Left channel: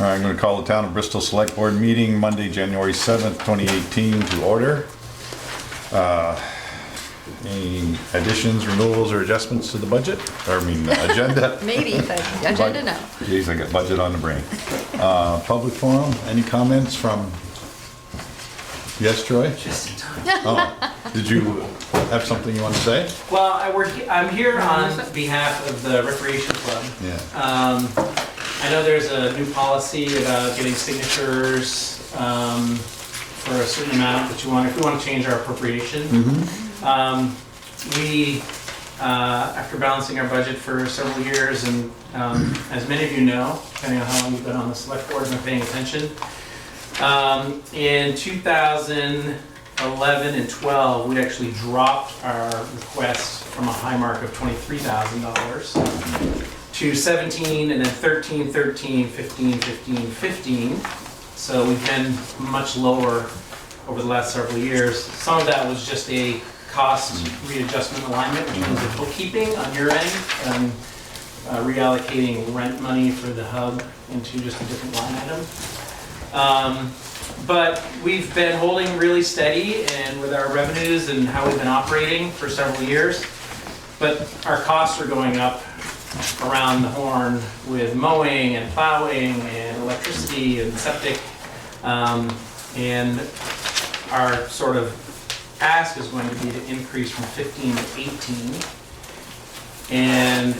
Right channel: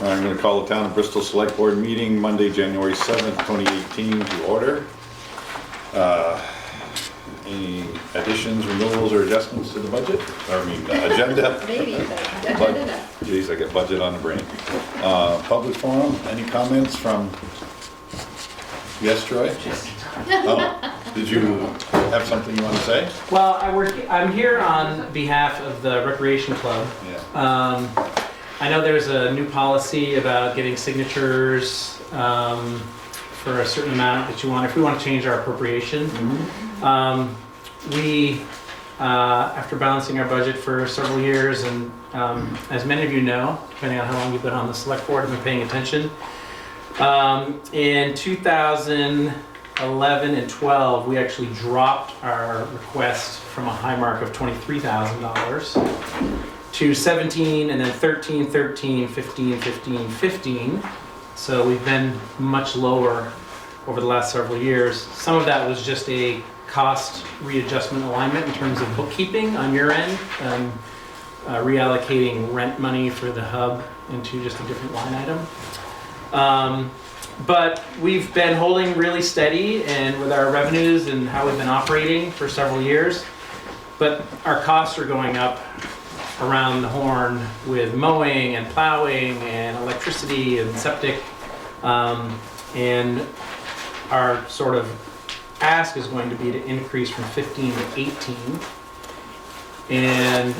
All right, I'm going to call the Town of Bristol Select Board meeting Monday, January 7th, 2018 to order. Any additions, removals, or adjustments to the budget? Or, agenda? Maybe, but agenda no. Geez, I got budget on the brain. Public forum, any comments from, yes, Troy? Just in time. Oh, did you have something you want to say? Well, I'm here on behalf of the Recreation Club. Yeah. I know there's a new policy about getting signatures for a certain amount that you want, if we want to change our appropriation. We, after balancing our budget for several years, and as many of you know, depending on how long you've been on the select board and been paying attention, in 2011 and 12, we actually dropped our request from a high mark of $23,000 to 17, and then 13, 13, 15, 15, 15. So we've been much lower over the last several years. Some of that was just a cost readjustment alignment in terms of bookkeeping on your end, and reallocating rent money for the hub into just a different line item. But we've been holding really steady and with our revenues and how we've been operating for several years. But our costs are going up around the horn with mowing and plowing and electricity and septic. And our sort of ask is going to be to increase from 15 to 18. And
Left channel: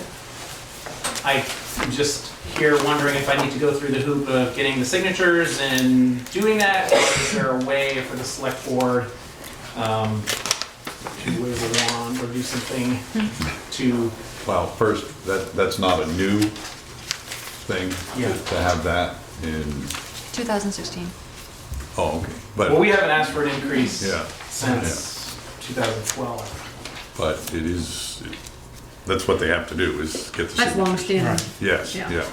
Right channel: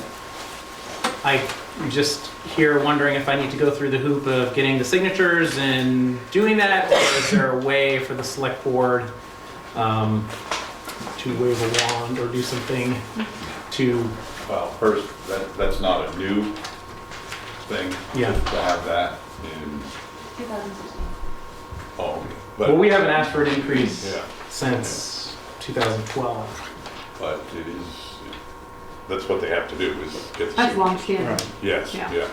I just here wondering if I need to go through the hoop of getting the signatures and doing that, or is there a way for the select board to wave a wand or do something to... Well, first, that's not a new thing. Yeah. To have that in, 2016. oh, okay. Well, we haven't asked for an increase Yeah. since 2012. But it is, that's what they have to do, is get the. That's signatures. long-standing. Yes, Yeah. yeah.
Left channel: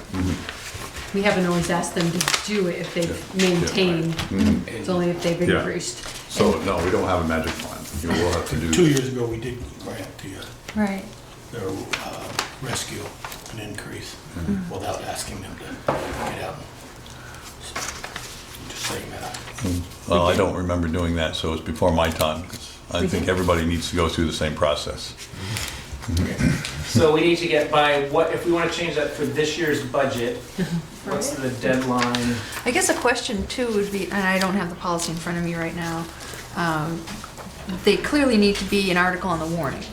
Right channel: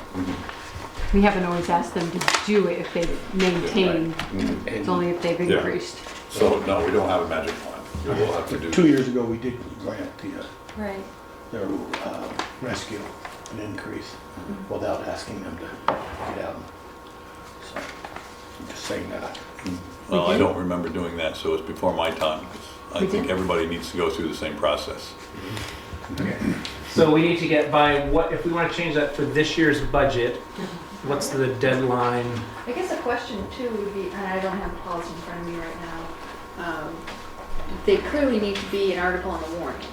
We haven't always asked them to do it if they've maintained. Mhm. It's only if they've Yeah. increased. So, no, we don't have a magic wand. We'll have to do. 2 years ago, we did grant Right. the rescue an increase without asking them to get out. So, just saying that. Well, I don't remember doing that, so it's before my time. I We think did? everybody needs to go through the same process. So we need to get by what, if we want to change that for this year's budget, what's the deadline? I guess a question too would be, and I don't have the policy in front of me right now, they clearly need to be an article in the warning.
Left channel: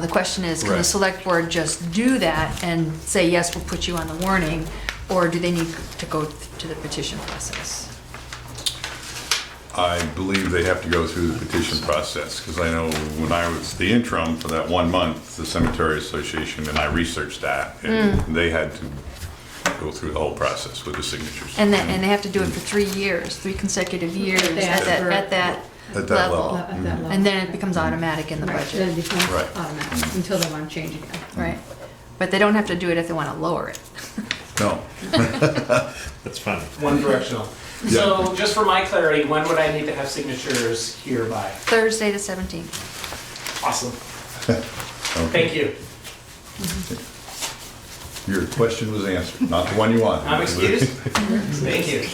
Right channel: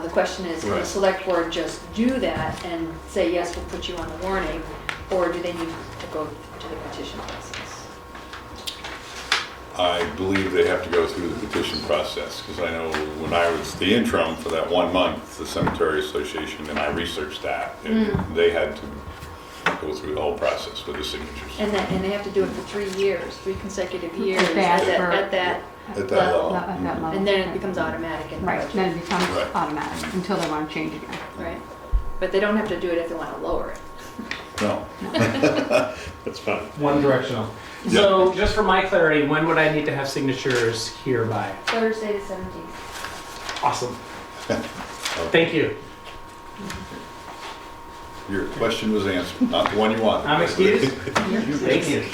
The question is, can the Right. select board just do that and say, yes, we'll put you on the warning, or do they need to go to the petition process? I believe they have to go through the petition process, because I know when I was the interim for that 1 month, the Cemetery Association, and I researched that, and they had to go through the whole process with the signatures. And they have to do it for 3 years, 3 consecutive years At that- at At that level. At that level. And then it becomes automatic in the Right, then budget. it becomes Right. automatic until they want to change again. Right. But they don't have to do it if they want to lower it. No. That's fine. One directional. So just for my clarity, when would I need to have signatures here by? Thursday the 17th. Awesome. Okay. Thank you. Your question was answered, not the one you wanted. I'm excused. Thank you.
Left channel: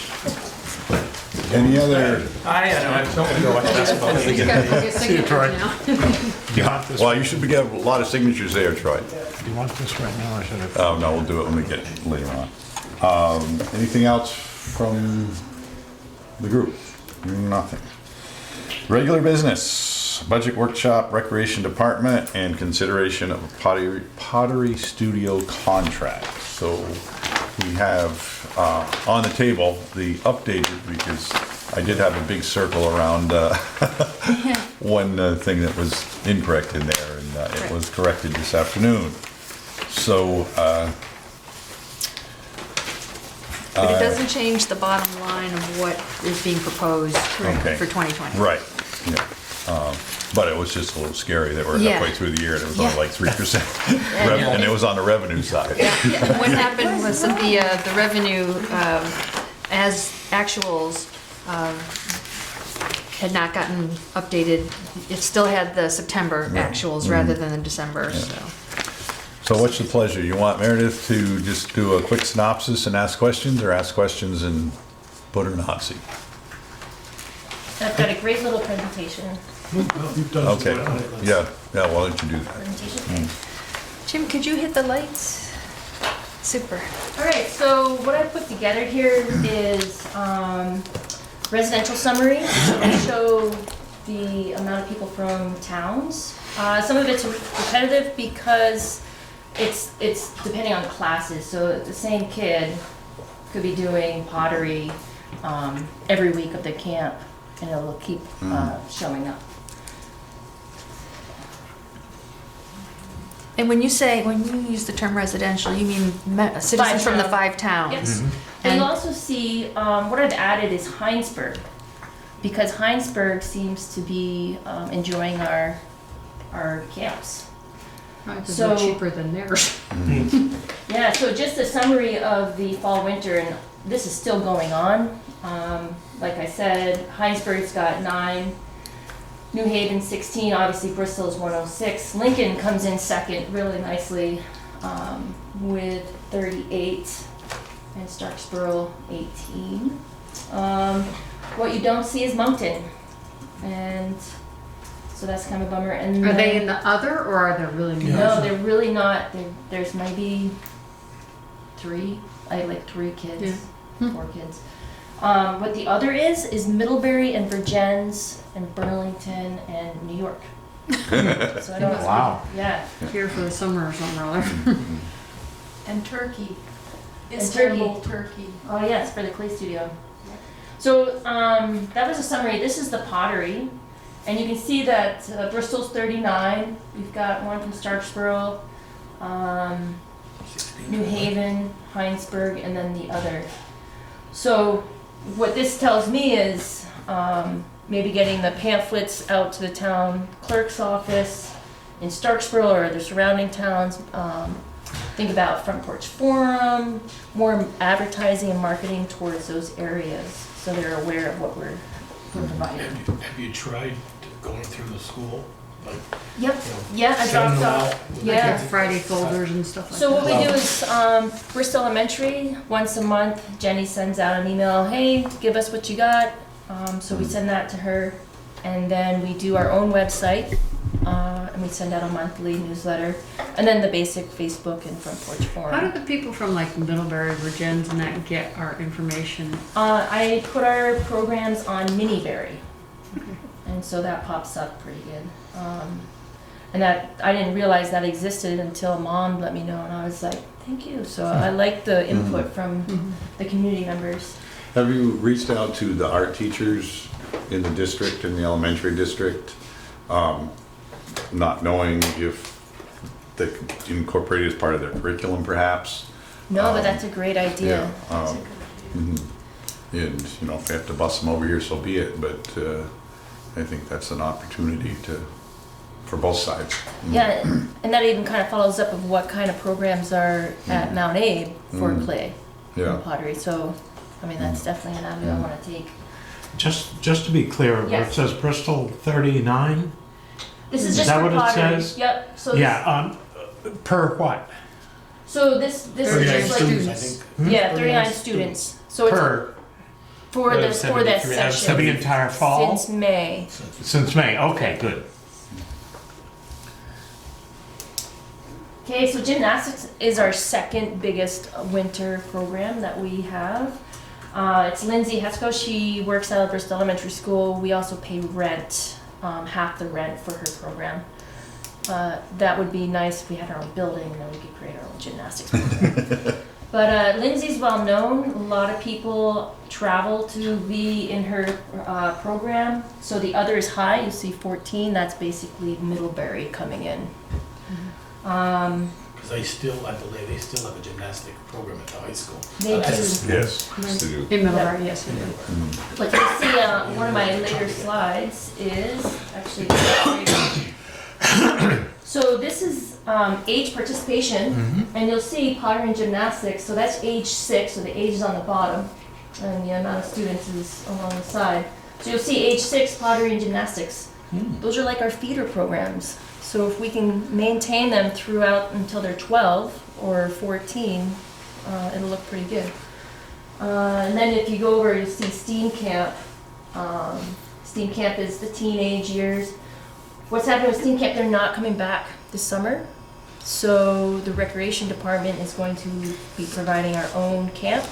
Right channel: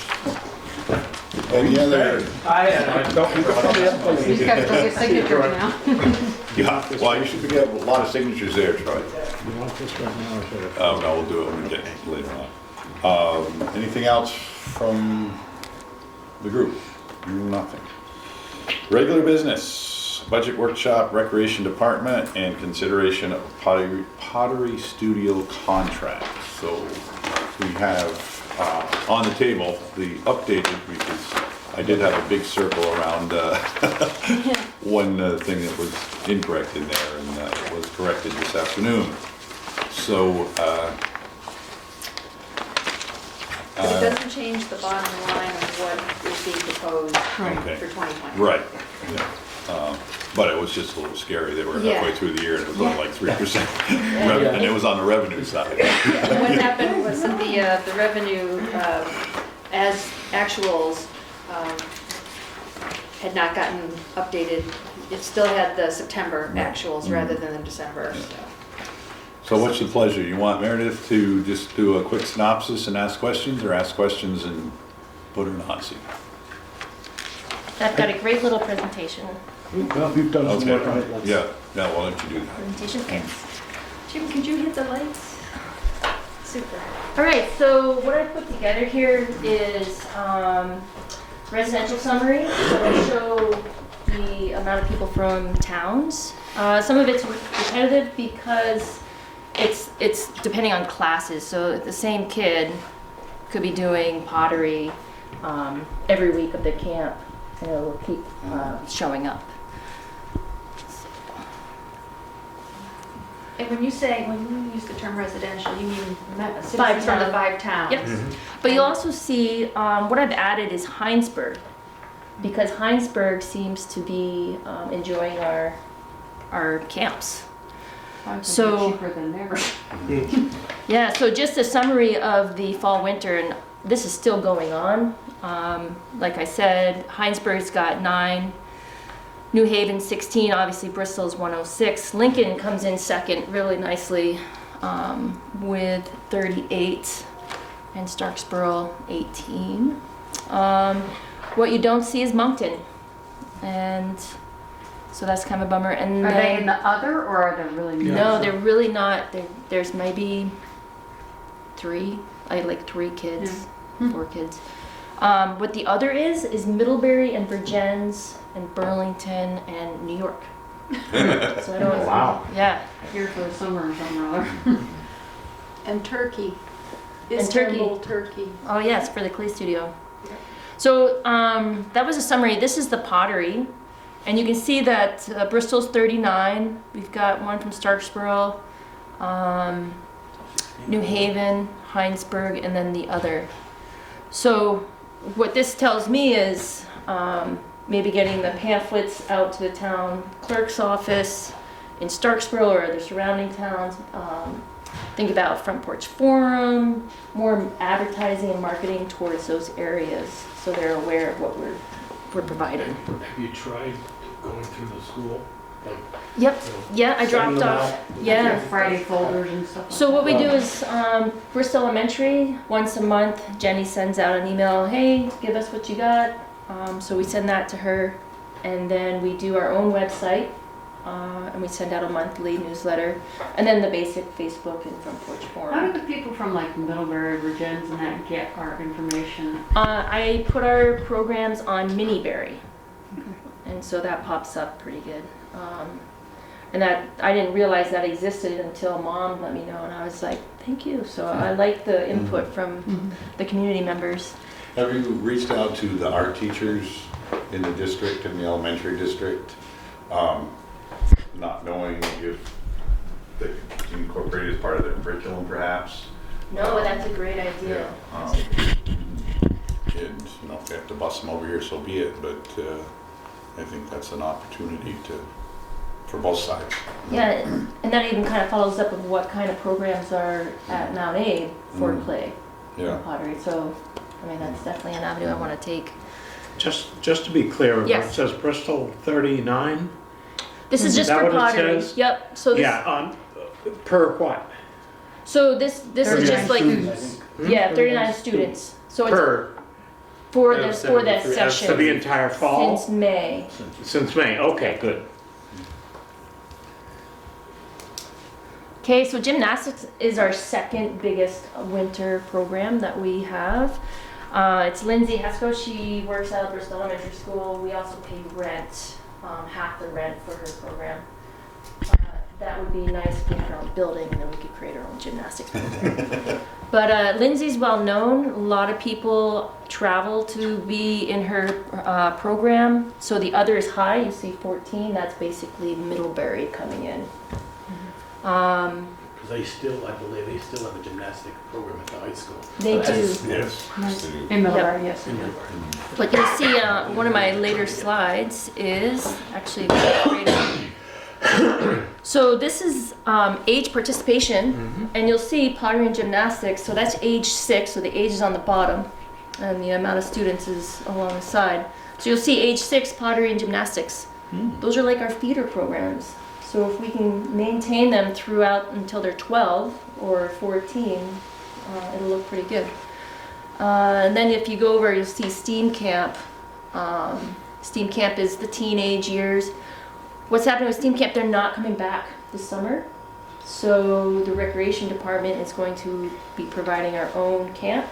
Any other? I don't know what that's about. He's got to go get signatures now. Yeah, well, you should get a lot of signatures there, Troy. You want this right now, or should I? Oh, no, we'll do it when we get later on. Anything else from the group? Nothing. Regular business, budget workshop, recreation department, and consideration of pottery studio contract. So we have on the table the updated, because I did have a big circle around one thing that was incorrect in there, and it was corrected this afternoon. So But it doesn't change the bottom line of what is being proposed Okay. for 2020. right, yeah. But it was just a little scary. They were Yeah. halfway through the year and it was only Yeah. like 3%. And it was on the revenue side. What happened was that the revenue as actuals had not gotten updated. It still had the September actuals rather than the December, Yeah. so. So what's the pleasure? You want Meredith to just do a quick synopsis and ask questions, or ask questions and put her in the hot seat? I've got a great little presentation. Well, you've done some Okay, work on it. Let's- yeah, why don't you do that? Presentation. Mm. Jim, could you hit the lights? Super. All right, so what I put together here is residential summary. So we show the amount of people from towns. Some of it's repetitive because it's depending on classes. So the same kid could be doing pottery every week of the camp, and it'll keep showing up. And when you use the term residential, you mean citizens from the towns. 5 towns? Yep. Mm-hmm. But you'll also see, what I've added is Heinsberg, because Heinsberg seems to be enjoying our camps. Probably 'cause So- they're cheaper than theirs. Yeah, so just a summary of the fall, winter, and this is still going on. Like I said, Heinsberg's got 9, New Haven 16, obviously Bristol's 106. Lincoln comes in second really nicely with 38, and Starksboro 18. What you don't see is Moncton, and so that's kind of a bummer. And Are they then- in the other, or are they really? Yeah. No, they're really not. There's maybe 3, like 3 kids, Yeah. 4 kids. What the other is Middlebury and Virgins and Burlington and New York. So I don't. Wow. Yeah. Here for the summer or something or other. And Turkey. And Istanbul, Turkey. Oh yes, for the clay studio. So that was a summary. This is the pottery, and you can see that Bristol's 39. We've got one from Starksboro, New Haven, Heinsberg, and then the other. So what this tells me is maybe getting the pamphlets out to the town clerk's office in Starksboro or the surrounding towns. Think about Front Porch Forum, more advertising and marketing towards those areas so they're aware of what we're providing. Have you tried going through the school? Like, Yep, you know, yeah, I sending dropped them off. out? Yeah. Like Friday folders and stuff like So what that. we do is Bristol Elementary, once a month, Jenny sends out an email, hey, give us what you got. So we send that to her, and then we do our own website, and we send out a monthly newsletter, and then the basic Facebook and Front Porch How Forum. do the people from like Middlebury, Virgins and that get our information? I put our programs on Miniberry, and so that pops up pretty good. And I didn't realize that existed until Mom let me know, and I was like, thank you. So I like the input from the community members. Have you reached out to the art teachers in the district, in the elementary district, not knowing if they could incorporate it as part of their curriculum perhaps? No, but that's a great idea. And, you know, if they have to bus them over here, so be it, but I think that's an opportunity for both sides. Yeah, and that even kind of follows up with what kind of programs are at Mount Abe for clay Yeah. and pottery. So, I mean, that's definitely an avenue I want to take. Just to be clear, Yes. it says Bristol 39? This is Is just that for what it pottery. says? Yep. So this, Yeah, per what? so this is 39 just like Students, I think. yeah, 39 students. So it's Per, for Out that of 73, out of section for the entire fall? since May. Since May, okay, good. Okay, so gymnastics is our second biggest winter program that we have. It's Lindsay Hesko. She works out of Bristol Elementary School. We also pay rent, half the rent for her program. That would be nice if we had our own building and then we could create our own gymnastics program. But Lindsay's well known. A lot of people travel to be in her program. So the other is high. You see 14. That's basically Middlebury coming in. Because they still, I believe, they still have a gymnastic program at the high school. They do. Yes, yes, they do. In Middlebury, yes, we do. But you'll see one of my later slides is actually so this is age participation, and you'll see pottery and gymnastics. So that's age 6, so the age is on the bottom, and the amount of students is along the side. So you'll see age 6 pottery and gymnastics. Those are like our feeder programs. So if we can maintain them throughout until they're 12 or 14, it'll look pretty good. And then if you go over, you'll see STEAM Camp. STEAM Camp is the teenage years. What's happening with STEAM Camp, they're not coming back this summer. So the recreation department is going to be providing our own camp.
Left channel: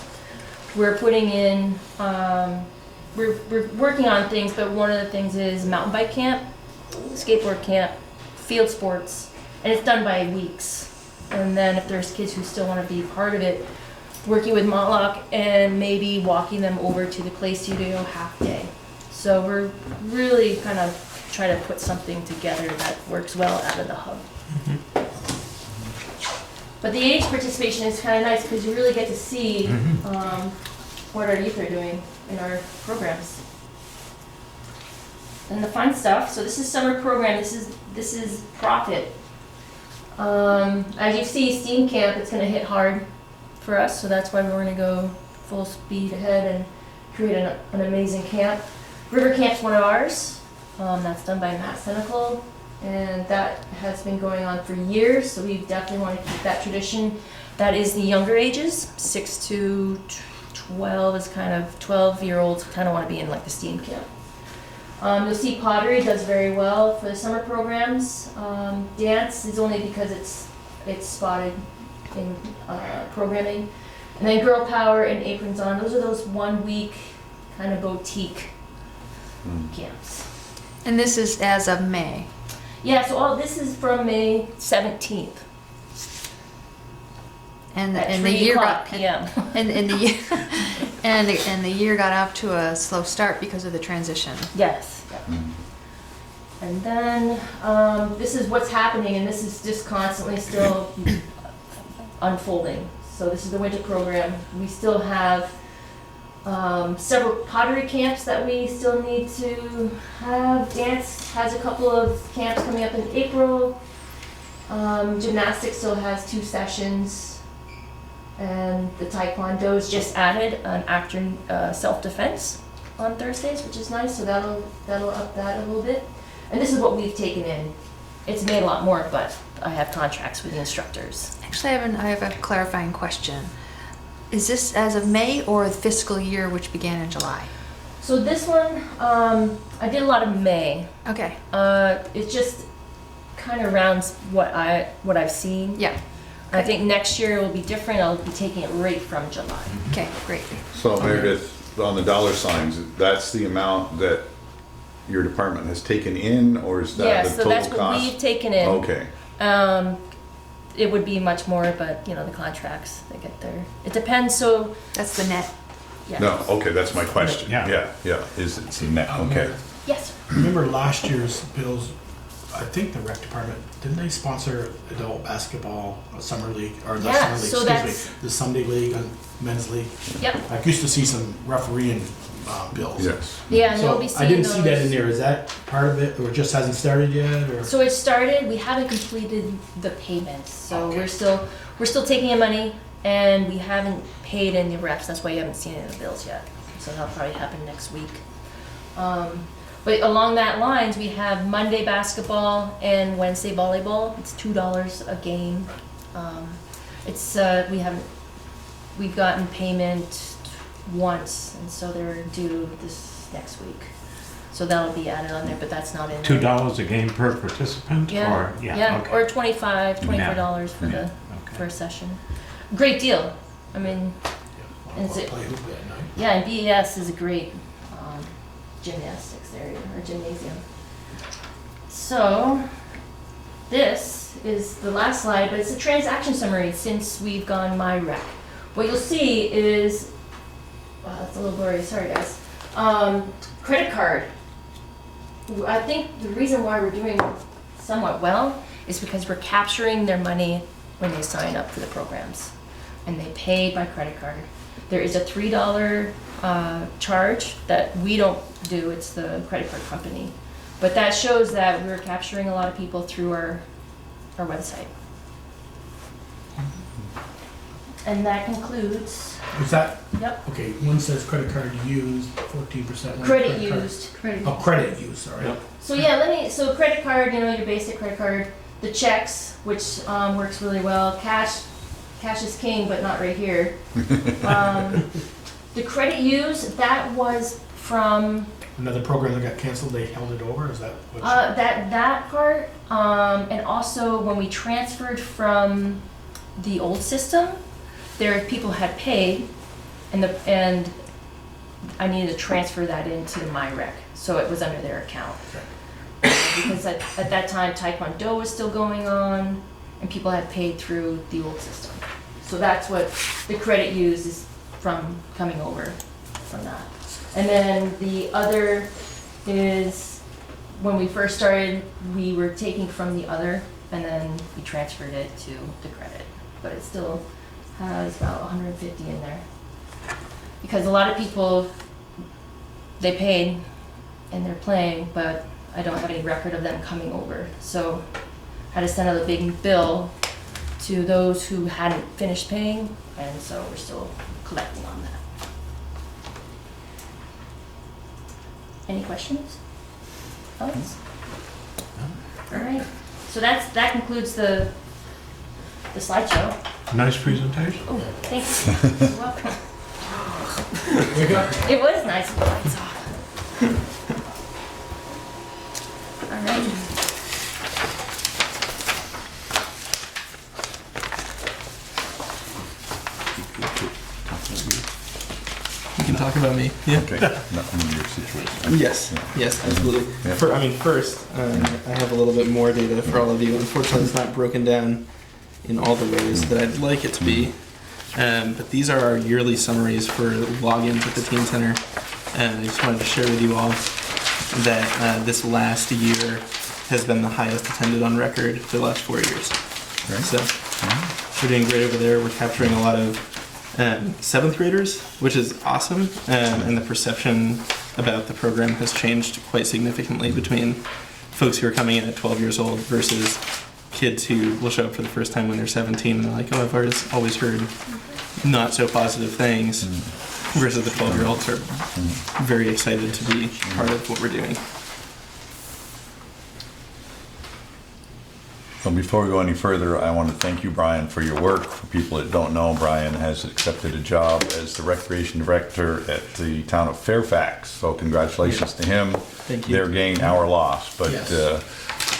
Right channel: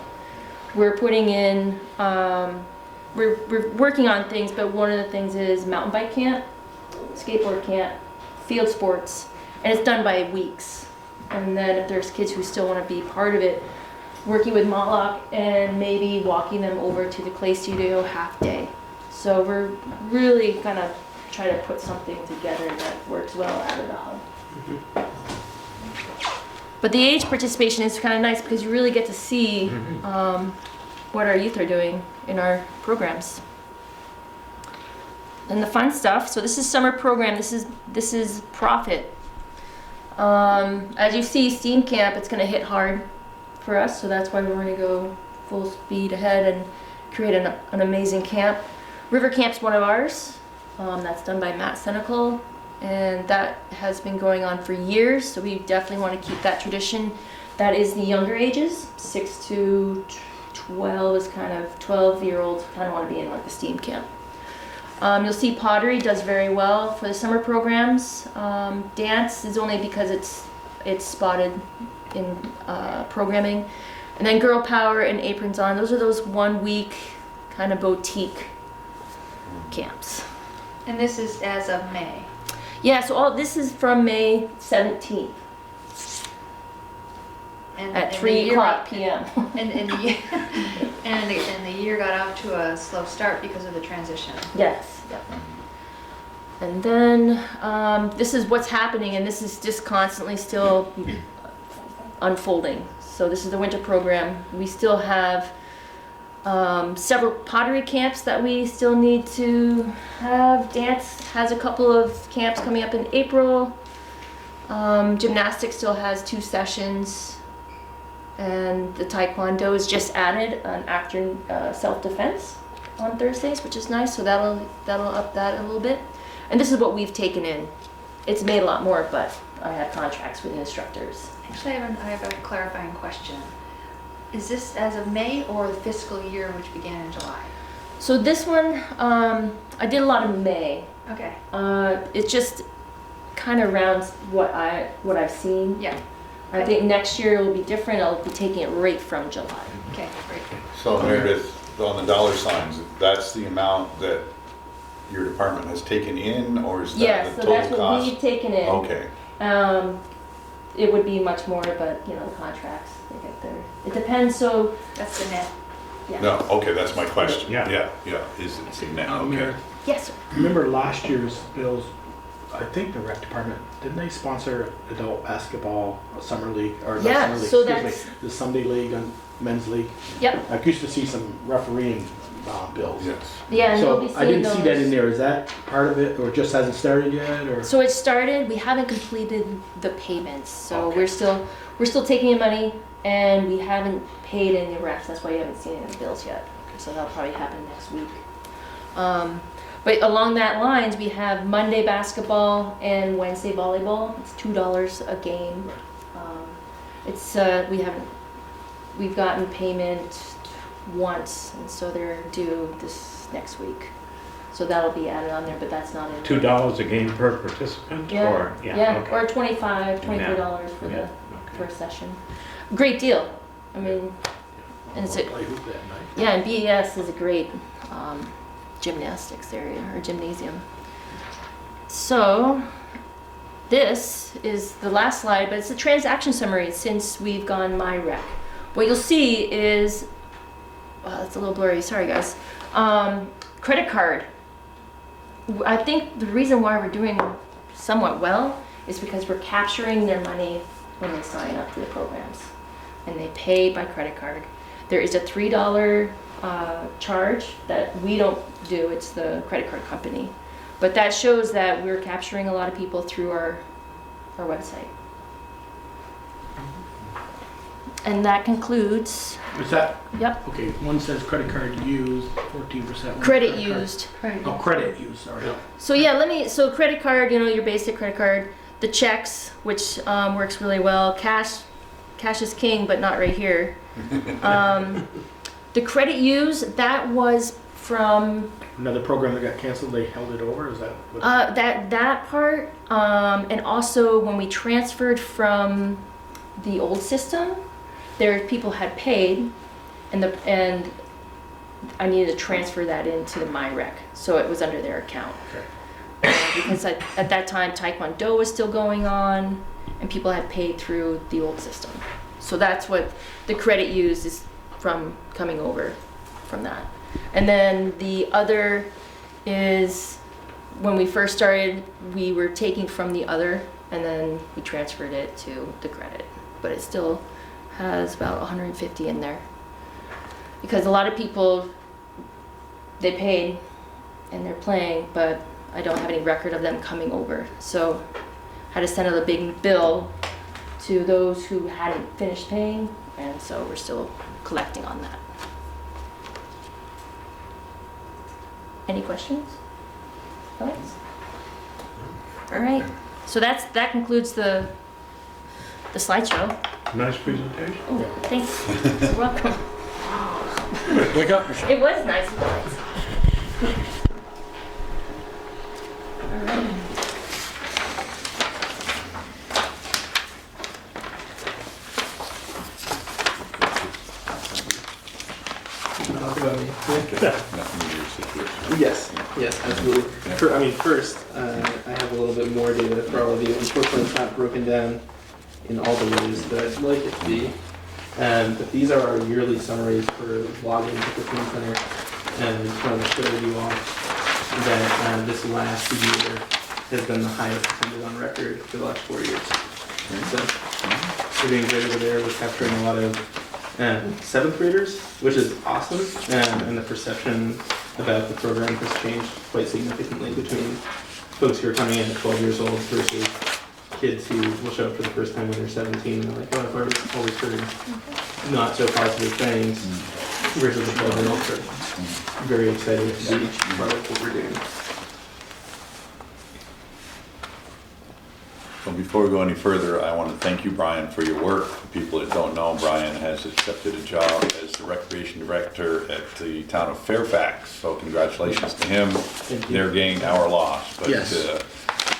We're putting in, we're working on things, but one of the things is mountain bike camp, skateboard camp, field sports, and it's done by weeks. And then if there's kids who still want to be part of it, working with Montlock and maybe walking them over to the clay studio half day. So we're really gonna try to put something together that works well out of the hub. But the age participation is kind of nice because you really get to see what our youth are doing in our programs. And the fun stuff, so this is summer program, this is profit. As you see, STEAM Camp, it's gonna hit hard for us, so that's why we're gonna go full speed ahead and create an amazing camp. River Camp's one of ours, that's done by Matt Senecal, and that has been going on for years, so we definitely wanna keep that tradition. That is the younger ages, 6 to 12 is kind of, 12-year-olds kind of wanna be in like the STEAM Camp. You'll see pottery does very well for the summer programs. Dance is only because it's spotted in programming. And then Girl Power and Aprons On, those are those 1 week kind of boutique camps. And this is as of May. Yeah, so all this is from May 17th And at and 3 the year o'clock got p.m. and the year and the year got off to a slow start because of the transition. Yes. And then this is what's happening, and this is just constantly still unfolding. So this is the winter program. We still have several pottery camps that we still need to have. Dance has a couple of camps coming up in April. Gymnastics still has 2 sessions. And the Taekwondo is just added an after self-defense on Thursdays, which is nice, so that'll up that a little bit. And this is what we've taken in. It's made a lot more, but I have contracts with instructors. Actually, I have a clarifying question. Is this as of May or the fiscal year which began in July? So this one, I did a lot of May. Okay. It just kind of rounds what I've seen. Yeah. I think next year it will be different. I'll be taking it right from July. Okay, great. So Meredith, on the dollar signs, that's the amount that your department has taken in, or is that Yeah, the so total that's cost? what we've taken in. Okay, It would be much more, but you know, the contracts, they get there. It depends, so, That's the net. yeah. no, okay, that's my question. Yeah. Yeah, is it the net, okay. Yes, sir. Remember last year's bills, I think the rec department, didn't they sponsor adult basketball, a summer league, or the Yeah, summer league, so excuse that's- me, the Sunday league and men's league? Yep. I used to see some refereeing bills. Yes. Yeah, and So they'll be I seeing didn't those. see that in there. Is that part of it, or it just hasn't started yet, or? So it started, we haven't completed the payments, so Okay. we're still taking in money, and we haven't paid in the reps, that's why you haven't seen any of the bills yet. So that'll probably happen next week. But along that lines, we have Monday basketball and Wednesday volleyball. It's $2 a game. We've gotten payment once, and so they're due this next week. So that'll be added on there, but that's not in there. $2 a game per participant, Yeah, or, yeah, okay. or $24 for Yeah, the okay. first session. Great deal. I mean, I'll Is go it- play hoop that night. yeah, and BES is a great gymnastics area or gymnasium. So this is the last slide, but it's a transaction summary since we've gone MyRec. What you'll see is, wow, that's a little blurry. Sorry, guys. Credit card. I think the reason why we're doing somewhat well is because we're capturing their money when they sign up for the programs, and they pay by credit card. There is a $3 charge that we don't do, it's the credit card company. But that shows that we're capturing a lot of people through our website. And that concludes Is that, Yep, okay, one says credit card used, 14%. credit used. Oh, credit used, sorry. Yep. So yeah, so credit card, you know, your basic credit card, the checks, which works really well. Cash is king, but not right here. The credit use, that was from Another program that got canceled, they held it over, is that what? that part, and also when we transferred from the old system, people had paid, and I needed to transfer that into my rec, so it was under their account. Because at that time, Taekwondo was still going on, and people had paid through the old system. So that's what the credit use is from coming over from that. And then the other is, when we first started, we were taking from the other, and then we transferred it to the credit. But it still has about 150 in there. Because a lot of people, they paid and they're playing, but I don't have any record of them coming over. So I had to send out a big bill to those who hadn't finished paying, and so we're still collecting on that. Any questions? Thoughts? All right, so that concludes the slideshow. Nice presentation. Oh, thanks. You're welcome. Wake up. It was nice. All right. You can talk about me. Yeah. Okay, nothing in your situation. Yes. Yes, absolutely. Yeah. First, I have a little bit more data for all of you. Unfortunately, it's not broken down in all the ways that I'd like it to be. But these are our yearly summaries for logins at the Teen Center. And I just wanted to share with you all that this last year has been the highest attended on record for the last 4 years. So we're doing great over there. We're capturing a lot of 7th graders, which is awesome. And the perception about the program has changed quite significantly between folks who are coming in at 12 years old versus kids who will show up for the first time when they're 17 and they're like, oh, I've always heard not so positive things, versus the 12-year-olds are very excited to be part of what we're doing. So before we go any further, I want to thank you, Brian, for your work. For people that don't know, Brian has accepted a job as the recreation director at the town of Fairfax. So congratulations to him. Thank you. They're gaining our loss, but Yes.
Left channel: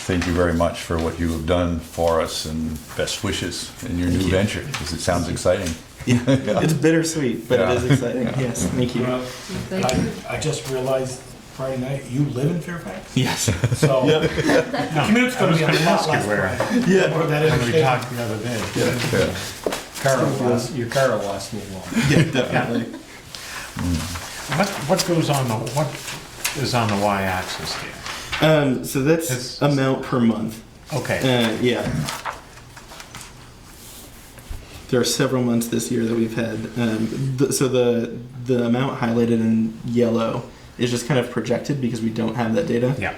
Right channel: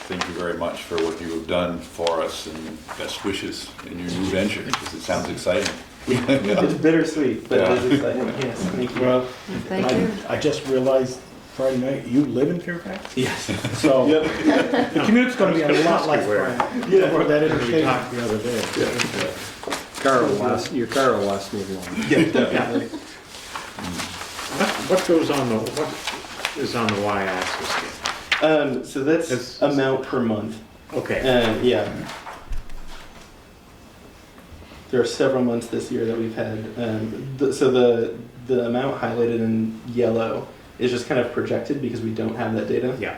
thank you very much for what you have done for us, and best wishes in your new venture, because it sounds exciting. It's bittersweet, but Yeah. it is exciting. Yes, thank you. Well, Thank you. I just realized Friday night, you live in Fairfax? Yes. So, Yep. the commute's gonna be a lot less. where. Brian. Yeah. Where that is. And we talked the other day. Yeah. Your car will last me long. Yeah, definitely. What goes on what is on the y-axis here? So that's It's- amount per month. Okay. Yeah. There are several months this year that we've had. So the amount highlighted in yellow is just kind of projected because we don't have that data. Yeah.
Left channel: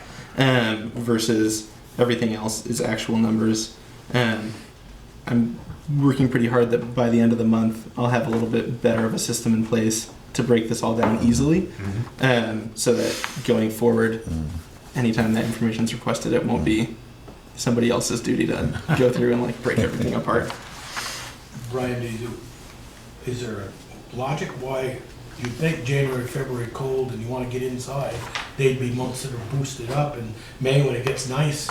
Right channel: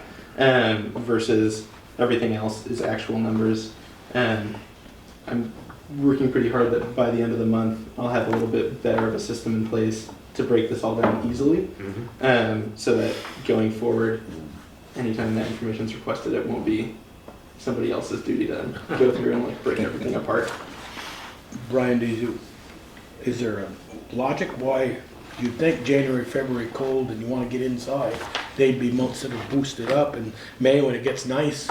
Versus everything else is actual numbers. I'm working pretty hard that by the end of the month I'll have a little bit better of a system in place to break this all down easily. So that going forward, anytime that information is requested, it won't be somebody else's duty to go through and like break everything apart. Brian, is there a logic why you think January, February cold and you wanna get inside, they'd be months that are boosted up, and May when it gets nice?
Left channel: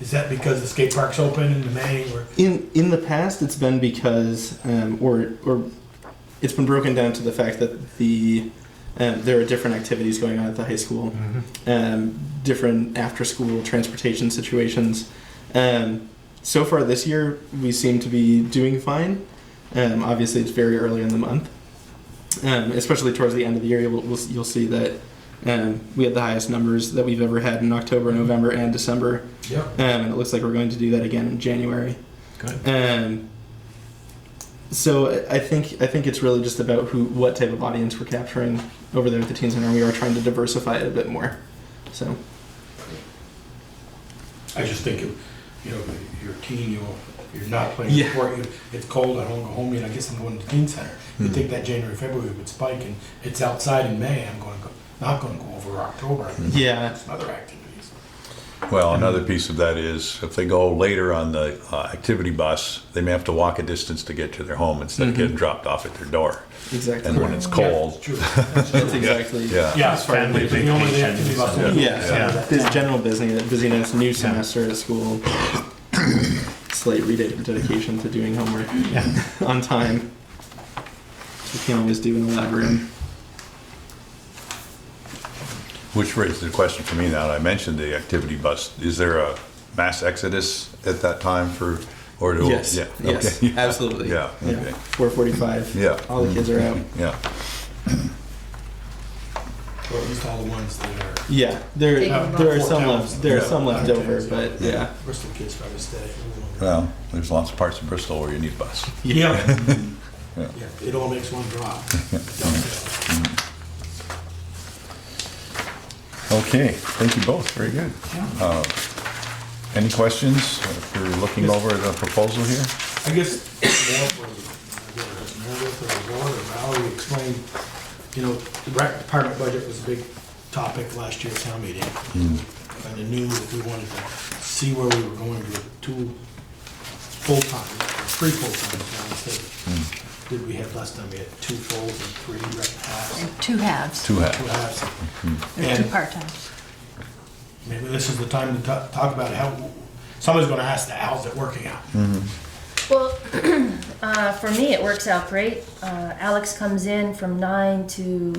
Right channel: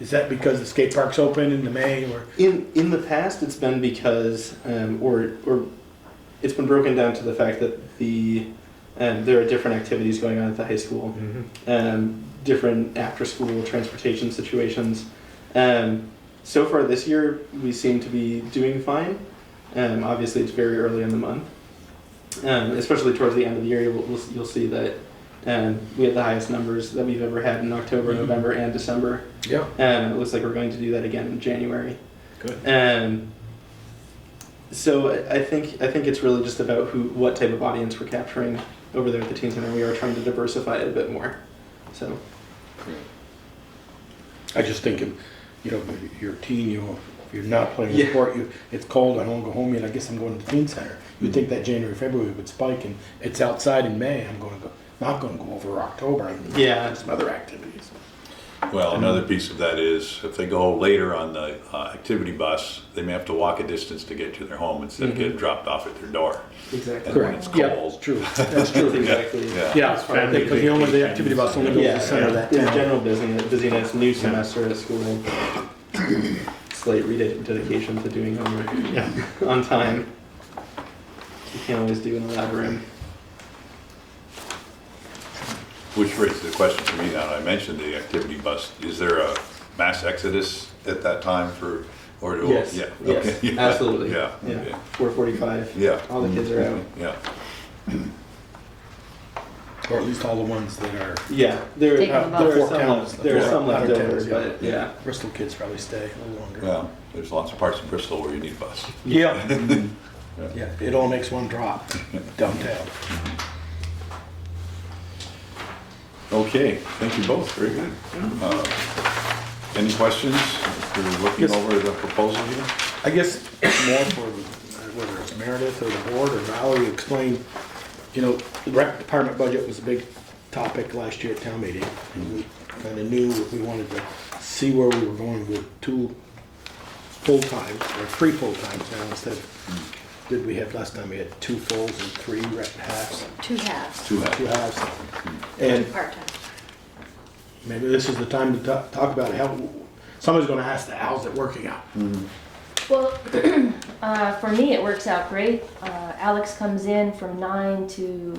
Is that because the skate park's open in May, or? In the past, it's been because, or it's been broken down to the fact that there are different activities going on at the high school, different after-school transportation situations. So far this year, we seem to be doing fine. Obviously, it's very early in the month, especially towards the end of the year. You'll see that we had the highest numbers that we've ever had in October, November, and December. Yeah. And it looks like we're going to do that again in January. Good. So I think it's really just about what type of audience we're capturing over there at the Teen Center. We are trying to diversify it a bit more. So I just think, you know, your teen, you know, you're not playing Yeah. sport, it's cold, I don't go home yet, I guess I'm going to the teen center. You think that January, February would spike, and it's outside in May, not gonna go over October, I'm gonna Yeah. do some other activities. Well, another piece of that is if they go later on the activity bus, they may have to walk a distance to get to their home instead of getting dropped off at their door. Exactly. And when it's cold, True. That's exactly. yeah. Yeah, It's family but the only the activity bus. only Yeah, goes to there's that general busyness, new semester at school, slight rededication to doing homework on time. You can't always do in the lab room. Which raises the question for me now, I mentioned the activity bus. Is there a mass exodus at that time for, or do? Yes, Yeah, yes, okay. absolutely. Yeah, Yeah. okay. 4:45. Yeah. All the kids are out. Yeah, Or at least all the ones that are. Yeah, there Taking the there are bus. some Four left. There are towns. some left Yeah. over, but yeah. Bristol kids probably stay a little longer. well, there's lots of parts of Bristol where you need a bus. Yeah. Yeah. Yeah, it all makes one drop, dovetail. Okay, thank you both, very good. Any questions if you're looking Yes. over the proposal here? I guess more for whether it's Meredith or the board or Valerie explain, the rec department budget was a big topic last year at town meeting. Mm. And I knew we wanted to see where we were going with 2 full-time, or 3 full-times now instead. Did we have last time, we had 2 fulls and 3 rec halves, And 2 halves, 2 2 halves. halves. and 2 And part-times. maybe this is the time to talk about how, someone's gonna ask that, how's it working out? Well, for me, it works out great. Alex comes in from 9 to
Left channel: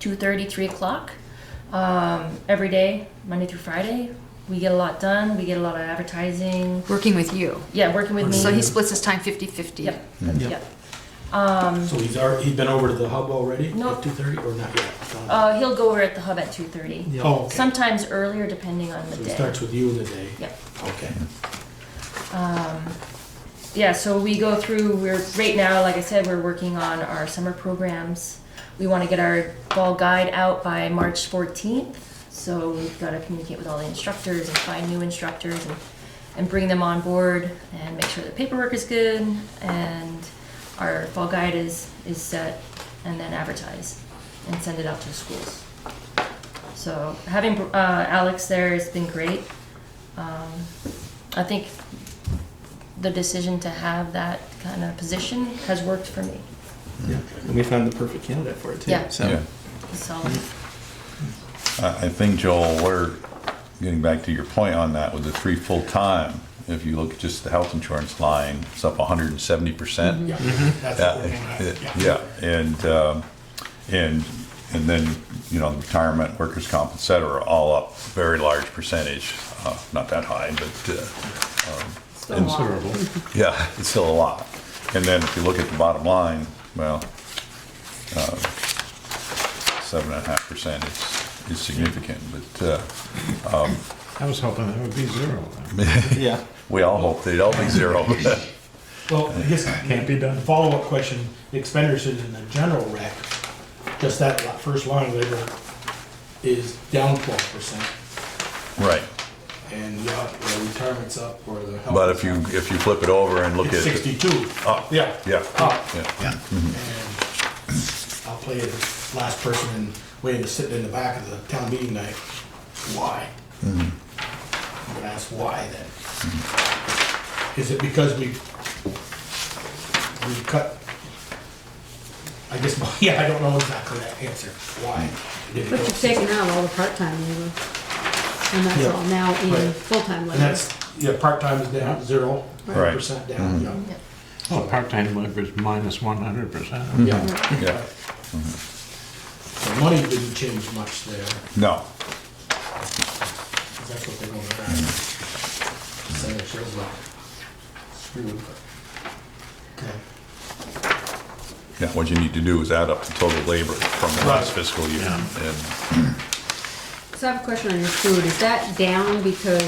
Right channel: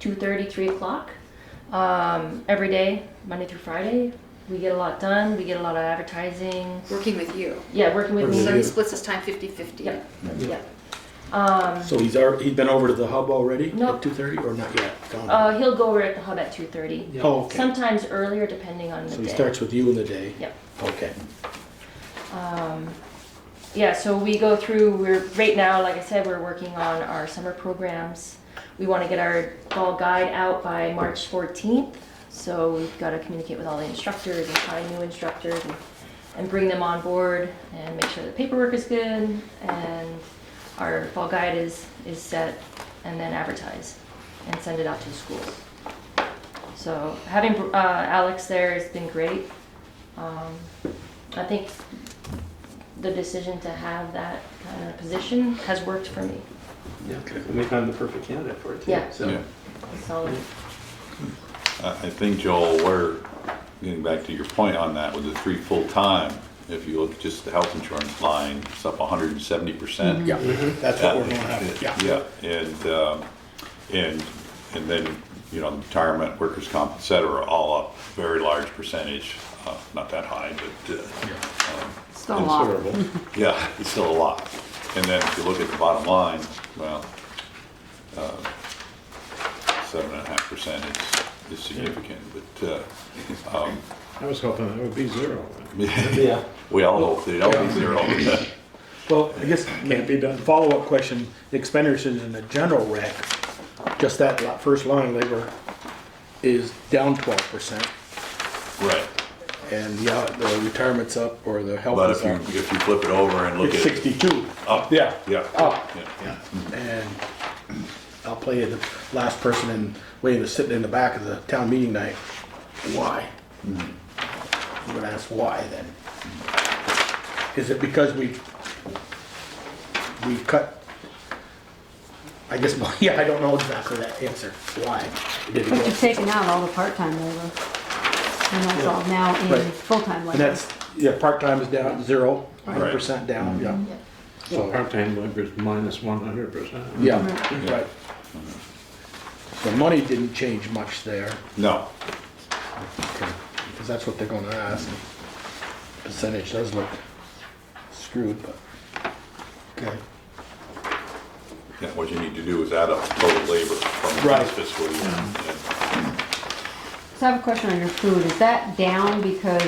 2:30, 3 o'clock, every day, Monday through Friday. We get a lot done. We get a lot of advertising. Working with you. Yeah, working with me. So he splits his time 50-50. Yep. Yep. Yep. So he's been over to the hub already No. at 2:30 or not yet? He'll go over at the hub at 2:30. Yep. Oh, okay. Sometimes earlier, depending on the So he day. starts with you in the day? Yep. Okay. Yeah, so we go through, right now, like I said, we're working on our summer programs. We want to get our fall guide out by March 14th. So we've got to communicate with all the instructors and find new instructors and bring them on board and make sure the paperwork is good and our fall guide is set, and then advertise and send it out to the schools. So having Alex there has been great. I think the decision to have that kind of position has worked for me. Yeah. And we found the perfect candidate for it too. Yeah. So Yeah. He's solid. I think, Joel, we're getting back to your point on that with the 3 full-time. If you look at just the health insurance line, it's up 170%. Yeah, that's what we're gonna have, yeah. Yeah, and then, the retirement, workers' comp, et cetera, all up, very large percentage. Not that high, but, Still a lot. Considerable. yeah, it's still a lot. And then if you look at the bottom line, well, 7.5% is significant, but, I was hoping that would be 0 then. yeah. we all hope they'd all be 0. Well, I guess. Can't be done. Follow-up question, the expenditures in the general rec, just that first line labor is down 12%. Right, And the retirement's up or the health. but is if up. you flip it over and look It's at, 62. up, Yeah. yeah, Up. yeah. And I'll play the last person in, waiting to sit in the back of the town meeting night. Why? I'm gonna ask why then. Is it because we cut? I guess, yeah, I don't know exactly that answer. Why? Did it But go- you've taken out all the part-time labor. And that's all now in Right. full-time And labor. that's, part-time is down 0% down, yeah. Oh, part-time labor is minus 100%. Yeah. Yeah. Right. The money didn't change much there, No, because that's what they're gonna ask. Percentage does look screwed, but, okay. yeah, what you need to do is add up the total labor from the last fiscal year. And So I have a question on your food. Is that down because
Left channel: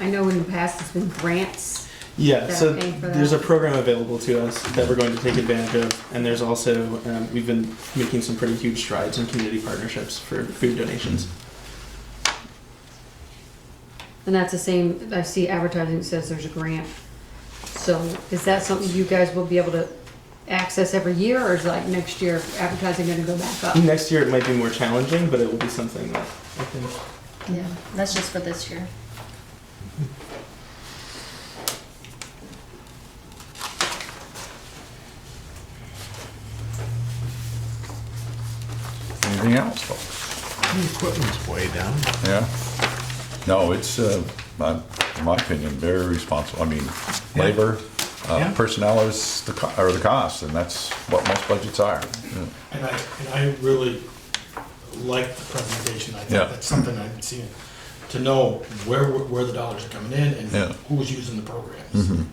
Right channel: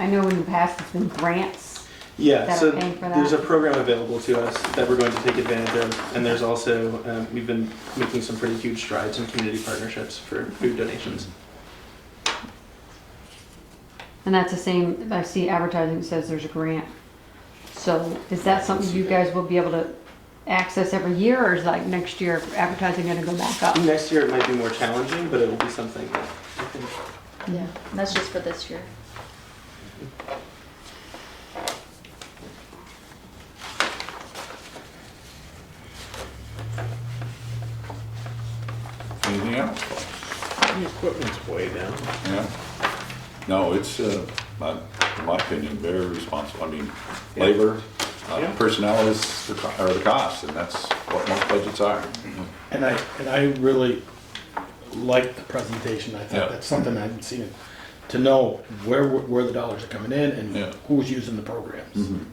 I know in the past it's been grants? Yeah, That so are paying for that? there's a program available to us that we're going to take advantage of, and there's also, we've been making some pretty huge strides in community partnerships for food donations. And that's the same, I see advertising that says there's a grant So is that something you guys will be able to access every year, or is like next year advertising gonna go back up? Next year it might be more challenging, but it will be something that I think. Yeah. That's just for this year. Anything else? The equipment's way down. Yeah? No, it's, in my opinion, very responsible. I mean, labor, Yeah. personnel is the cost, and that's what most budgets are. And I really like the presentation. I Yeah. think that's something I'm seeing, to know where the dollars are coming in Yeah. and who's using the programs. Mhm.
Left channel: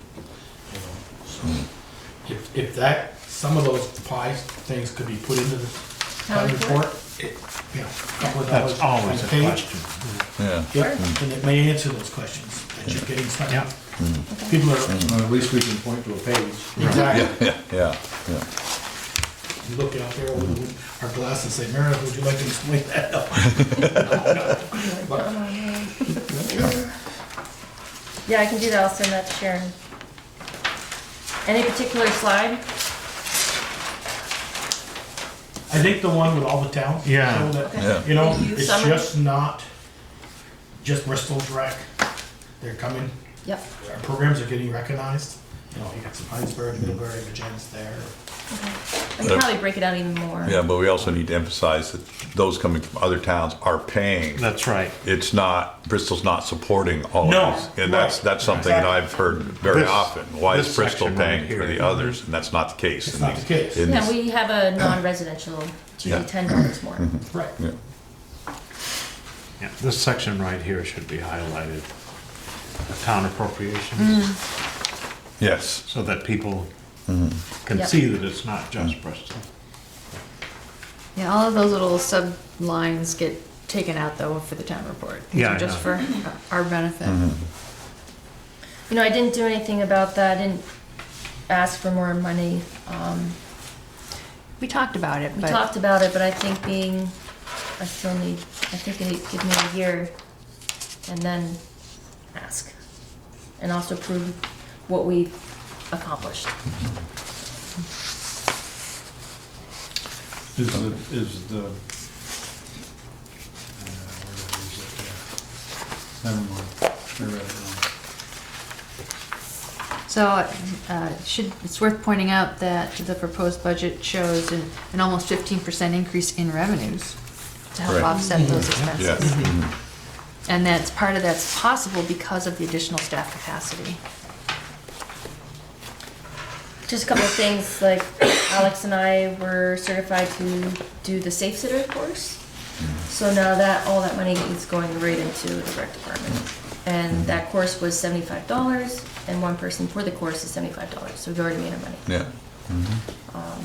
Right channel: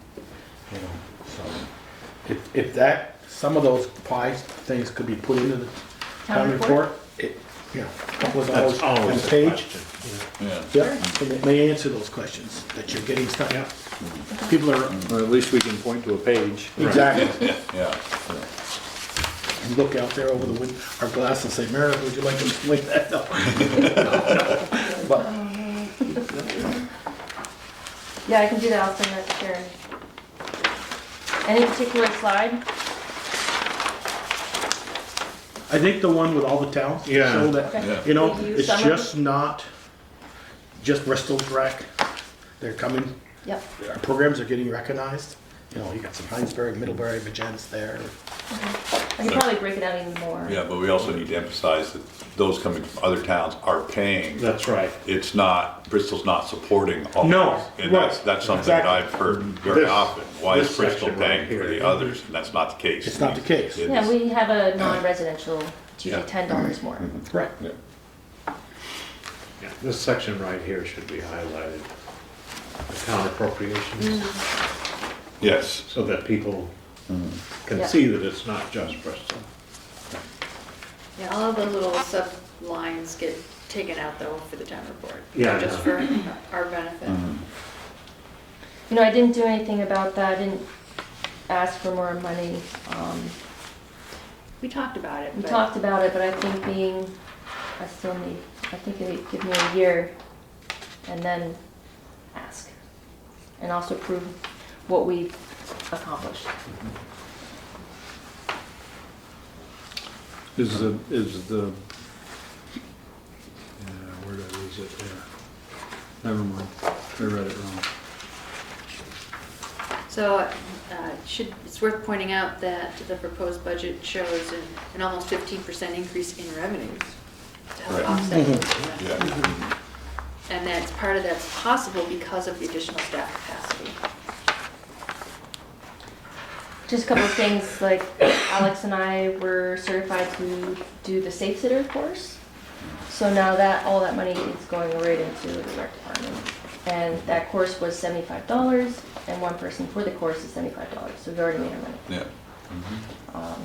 You know, so if that, some of those pie things could be put into the town report, you know, a couple of dollars That's on always the a page. question. Yeah. Yeah, and it may answer those questions that you're getting stuck. Yeah. People are, Well, at least we can point to a page. exactly, Yeah. and look out there over the window, our glass and say, Meredith, would you like to explain that? No. But Yeah, I can do that, I'll send that to Sharon. Any particular slide? I think the one with all the towns, Yeah. show that, Yeah. you know, You it's summary? just not just Bristol's rec. They're coming, Yep. our programs are getting recognized. You know, you got some Heinsberg, Middlebury, Virginia's there. I can probably break it out even more. Yeah, but we also need to emphasize that those coming from other towns are paying. That's right. It's not, Bristol's not supporting all No, of these. And that's something that exactly. I've heard very This- often. Why is this Bristol section right paying for here. the others? And that's not the case. It's not the case. In Yeah, this- we have a non-residential, it's usually Yeah. $10 more. Right. Yeah, this section right here should be highlighted. The town appropriations, Yes. so that people can Yeah. see that it's not just Bristol. Yeah, all of those little sub-lines get taken out though for the town report. Yeah, I Just know. for our benefit. You know, I didn't do anything about that, I didn't ask for more money. We talked about it, We but talked about it, but I think I think they give me a year and then ask. And also prove what we've accomplished. Is the, where did I lose it there? Never mind, I read it wrong. so it's worth pointing out that the proposed budget shows an almost 15% increase in revenues to help Right. offset those Yeah. expenses. And part of that's possible because of the additional staff capacity. Just a couple of things, like Alex and I were certified to do the Safe Sitter course. So now all that money is going right into the rec department. And that course was $75, and one person for the course is $75, so we've already made our money. Yeah.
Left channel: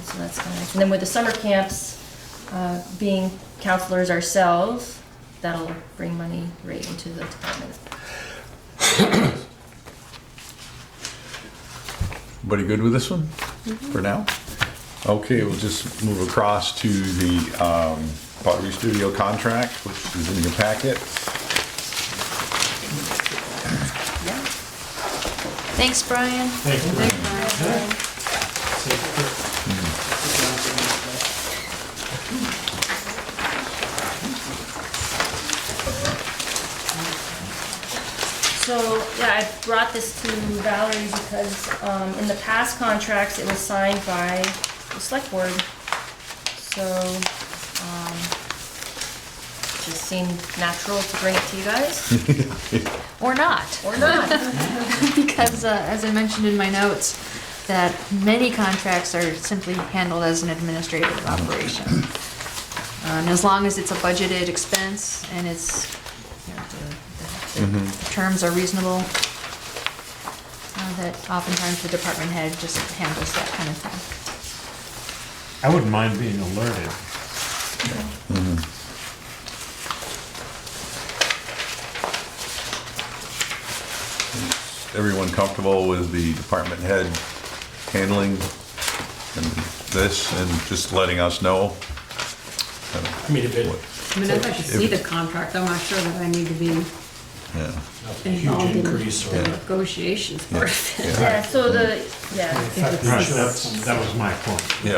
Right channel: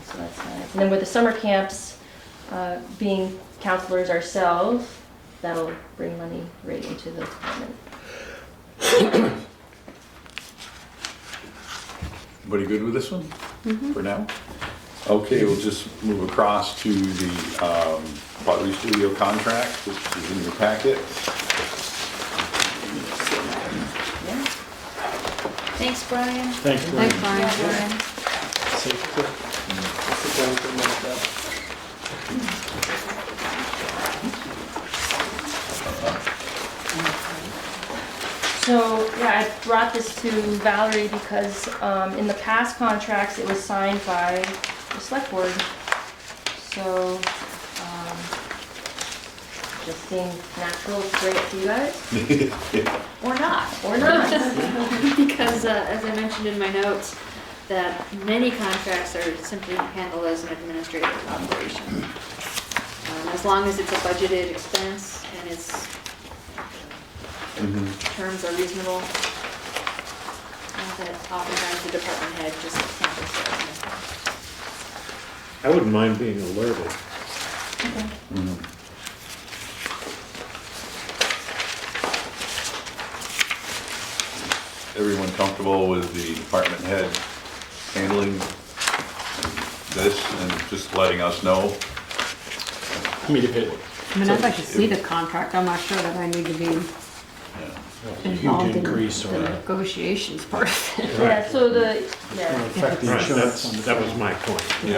So that's kind of nice. And then with the summer camps, being counselors ourselves, that'll bring money right into the department. Everybody good with this one for now? Okay, we'll just move across to the Pottery Studio contract, which is in your packet. Thanks, Brian. Thanks, Thanks, Brian. Brian. So, yeah, I brought this to Valerie because in the past contracts, it was signed by the select board. So, just seemed natural to bring it to you guys. Or not. Or not. Because, as I mentioned in my notes, that many contracts are simply handled as an administrative operation. As long as it's a budgeted expense and it's, you know, the terms are reasonable, that oftentimes the department head just handles that kind of thing. I wouldn't mind being alerted. Everyone comfortable with the department head handling this and just letting us know? I mean, if it, I mean, I'd like to see the contract, I'm not sure that I need to be Yeah. Huge involved in increase or the negotiations part of it. Yeah, so the, yeah, affected Right, insurance. that was my point. Yeah.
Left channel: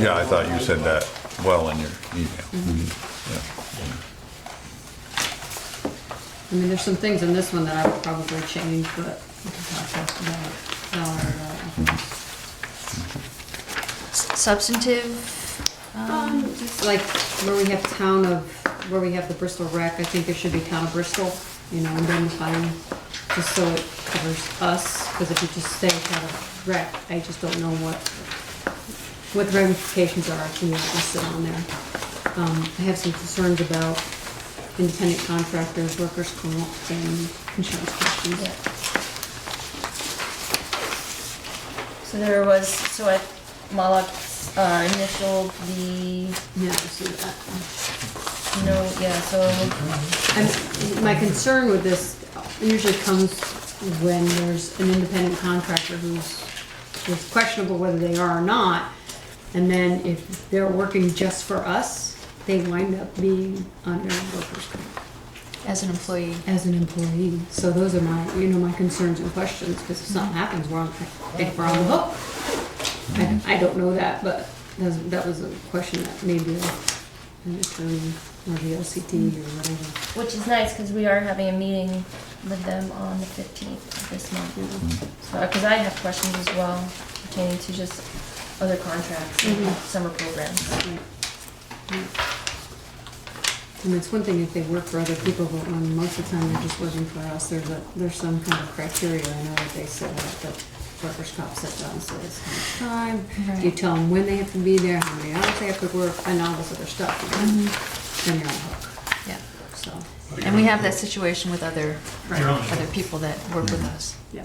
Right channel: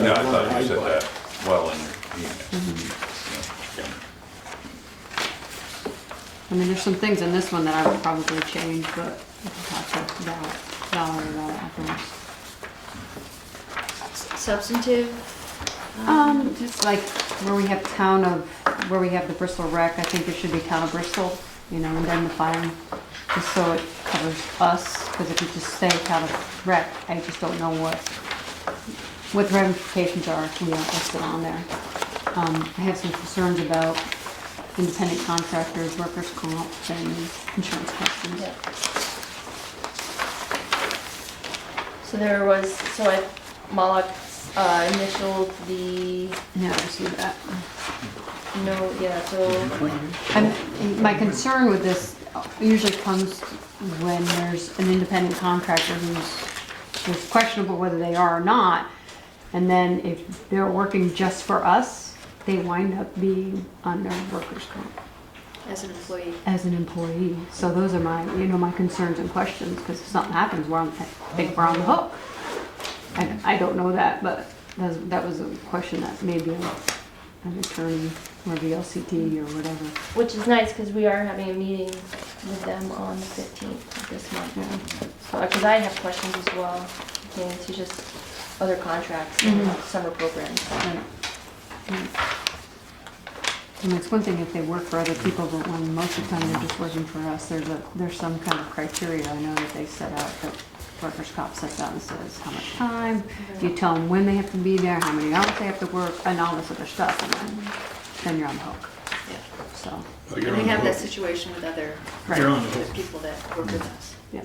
Yeah, I thought you said that well in your email. I mean, there's some things in this one that I would probably change, but we can talk about that afterwards. Substantive, Like where we have where we have the Bristol rec, I think it should be town of Bristol, you know, and then the fine, just so it covers us, because if you just say town of rec, I just don't know what the ramifications are when you're not listed on there. I have some concerns about independent contractors, workers' comp, and insurance questions. yeah. So there was, so at Moloch, initial the, Yeah, I see that. no, yeah, so, And my concern with this usually comes when there's an independent contractor who's questionable whether they are or not. And then if they're working just for us, they wind up being under workers' comp as an employee. as an employee. So those are my concerns and questions, because if something happens, I think we're on the hook. I don't know that, but that was a question that maybe an attorney or the LCT or whatever. which is nice, because we are having a meeting with them on the 15th of this month. Yeah. Because I have questions as well, pertaining to just other contracts and Mhm. summer programs. Right. Yeah. And it's one thing if they work for other people, but when most of the time they're just working for us, there's some kind of criteria, I know that they set out, that workers' comp sets out and says how much time, you tell them when they have to be there, how many hours they have to work, and all this other stuff, and then you're on the hook, Yeah. so, And we have that situation with other You're on the other hook. people that work with us. yeah.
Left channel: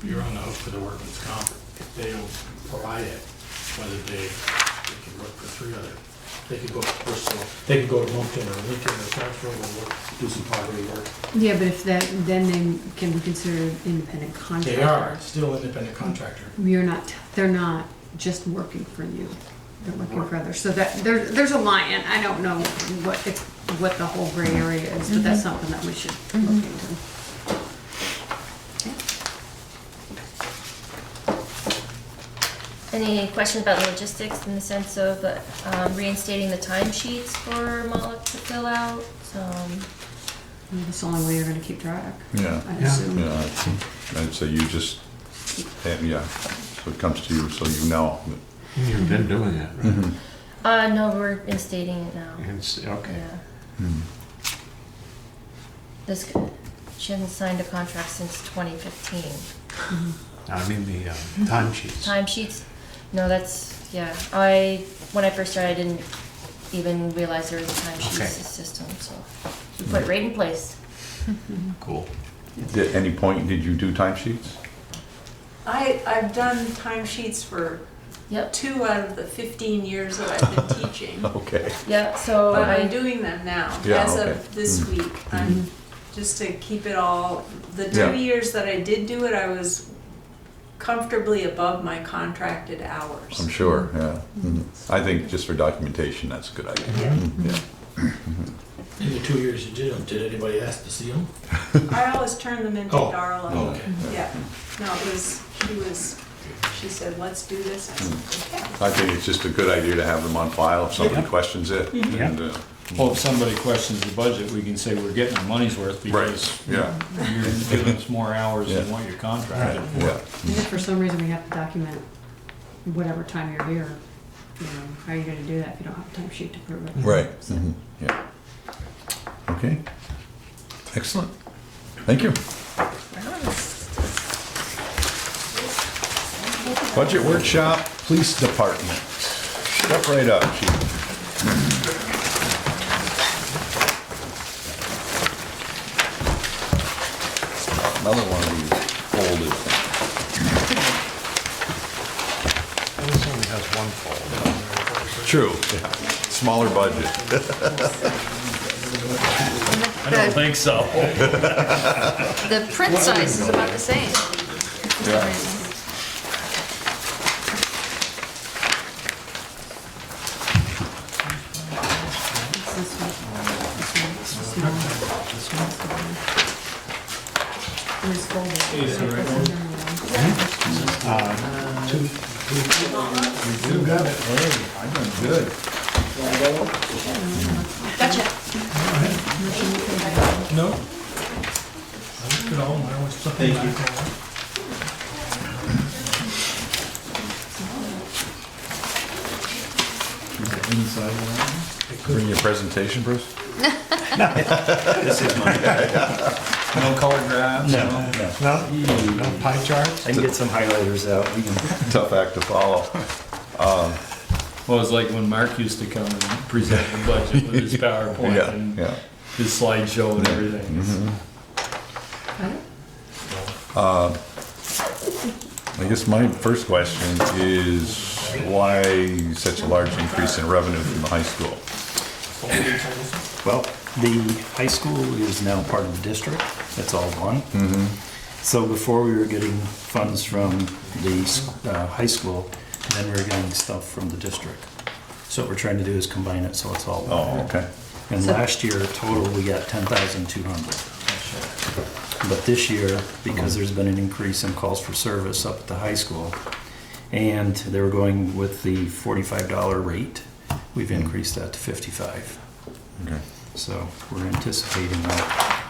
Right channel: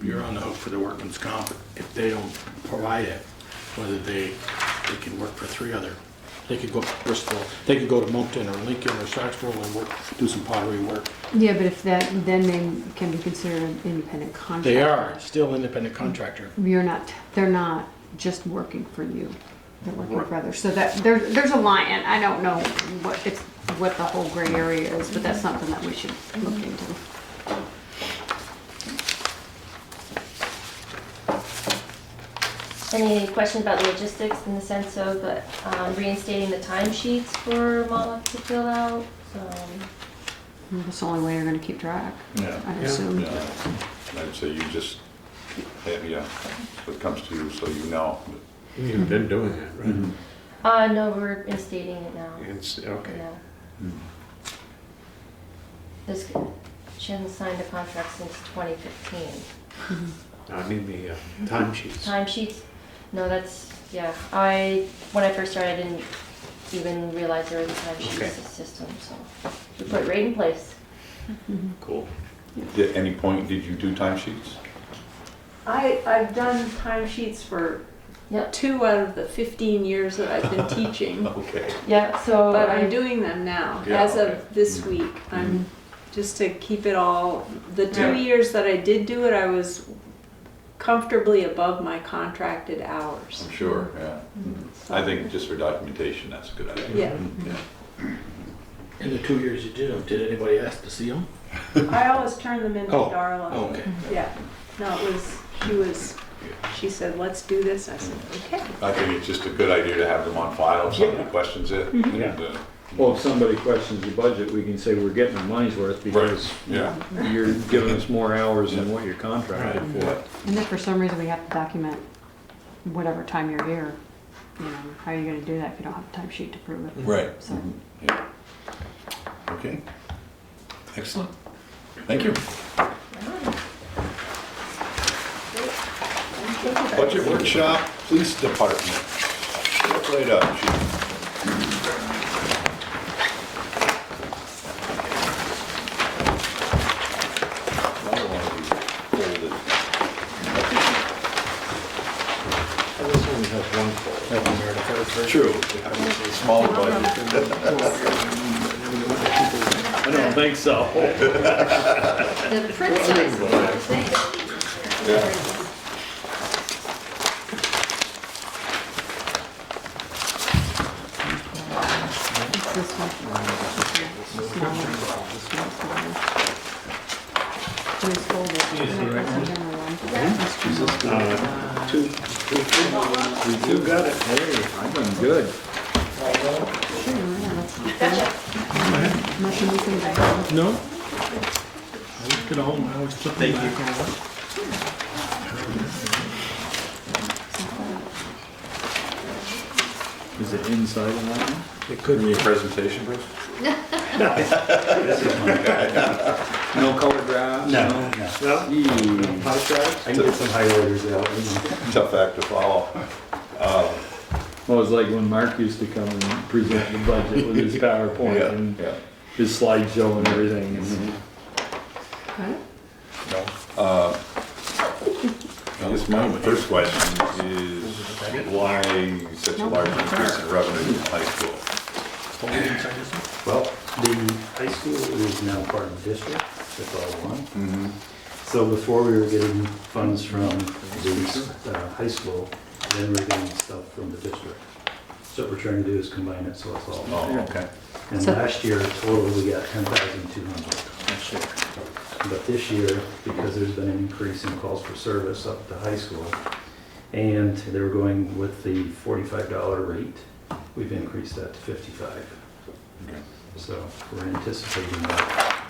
You're on the hook for the workman's comp if they don't provide it, whether they can work for three other, they could go to Bristol, they could go to Moncton or Lincoln or Selectboard and we'll do some pottery work. Yeah, but if that, then they can be considered an independent contractor. They are still independent contractor. They're not just working for you, they're working for others, so that, there's a line, and I don't know what the whole gray area is, but that's something that we should look into. Any questions about the logistics in the sense of reinstating the timesheets for Moloch to fill out? That's the only way you're gonna keep track, Yeah. I assume. Yeah, I'd say you just, yeah, so it comes to you so you know. You've been doing it, right? No, we're instating it now. Okay. Yeah. This, she hasn't signed a contract since 2015. I mean, the timesheets. Timesheets? No, that's, yeah, when I first started, I didn't even realize there was a timesheet Okay. system, so we put it right in place. Cool. At any point, did you do timesheets? I've done timesheets for Yep, 2 out of the 15 years that I've been teaching, Okay. yeah, so but I'm I, doing them now, Yeah, as okay. of this week. I'm, just to keep it all, the 2 years that I did do it, I was comfortably above my contracted hours. I'm sure, yeah. I think just for documentation, that's a good idea. Yeah. Yeah. In the 2 years you did them, did anybody ask to see them? I always turn them in to Oh, Darla. okay. Yeah, no, she said, let's do this, I said, okay. I think it's just a good idea to have them on file if somebody Yeah. questions it. Yeah. And, Well, if somebody questions the budget, we can say we're getting our money's worth because yeah. you're giving us more hours than what you're contracted Yeah. for. And if for some reason we have to document whatever time you're here, how are you gonna do that if you don't have a time sheet to prove it? Right. So- Yeah. Okay. Excellent. Thank you. Budget workshop, police department. Step right up, chief. Another one of these folded This only has one folder. True. Smaller budget. I don't think so. The print size is about the same. It's this one. This one. This one. Jimmy's full, but Yeah, I'm not right. pressing him along. You got it. Hey, I've done good. Gotcha. Nothing you could have done. No? Look at all, now it's something back now. Is it inside of that one? It could Bring your presentation, Bruce? No color graphs? No. No pie charts? I can get some highlighters out. Tough act to follow. Well, it's like when Mark used to come and present the budget with his PowerPoint and Yeah. his slideshow and everything. Got it? I guess my first question is why such a large increase in revenue from the high school? Well, the high school is now part of the district. It's all one. Mm-hmm. So before we were getting funds from the high school, then we were getting stuff from the district. So what we're trying to do is combine it so it's all one. Oh, okay. And So- last year, total, we got 10,200. But this year, because there's been an increase in calls for service up at the high school, and they were going with the $45 rate, we've increased that to 55. Okay. So we're anticipating that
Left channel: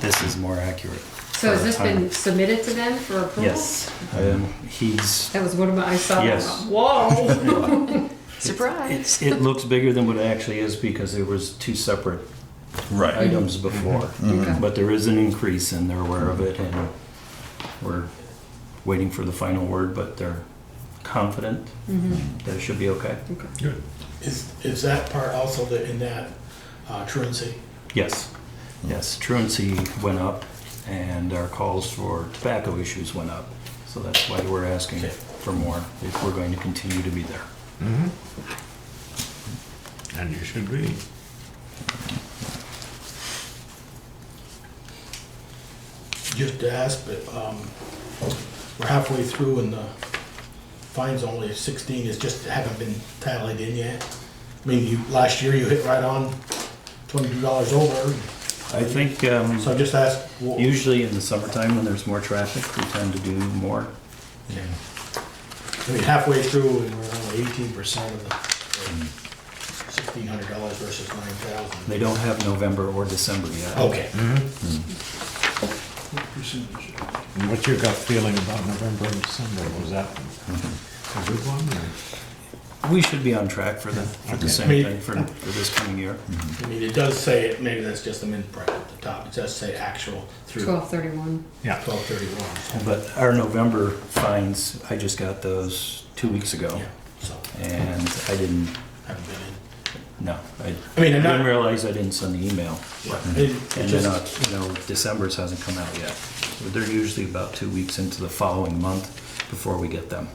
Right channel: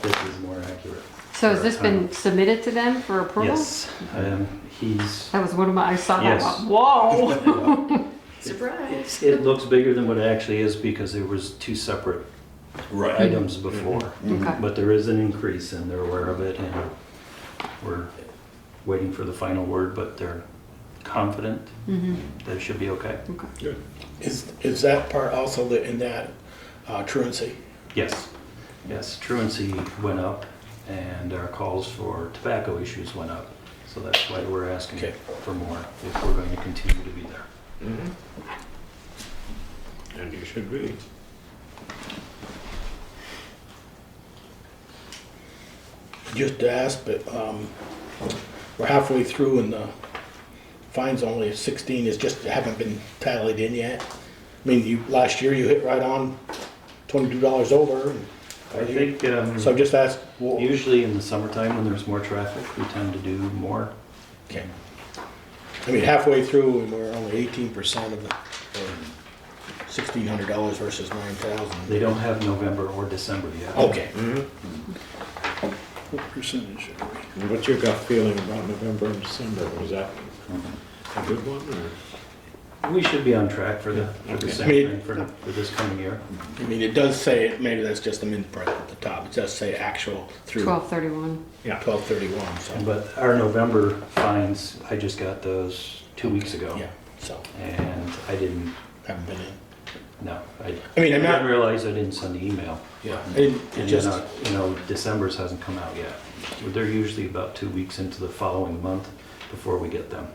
this is more accurate. So has this been submitted to them for approval? Yes, he's, That was one of my, I saw that, Yes. whoa. Surprise. it looks bigger than what it actually is because there was two separate Right. items before. Okay. But there is an increase and they're aware of it and we're waiting for the final word, but they're confident Mhm. that it should be okay. Is that part also in that truancy? Yes, yes, truancy went up and our calls for tobacco issues went up. So that's why we're asking Okay. for more if we're going to continue to be there. And you should be. Just to ask, but we're halfway through and the fine's only 16, it's just haven't been tallied in yet. I mean, last year you hit right on $22 over. I think So I just asked, well, usually in the summertime when there's more traffic, we tend to do more. okay. I mean, halfway through, and we're only 18% of the $1,600 versus $9,000. They don't have November or December yet. Okay. What percentage? And what's your gut feeling about November and December? Was that a good one or? We should be on track for the Okay. same I mean- thing for this coming year. I mean, it does say, maybe that's just a min prep at the top, it does say actual through 12/31. 12/31, so. But our November fines, I just got those 2 weeks ago. Yeah, so, And I didn't, haven't been no, I I mean, I'm didn't not, realize I didn't send the email. yeah, And it just, then, December's hasn't come out yet. They're usually about 2 weeks into the following month before we get them.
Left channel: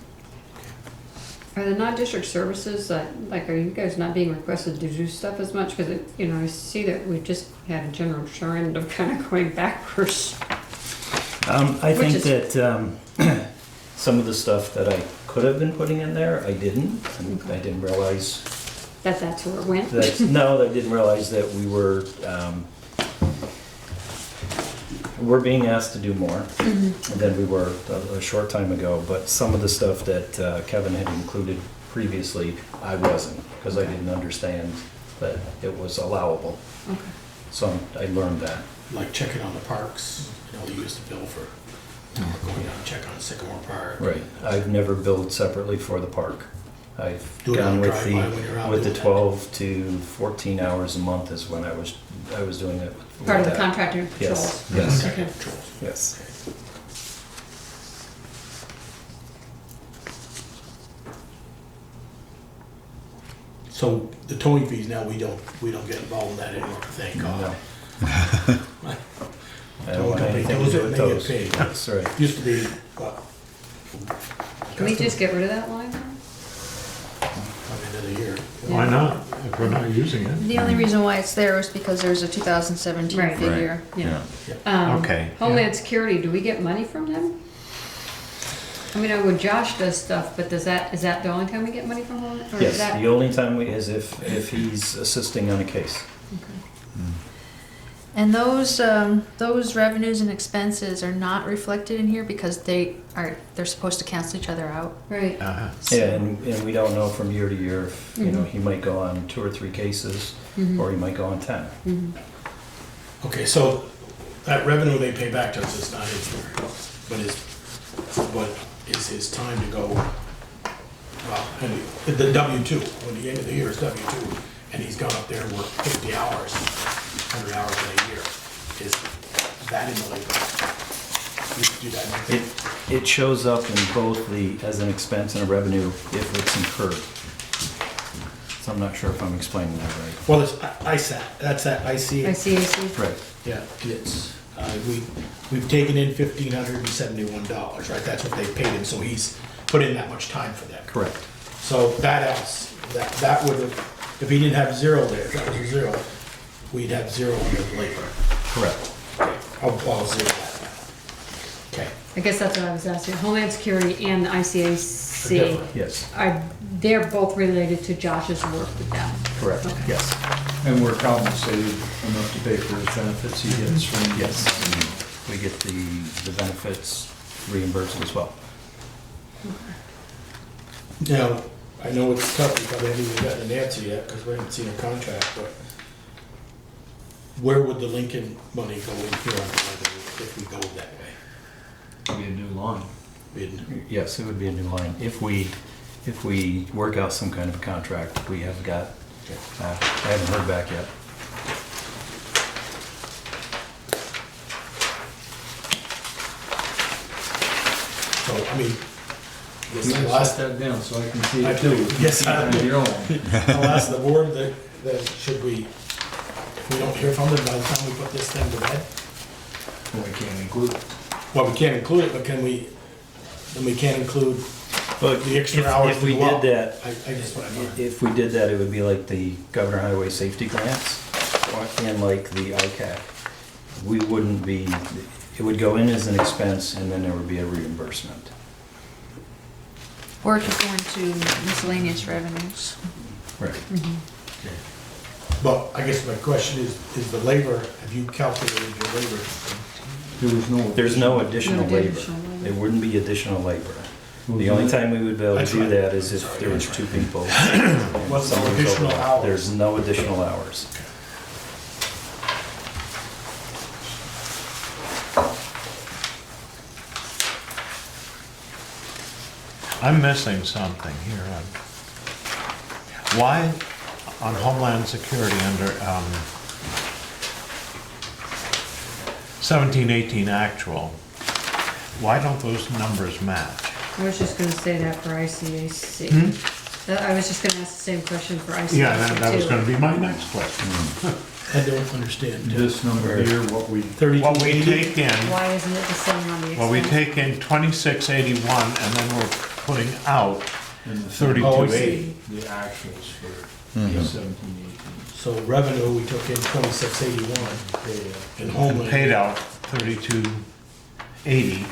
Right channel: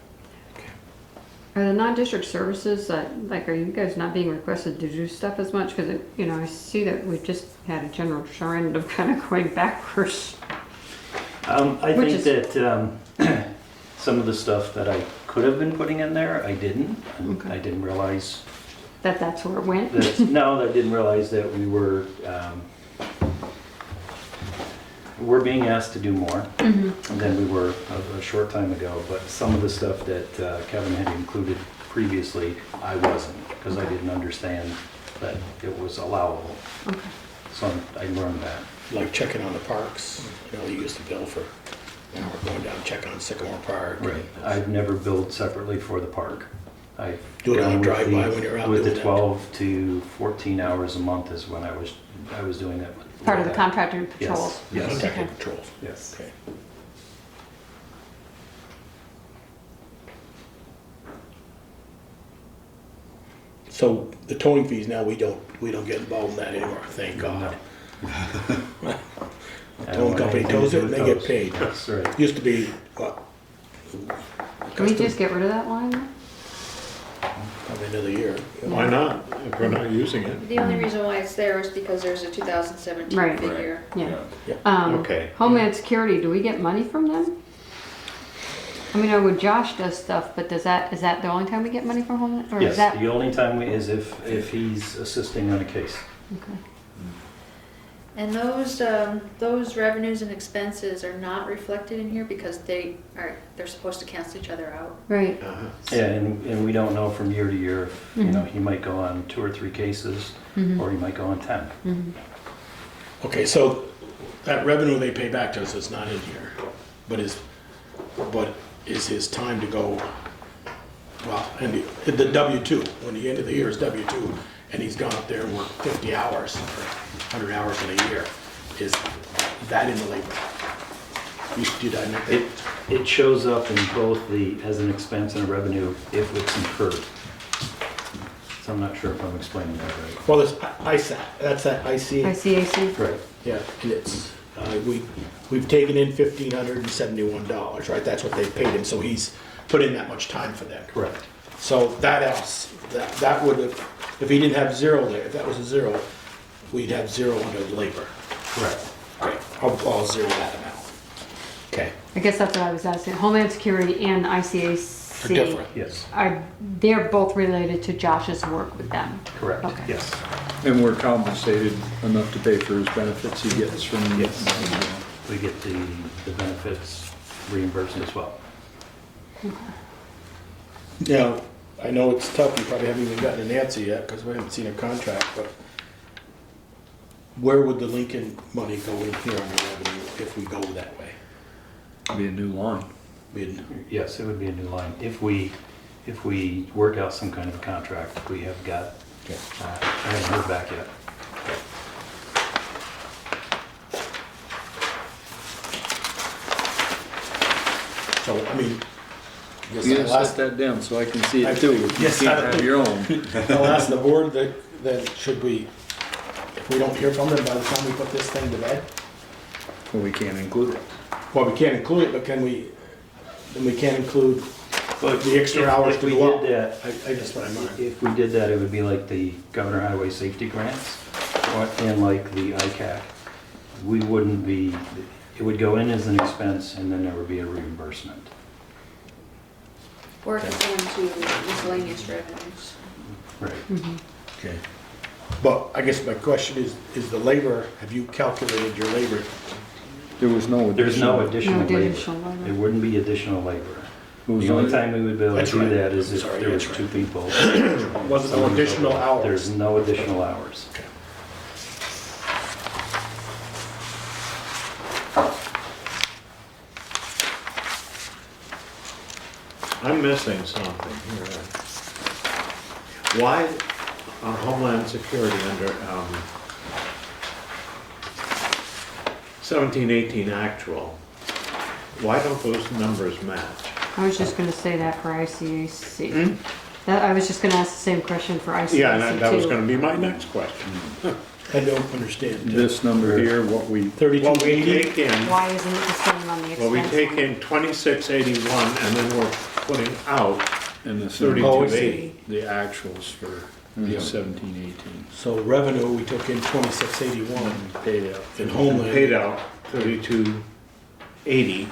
Are the non-district services, like, are you guys not being requested to do stuff as much? Because, I see that we just had a general trend of kind of going backwards. I Which think that some of the stuff that I could have been putting in there, I didn't. And Okay. I didn't realize That's where it went? that, no, I didn't realize that we're being asked to do more than we were a short time ago. But some of the stuff that Kevin had included previously, I wasn't, because I didn't understand that it was allowable. Okay. So I learned that. like checking on the parks, you used to bill for, going down and check on Sycamore Park. Right. I've never billed separately for the park. I've Do it on gone a with drive-by when you're out with the doing that. 12 to 14 hours a month is when I was doing it. with Part of the that. contractor Yes. patrols? Yes. Contractor Okay. patrols. Yes. Okay. So the towing fees now, we don't get involved with that anymore, thank God. No. I don't Towing want company anything to tows do it, with they get those. paid. That's right. Used to be, what? Can we just get rid of that line? Probably another year. Why not? If we're not using it. The only reason why it's there is because there's a 2017 Right. figure. Yeah. Yeah. Okay. Homeland Security, do we get money from them? I mean, I know when Josh does stuff, but is that the only time we get money from Homeland? Or is Yes, that? the only time is if he's assisting on a case. Okay. And those revenues and expenses are not reflected in here because they're supposed to cancel each other out. Right. Uh-huh. So- Yeah, and we don't know from year to year, if, you know, he might go on 2 or 3 cases, or he might go on 10. Okay, so that revenue they pay back to us is not in here, but is his time to go, well, and the W-2, when the end of the year is W-2, and he's gone up there and worked 50 hours, 100 hours in a year, is that in the labor? Did I make that? It shows up in both as an expense and a revenue if it's incurred. So I'm not sure if I'm explaining that right. Well, it's ISAC, that's that IC. ICAC. Correct. Yeah, and it's, we've taken in $1,571, right? That's what they paid him, so he's put in that much time for that. Correct. So that else, that would have, if he didn't have zero there, if that was a zero, we'd have zero under labor. Correct. Okay, I'll zero that now. Okay, I guess that's what I was asking. Homeland Security and for ICAC, different. Yes. they're both related to Josh's work with them. Correct. Okay. Yes. And we're compensated enough to pay for his benefits he gets from. Yes. We get the benefits reimbursed as well. Now, I know it's tough, you probably haven't even gotten an answer yet, because we haven't seen a contract, but where would the Lincoln money go in here on the revenue if we go that way? Be a new line. Yes, it would be a new line. If we work out some kind of a contract, we have got, I haven't heard back yet. So, I mean, I guess You I'll gotta ask, set that down so I can see I- it too. If you yes, can't I- have your own. I'll ask the board that should we, if we don't hear from them by the time we put this thing to bed, Well, we can't include it. well, we can't include it, but can we, then we can't include But the extra hours if we to go up. did that, I just want to learn. if we did that, it would be like the Governor Highway Safety Grants and like the ICAC. We wouldn't be, it would go in as an expense and then there would be a reimbursement. Or it could go into miscellaneous revenues. Right. Okay. But I guess my question is the labor, have you calculated your labor? There was no. There's no additional No labor. additional labor. It wouldn't be additional labor. It was The only time we would be able to That's do right. that is if Sorry, there was that's 2 right. people. What's the Someone additional told us hours? There's no additional hours. I'm missing something here. Why on Homeland Security under 1718 actual, why don't those numbers match? I was just gonna say that for ICAC. I was just gonna ask the same question for ICAC Yeah, that was too. gonna be my next question. I don't understand. This number here, what we, What we take in, Why isn't it the same on the expense? well, we take in 2681 and then we're putting out in the 3280. the actuals for Mhm. 1718. So revenue, we took in 2681 Paid out. in And Homeland. paid out 3280.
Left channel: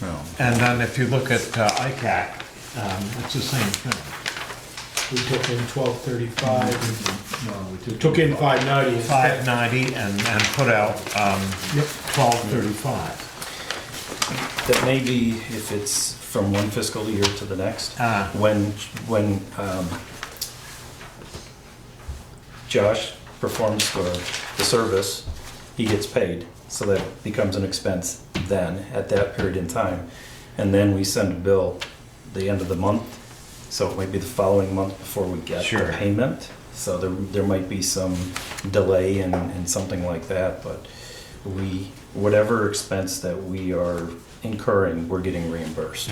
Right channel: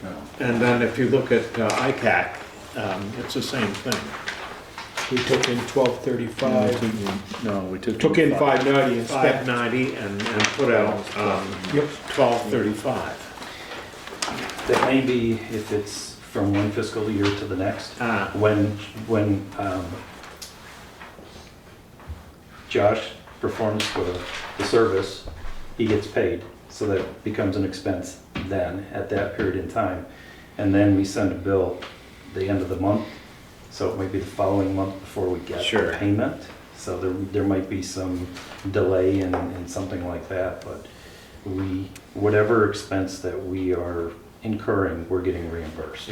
Well, And then if you look at ICAC, it's the same thing. We took in 1235, No, we took. took in 590 and spent. 590 and put out Yep. 1235. That may be if it's from one fiscal year to the next. Ah, When Josh performs the service, he gets paid, so that becomes an expense then, at that period in time. And then we send a bill the end of the month, so it might be the following month before we get Sure. the payment. So there might be some delay in something like that, but whatever expense that we are incurring, we're getting reimbursed.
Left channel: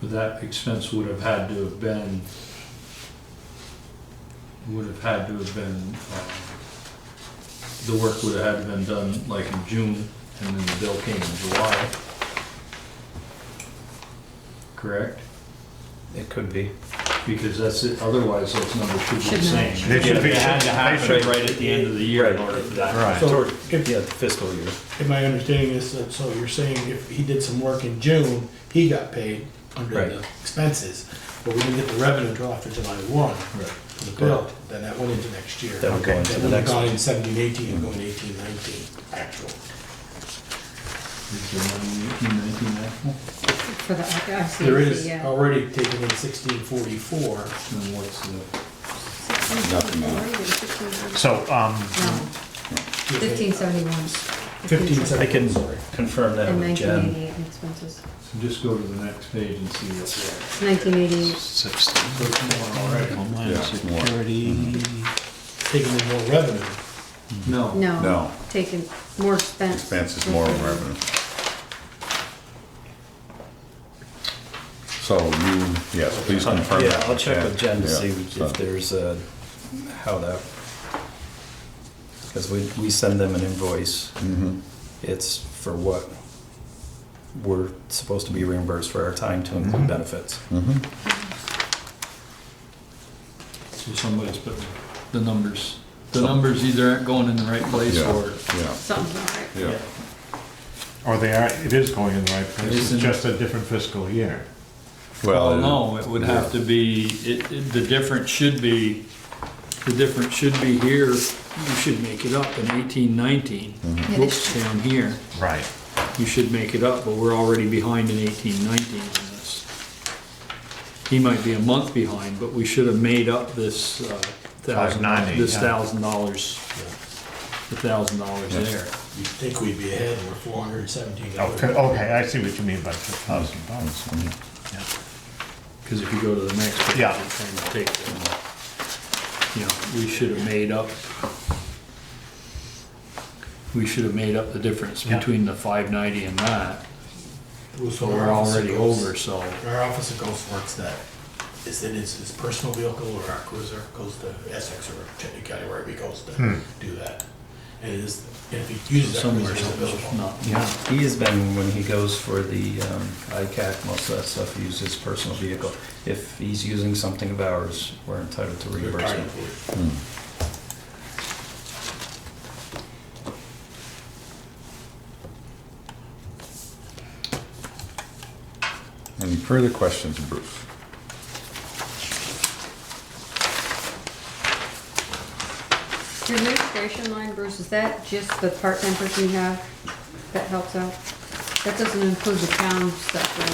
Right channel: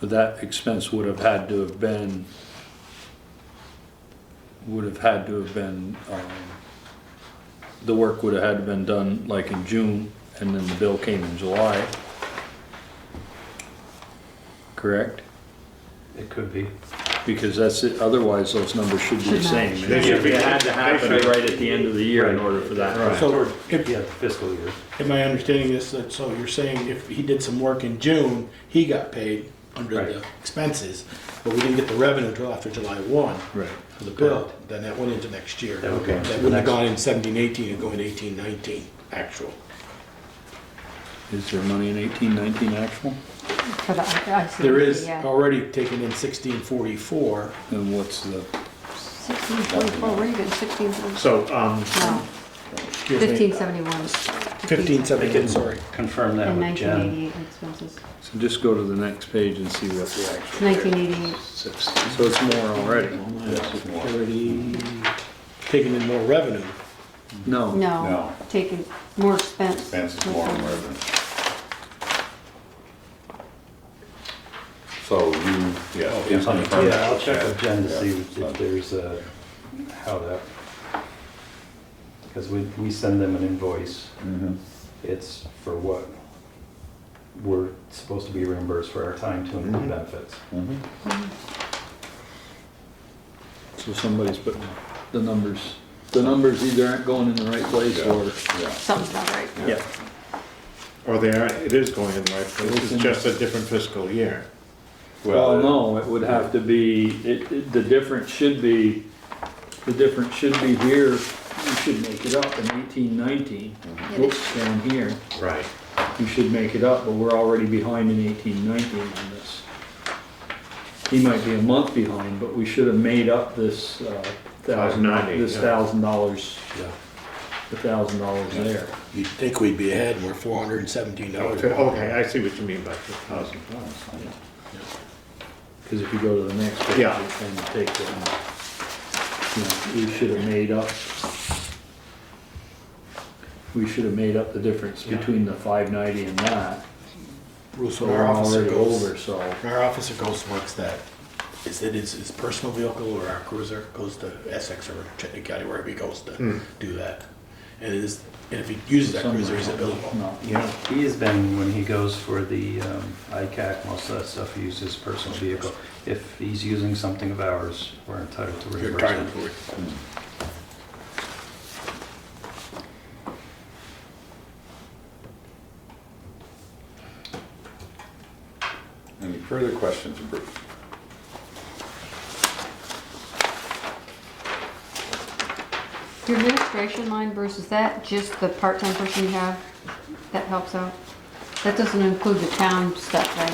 But that expense would have had to have been, the work would have had to been done like in June, and then the bill came in July. Correct? It could be. Because that's it, otherwise those numbers should be the Should same. match. And They should be- It had to happen they should- right at the end of the year in Right. order for that. Right. So if, Yeah, fiscal year. am I understanding this, that so you're saying if he did some work in June, he got paid, under Right. the expenses, but we didn't get the revenue until after July 1 Right. for the bill, then that went into next year. That would go into That the would have next gone one. in 17-18 and going to 18-19 actual. Is there money in 1819 actual? For the, I see, There is yeah. already taken in 1644. And what's the, 1644, where are you getting 1644? so, No, Excuse me, 1571. 1571, sorry. Confirm that In with Jen. 1988 expenses. so just go to the next page and see what's there. 1988. So it's more already. Yeah, it's more. Security. Taking in more revenue. No. No, No, taking more expense. expense is more than revenue. So you, yes, please confirm that. Yeah, I'll check with Jen to Yeah, see so- if there's, how that, because we send them an invoice. Mhm. It's for what we're supposed to be reimbursed for our time to include Mhm. benefits. Mhm. So somebody's putting the numbers either aren't going in the right place Yeah. or. Yeah, Something's not right. yeah. Or they are, it is going in the right place, it's just a different fiscal year. Well, no, it would have to be, the difference should be here, you should make it up in 1819. Mhm. Whoops, down here, Right. you should make it up, but we're already behind in 1819 on this. He might be a month behind, but we should have made up this, $590, this yeah. $1,000, Yeah. the $1,000 Yeah. there. You'd think we'd be ahead, we're $417. Okay, I see what you mean by $1,000. Because if you go to the next page Yeah. and take the, we should have made up the difference Yeah. between the 590 and that. Bruce, So our we're officer already goes, over, so. our officer goes works that. Is it his personal vehicle or our cruiser goes to Essex or Chittenden County, wherever he goes to do that. And it is, and if he uses that cruiser, it's available. No. Yeah. He has been, when he goes for the ICAC, most of that stuff, he uses his personal vehicle. If he's using something of ours, we're entitled to You're reimbursement. entitled to it. Hmm. Any further questions, Bruce? Your administration line, Bruce, is that just the part-time person you have that helps out? That doesn't include the town stuff, right?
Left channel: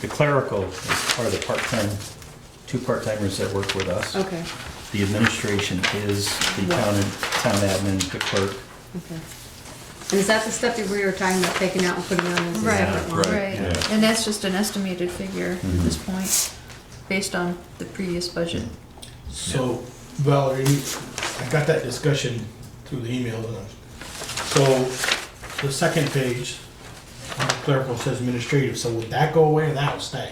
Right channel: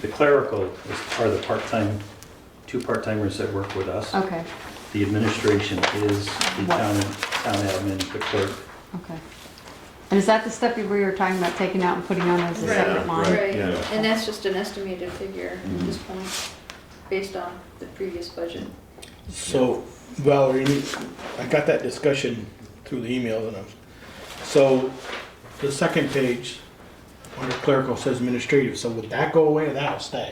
The clerical are the part-time, two part-timers that work with us. Okay, The administration is the What? town admin, the clerk. okay. And is that the stuff that we were talking about taking out and putting on as a Right, separate line? Right, Yeah. and that's just an estimated figure at Mhm. this point, based on the previous budget. So Valerie, I got that discussion through the emails and so the second page, on the clerical says administrative, so would that go away or that'll stay?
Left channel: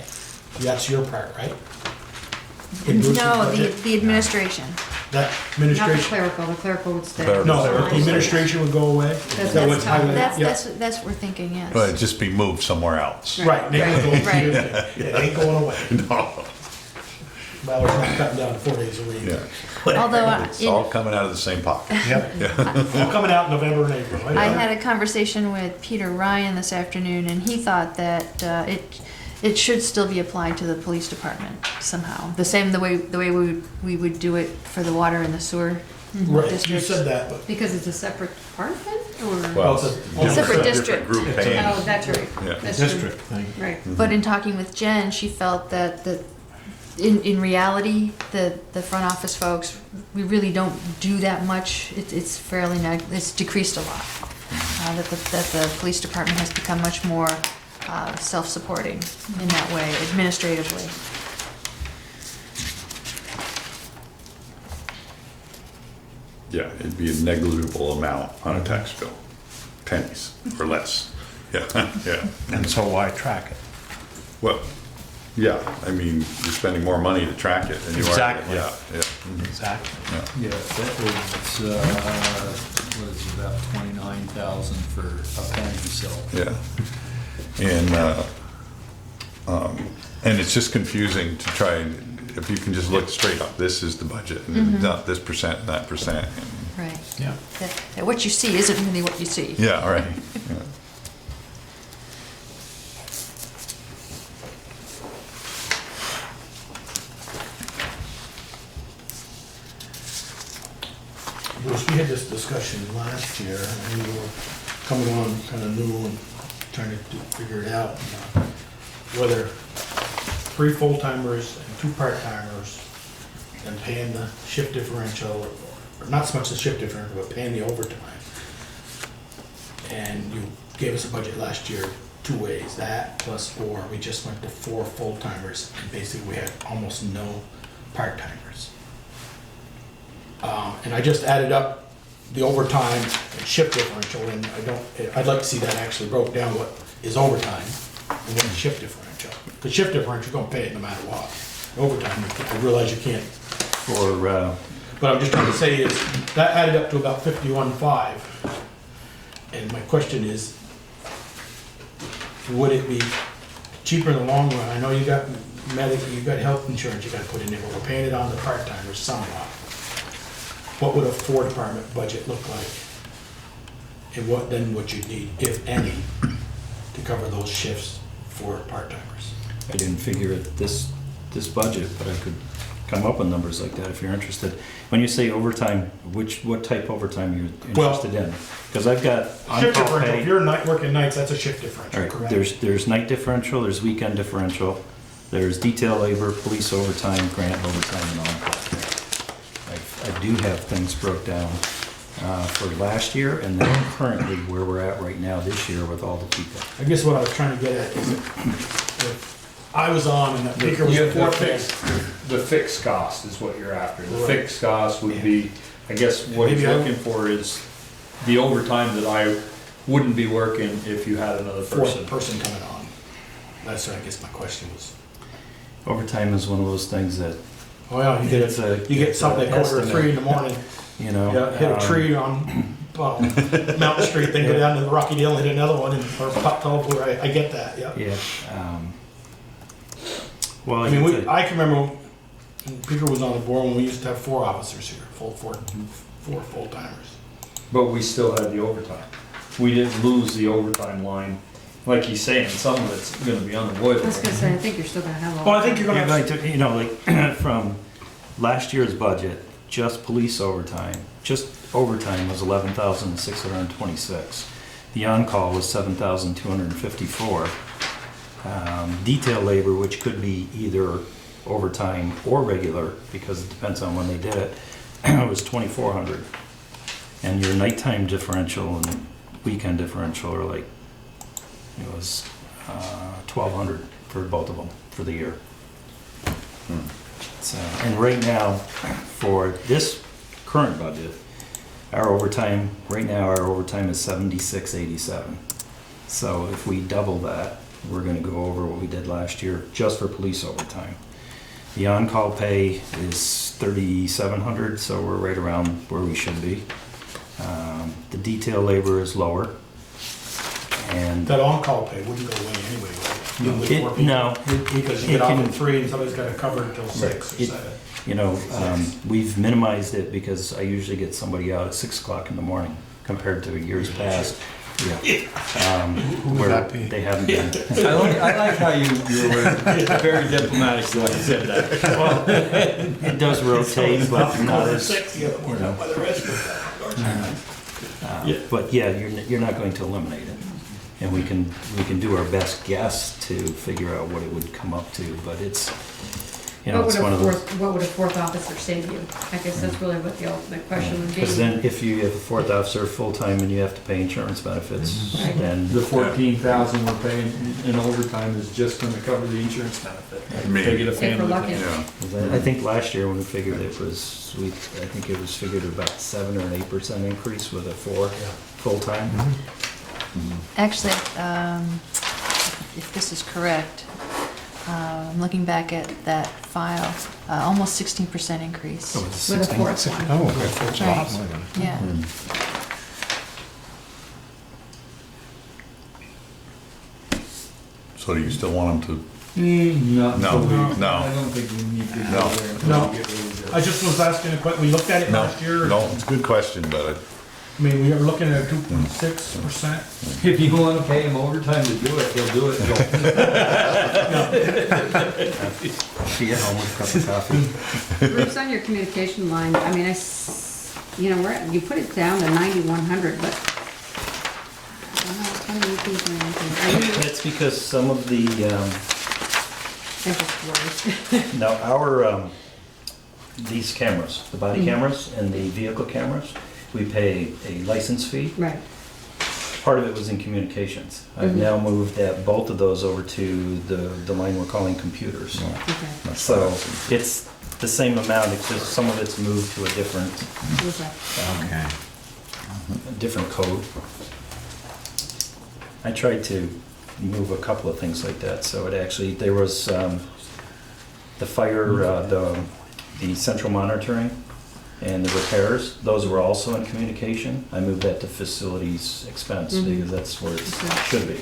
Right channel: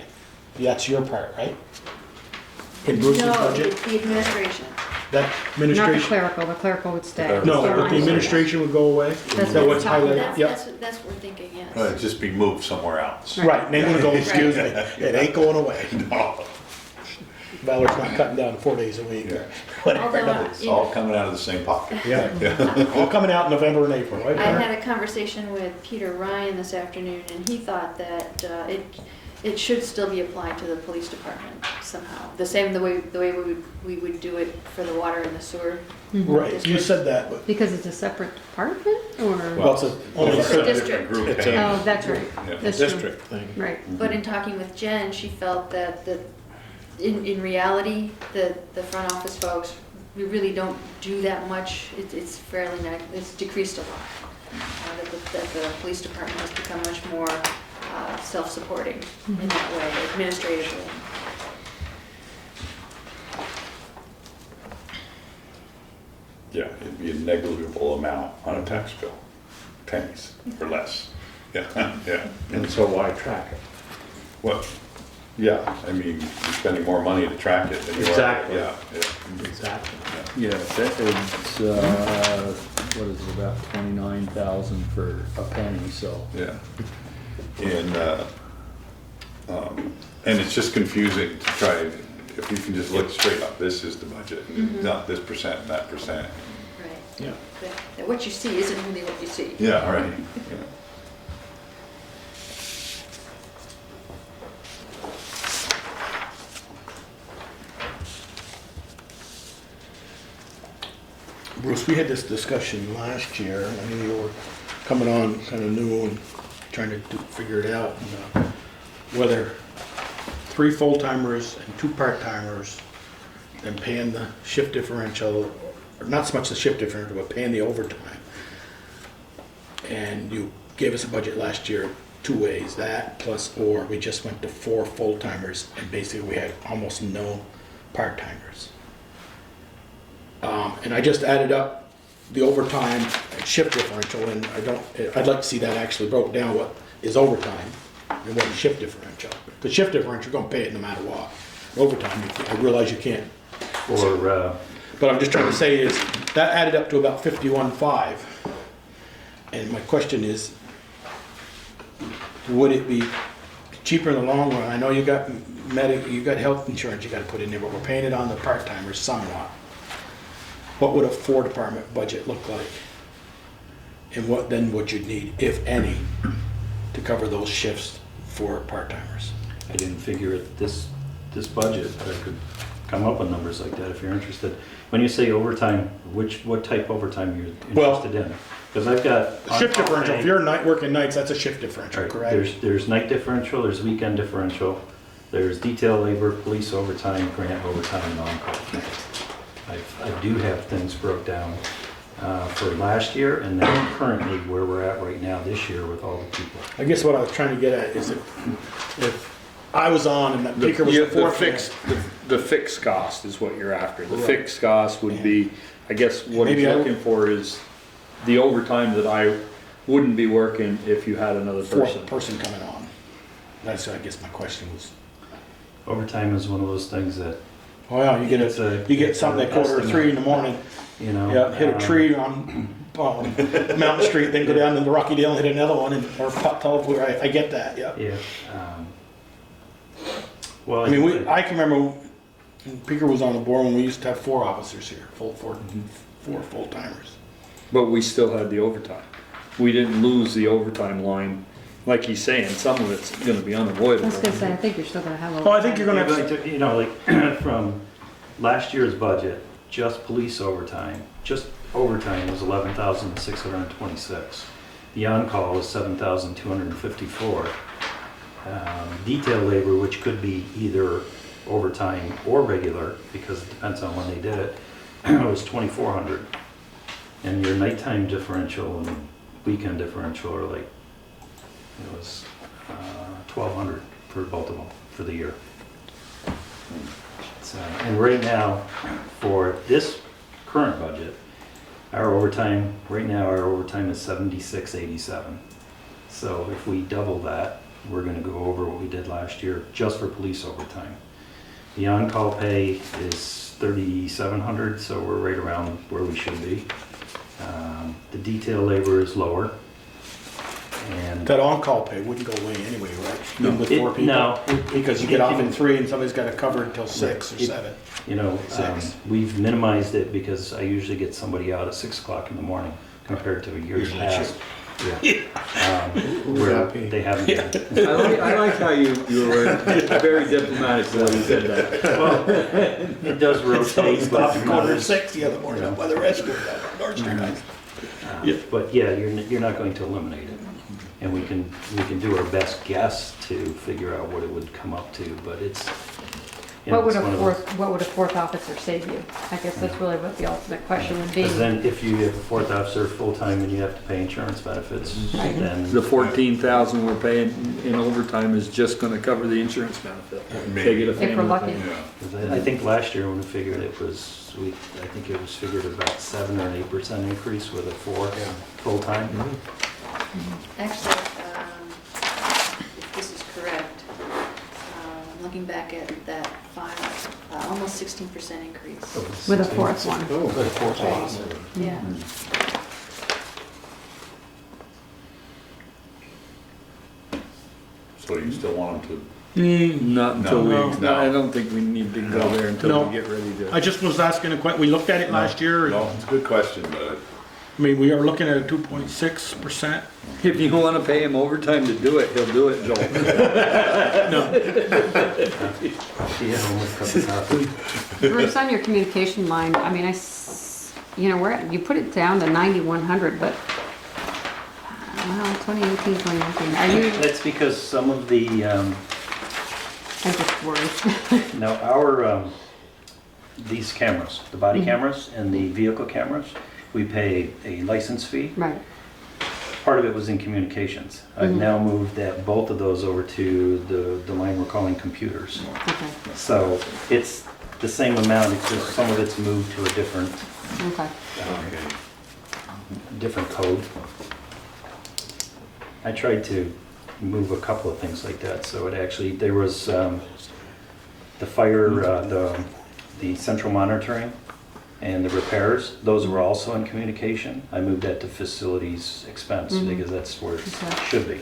That's your part, right? In Bruce's No, budget? the administration. That Not the administration, clerical would stay. Clerical. no, but the administration would go away? That's Is that what's what it's highlighted? That's, Yeah. that's what we're thinking, yes. But it'd just be moved somewhere else. Right, maybe don't confuse me. It ain't going away. No. Valerie's not cutting down 4 days a week. Yeah. Although It's all coming out of the same pocket. Yeah. All coming out in November and April, right? I had a conversation with Peter Ryan this afternoon, and he thought that it should still be applied to the police department somehow. The way we would do it for the water and the sewer. Right, you said that, but Because it's a separate department, or? Well, it's a- Separate different district. group It's paying. Oh, that's right. Yeah. That's true. District thing. Right. But in talking with Jen, she felt that in reality, the front office folks, we really don't do that much. It's fairly, it's decreased a lot. That the police department has become much more self-supporting in that way, administratively. Yeah, it'd be a negligible amount on a tax bill. Pennies or less. Yeah, yeah. And so why track it? Well, yeah, I mean, you're spending more money to track it than you are. Exactly. Yeah, yeah. Exactly. Yeah, that is, what is it, about 29,000 for a penny, so. Yeah. And it's just confusing to try, if you can just look straight up, this is the budget, and not this percent and that percent. Right. Yeah. That what you see isn't really what you see. Yeah, right. Bruce, we had this discussion last year, and we were coming on kind of new and trying to figure it out. Whether 3 full-timers and 2 part-timers, and paying the shift differential, or not so much the shift differential, but paying the overtime. And you gave us a budget last year 2 ways, that plus, or we just went to 4 full-timers, and basically we had almost no part-timers. And I just added up the overtime and shift differential, and I'd like to see that actually broke down, what is overtime and what is shift differential. The shift differential, you're gonna pay it no matter what. Overtime, I realize you can't. Or, But I'm just trying to say is, that added up to about 51.5. And my question is, would it be cheaper in the long run? I know you got medical, you got health insurance you gotta put in there, but we're paying it on the part-timers somewhat. What would a 4-department budget look like? And what then would you need, if any, to cover those shifts for part-timers? I didn't figure it this budget, but I could come up with numbers like that if you're interested. When you say overtime, what type overtime are you interested in? Because I've got Shift on-call differential, pay. if you're working nights, that's a shift differential, All right, correct? there's night differential, there's weekend differential, there's detail labor, police overtime, grant overtime, and on-call pay. I do have things broke down for last year and then currently where we're at right now this year with all the people. I guess what I was trying to get at is if I was on and that Baker was The reporting, the fixed cost is what you're after. The Right. fixed cost would be, I guess what he's Maybe I- looking for is the overtime that I wouldn't be working if you had another person. 4th person coming on. That's, I guess my question was. Overtime is one of those things that, Oh yeah, you get something at quarter to 3 in the morning, you know. yeah, hit a tree on Mountain Street, then go down to the Rocky Dale and hit another one, or pop telephone, I get that, yeah. Yeah. Well, I mean, I can remember when Peter was on the board when we used to have 4 officers here, four full-timers. But we still had the overtime. We didn't lose the overtime line. Like he's saying, some of it's gonna be I unavoidable. was gonna say, I think you're still gonna have a. Well, I think you're gonna Yeah, have, but, you know, like from last year's budget, just police overtime, just overtime was 11,626. The on-call was 7,254. Detail labor, which could be either overtime or regular, because it depends on when they did it, was 2,400. And your nighttime differential and weekend differential are like, it was 1,200 for both of them for the year. And right now, for this current budget, our overtime, right now our overtime is 76.87. So if we double that, we're gonna go over what we did last year just for police overtime. The on-call pay is 3,700, so we're right around where we should be. The detail labor is lower. And that on-call pay wouldn't go away anyway, right? Even with 4 people? no, Because you it get off can- at 3 and somebody's gotta cover until 6 or It- 7. you know, Six. we've minimized it because I usually get somebody out at 6 o'clock in the morning compared to years past. Yeah. Who would Where that be? they haven't been. I like how you were very diplomatic when you said that. Well, it does rotate, Somebody's but off at not quarter to as, 6 the other morning, by the rest of them. but yeah, you're not going to eliminate it. And we can do our best guess to figure out what it would come up to, but it's, you know, it's one of those. What would a 4th officer save you? I guess that's really what the ultimate question would be. Because then if you have a 4th officer full-time and you have to pay insurance benefits, Right. then. The 14,000 we're paying in overtime is just gonna cover the insurance benefit. They get a If we're family lucky. plan. I think last year when we figured it was, I think it was figured about 7 or 8% increase with a 4 full-time. Actually, if this is correct, I'm looking back at that file, almost 16% increase. With a 4th one. Oh, okay, that's Right. awesome. Yeah. So do you still want them Not until we, No. I don't think we need to go there until No. we get ready I to. just was asking a question, we looked at it No. last year, No, it's a good question, but I mean, we are looking at a 2.6%. If you wanna pay him overtime to do it, he'll do it, Joel. Be at home with a cup of coffee. Bruce, on your communication line, I mean, you know, you put it down to 9,100, but, well, 2018, 2019, I mean, It's because some of the, I just worry. now our, these cameras, the body cameras and the vehicle cameras, we pay a license fee. Right, Part of it was in communications. I've now moved both of those over to the line we're calling computers. okay, So it's the same amount, it's just some of it's moved to a different, okay. different code. I tried to move a couple of things like that, so it actually, there was the fire, the central monitoring and the repairs, those were also in communication. I moved that to facilities expense because that's where it Okay. should be.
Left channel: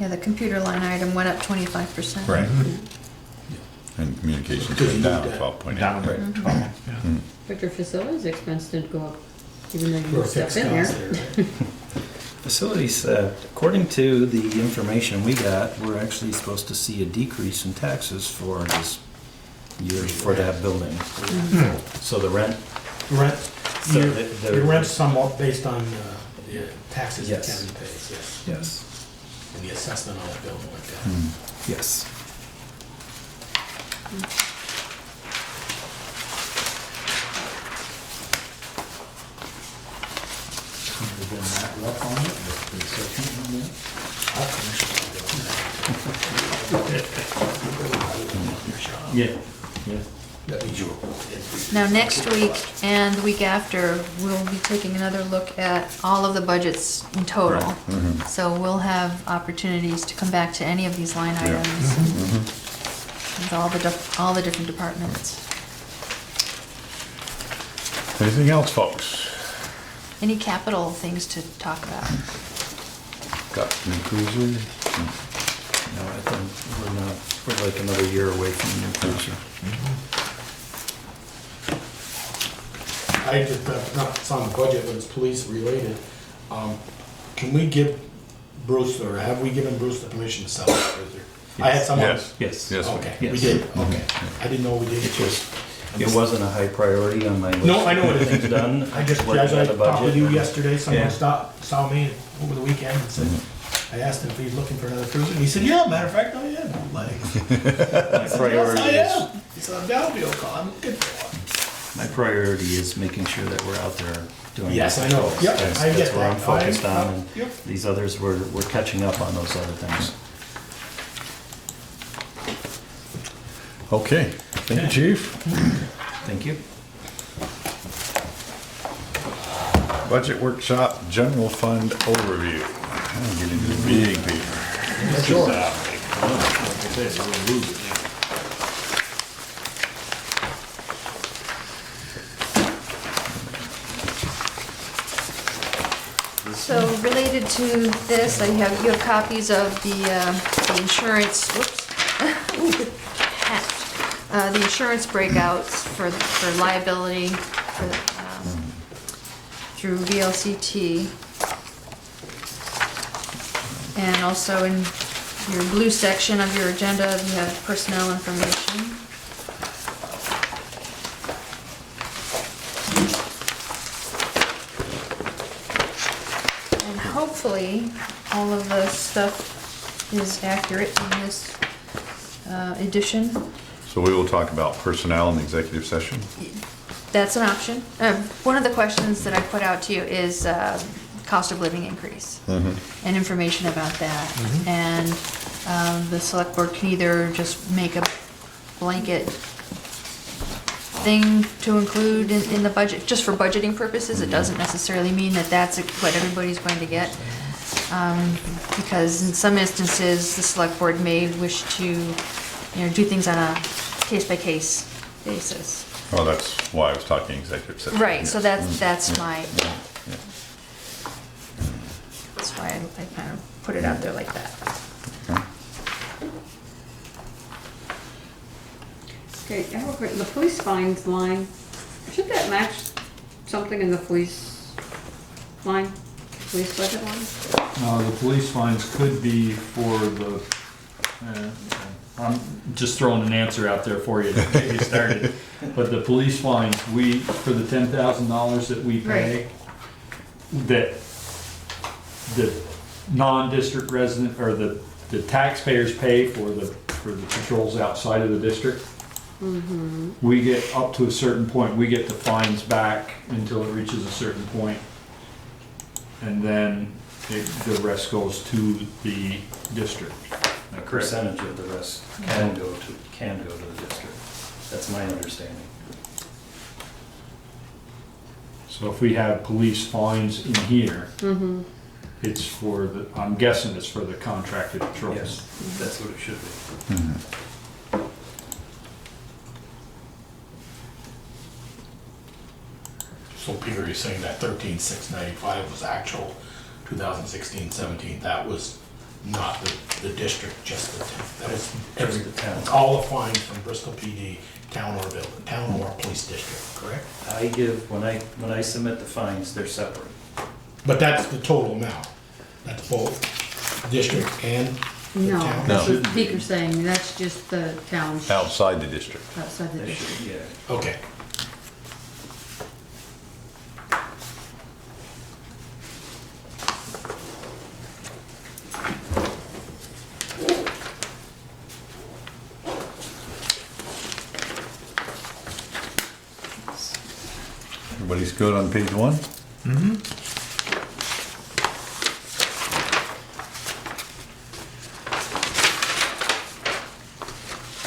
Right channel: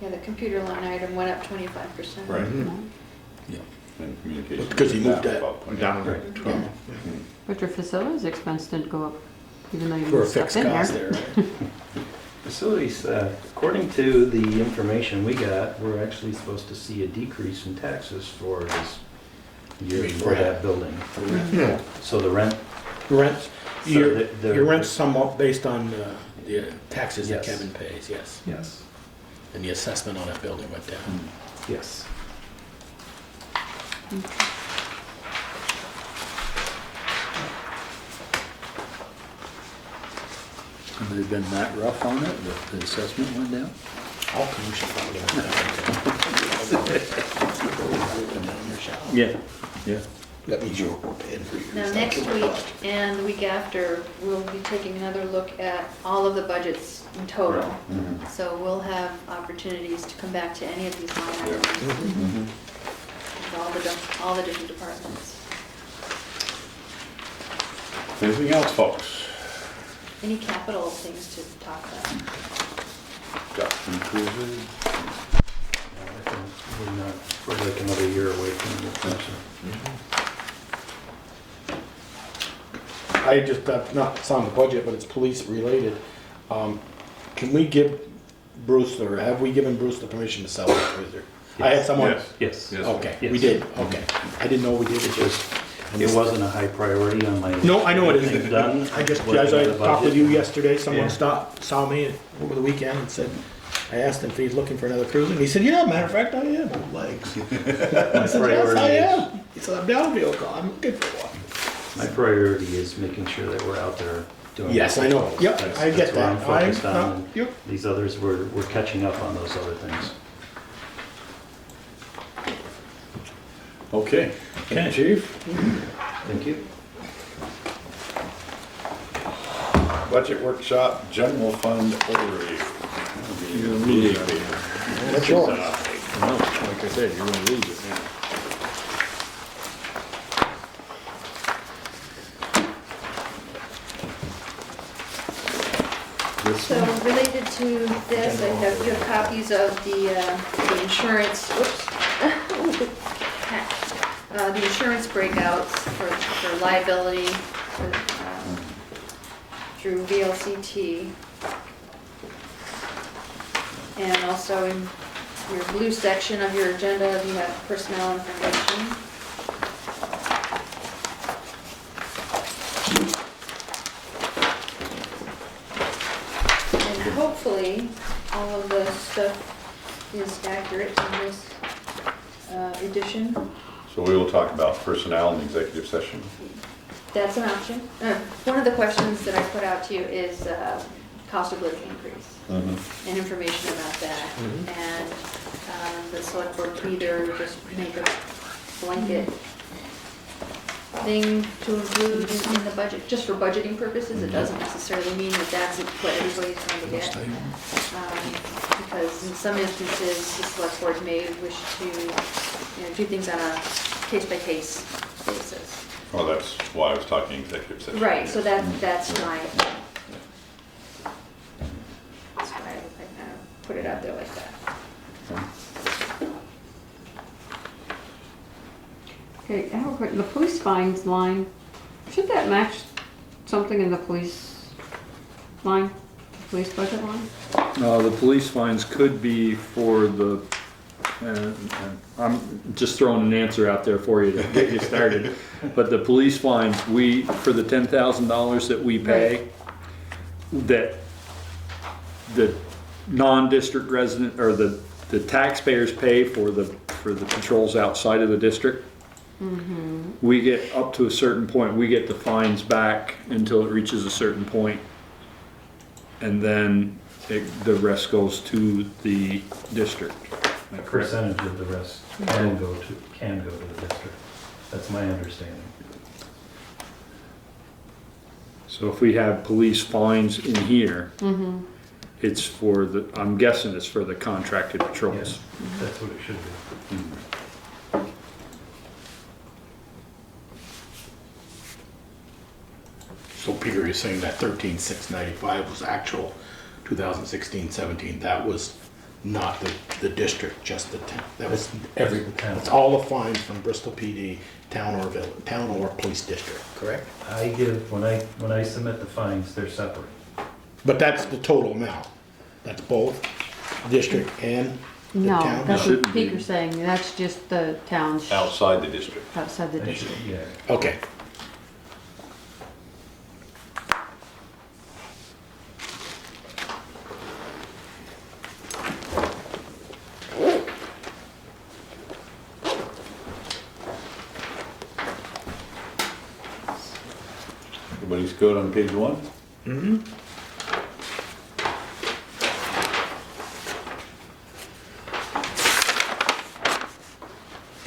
Yeah, the computer line item went up 25%. Right. And communications Because you down moved that 12.8. Down. Mhm. But your facilities expense didn't go up, even though you For a put stuff fixed in cost there. there, right? Facilities, according to the information we got, we're actually supposed to see a decrease in taxes for this year for that building. So the rent, Rent, So your, the- your rent's somewhat based on the taxes that Yes. Kevin pays, yes. yes, And the assessment on that building went down. yes. Have they been that rough on it, that the assessment went down? All commissions are Yeah, yeah. That means you. Now, next week and the week after, we'll be taking another look at all of the budgets in total. So we'll have opportunities to come back to any of these line Yeah. items with all the different departments. Anything else, folks? Any capital things to talk about? Got any cruiser? No, I think we're like another year away from the new cruiser. I just, not, it's on the budget, but it's police related. Can we give Bruce, or have we given Bruce the permission to sell the cruiser? I had someone. Yes. Yes. Yes. Okay, we Yes. did, okay. I didn't know we did. It just, it wasn't a high priority on my list. No, I know what it It's is. done. I just, Working as on I the talked with budget. you yesterday, someone Yeah. saw me over the weekend and said, I asked him if he's looking for another cruiser, and he said, yeah, matter of fact, I am. I'm like, I said, yes, priority I is- am. He said, down deal, I'm looking for one. My priority is making sure that we're out there doing. Yes, I it. know. Yeah, That's- I get That's where I'm that. focused on. and Yep. These others, we're catching up on those other things. Okay, thank you, chief. Thank you. Budget workshop, general fund overview. I'm getting to the big paper. That's yours. Like I said, you wanna lose it now. So related to this, you have copies of the insurance, whoops. The insurance breakouts for liability through VLCT. And also in your blue section of your agenda, you have personnel information. And hopefully, all of the stuff is accurate in this edition. So we will talk about personnel in the executive session. That's an option. One of the questions that I put out to you is cost of living increase and information about that. And the select board can either just make a blanket thing to include in the budget, just for budgeting purposes. It doesn't necessarily mean that that's what everybody's going to get. Because in some instances, the select board may wish to, do things on a case-by-case basis. Well, that's why I was talking executive session. Right, so that's Yeah. my, Yeah. that's why I kind of put it out there like that. Okay, I have a quick, the police fines line, should that match something in the police line, police budget line? The police fines could be for the and I'm just throwing an answer out there for you to get you started. But the police fines, for the $10,000 that we pay, that the non-district resident, or the taxpayers pay for the patrols outside of the district, we get up to a certain point, we get the fines back until it reaches a certain point, and then the rest goes to the district. Am I A correct? percentage of the rest can go to the district. That's my understanding. So if we have police fines in here, Mm-hmm. it's for I'm guessing it's for the contracted patrols. Yes, that's what it should be. So Peter is saying that 13,695 was actual 2016-17. That was not the district, just the town. That was every town. It's all the fines from Bristol PD, town or village, town or police district, correct? I give, when I submit the fines, they're separate. But that's the total amount. That's both district and the No, town. that's what Peter's saying, that's just the town Outside the district. outside the They district. should, yeah. Okay. Everybody's good on page 1? Mm-hmm.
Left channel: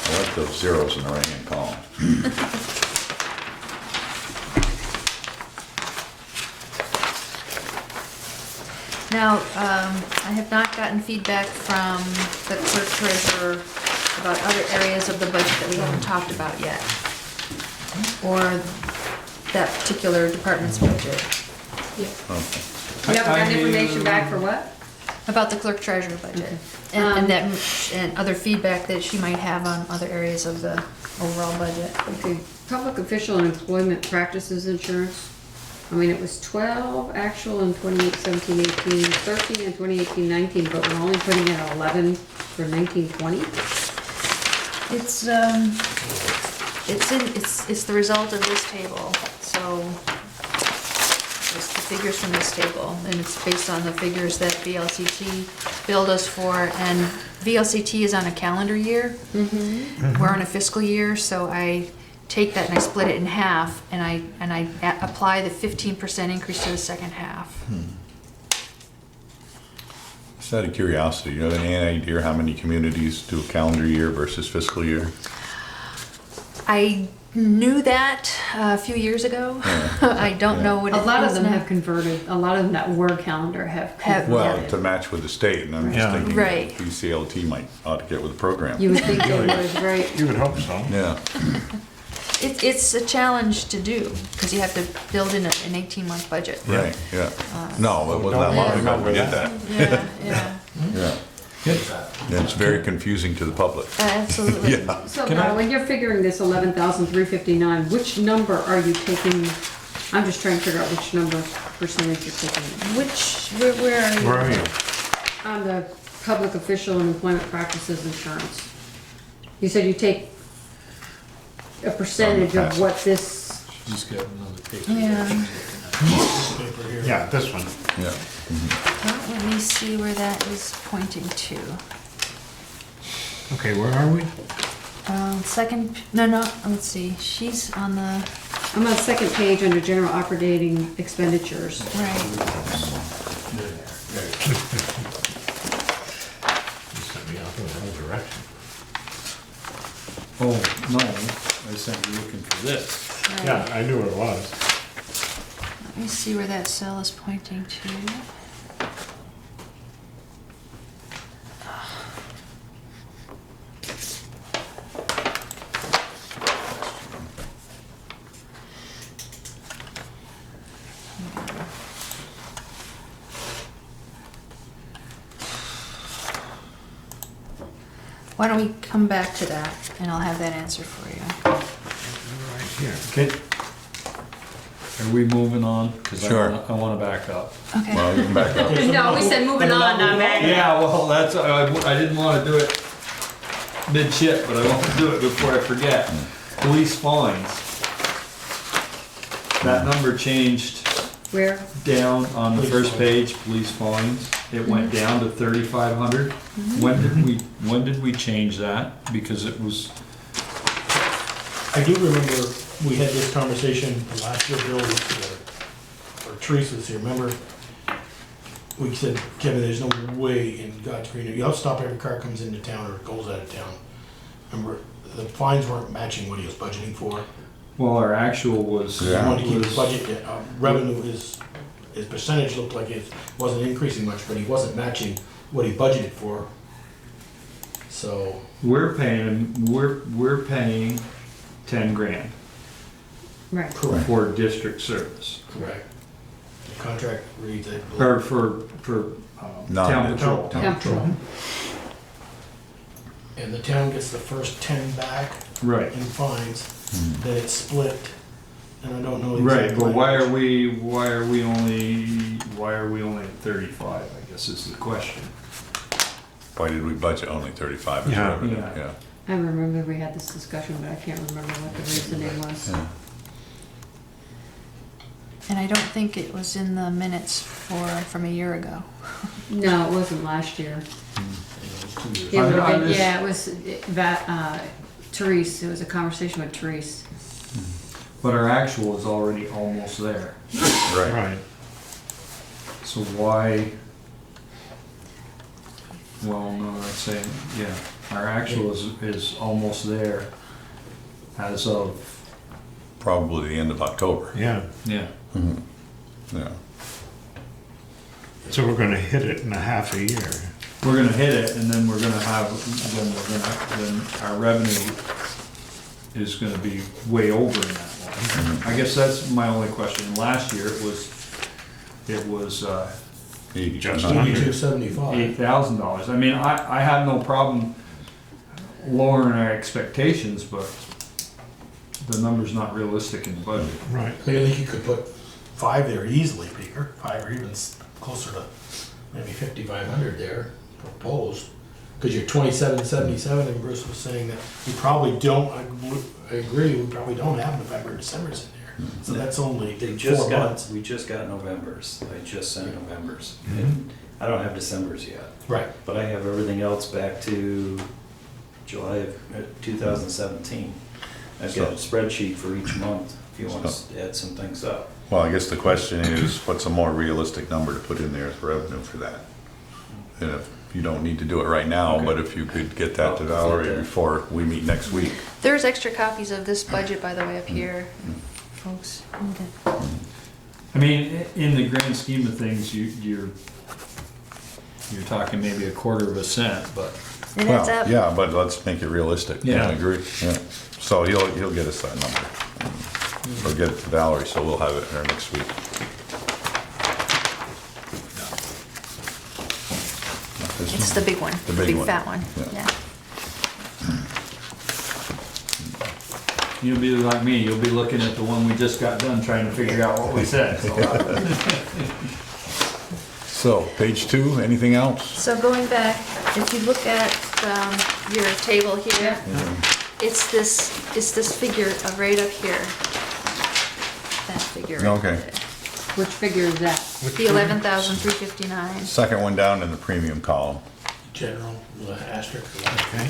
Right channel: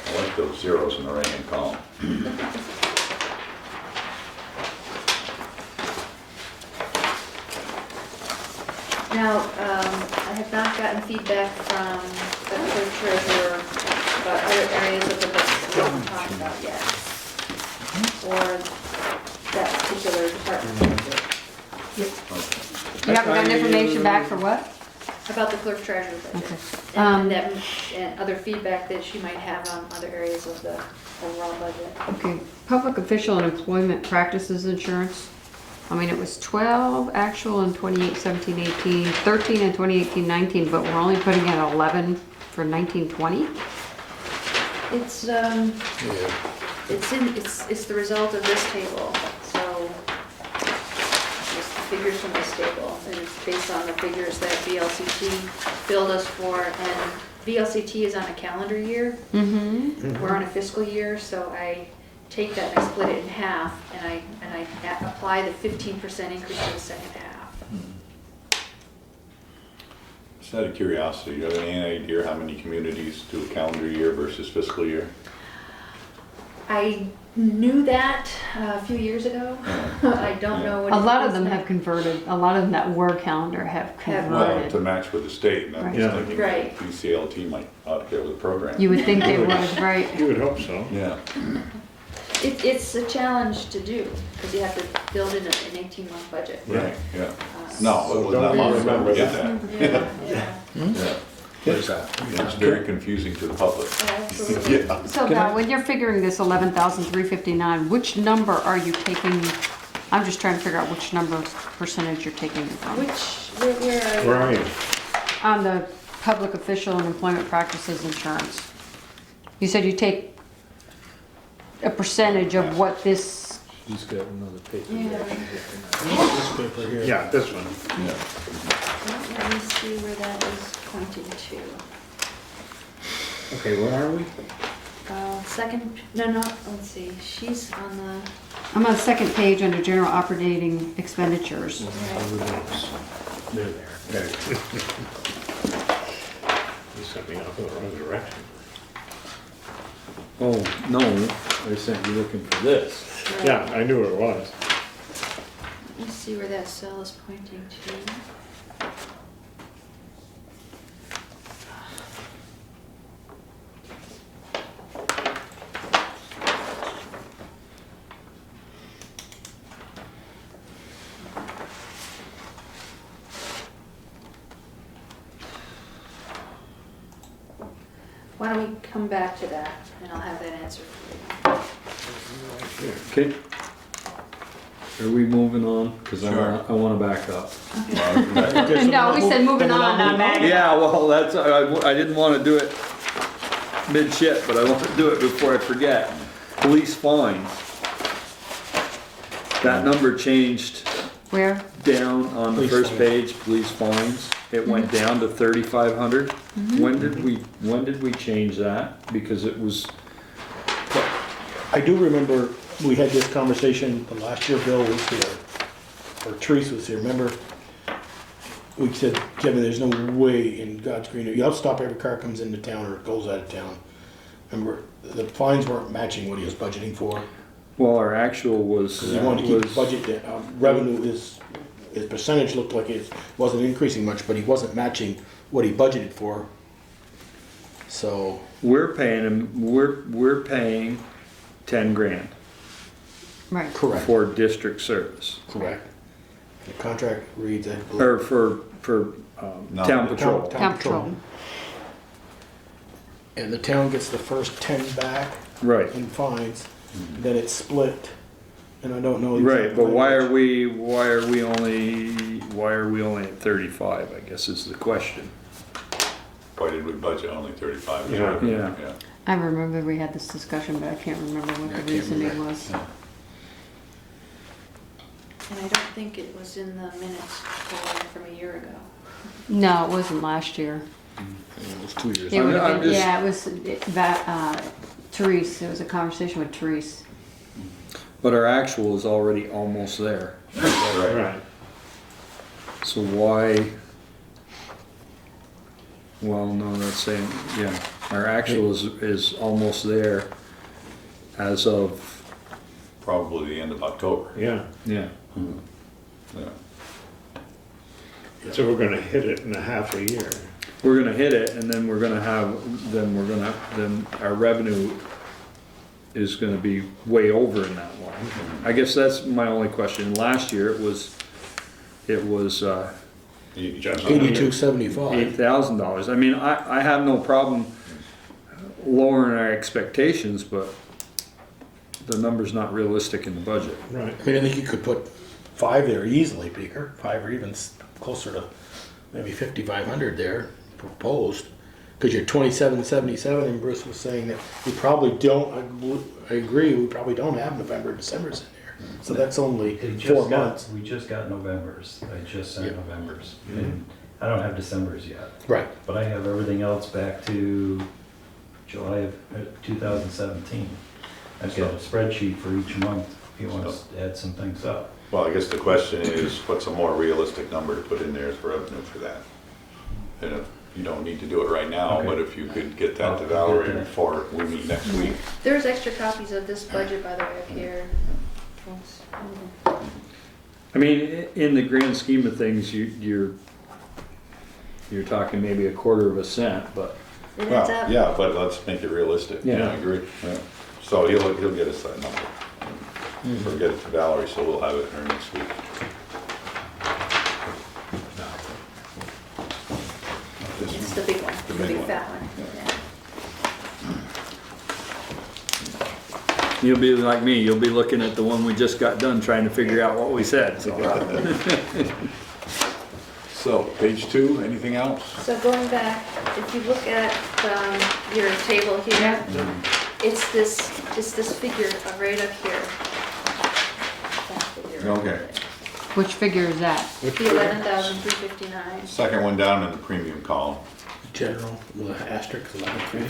I like those zeros in the right-hand column. Now, I have not gotten feedback from the clerk treasurer about other areas of the budget that we haven't talked about yet, or that particular department's budget. Okay. You haven't gotten information back for what? About the clerk treasurer budget, Okay. and other feedback that she might have on other areas of the overall budget. Okay, public official and employment practices insurance. I mean, it was 12 actual in 2017-18, 13 in 2018-19, but we're only putting in 11 for 19-20. It's the result of this table, so it's the figures from this table, and it's based on the figures that VLCT billed us for, and VLCT is on a calendar year. Mm-hmm. We're on a fiscal year, so I take that and I split it in half, and I apply the 15% increase to the second half. Just out of curiosity, you have any idea how many communities do a calendar year versus fiscal year? I knew that a few years ago. I don't know what A it lot of is them now. have converted, a lot of them that were calendar have Have- Well, converted. to match with the state, and I'm just Right. thinking Right. PCLT might ought to get with the program. You would think they would, right? You would hope so. Yeah. It's a challenge to do, because you have to build in an 18-month budget. Right, yeah. No, it wasn't that long ago we did that. Yeah, Yeah. And it's very confusing to the public. absolutely. Yeah. So now, when you're figuring this 11,359, which number are you taking? I'm just trying to figure out which number percentage you're taking it on. Where are you? On the public official and employment practices insurance. You said you take a percentage of what this, Just got another paper. Yeah. Yeah, this one. Yeah. Well, let me see where that is pointing to. Okay, where are we? Second, no, let's see, she's on the, I'm on the second page under general operating expenditures. right, There. You sent me off in the wrong direction. Oh, no, I said you're looking for this. right. Yeah, I knew where it was. Let me see where that cell is pointing to. Why don't we come back to that, and I'll have that answer for you. Right here. Okay. Are we moving on? Because Sure. I want to back up. Okay. Well, you can back up. No, we said moving on, not back. Yeah, well, that's, I didn't want to do it mid-shit, but I want to do it before I forget. Police fines. That number changed Where? down on the Police first fines. page, police fines. It went down to 3,500. When did we change that? Because it was, I do remember we had this conversation from last year, Bill was here, or Therese was here, remember? We said, Kevin, there's no way in God's green, you'll stop every car comes into town or goes out of town. Remember, the fines weren't matching what he was budgeting for. well, our actual was, He Yeah. wanted to keep the was, budget, revenue his percentage looked like it wasn't increasing much, but he wasn't matching what he budgeted for. So, we're paying 10 grand Right. correct, for district service. correct. The contract reads, I believe. Or for No, town the patrol. Town patrol. And the town gets the first 10 back Right, in fines, then it's split, and I don't know. the right, exact but why are language. we only at 35, I guess is the question. Why did we budget only 35? Yeah. Yeah. I remember we had this discussion, but I can't remember what the reasoning was. Yeah. And I don't think it was in the minutes from a year ago. No, it wasn't last year. It was 2 years. It would I'm have been, just- yeah, it was Therese, it was a conversation with Therese. But our actual is already almost there. Right. Right. So why? Well, no, that's saying, yeah, our actual is almost there as of, Probably the end of October. Yeah, yeah. Yeah. so we're gonna hit it in a half a year. We're gonna hit it and then then our revenue is gonna be way over in that one. I guess that's my only question. Last year it was 8275. $8,000. I mean, I have no problem lowering our expectations, but the number's not realistic in the budget. Right. I mean, I think you could put 5 there easily, Peter, 5 or even closer to maybe 5,500 there proposed. Because you're 2777, and Bruce was saying that we probably don't, I agree, we probably don't have November, December's in there. So that's only They 4 just months. got, we just got November's. I just sent Yeah. November's. Mhm. And I don't have December's yet, Right. but I have everything else back to July of 2017. I've got a spreadsheet for each month if you want to add some things up. Well, I guess the question is, what's a more realistic number to put in there as revenue for that? And if you don't need to do it right now, Okay. but if you could get that to Valerie before we meet next week. There's extra copies of this budget, by the way, up here, folks. I mean, in the grand scheme of things, you're talking maybe a quarter of a cent, but And it's Well, up. yeah, but let's make it realistic. Yeah. I agree. Yeah. So he'll get us that number. Or get it to Valerie, so we'll have it here next week. It's the big one, The the big big one. fat one, Yeah. yeah. you'll be like me, you'll be looking at the one we just got done trying to figure out what we said. So, page 2, anything else? So going back, if you look at your table here, it's this figure right up here. That figure right Okay. there. Which figure is that? The 11,359. Second one down in the premium column. General, with an asterisk. Okay.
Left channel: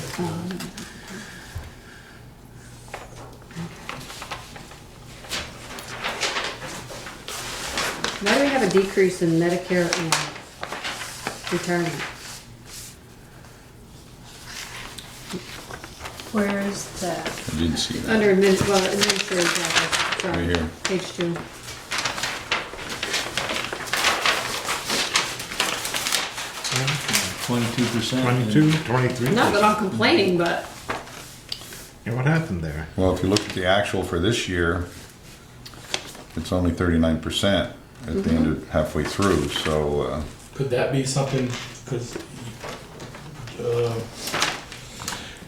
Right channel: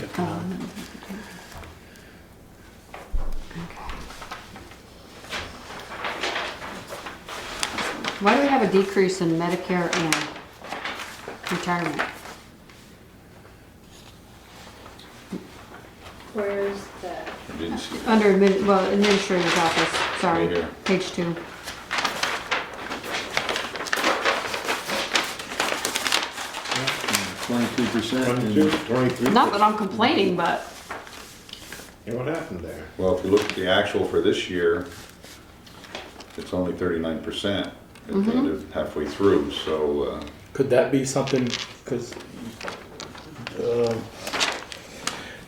Why do we have a decrease in Medicare and retirement? Where is that? I didn't see that. Under administrator's office, sorry, Right here. page 2. Twenty-two percent. 22, 23. Not that I'm complaining, but Yeah, what happened there? Well, if you look at the actual for this year, it's only 39% at the end of halfway through, so, Could that be something, because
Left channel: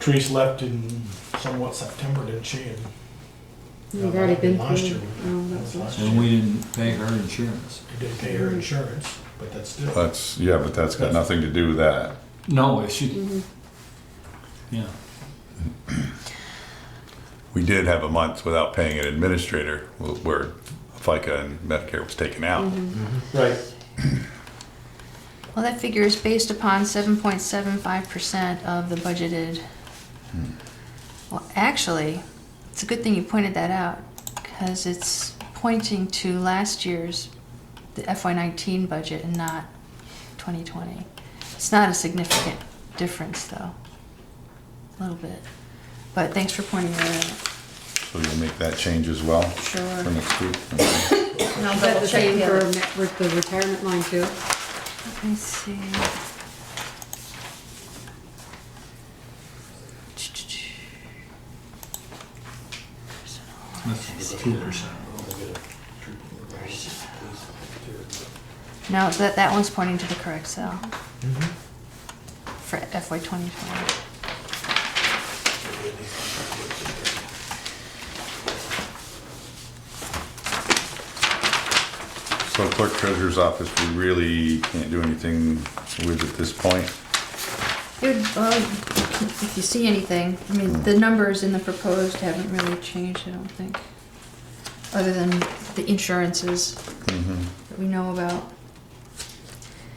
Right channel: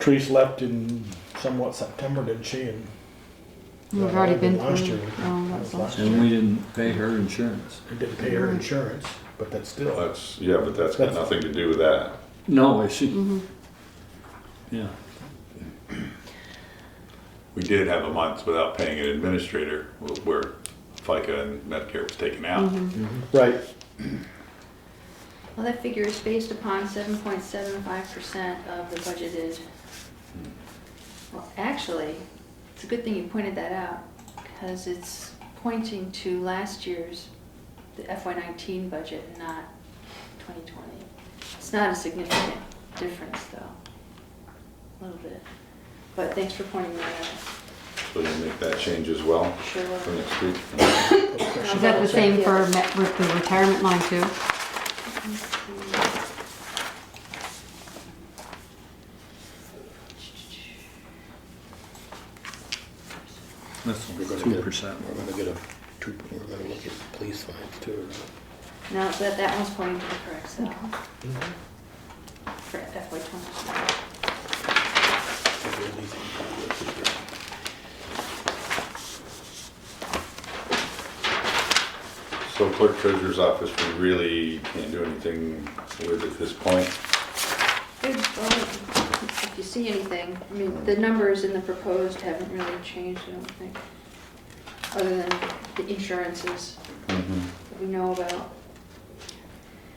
Therese left in somewhat September, didn't she? And we've already been through. Last year. Oh, that was last And year. we didn't pay her insurance. They didn't pay her insurance, but that's still. but that's got nothing to do with that. No, is she? Mhm. Yeah. We did have a month without paying an administrator where FICA and Medicare was taken out. Right. Well, that figure is based upon 7.75% of the budgeted. Well, actually, it's a good thing you pointed that out, because it's pointing to last year's, the FY19 budget and not 2020. It's not a significant difference, though. A little bit. But thanks for pointing that out. So you'll make that change as well Sure. for next week? I'll Is that double the check same the for other- the retirement line too? Let's see. That's 2%. No, that one's pointing to the correct cell for FY25. So clerk treasurer's office, we really can't do anything with at this point. If you see anything, I mean, the numbers in the proposed haven't really changed, I don't think, other than the insurances that we know about.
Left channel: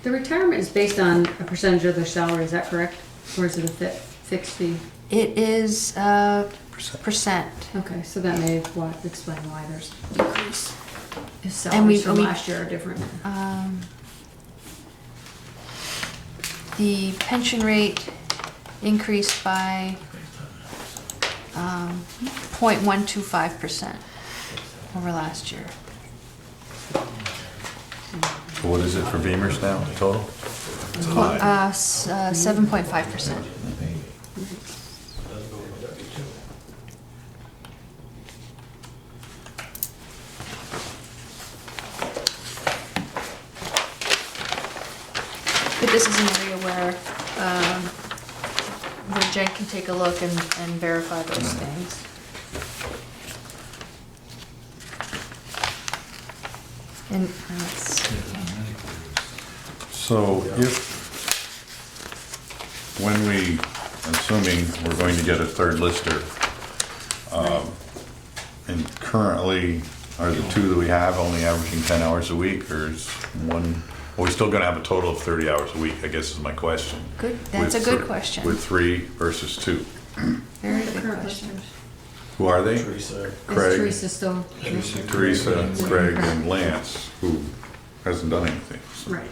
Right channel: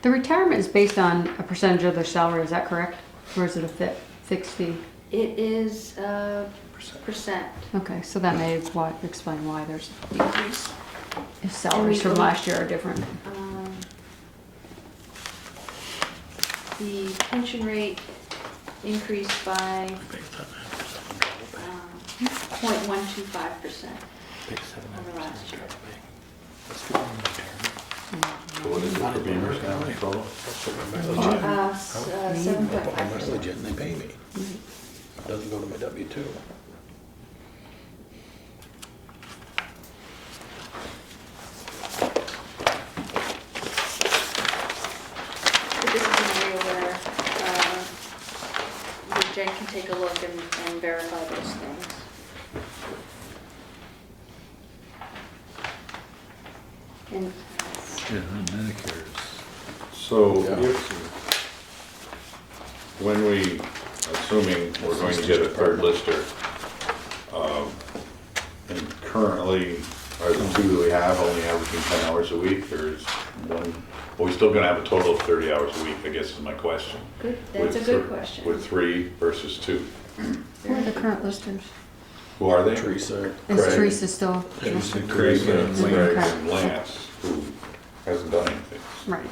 The retirement is based on a percentage of their salary, is that correct? Or is it a fixed fee? It is percent Okay, so that may explain why there's decrease. if And we- salaries from we- last year are different. The pension rate increased by 0.125% over last year. So what is it for Beamers now, total? 7.5%. They pay me. Doesn't go to my W-2. But this is an area where Jen can take a look and verify those things. And it's, Yeah, Medicare So if, when we, assuming we're going to get a third lister, and currently, are the two that we have only averaging 10 hours a week, or is one, are we still gonna have a total of 30 hours a week, I guess is my question. good, that's a With good thr- question. With 3 versus 2. Very The good current question. listers. Who are they? Teresa. Is Craig. Teresa still? Teresa, Mhm. Craig, and Lance, who hasn't done anything. Right.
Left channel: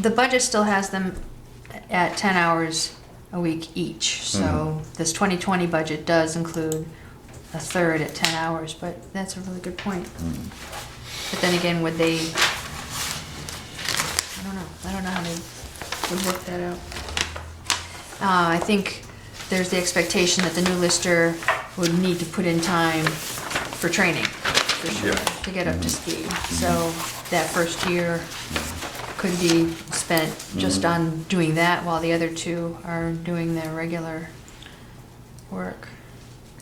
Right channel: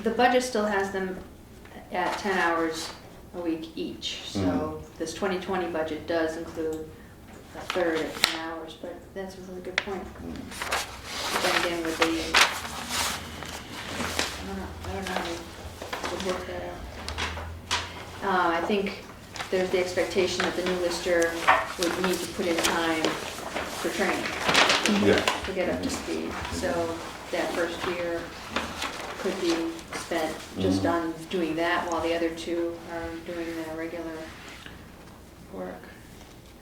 The budget still has them at 10 hours a week each, so this 2020 budget does include a third at 10 hours, but that's a really good point. But then again, would they, I don't know how they would work that out. I think there's the expectation that the new lister would need to put in time for training Yeah. to get up to speed. So that first year could be spent just on doing that while the other two are doing their regular work.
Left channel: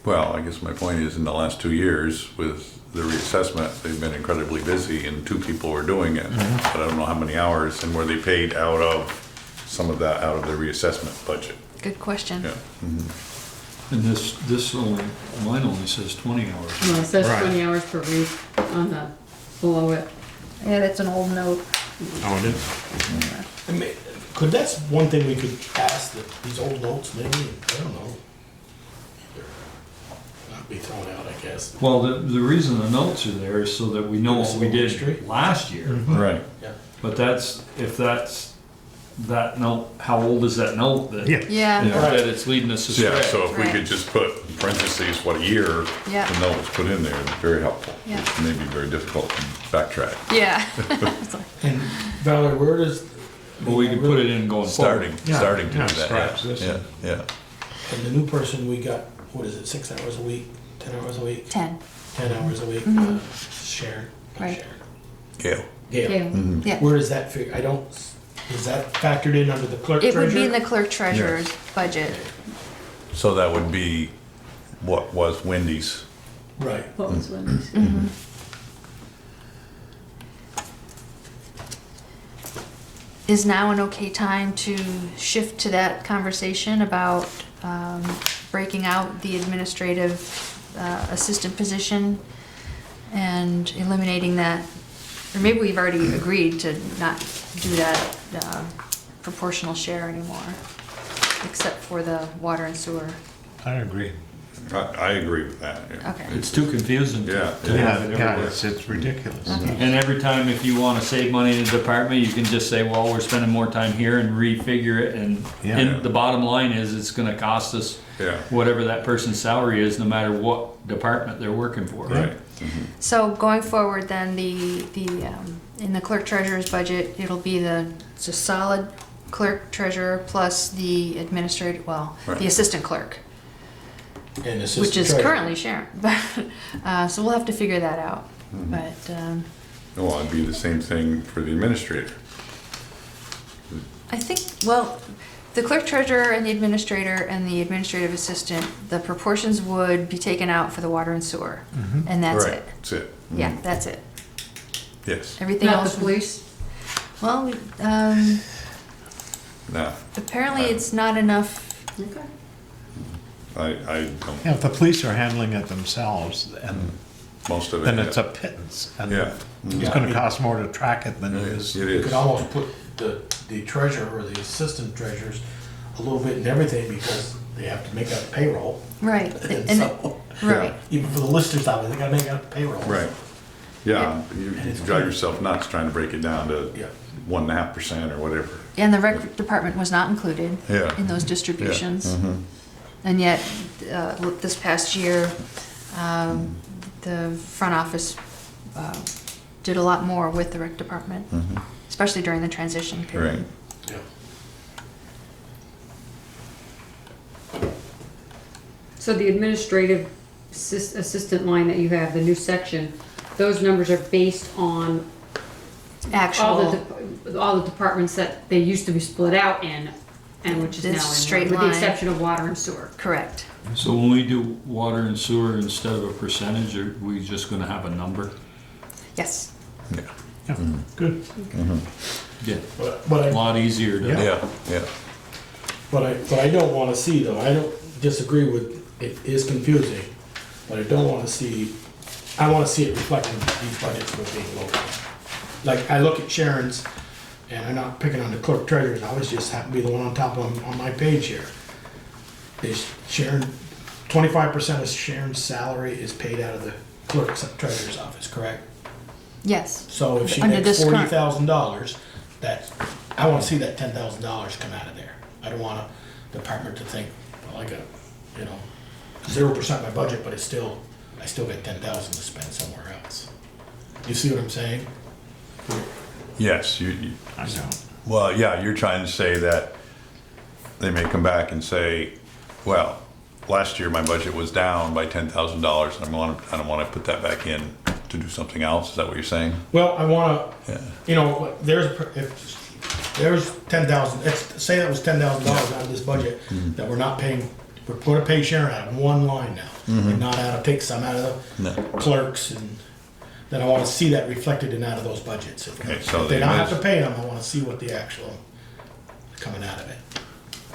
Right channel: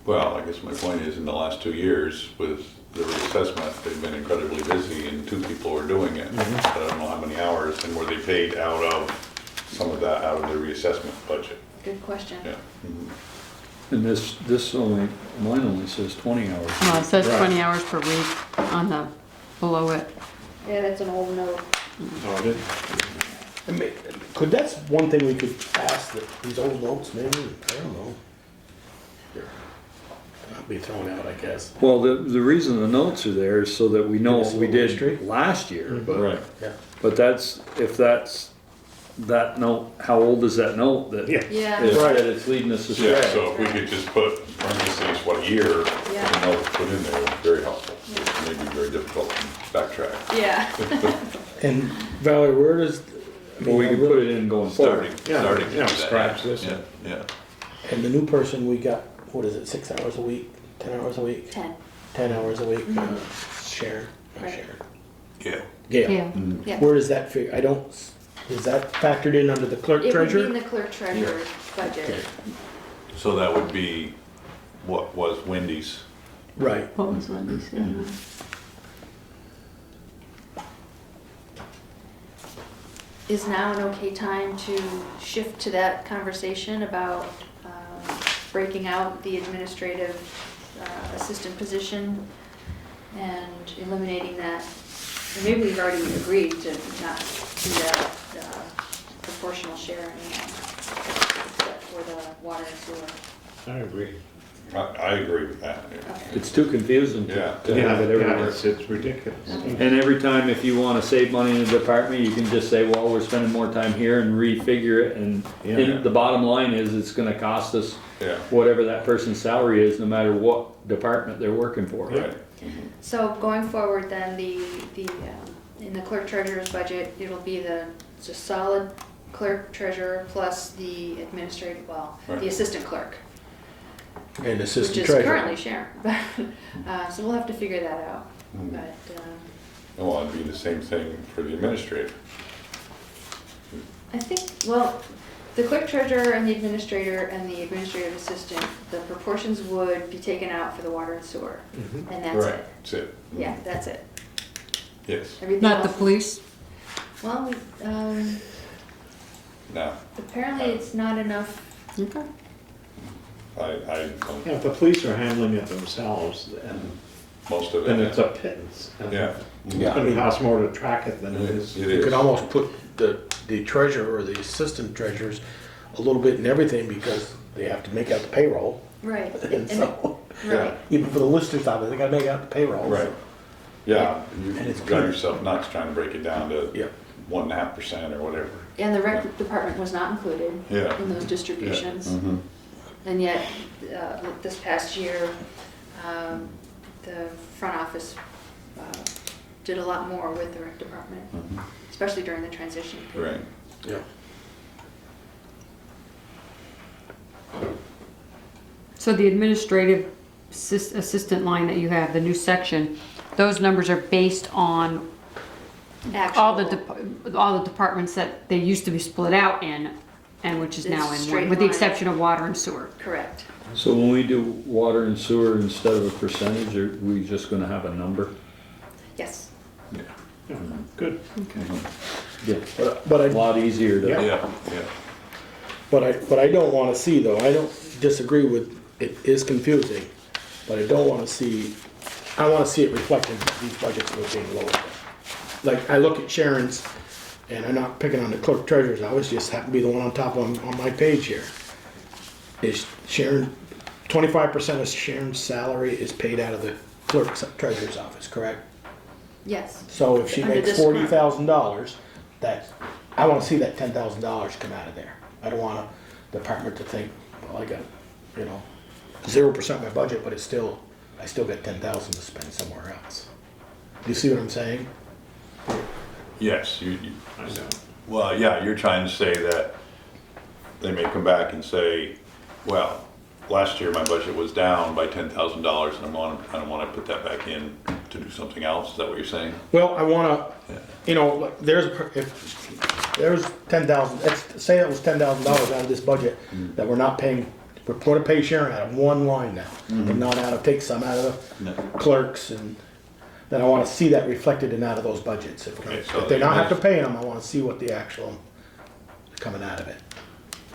Well, I guess my point is, in the last 2 years, with the reassessment, they've been incredibly busy, and 2 people were doing it. But I don't know how many hours, and were they paid out of, some of that out of the reassessment budget? Good question. Yeah. And this only, mine only says 20 hours. No, it says Right. 20 hours per week on the, below it. Yeah, that's an old note. Oh, it is? I mean, that's one thing we could ask, these old notes, maybe, I don't know. That'd be thrown out, I guess. Well, the reason the notes are there is so that we know what we History. did last year. Right. Yeah. But that's, if that's, that note, how old is that note? That- Yeah, Yeah. Right, it's leading us astray. Yeah, so if we could just put in parentheses what year Yeah. the note was put in there, very helpful. Yeah. It may be very difficult to backtrack. yeah. And Valerie, where does? But we can put it in going forward. Starting to do Yeah, that. scratch this. Yeah, yeah. And the new person, we got, what is it, 6 hours a week, 10 hours a week? 10, 10 hours a week, Sharon, not Right. Sharon. Gail. Gail. Yeah. yeah. Where does that figure, is that factored in under the clerk It would be in treasurer? the clerk treasurer's budget. So that would be what was Wendy's. Right. What was Wendy's? Is now an okay time to shift to that conversation about breaking out the administrative assistant position and eliminating that. Or maybe we've already agreed to not do that proportional share anymore, except for the water and sewer. I agree. I agree with that. Yeah. Okay. It's too confusing Yeah. to have it everywhere. It's ridiculous. Okay. And every time if you wanna save money in a department, you can just say, well, we're spending more time here and refigure it, and the bottom line is, it's gonna cost us Yeah. whatever that person's salary is, no matter what department they're working for. Right. So going forward then, in the clerk treasurer's budget, it'll be it's a solid clerk treasurer plus the administrative, Right. the assistant clerk, And assistant which is treasurer. currently Sharon. So we'll have to figure that out. But Oh, it'd be the same thing for the administrator. I think, well, the clerk treasurer and the administrative assistant, the proportions would be taken out for the water and sewer. And that's Right. it. That's it. Yeah, that's it. Yes. Everything Not the else. police? Well, Now, apparently it's not enough. Okay. I don't, Yeah, if the police are handling it themselves, and most of it. then it's a pittance. And Yeah. it's gonna cost more to track it than it is. It You is. could almost put the treasurer or the assistant treasurers a little bit in everything because they have to make out the payroll. Right. And And so, right. even for the listers out there, they gotta make out the payroll. Right. Yeah, you And it's drive good. yourself nuts trying to break it down to Yeah. 1.5% or whatever. And the rec department was not included Yeah. in those distributions. Mm-hmm. And yet, this past year, the front office did a lot more with the rec department, especially during the transition period. Right. Yeah. So the administrative assistant line that you have, the new section, those numbers are based on Actual, all the departments that they used to be split out in, and which is It's now straight in one, with the line. exception of water and sewer. correct. So when we do water and sewer instead of a percentage, are we just gonna have a number? Yes. Yeah. Yeah, good. Yeah, But a I, lot easier to. Yeah, yeah. but I don't wanna see though, I don't disagree with, it is confusing, but I don't wanna see, I wanna see it reflected in these budgets moving forward. Like, I look at Sharon's, and I'm not picking on the clerk treasurers, I was just happen to be the one on top on my page here. Is Sharon, 25% of Sharon's salary is paid out of the clerk's treasurer's office, correct? Yes. So if she Under makes this current- $40,000, I wanna see that $10,000 come out of there. I don't want a department to think, well, I got, 0% my budget, but I still got 10,000 to spend somewhere else. You see what I'm saying? Yes, I don't. well, yeah, you're trying to say that they may come back and say, well, last year my budget was down by $10,000 and I don't want to put that back in to do something else. Is that what you're saying? Well, I wanna, Yeah. like, if there's 10,000, say that was $10,000 out of this budget that we're not paying, we're gonna pay Sharon out of one line now, and not take some out of No. the clerks, and then I wanna see that reflected in out of those budgets. Okay, so If they the not have to pay them, I wanna see what the actual coming out of it.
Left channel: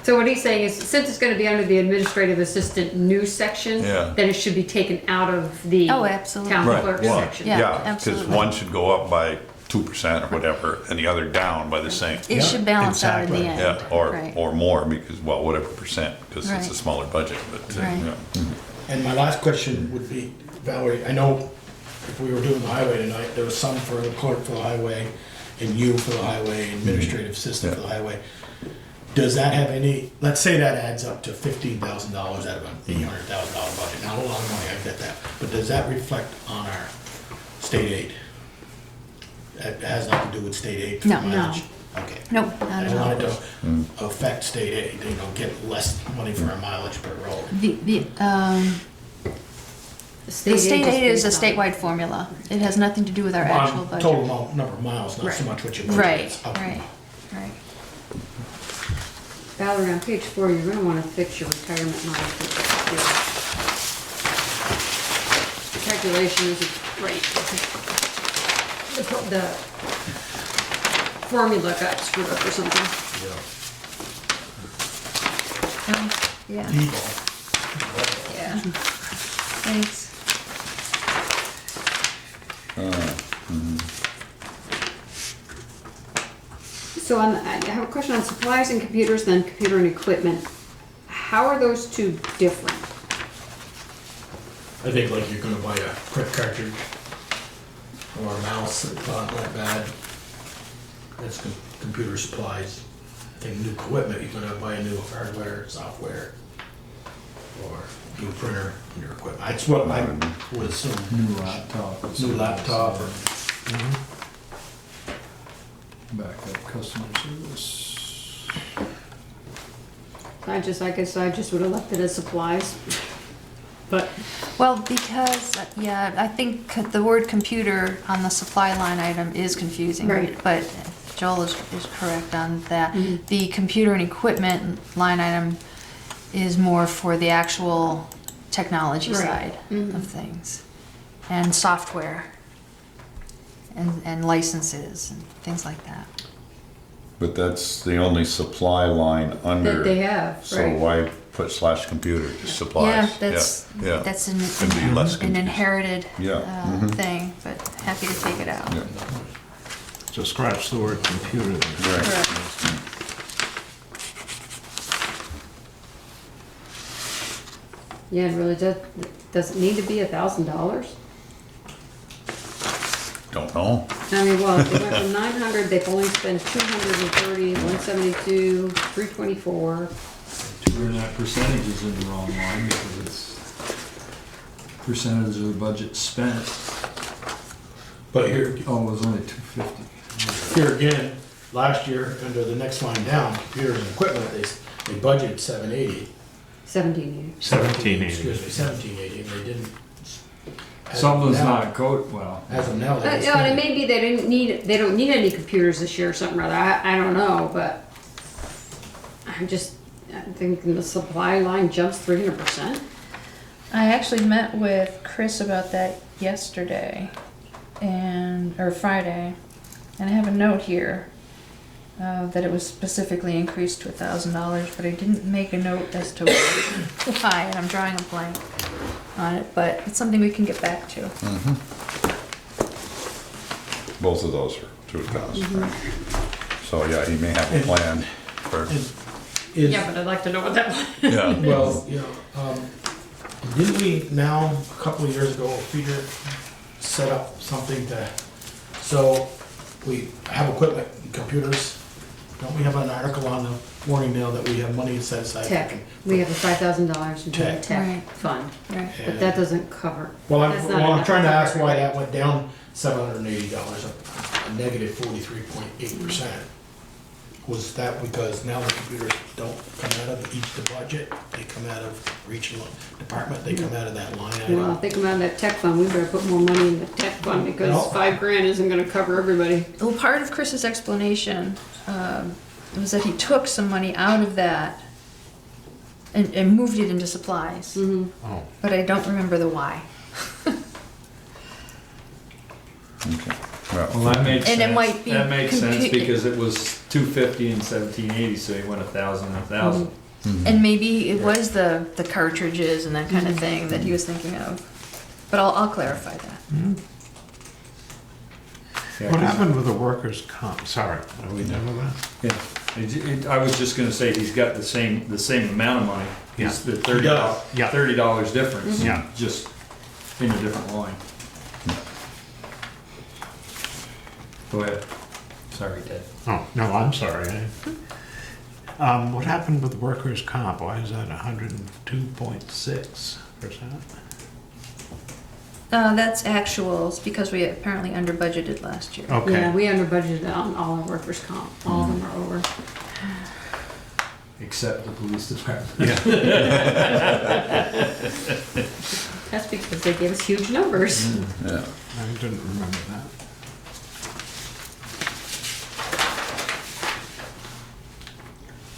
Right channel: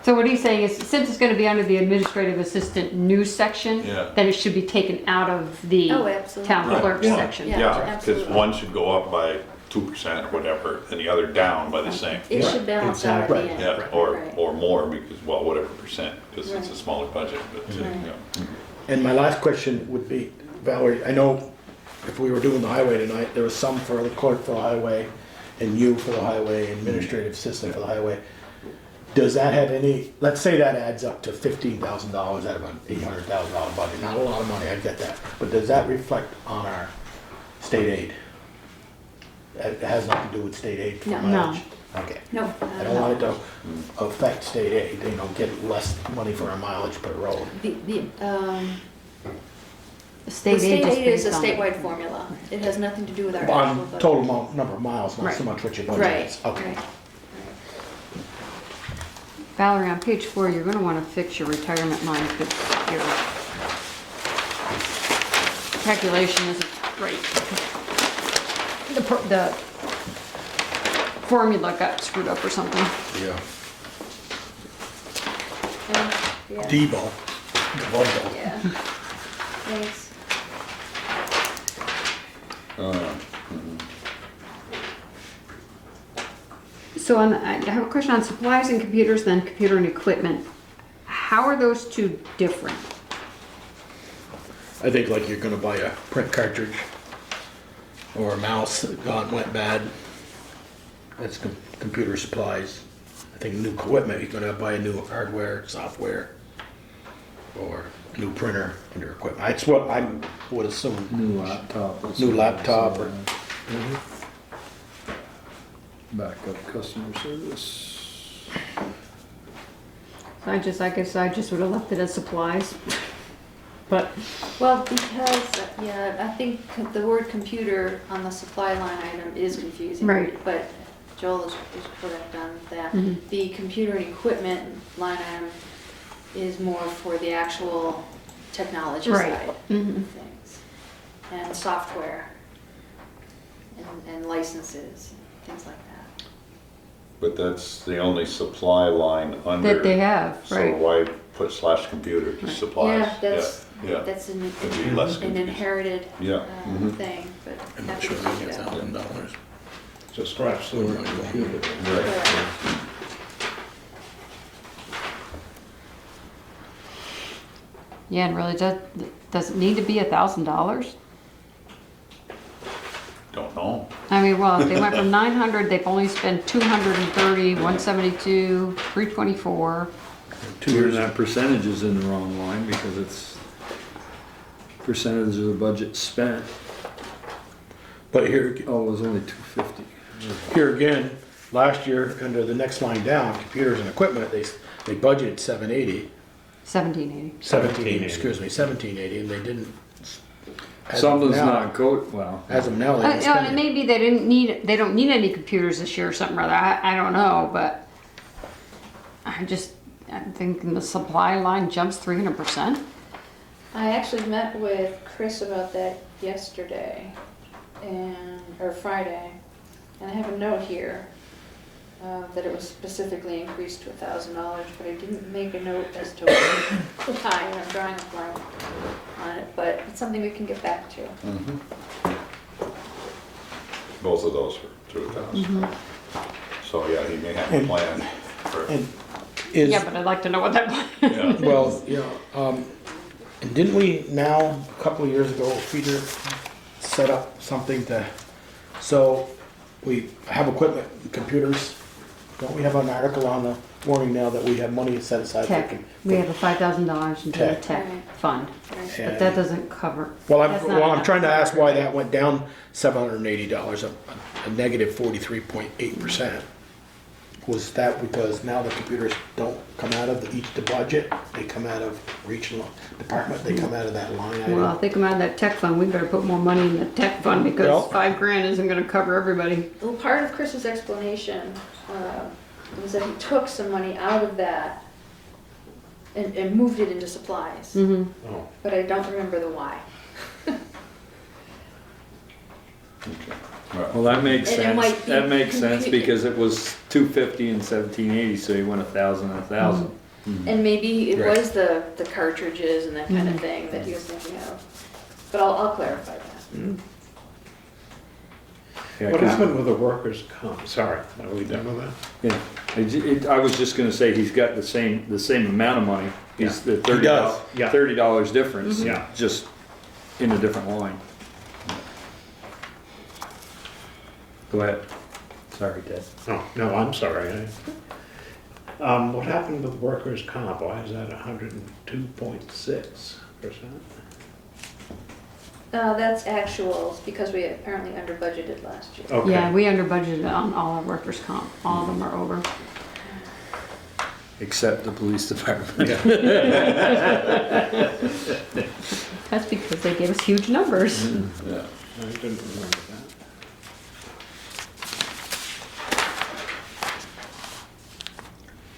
So what he's saying is, since it's gonna be under the administrative assistant new section, Yeah. then it should be taken out of the Oh, absolutely. town Right, clerk well, section. Yeah, Yeah, because absolutely. one should go up by 2% or whatever, and the other down by the same. It should balance out at the exactly. end. Yeah, or Right. more because, well, whatever percent, because it's a Right. smaller budget, but, Right. yeah. And my last question would be, Valerie, I know if we were doing the highway tonight, there was some for the clerk for the highway, and you for the highway, administrative assistant for the highway. Does that have any, let's say that adds up to $15,000 out of an $800,000 budget, not a lot of money, I get that, but does that reflect on our state aid? It has nothing to do with state aid for No, mileage? Okay. No, I not at don't want all. it to affect state aid, get less money for our mileage per road. The The state aid is a based on- statewide formula. It has nothing to do with our On actual budget. Total amount, number of miles, not so Right. much what your budget Right, is. Okay. right, right. Valerie, on page 4, you're gonna wanna fix your retirement line, because your calculation isn't great. The formula got screwed up or something. Yeah. No, Yeah. D-ball. The volleyball. Yeah. Thanks. So I have a question on supplies and computers, then computer and equipment. How are those two different? I think like you're gonna buy a print cartridge or a mouse that went bad. That's computer supplies. I think new equipment, you're gonna buy a new hardware, software, or new printer under equipment. That's what I would assume. New laptop. New laptop or. Backup customer service. I guess I just would have left it as supplies. But, Well, because, yeah, I think the word computer on the supply line item is confusing. Right. But Joel is correct on that. Mhm. The computer and equipment line item is more for the actual technology Right. side Mhm. of things. And software. And licenses and things like that. But that's the only supply line under. that they have, So right? why put slash computer, just supplies? Yeah, that's Yeah, that's Could be less an confusing. inherited Yeah. Mhm. thing, but happy to take it out. So scratch the word computer there. Right. Correct. Yeah, it really does it need to be $1,000? Don't know. I mean, well, if they went from 900, they've only spent 230, 172, 324. And that percentage is in the wrong line because it's percentage of the budget spent. But here, Oh, it was only 250. here again, last year, under the next line down, computers and equipment, they budgeted 780. 1780. 1780. Excuse me, 1780, and they didn't. as of Something's now- not code, well. As of now, they didn't You know, and it spend it. may be they don't need any computers this year or something or other. I don't know, but I'm thinking the supply line jumps 300%. I actually met with Chris about that yesterday or Friday, and I have a note here that it was specifically increased to $1,000, but I didn't make a note as to why, and I'm drawing a blank on it, but it's something we can get back to. Mhm. Both of those are 2,000. So, yeah, you may have a plan for, And is, Yeah, but I'd like to know what that was. yeah. well, you know, and didn't we now, a couple of years ago, Peter set up something so we have equipment, computers, don't we have an article on the warning now that we have money set aside? for Tech. We have a $5,000 into the Tech. tech Right. fund, Right. but that doesn't cover. Well, That's not I'm enough trying to to ask cover why it. that went down $780, a negative 43.8%. Was that because now the computers don't come out of the budget, they come out of regional department, they come out of that line Well, item? if they come out of that tech fund, we better put more money in the tech fund because Well- $5,000 isn't gonna cover everybody. Well, part of Chris's explanation was that he took some money out of that and moved it into supplies, Mm-hmm. Oh, but I don't remember the why. Okay. Well, that makes And it sense. might be That makes sense compu- because it was 250 and 1780, so he went 1,000 and 1,000. And maybe it Right. was the cartridges and that kind of thing that he was thinking of. But I'll clarify that. Yeah, What 'cause- happened with the workers' comp? Sorry, are we done with that? I was just gonna say, he's got the same amount of money. It's the does. Yeah. $30 difference. Yeah. Just in a different line. Go ahead. Sorry, Ted. Oh, no, I'm sorry. What happened with workers' comp? Why is that 102.6%? That's actuals because we apparently under budgeted last year. Okay. Yeah, we under budgeted on all our workers' comp. All of them are over. Except the police department. That's because they gave us huge numbers. Yeah. I didn't remember that.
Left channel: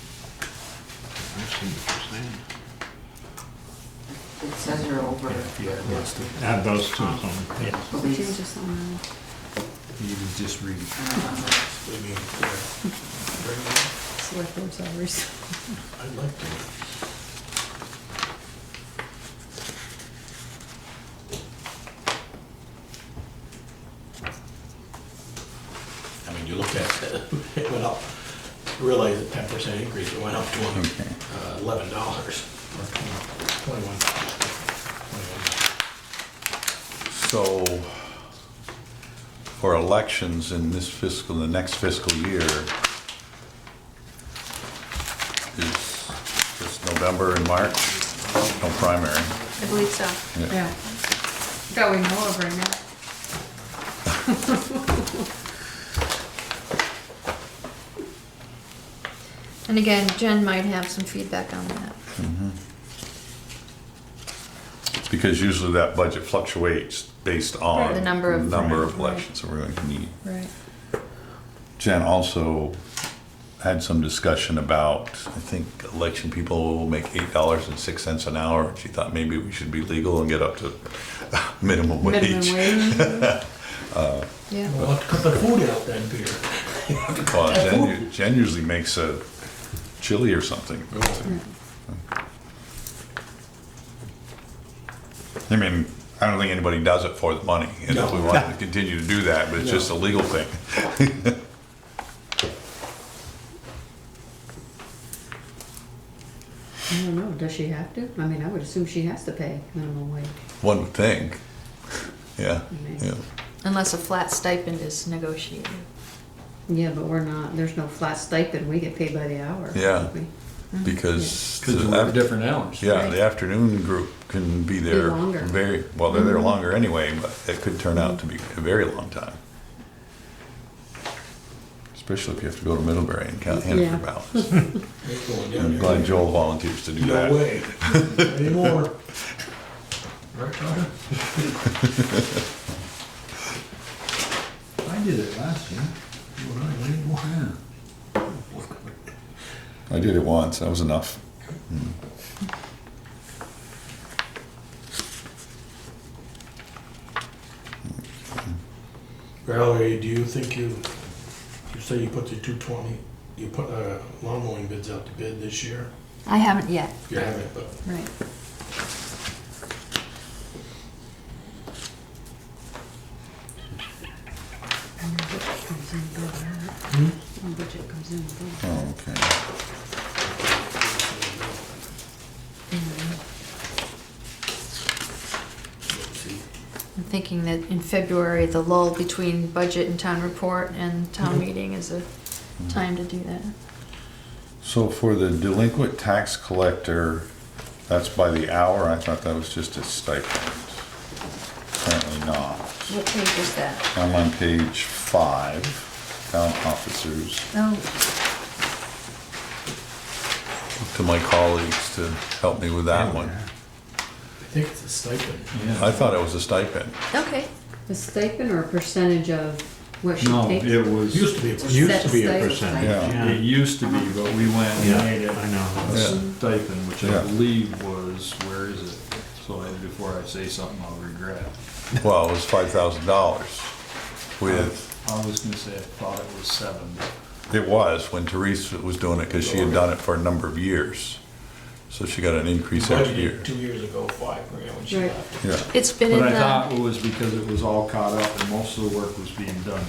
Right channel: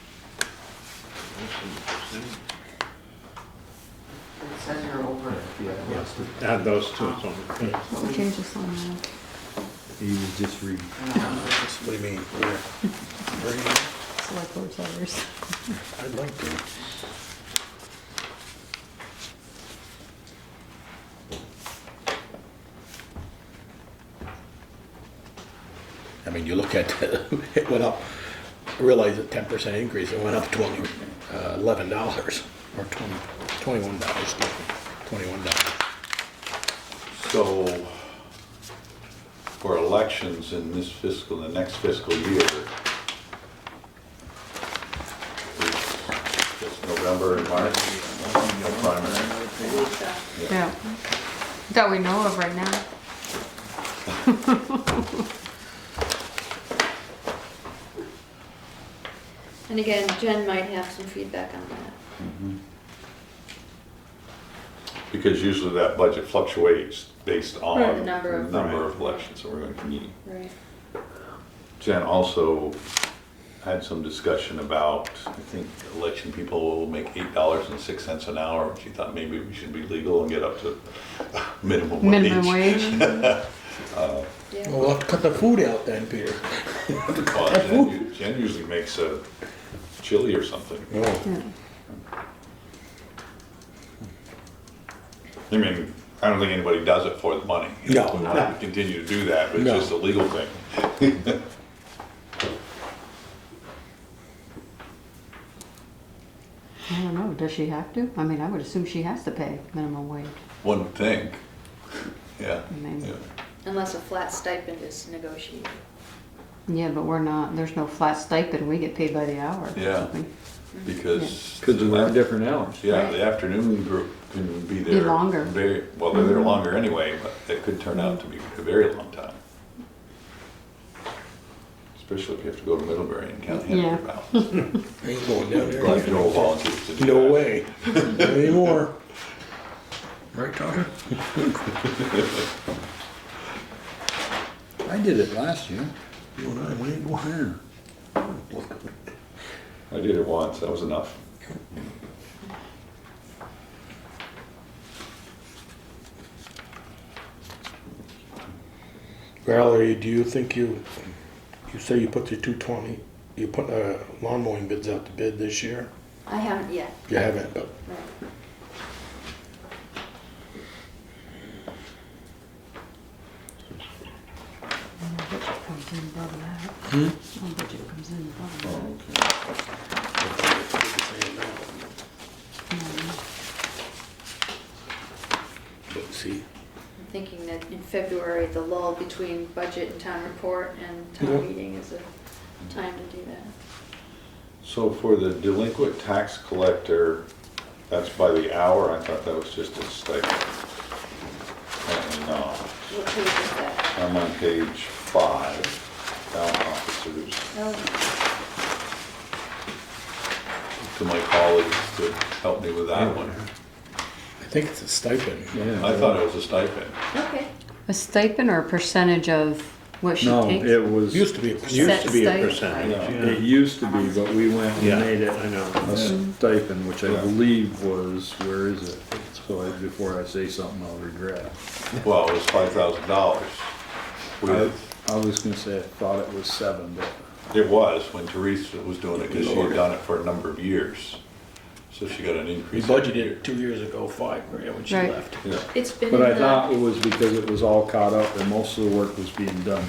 I see what you're saying. It says you're over. Add those two, so, yeah. We changed this line. You just read. what do you mean, clear? Select board salaries. I'd like to. because it went up, I realized a 10% increase, it went up to $11 or $21. So, for elections in the next fiscal year, is this November and March, no primary. I believe so. Yeah. That we know of right now. And again, Jen might have some feedback on that. Because usually that budget fluctuates based on Right, the number of- elections that we're going to need. Right. Jen also had some discussion about, I think election people will make $8.06 an hour. She thought maybe we should be legal and get up to minimum wage. Minimum wage. Yeah. Well, let's cut the food out then, Peter. Well, Jen usually makes a chili or something. I mean, I don't think anybody does it for the money. No. We want to continue to do that, but it's just a legal thing. I don't know, does she have to? I mean, I would assume she has to pay minimum wage. One would think. Yeah, I mean, yeah. Unless a flat stipend is negotiated. Yeah, but we're not, there's no flat stipend, we get paid by the hour. Yeah. Because Because we have different hours. yeah, the afternoon group can be there longer. very well. They're there longer anyway, but it could turn out to be a very long time. Especially if you have to go to Middlebury and count Yeah. Hanford ballots. I ain't going down I'm there. glad Joel volunteers to do that. No way. Not anymore. Right, Tommy? I did it last year. You and I went anymore. Yeah. I did it once. That was enough. Valerie, do you think you say you put the 220, you put lawn mowing bids out to bid this year? I haven't yet. You haven't, but Right. And the budget comes in above that. Hmm? The budget comes in above Oh, that. okay. let's see. I'm thinking that in February, the lull between budget and town report and town meeting is a time to do that. So for the delinquent tax collector, that's by the hour. I thought that was just a stipend. Apparently not. What page is that? I'm on page 5, town officers. Oh, To my colleagues to help me with that one. I think it's a stipend. I thought it was a stipend. okay. A stipend or a percentage of what she No, takes? it It was, used to be a Used percent. to be a Set percentage. Yeah. it used to be, but we went and Yeah, made it I know. a stipend, which I Yeah. believe was, where is it? So before I say something I'll regret. Well, it was $5,000 with, I was gonna say, I thought it was 7, but it was when Teresa was doing it because she had done it for a number of years. So she got an We increase every year. budgeted 2 years ago, $5,000 when she Right. left. Yeah. It's been in But I the, thought it was because it was all caught up and most of the work was being done.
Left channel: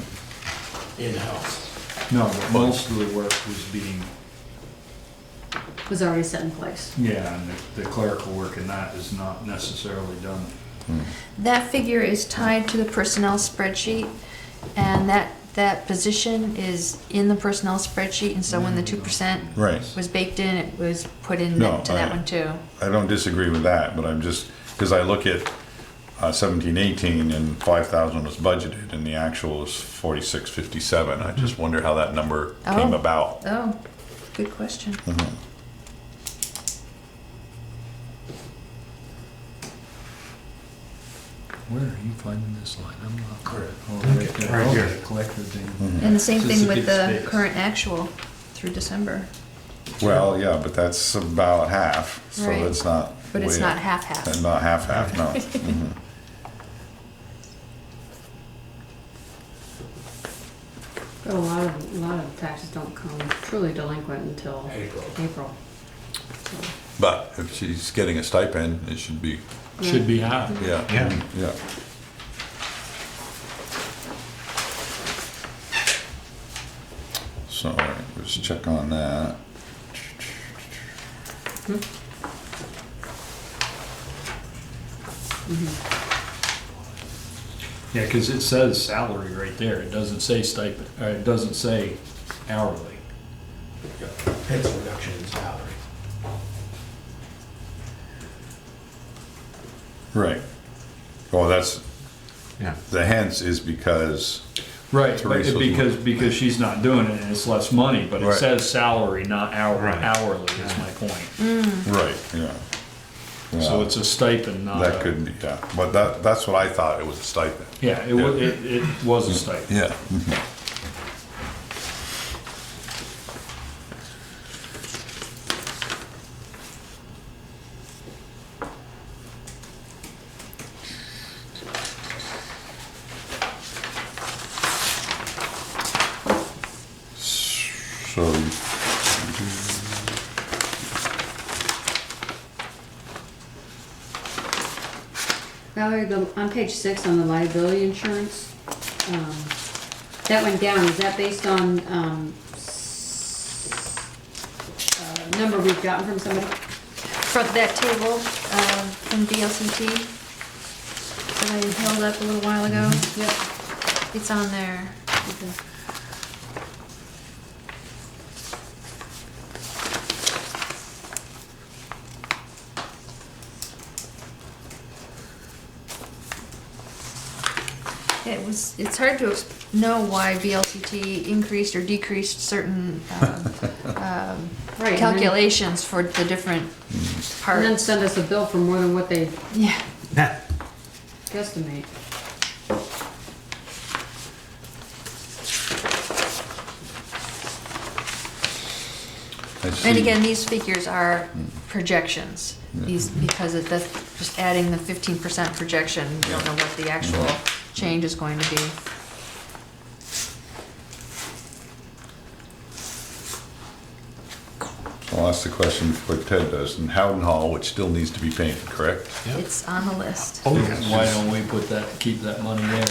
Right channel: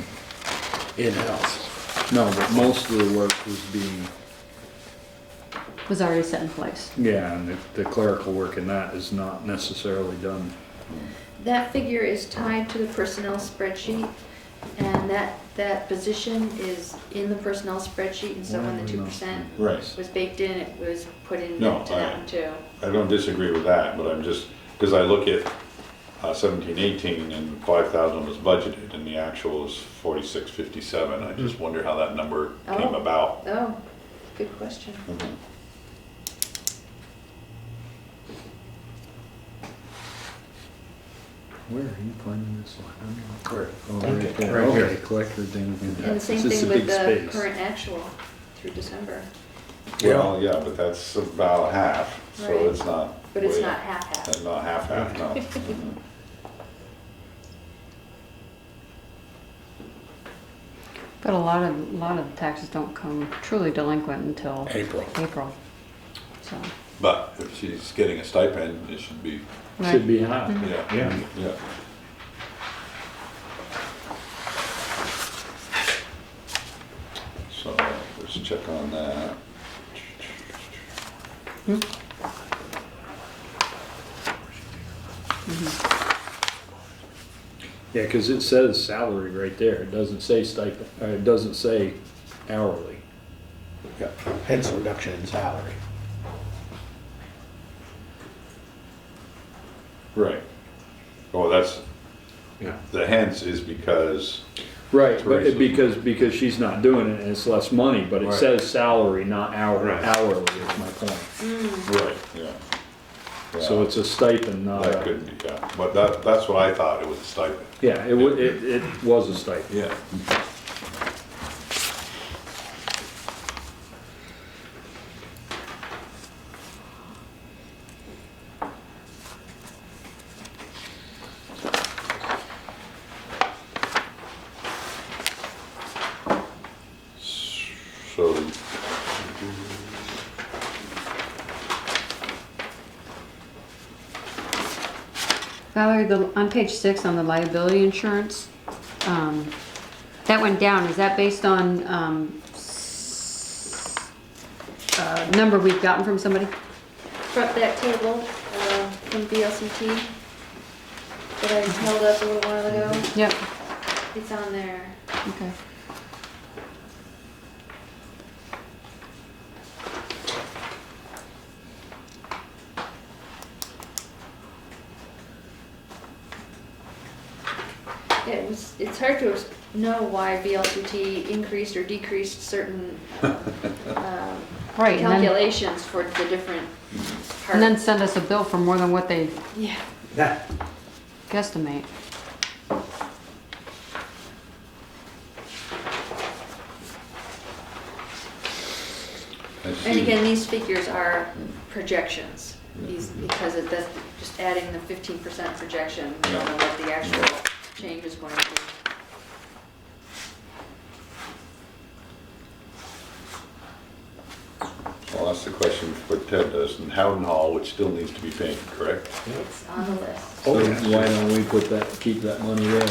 In-house. No, but most of the work was being, Was already set in place. yeah, and the clerical work in that is not necessarily done. that figure is tied to the personnel spreadsheet, and that position is in the personnel spreadsheet, and so when the 2% Right. was baked in, it was put in No, to that I- one too. I don't disagree with that, but I'm just, because I look at 17-18 and 5,000 was budgeted and the actual is 4657. I just wonder how that number came Oh. about. Oh, good question. Mhm. Where are you finding this line? I'm not. Right. Oh, right there. Right here. Okay, collector thing. Mhm. And the same It's just thing a with big the space. current actual through December, Well, yeah, but that's about half, so Right. it's not. but it's way- not half-half. Not half, no. Mhm. But a lot of taxes don't come truly delinquent until April. April. So, But if she's getting a stipend, it should be, Should be half. yeah. Yeah. Yeah. let's check on that. Yeah, because it says salary right there. It doesn't say stipend, or it doesn't say hourly. Yeah, hence reduction in salary. Right. Well, that's, Yeah. the hence is because, Right, Teresa's but because she's not doing it and it's less money, but it Right. says salary, not hourly. Right. Hourly is my point. right, yeah. So Yeah, it's a stipend, not that a, could be, yeah, but that's what I thought, it was a stipend. yeah, it was a stipend. Yeah. So, Valerie, on page 6 on the liability insurance, that went down. Is that based on number we've gotten from somebody? From that table, from VLCT that I held up a little while ago, Yep. it's on there. Okay. It's hard to know why VLCT increased or decreased certain Right. and then- calculations for the different And then parts. send us a bill for more than what they Yeah. guesstimate. I And see. again, these figures are projections. These, because that's just adding the 15% projection, you don't know what the actual change is going to be. I'll ask the question before Ted does, in Howden Hall, which still needs to be painted, correct? It's on the list. So why don't we keep that money there?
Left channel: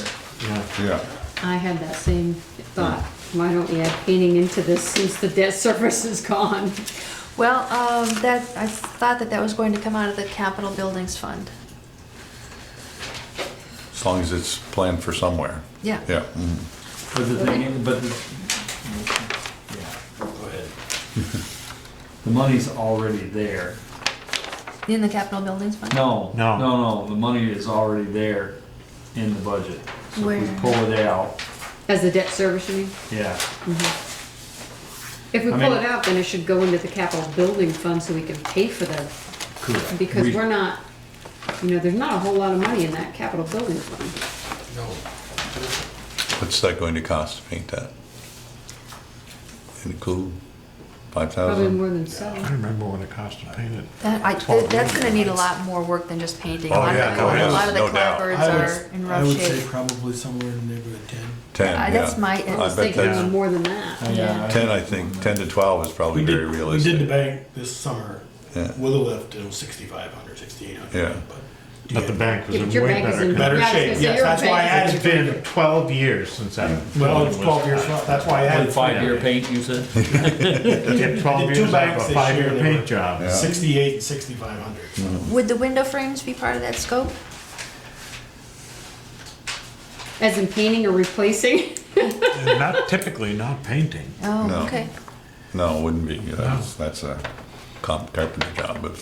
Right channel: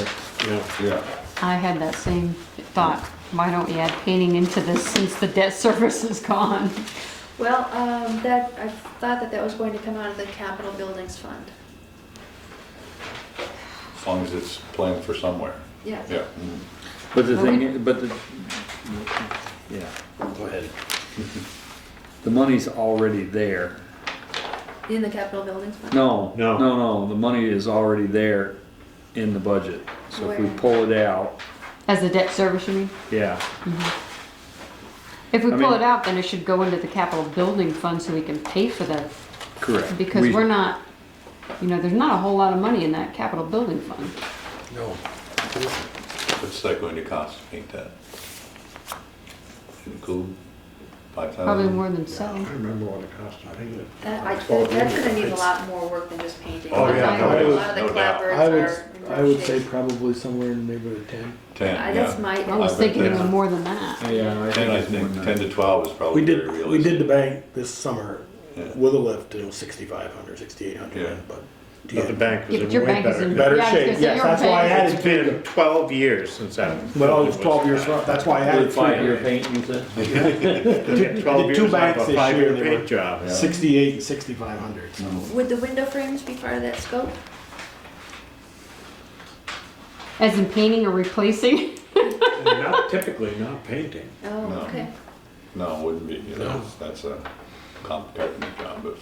Yeah. I had that same thought. Why don't we add painting into this since the debt service is gone? Well, I thought that was going to come out of the capital buildings fund. As long as it's planned for somewhere, Yeah. yeah. Mhm. But the thing, yeah, Go ahead. the money's already there. In the capital buildings fund? No, No. no, the money is already there in the budget. So if we Where? pull it out, As a debt service, you mean? yeah, If we I pull mean- it out, then it should go into the capital building fund so we can pay for that. correct. Because We- we're not, there's not a whole lot of money in that capital building fund. No. What's that going to cost to paint that? In the cool, Probably 5,000? more than I some. remember what it cost to paint it. That's gonna need a lot more work than just painting. Oh, yeah, A lot of the no doubt. clapboards are in I rough would say shape. probably somewhere in the neighborhood of 10. 10, That's yeah. my, I was bet thinking that's- even more than that. Yeah, 10, I more think, than 10 to 12 is probably We very did the realistic. bank this summer Yeah. with a lift, it was 6,500, 6,800. Yeah. But the bank Yeah, is but your way bank is better. in, yeah, Better I was shape, gonna say yes, your that's why I bank added It's been 12 years since that. Well, it was 12 years, that's why I added 3. paint, you said? It took 12 Did two years out banks of a this year, 5-year they paint were- job. Yeah. 68 and 6,500. Would the window frames be part of that scope? As in painting or replacing? And not typically, not painting. Oh, No. okay. No, it wouldn't be, you know, No. that's a carpenter job, but.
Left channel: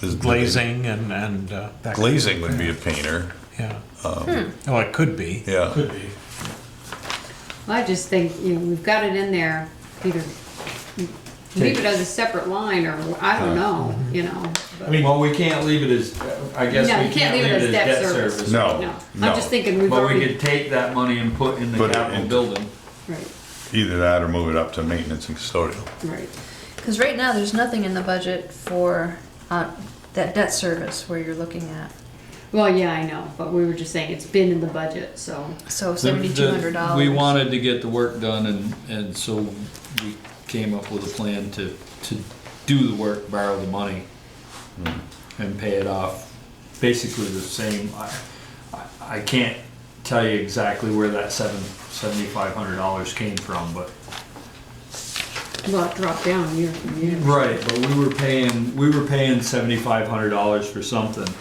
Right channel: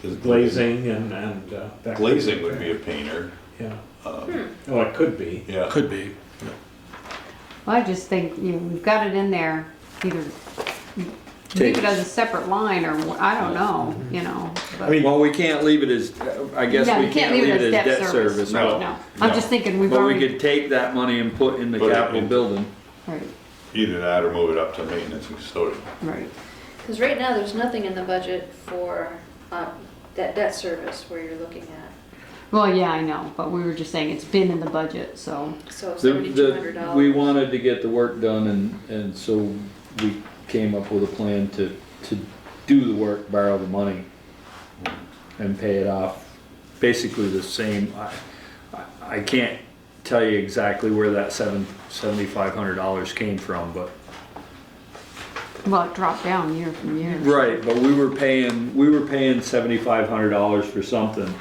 there's- Glazing and that. Glazing would be a painter, Yeah. um, Well, it could be. yeah. Could be. Well, I just think, we've got it in there, either leave it as a separate line or, I don't know, but- I mean, Well, we can't leave it as, I guess No, we you can't leave it as debt service. No. No, I'm just thinking we've But we already, could take that money and put in the Put it capital into- building. right, Either that or move it up to maintenance and custodial. right. Because right now, there's nothing in the budget for that debt service where you're looking at. Well, yeah, I know, but we were just saying it's been in the budget, so. So The- $7,200. We wanted to get the work done and so we came up with a plan to do the work, borrow the money and pay it off. Basically the same, I can't tell you exactly where that $7,500 came from, but Well, it dropped down year from year. Right, but we were paying $7,500 for something.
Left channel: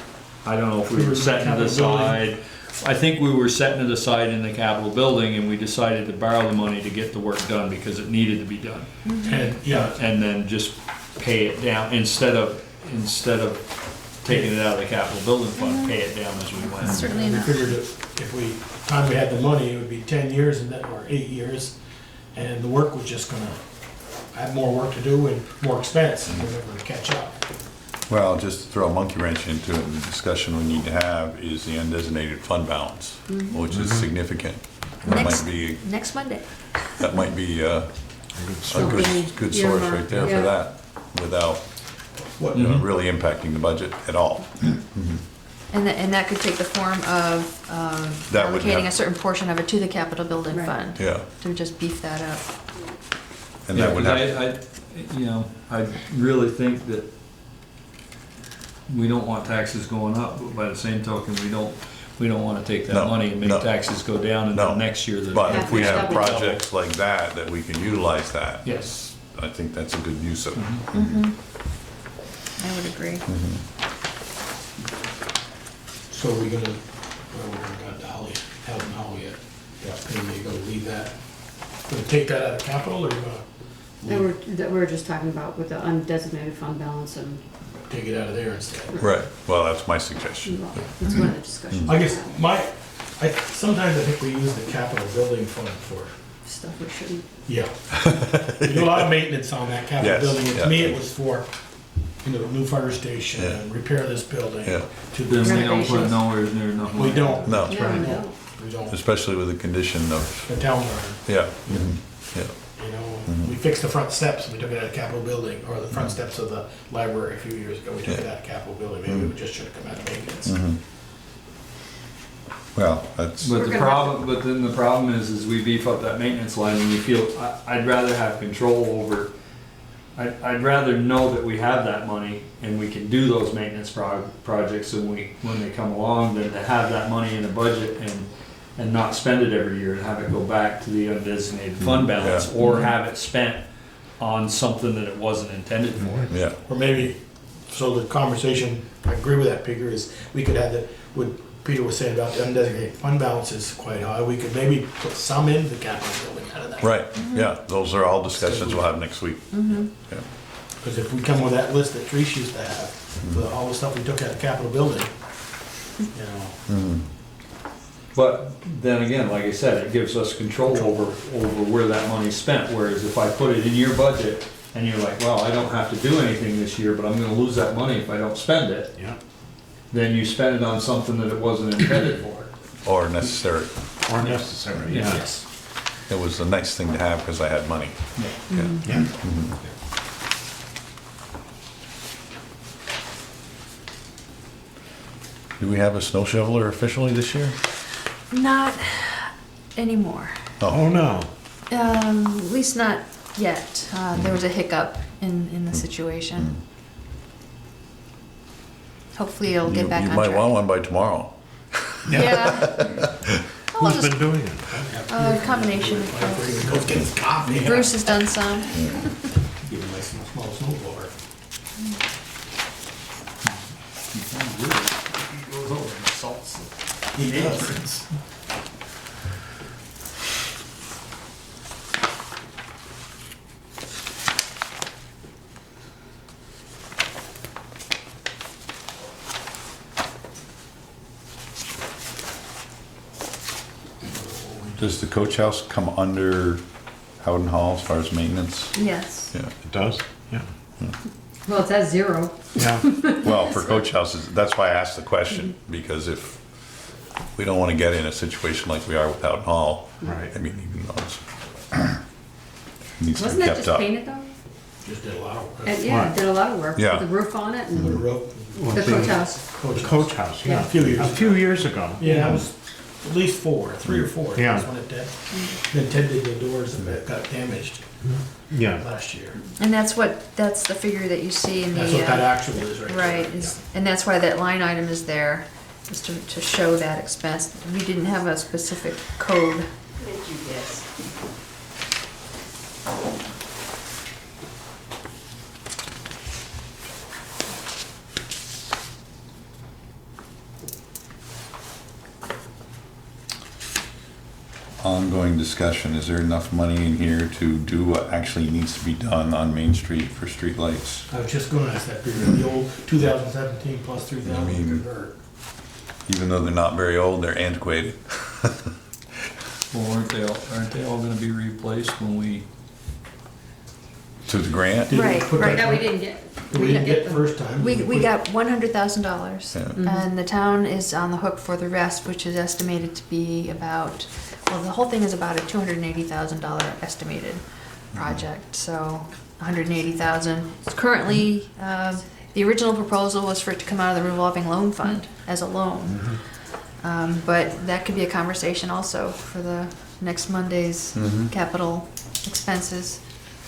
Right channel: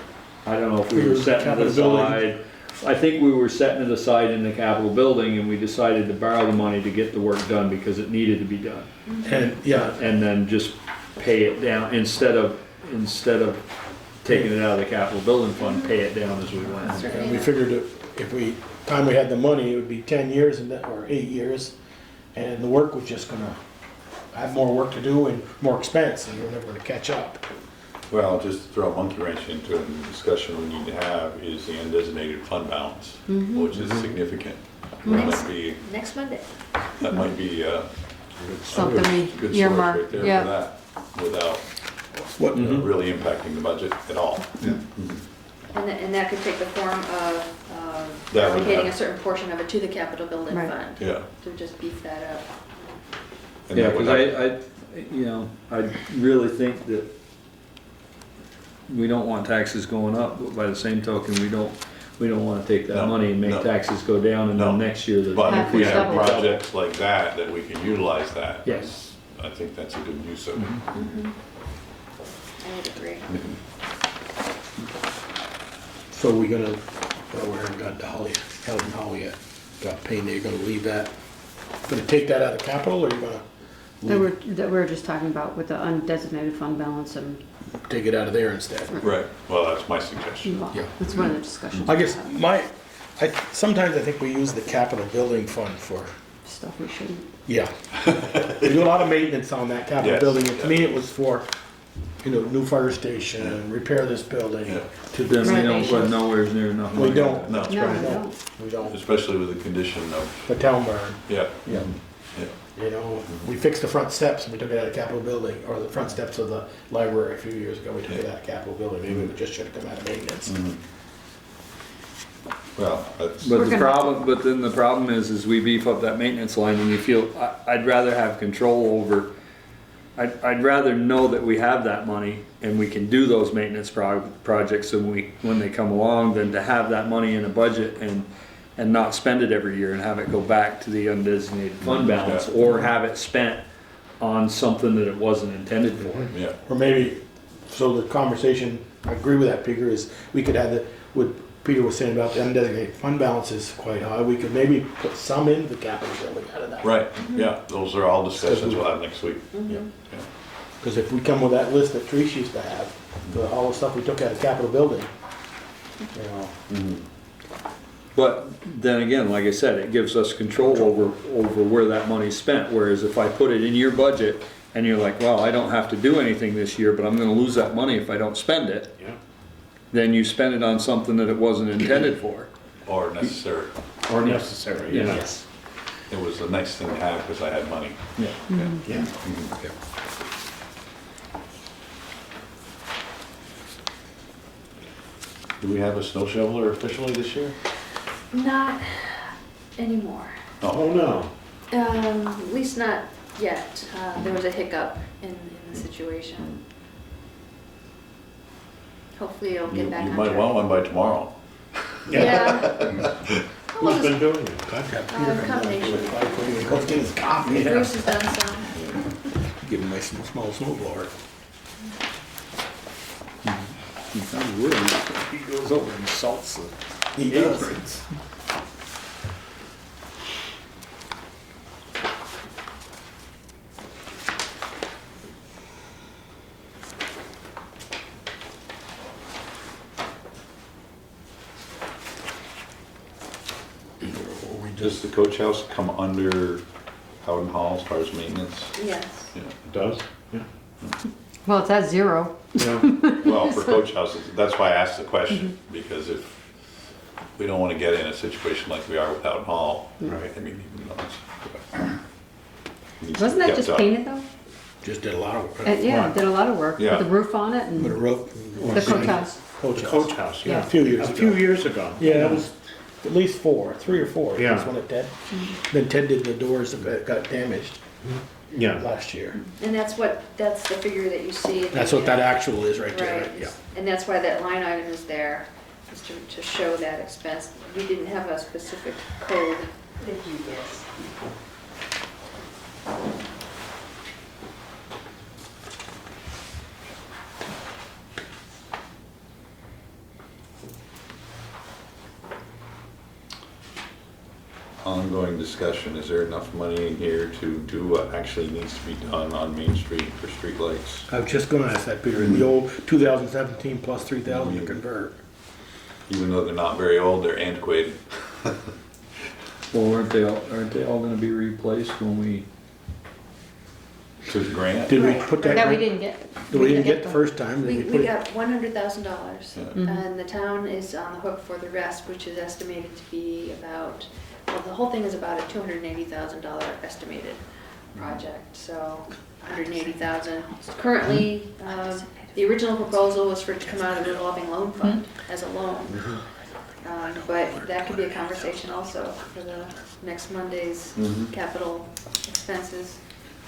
I don't know if we were setting it Capital building. aside. I think we were setting it aside in the Capitol building and we decided to borrow the money to get the work done because it needed to be done. And, yeah, And then just pay it down instead of taking it out of the capital building fund, pay it down as we went. Certainly we enough. figured if we, time we had the money, it would be 10 years and then, or 8 years. And the work was just gonna have more work to do and more expense and we were never to catch up. Well, just to throw a monkey wrench into it, the discussion we need to have is the undesignated fund balance, which is significant. That Next- might be, Next Monday. that might be a Something good source earmark, right there yeah. for that, without really impacting the budget at all. And that could take the form of That would allocating have- a certain portion of it to the capital building Right. fund, Yeah, to just beef that up. and Yeah, that would 'cause have, I really think that we don't want taxes going up, but by the same token, we don't wanna take that No, money and make no. taxes go down and No. then next year the. but if we have Double. projects like that we can utilize that. Yes. I think that's a good use of it. I would agree. So we gonna, well, we haven't got the Holly, Health and Holly yet. Got payday, gonna leave that. Gonna take that out of capital or you gonna That we're just talking about with the undesignated fund balance and, take it out of there instead? Right, well, that's my suggestion. well, that's one of the discussions. I guess sometimes I think we use the capital building fund for, Stuff we shouldn't. yeah. We do a lot of maintenance on that capital Yes, building, and to me yeah. it was for, new fire station, Yeah. and repair this building. Yeah. Then we don't put nowhere near enough money. We don't. No, No, I don't. We don't. especially with the condition of, The town barn, yeah, yeah. we fixed the front steps, and we took it out of capital building, or the front steps of the library a few years ago, we took it out of capital building, maybe we just should have come out of maintenance. Mhm. Well, that's, But We're the gonna have problem, but then the problem is we beef up that maintenance line and we feel, I'd rather have control over, I'd rather know that we have that money and we can do those maintenance projects when they come along than to have that money in a budget and not spend it every year and have it go back to the undesignated fund balance Yeah. or have it spent on something that it wasn't intended for. yeah, Or maybe, so the conversation, I agree with that, Peter, is we could have what Peter was saying about the undesignated fund balance is quite high, we could maybe put some in the capital building out of that. right, yeah, those are all discussions we'll have next week. Yeah. Because if we come with that list that Trish used to have, all the stuff we took out of capital building, But then again, like I said, it gives us control over where that money's spent, whereas if I put it in your budget and you're like, well, I don't have to do anything this year, but I'm gonna lose that money if I don't spend it, Yeah. then you spend it on something that it wasn't intended for. Or necessary. Or Necessary, Yeah. Yes. It was a nice thing to have because I had money. Yeah. Yeah. Yeah. Do we have a snow shoveler officially this year? Not anymore. Oh, no. At least not yet. There was a hiccup in the situation. Hopefully it'll get back on You might track. want one by tomorrow. Yeah. I'll Who's just, been doing it? combination. Let's get his coffee. Bruce has done some. Give him a nice small snow blower. He goes over and salts it. He does. Does the coach house come under Howden Hall as far as maintenance? Yes. Yeah. It does? Yeah. Well, it's at zero. Yeah. Well, for coach houses, that's why I asked the question, because if we don't want to get in a situation like we are with Howden Hall, Right. I mean, even though it's needs to Wasn't be that kept just up. painted though? Just did a lot of work. Yeah, it did a lot of work. Yeah. Put the roof on it Put a and rope. the coach house. The coach house, Yeah, yeah. a few years A ago. few years ago. Yeah, it was at least 3 or 4. Yeah. That's when it did. Then Ted did the doors that got damaged Yeah. last year. And that's the figure that you see in the. That's what that actual is right there. Right, and that's why that line item is there, is to show that expense. We didn't have a specific code. ongoing discussion, is there enough money in here to do what actually needs to be done on Main Street for streetlights? I was just gonna ask that, Peter, the old 2017 plus 3,000 to I mean- convert. Even though they're not very old, they're antiquated. Well, aren't they all gonna be replaced when we, To the grant? Did we Right, put right. that That we grant- didn't get. that we didn't get the them. first time? We Did put it- got $100,000, Yeah. and the town is on the hook for the rest, which is estimated to be about, well, the whole thing is about a $280,000 estimated project, so 180,000. Currently, the original proposal was for it to come out of the revolving loan fund as a loan. But that could be a conversation also for the next Monday's Mhm. capital expenses.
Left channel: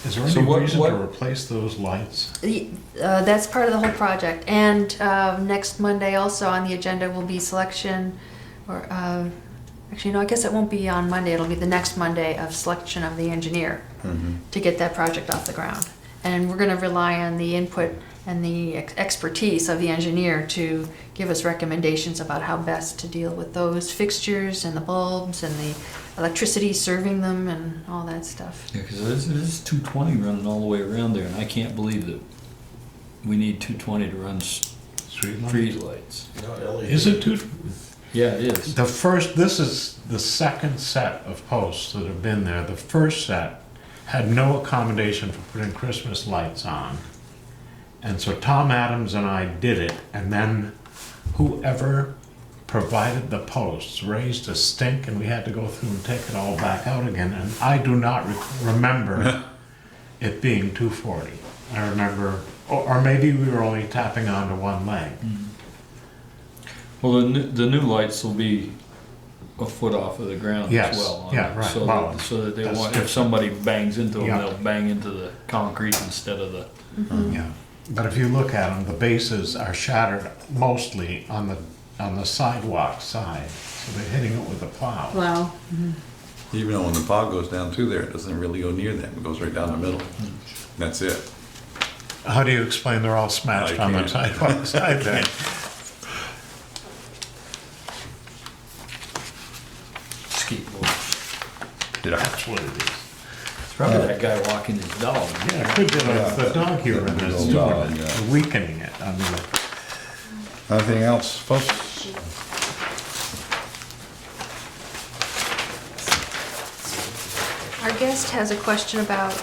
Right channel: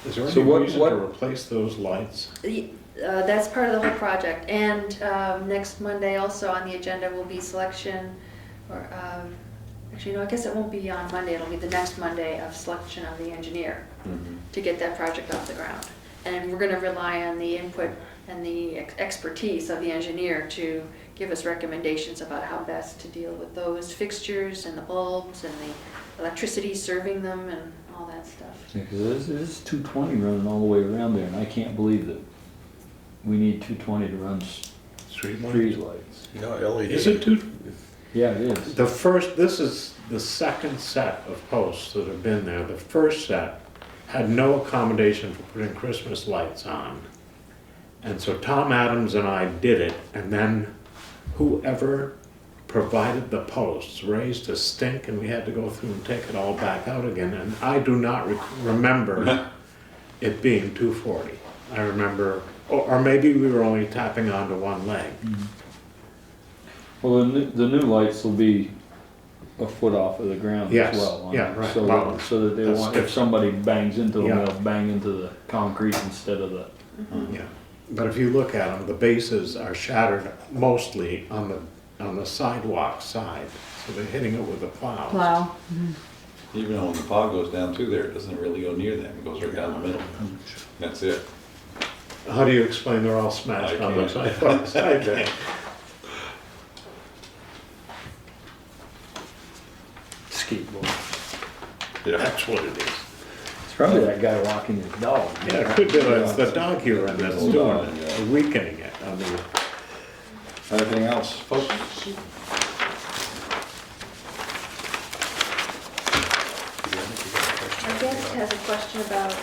Is there So any what- reason what- to replace those lights? That's part of the whole project, and next Monday also on the agenda will be selection, or, actually, no, I guess it won't be on Monday, it'll be the next Monday of selection of the engineer Mhm. to get that project off the ground. And we're gonna rely on the input and the expertise of the engineer to give us recommendations about how best to deal with those fixtures and the bulbs and the electricity serving them and all that stuff. yeah, cause this is 220 running all the way around there, and I can't believe that we need 220 to run street lights. Yeah, LED. Is it too, Yeah, it is. this is the second set of posts that have been there. The first set had no accommodation for putting Christmas lights on. And so Tom Adams and I did it, and then whoever provided the posts raised a stink, and we had to go through and take it all back out again. And I do not remember it being 240. I remember, or maybe we were only tapping onto one leg. Well, the new lights will be a foot off of the ground Yes, as well. yeah, right. So Well, that, so that they that's want, if different. somebody bangs into them, Yeah. they'll bang into the concrete instead of the. Yeah, but if you look at them, the bases are shattered mostly on the sidewalk side, so they're hitting it with a plow. Plow. Even though when the plow goes down through there, it doesn't really go near them, it goes right down the middle. That's it. How do you explain they're all smashed I on the can't. sidewalks? I can't. Skateboard. Yeah. That's what it is. It's probably that guy walking his dog. Yeah, it could be like the dog here and that's doing Dog, it, yeah. weakening it. I mean, Anything else, folks? Our guest has a question about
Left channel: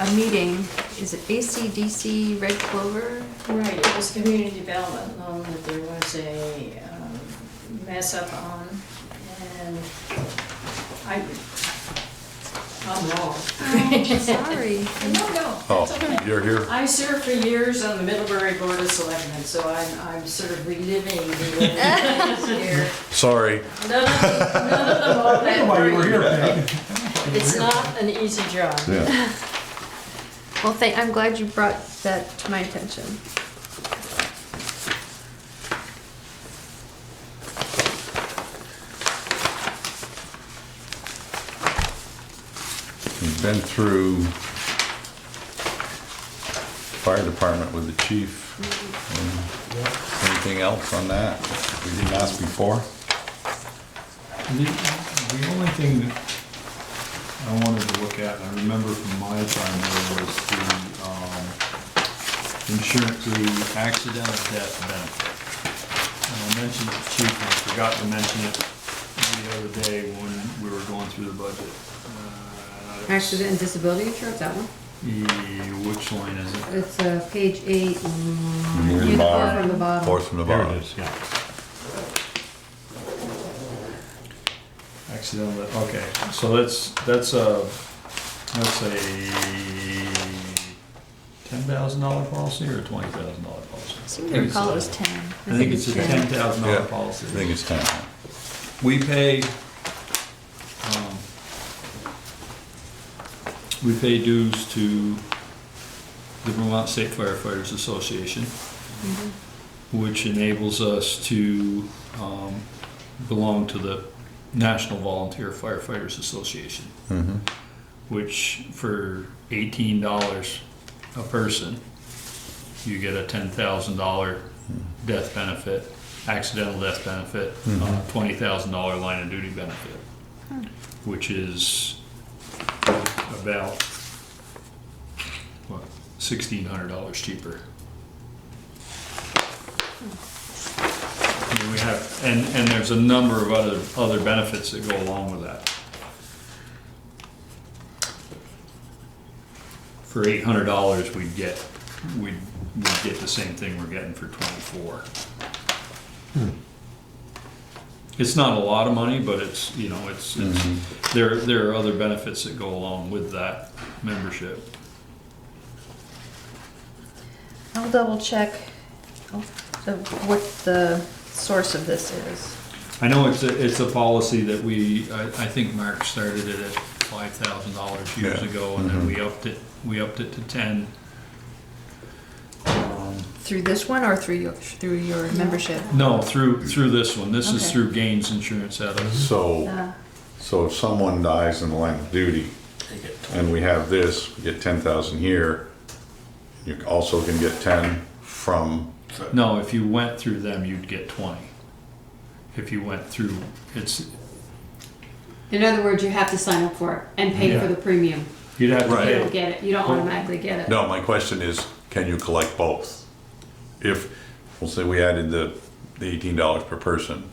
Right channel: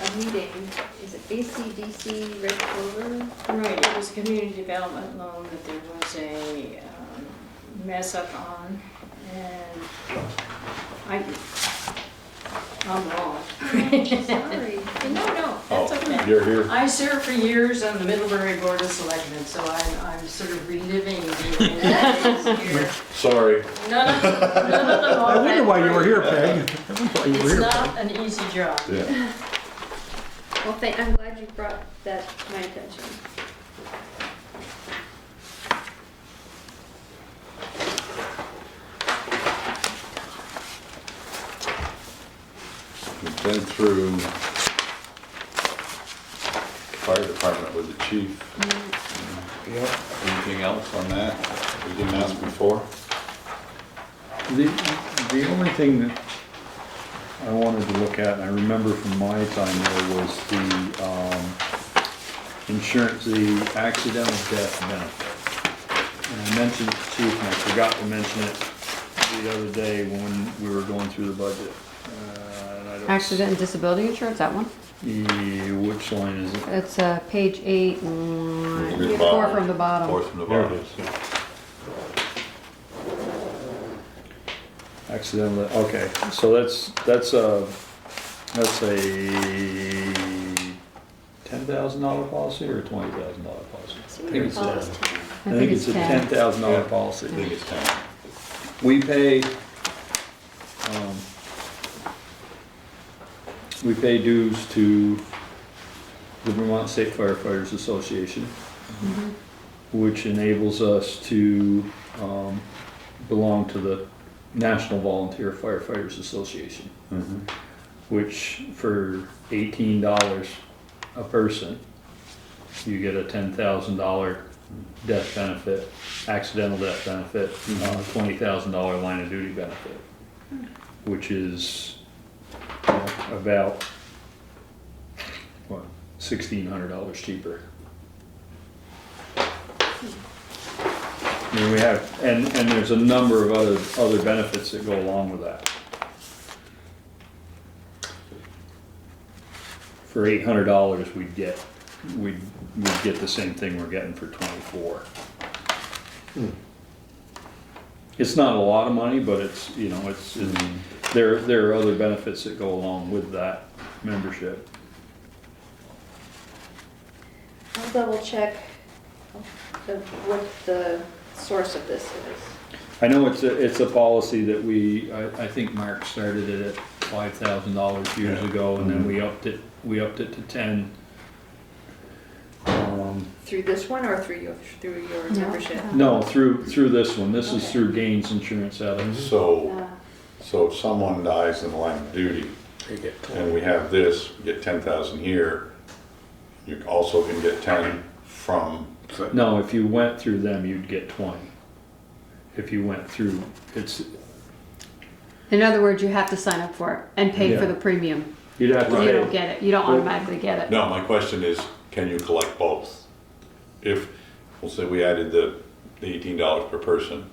a meeting. Is it ACDC Red Clover? Right, it was community development loan that there was a mess up on, and I'm wrong. Sorry. No, Oh, that's okay. you're here? I served for years on the Middlebury Board of Selectmen, so I'm sort of reliving the old days here. Sorry. No, Why you were here, Peg? it's not an easy job. Yeah. Well, I'm glad you brought that to my attention. We've been through fire department with the chief. Anything else on that we didn't ask before? The only thing that I wanted to look at, I remember from my time there was the insurance, the accidental death benefit. And I mentioned it to Chief, and I forgot to mention it the other day when we were going through the budget. And I don't- Accident and disability insurance, that one? Yeah, which line is it? It's page 8, Near the four bottom. from the bottom. Fourth from the There it bottom. is, yeah. Accidental, okay, so that's a $10,000 policy or a $20,000 policy? So we I think can call it it's as 10. I think it's a $10,000 Yeah. policy. I think it's 10. We pay dues to the Vermont State Firefighters Association, which enables us to belong to the National Volunteer Firefighters Association, Mhm. which for $18 a person, you get a $10,000 death benefit, accidental death benefit, $20,000 line of duty benefit. which is about, what, $1,600 cheaper. I mean, we have, and there's a number of other benefits that go along with that. For $800, we'd get the same thing we're getting for 24. It's not a lot of money, but it's, there are other benefits that go along with that membership. I'll double check what the source of this is. I know it's a policy that I think Mark started it at $5,000 years ago, and then we upped it to 10. Through this one or through your membership? No, through this one. This is Okay. through Gaines Insurance out of. So if someone dies in the line of duty, and we have this, we get 10,000 here, you also can get 10 from, No, if you went through them, you'd get 20. If you went through, it's, In other words, you have to sign up for it and pay Yeah. for the premium. you'd have to Right. You pay. don't get it. You don't automatically get it. no, my question is, can you collect both? If, we'll say we added the $18 per person,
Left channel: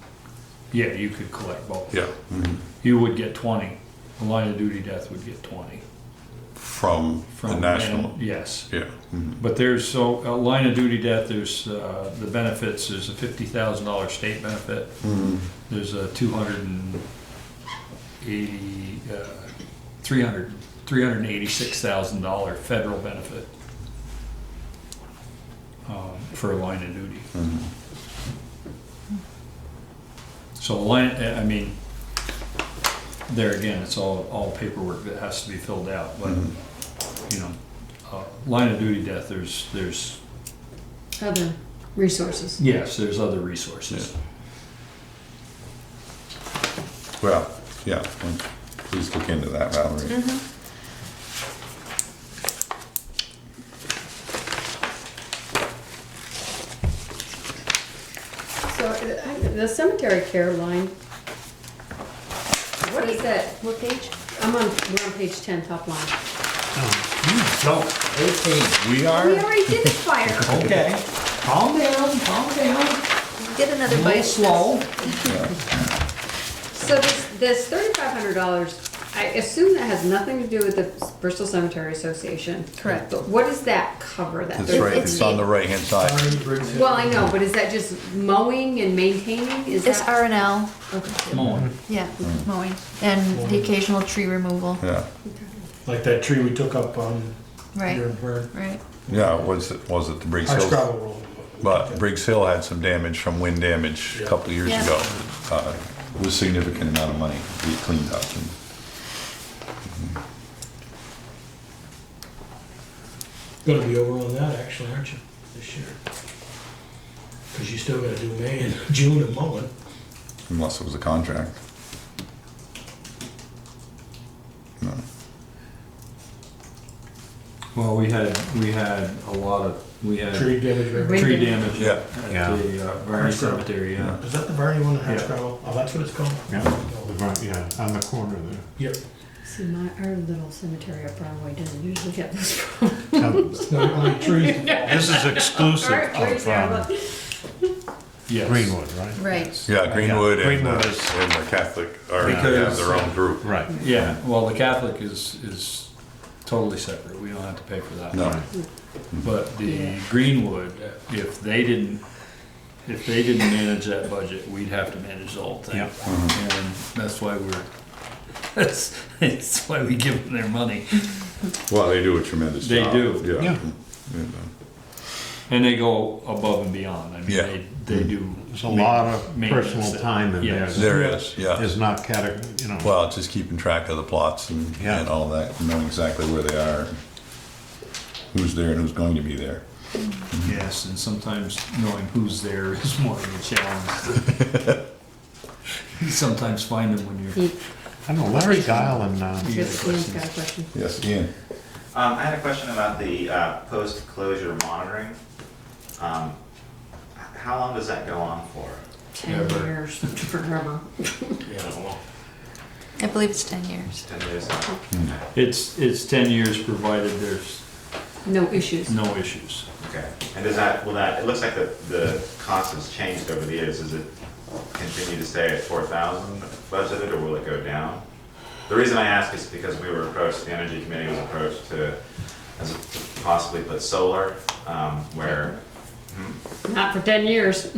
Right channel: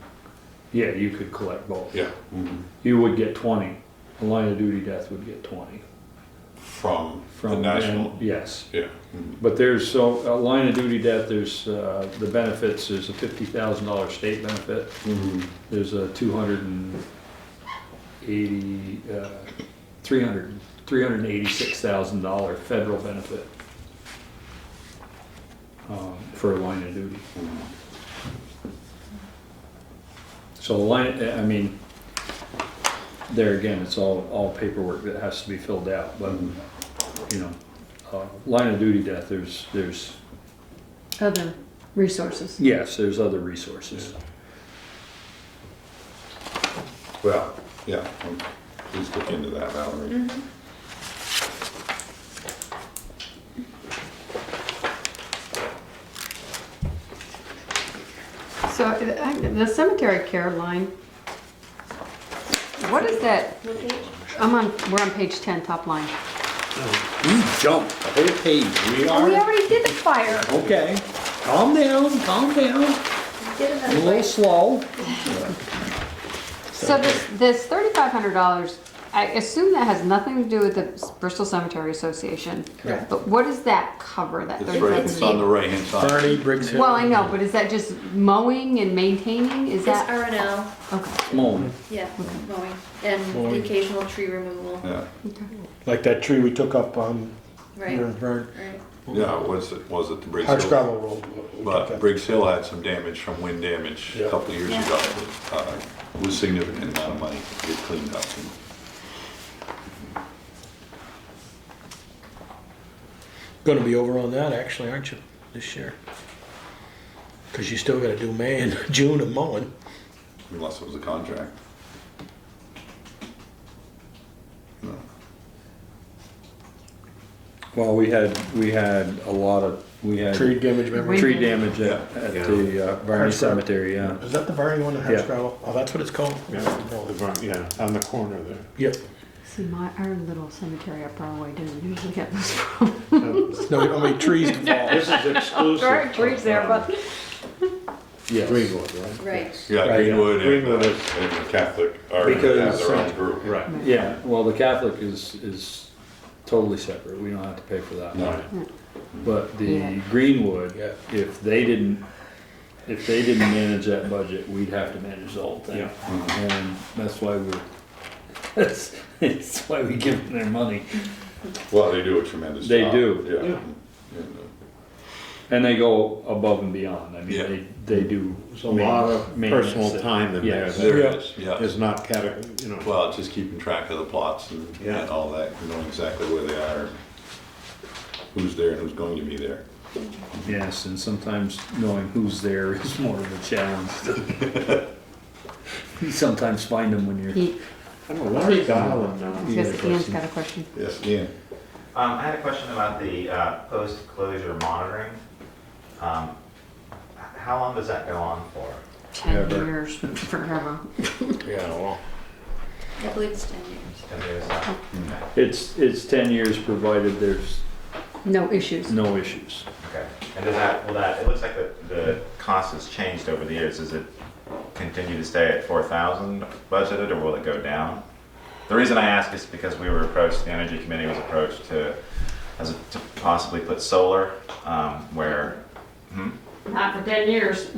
Yeah, you could collect both. yeah, You would get 20. A line of duty death would get 20. from the From national, them, yes. yeah. Mhm. But there's, a line of duty death, there's the benefits, there's a $50,000 state benefit. There's a $386,000 federal benefit for a line of duty. So there again, it's all paperwork that has to be filled out, but, line of duty death, there's, Other resources. yes, there's other resources. Well, yeah, please look into that, Valerie. So the cemetery care line, what is that? What page? We're on page 10, top line. You jumped the whole page. We already did the fire. Okay, calm down. Get another A little bite. slow. So this $3,500, I assume that has nothing to do with the Bristol Cemetery Association. Correct. But what does that cover, that It's right, it's on the right-hand side. Bernie, Briggs Hill. Well, I know, but is that just mowing and maintaining? Is It's that? R&L, Okay. Mowing. yeah, mowing, and the occasional tree removal, Yeah, Like that tree we took up on right, here in Bird. right. yeah, was it the Briggs Hard Hill? gravel road. But Briggs Hill had some damage from wind damage a Yeah. couple of years Yeah. ago. Was significant amount of money to get cleaned up. Gonna be over on that actually, aren't you, this year? Cause you still gotta do May and June of mowing. Unless it was a contract. No. Well, we had a lot of, Tree damage, remember? tree damage Yeah. at the Varney Cemetery, yeah. Is that the Varney one, the hard Yeah. gravel? Oh, that's what it's called? On the corner there. Yep. See, our little cemetery up Broadway doesn't usually get this problems. No, how many trees can fall? This is exclusive Trees there, of but. Yes. Greenwood, right? Right, Yeah, Greenwood and Greenwood the is- and the Catholic are Because- their own group. Right. Yeah, well, the Catholic is totally separate. We don't have to pay for that. No. But the Yeah. Greenwood, Yeah. if they didn't manage that budget, we'd have to manage the whole thing. Yeah. And that's why it's why we give them their money. Well, they do a tremendous They job. do. Yeah. Yeah. Yeah. And they go above and beyond. I mean, Yeah. they do. There's a lot of maintenance personal that- time in there. Yes. that There is, yeah. is not Well, just keeping track of the plots and Yeah. all that, knowing exactly where they are, who's there and who's going to be there. Yes, and sometimes knowing who's there is more of a challenge. You sometimes find them when you're. I know Larry Dialing now. Yes, Ian's got a question. Yes, Ian. I had a question about the post-closure monitoring. How long does that go on for? 10 Ever. years, forever. Yeah, well, I believe it's 10 years. 10 years? It's 10 years provided there's No issues. no issues. Okay. And it looks like the cost has changed over the years. Does it continue to stay at 4,000 budgeted, or will it go down? The reason I ask is because we were approached, the Energy Committee was approached to possibly put solar, where, Not for 10 years.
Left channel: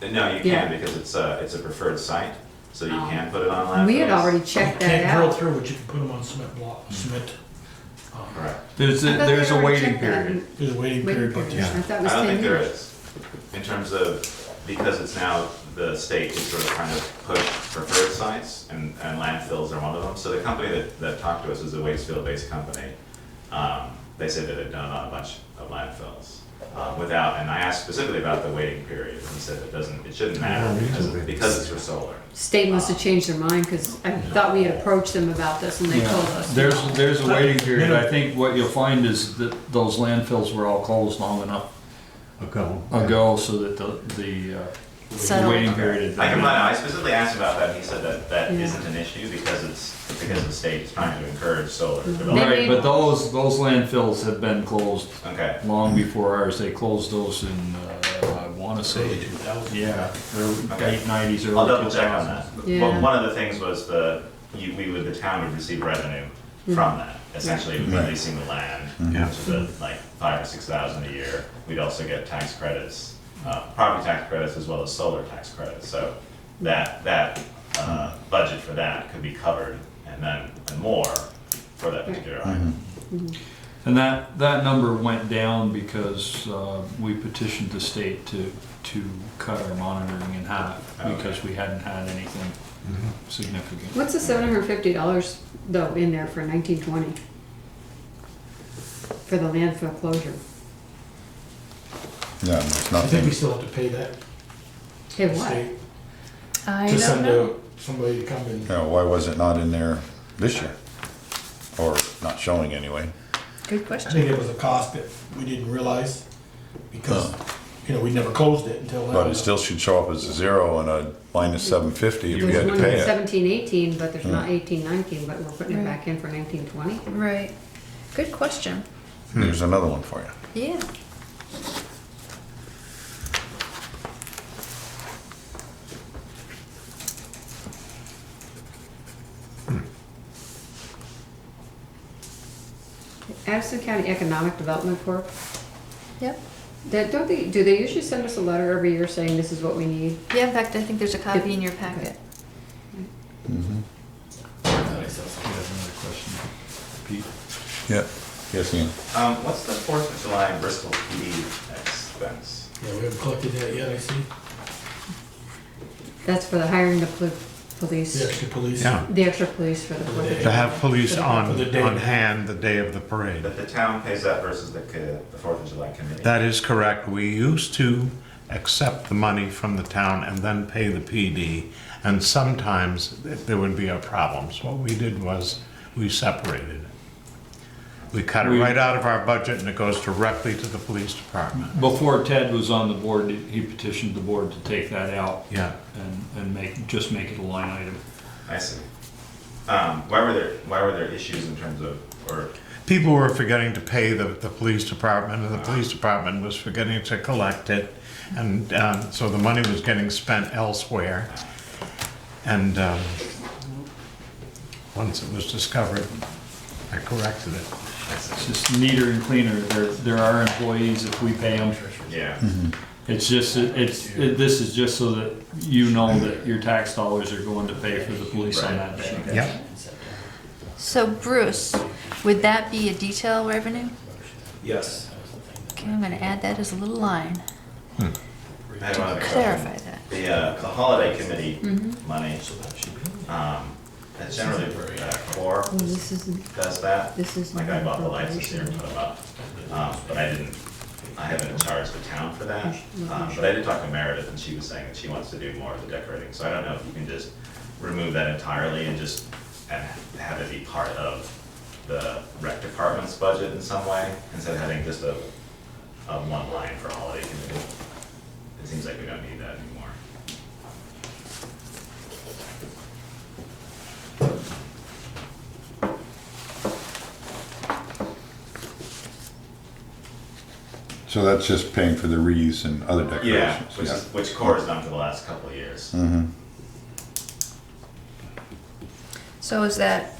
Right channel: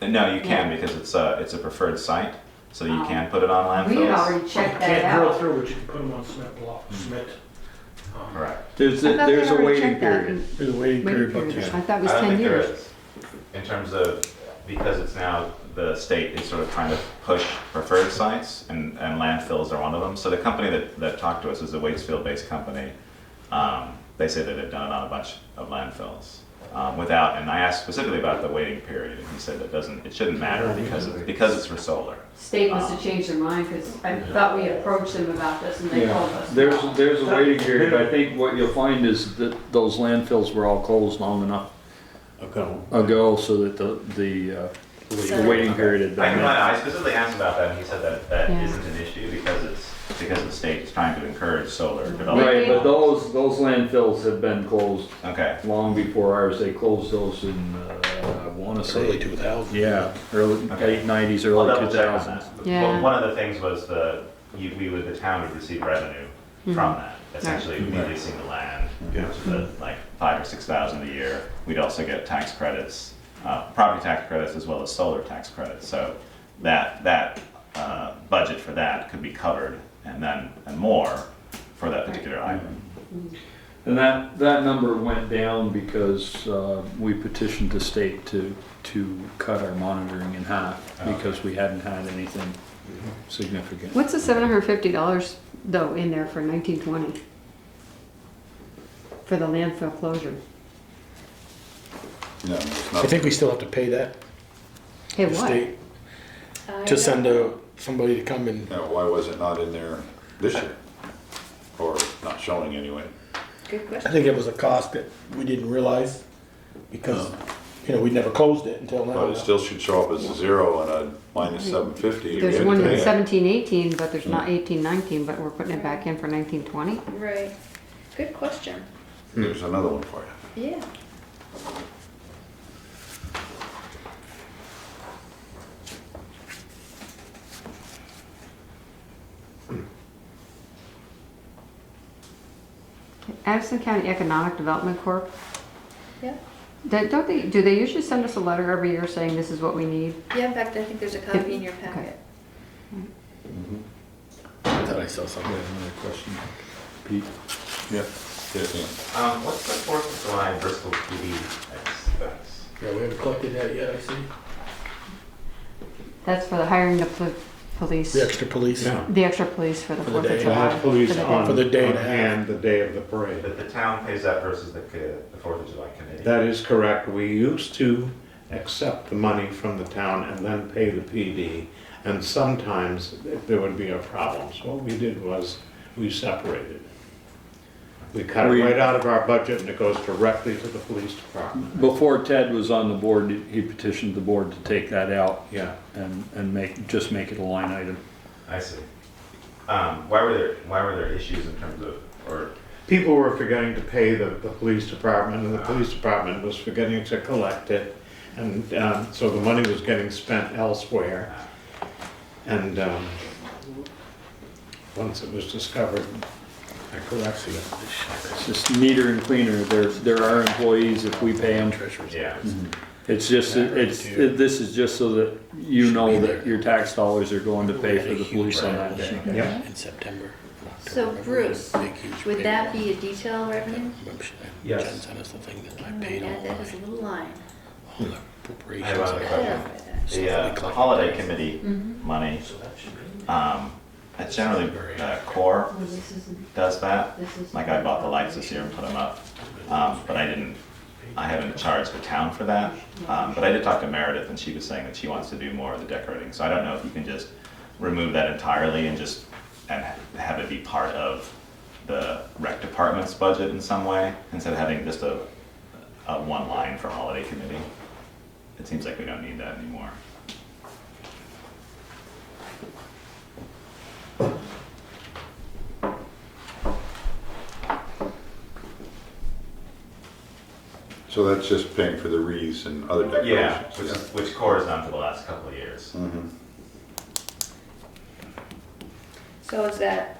no, you can, because it's a preferred site, so you can put it on landfills. We had already checked that Can't drill out. through, but you can put them on cement block, cement. Correct. There's I thought they a already waiting checked that. period. There's a waiting Waiting period, but period. yeah. I thought it I was don't 10 think there years. is, in terms of, because it's now, the state is sort of trying to push preferred sites, and landfills are one of them. So the company that talked to us is a Waitsfield-based company. They said that they've done it on a bunch of landfills. And I asked specifically about the waiting period, and he said it shouldn't matter because it's for solar. State must have changed their mind, because I thought we had approached them about this and they told us. There's a waiting period. I think what you'll find is that those landfills were all closed long enough ago so that the waiting period had I been. specifically asked about that, and he said that Yeah. isn't an issue because the state is trying to encourage solar development. Right, but those landfills have been closed Okay. long before ours. They closed those in, I wanna Early say, 2000. yeah, early, Okay. late 90s, I'll early double check on 2000s. that. Yeah. One of the things was the town would receive revenue from that, essentially releasing the land, which is like 5,000 or 6,000 a year. We'd also get tax credits, property tax credits as well as solar tax credits. So that budget for that could be covered and more for that particular item. And that number went down because we petitioned the state to cut our monitoring in half because we hadn't had anything significant. What's the $750 though in there for 1920? For the landfill closure? Yeah, there's I think we nothing. still have to pay that, Hey, the what? state, I to don't send know. somebody to come and, Why was it not in there this year? Or not showing anyway? Good I question. think it was a cost that we didn't realize because, we never closed it until now. But it still should show up as a zero and a minus 750 if we There's had to one pay in it. 1718, but there's not 1819, but we're putting it back in for 1920? Right. Good question. Here's another one for you. Yeah. Addison County Economic Development Corp. Yep. Do they usually send us a letter every year saying this is what we need? Yeah, in fact, I think there's a copy in your packet. I thought I saw You something. have another question, Pete? Yep. Yes, Ian. What's the 4th of July Bristol PD expense? Yeah, we haven't collected that yet, I see. That's for the hiring the police, The extra police. Yeah. the extra police for the For the 4th of day. To have police on For the day and a half. hand the day of the parade. But the town pays that versus the 4th of July committee? That is correct. We used to accept the money from the town and then pay the PD, and sometimes there would be a problem. So what we did was we separated. We cut it right out of our budget and it goes directly to the police department. Before Ted was on the board, he petitioned the board to take that out Yeah. and make it a line item. I see. Why were there issues in terms of, or, People were forgetting to pay the police department, and the police department was forgetting to collect it. And so the money was getting spent elsewhere. And once it was discovered, I corrected it. It's just neater and cleaner. There are employees, if we pay them. yeah. It's just, this is just so that you know that your tax dollars are going to pay for the police on that day. Yeah. In September. So Bruce, would that be a detail revenue? Yes. Okay, I'm gonna add that as a little line. I had one other question. Clarify that. The holiday committee money, it's generally Core Oh, this isn't, does that. this is. Like I bought the lights this year and put them up, but I haven't charged the town for that. But I did talk to Meredith and she was saying that she wants to do more of the decorating. So I don't know if you can just remove that entirely and have it be part of the rec department's budget in some way, instead of having just a one line for holiday committee. It seems like we don't need that anymore. So that's just paying for the wreaths and other Yeah, decorations? which Core has done for the last couple of years. Mm-hmm. So is that,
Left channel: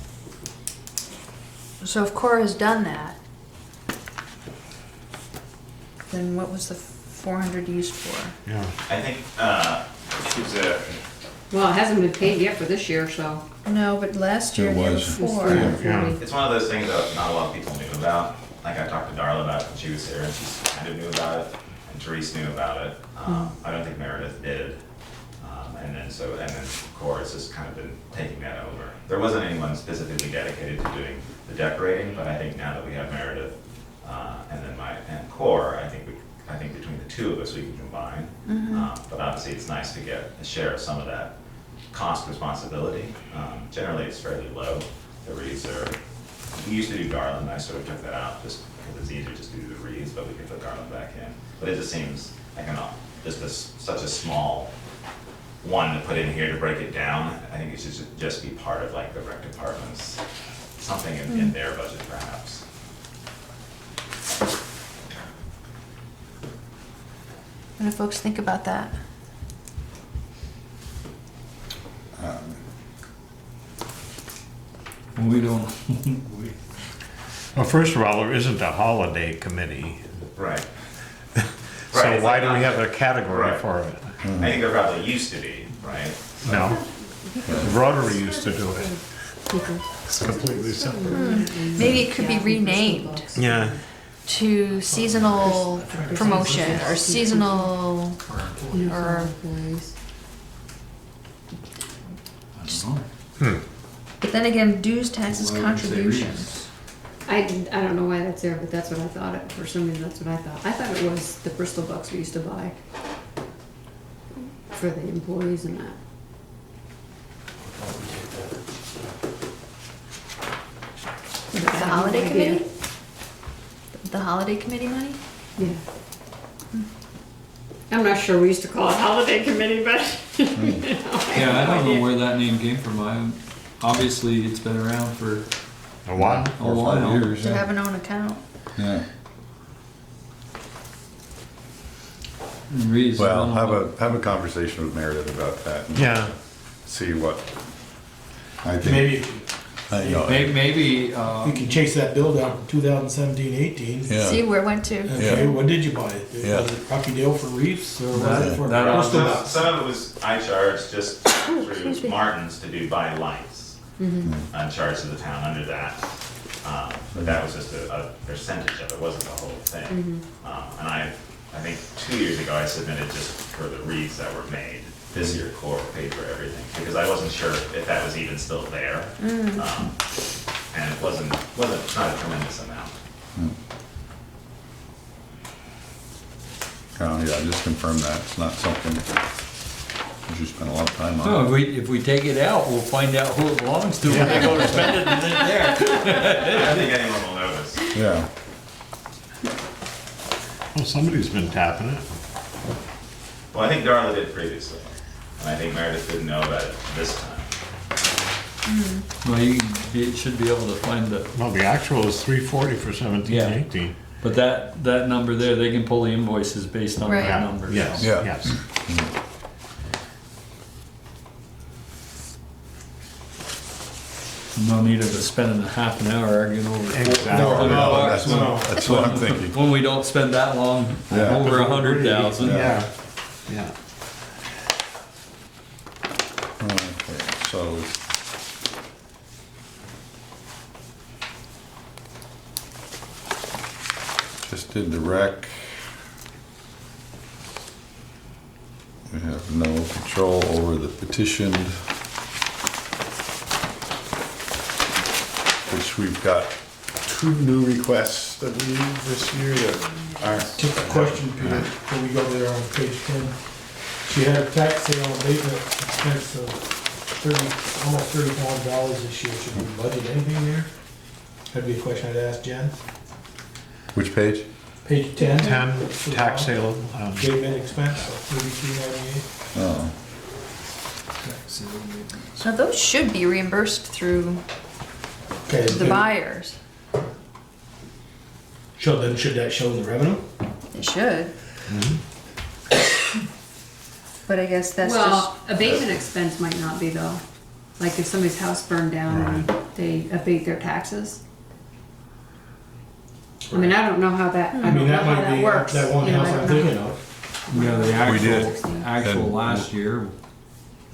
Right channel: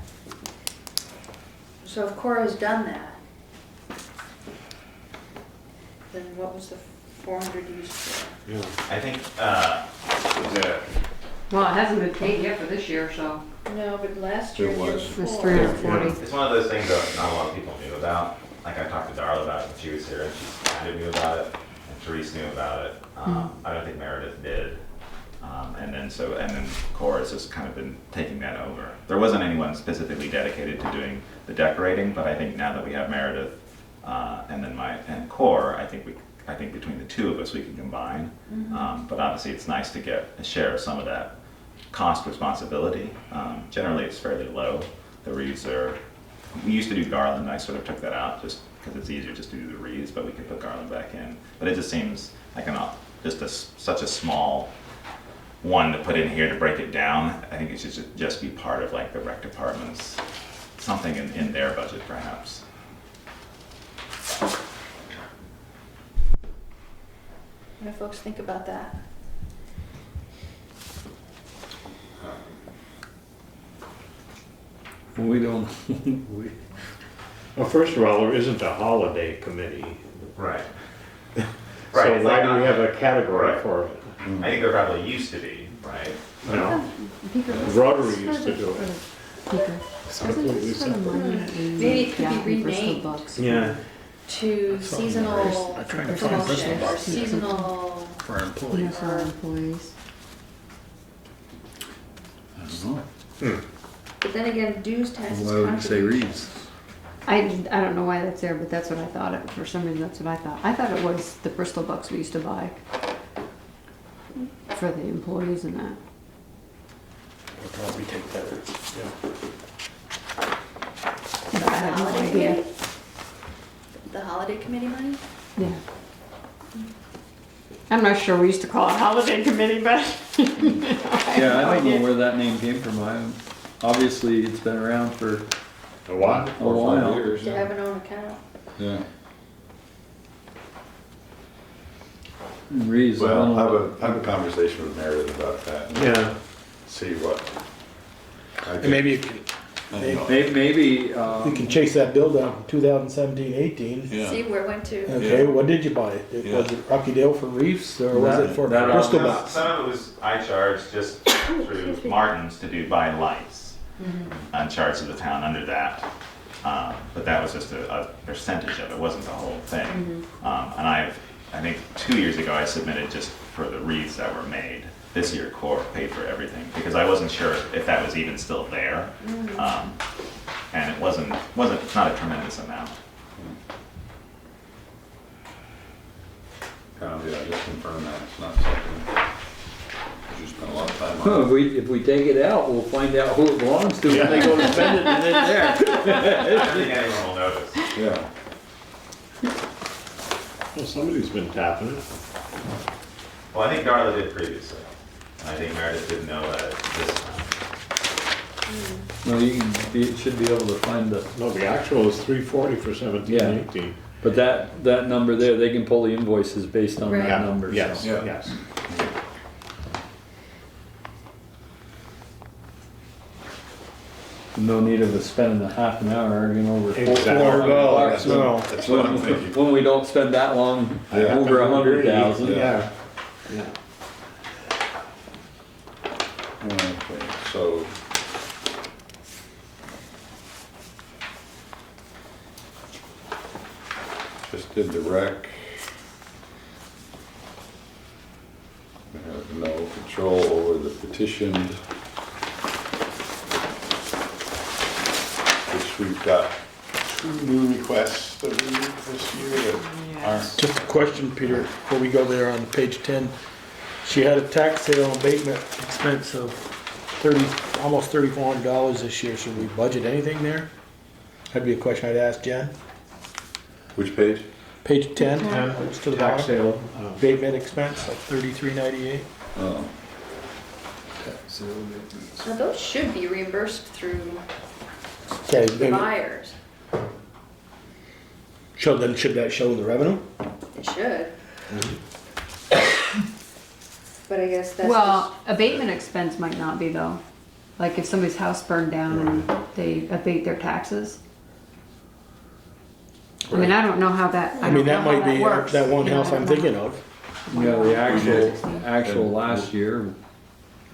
so if Cora's done that, then what was the 400 used for? Yeah. I think, it was a, Well, it hasn't been paid yet for this year, so No, but last year It they had was. it was 4. 340. it's one of those things that not a lot of people knew about. Like I talked to Darla about it when she was here, and she kind of knew about it, and Therese knew about it. I don't think Meredith did. And then Core has just kind of been taking that over. There wasn't anyone specifically dedicated to doing the decorating, but I think now that we have Meredith, and Core, I think between the two of us, we can combine. But obviously, it's nice to get a share of some of that cost responsibility. Generally, it's fairly low. The wreaths are, we used to do garland, I sort of took that out just because it's easier just to do the wreaths, but we could put garland back in. But it just seems like such a small one to put in here to break it down. I think it should just be part of like the rec department's, something in their budget perhaps. What do folks think about that? We don't, Well, first of all, there isn't a holiday committee, Right. so Right, why like do we not- have a category Right. for it? I think there probably used to be, right? No, Rotary used to do it. It's completely separate. Maybe it could be renamed Yeah. to seasonal promotion or seasonal, For our employees. For our employees. I don't know. but then again, dues, taxes, Why would you say contributions. wreaths? I don't know why that's there, but that's what I thought. For some reason, that's what I thought. I thought it was the Bristol bucks we used to buy for the employees and that. Probably take that. But I The have no holiday idea. committee? The holiday committee money? Yeah. I'm not sure we used to call it holiday committee, but. Yeah, I don't know where that name came from. Obviously, it's been around for A while. a 4 or 5 while. years, To yeah. have an own account. Yeah. Wreaths, I Well, don't know. have a conversation with Meredith about that and Yeah. see what. I think, Maybe you know, Maybe, we can chase that bill down from 2017-18. See yeah. where it went to. Okay, when did you buy it? Yeah. Was it Rocky Dale for reefs, or was it for That Bristol Some bucks? some of it was, I charged just through Martin's to do buy lights. On charge of the town under that. But that was just a percentage of it, wasn't the whole thing. And I think 2 years ago, I submitted just for the wreaths that were made. This year, Core paid for everything, because I wasn't sure if that was even still there. And it wasn't, not a tremendous amount. Yeah, just confirm that. It's not something you spend a lot of time no, on. if we take it out, we'll find out who it belongs to when they go to spend it and then there. I don't think anyone will notice. Yeah. Well, somebody's been tapping it. Well, I think Darla did previously, and I think Meredith didn't know about it this time. Well, you should be able to find the, Well, the actual is 340 for 17-18. but that number there, they can pull the invoices based on Right. that number. so. Yes, Yeah. yes. No need of us spending a half an hour arguing over Exactly. $400. That's what I'm thinking. When we don't spend that long, Yeah. over 100,000. Yeah, yeah. Okay, so. Just did the rec. We have no control over the petitioned. Which we've got 2 new requests that we need this year that aren't. Just a question, Peter, before we go there on page 10. She had a tax sale abatement expense of almost $3,400 this year. Should we budget anything there? That'd be a question I'd ask Jen. Which page? Page 10. 10, for the tax sale. abatement expense of $33.98. Oh, So those should be reimbursed through Okay, the buyers. should that show the revenue? It should. But I guess that's Well, abatement expense might not be though. Like if somebody's house burned down and they abate their taxes. I mean, I don't know how that, I I mean, don't know that how might that be works. that one you know, house I I'm don't know. thinking of. Yeah, the We did. actual And- last year,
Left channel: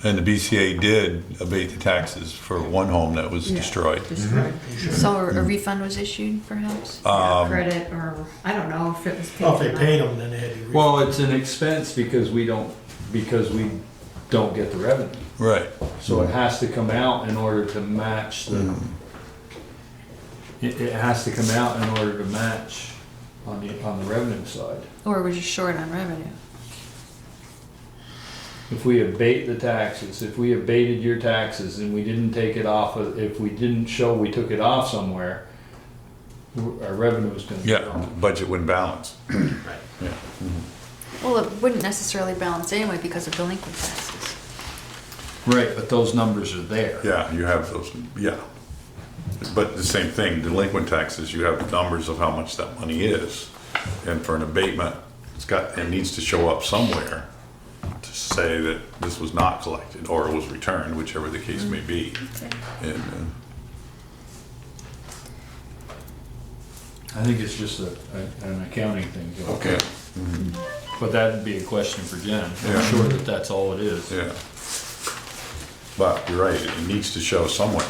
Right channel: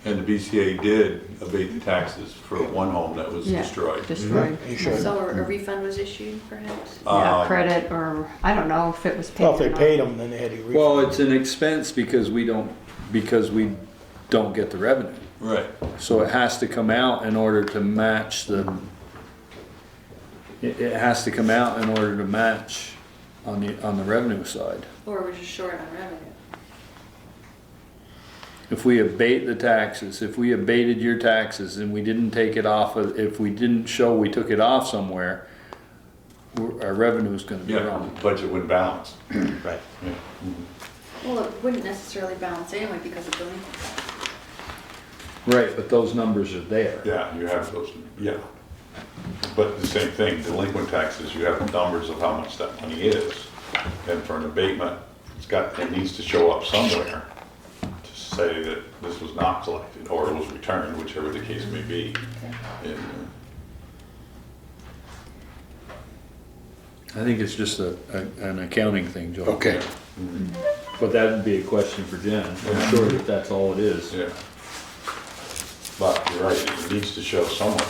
And the BCA did abate the taxes for one home that was Yeah. destroyed. Destroyed. You sure? just, so a refund was issued perhaps? Yeah, Um, credit or, I don't know if it was paid Well, or if they not. paid them, then they had to. well, it's an expense because we don't get the revenue. Right. So it has to come out in order to match the, it has to come out in order to match on the revenue side. Or we're just short on revenue? If we abate the taxes, if we abated your taxes and we didn't take it off, if we didn't show we took it off somewhere, our revenue is gonna be Yeah, wrong. budget wouldn't balance. Right. Yeah. Well, it wouldn't necessarily balance anyway because of delinquent taxes. Right, but those numbers are there. Yeah, you have those, yeah. But the same thing, delinquent taxes, you have numbers of how much that money is. And for an abatement, it needs to show up somewhere to say that this was not collected or it was returned, whichever the case may be. And, I think it's just an accounting thing, Joe. okay, But that'd be a question for Jen. Yeah. I'm sure that that's all it is. yeah. But you're right, it needs to show somewhere.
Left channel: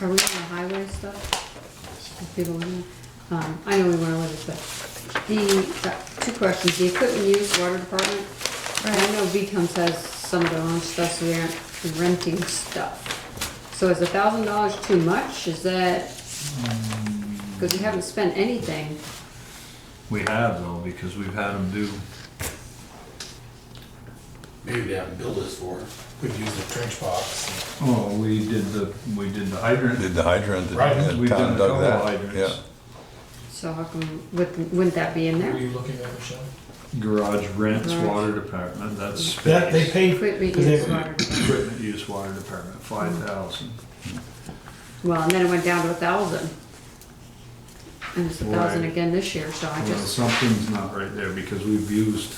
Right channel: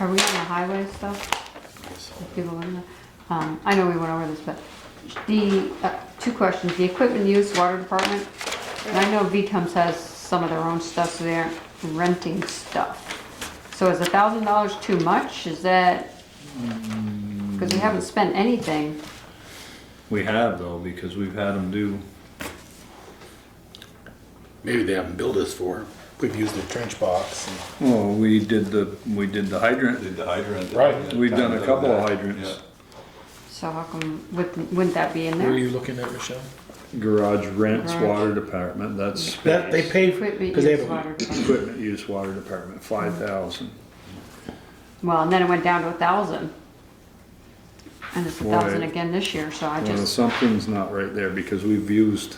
Are we on the highway stuff? If people looking at, I know we went over this, but two questions, the equipment use, water department. And I know VCOMs has some of their own stuff, so they aren't renting stuff. So is $1,000 too much? Is that, because we haven't spent anything. We have though, because we've had them do, Maybe they haven't billed us for it. We've used the trench box. well, we did the hydrant. Did the hydrant. Right. We've town done a dug couple that. of hydrants. Yeah. So how come, wouldn't that be in Where are there? you looking at, Michelle? Garage rents, Garage. water department, that's That, they space. paid, Equipment because they use, have a water department. Equipment use, water department, 5,000. Well, and then it went down to 1,000. And it's 1,000 Right. again this year, so I Well, just, something's not right there because we've used,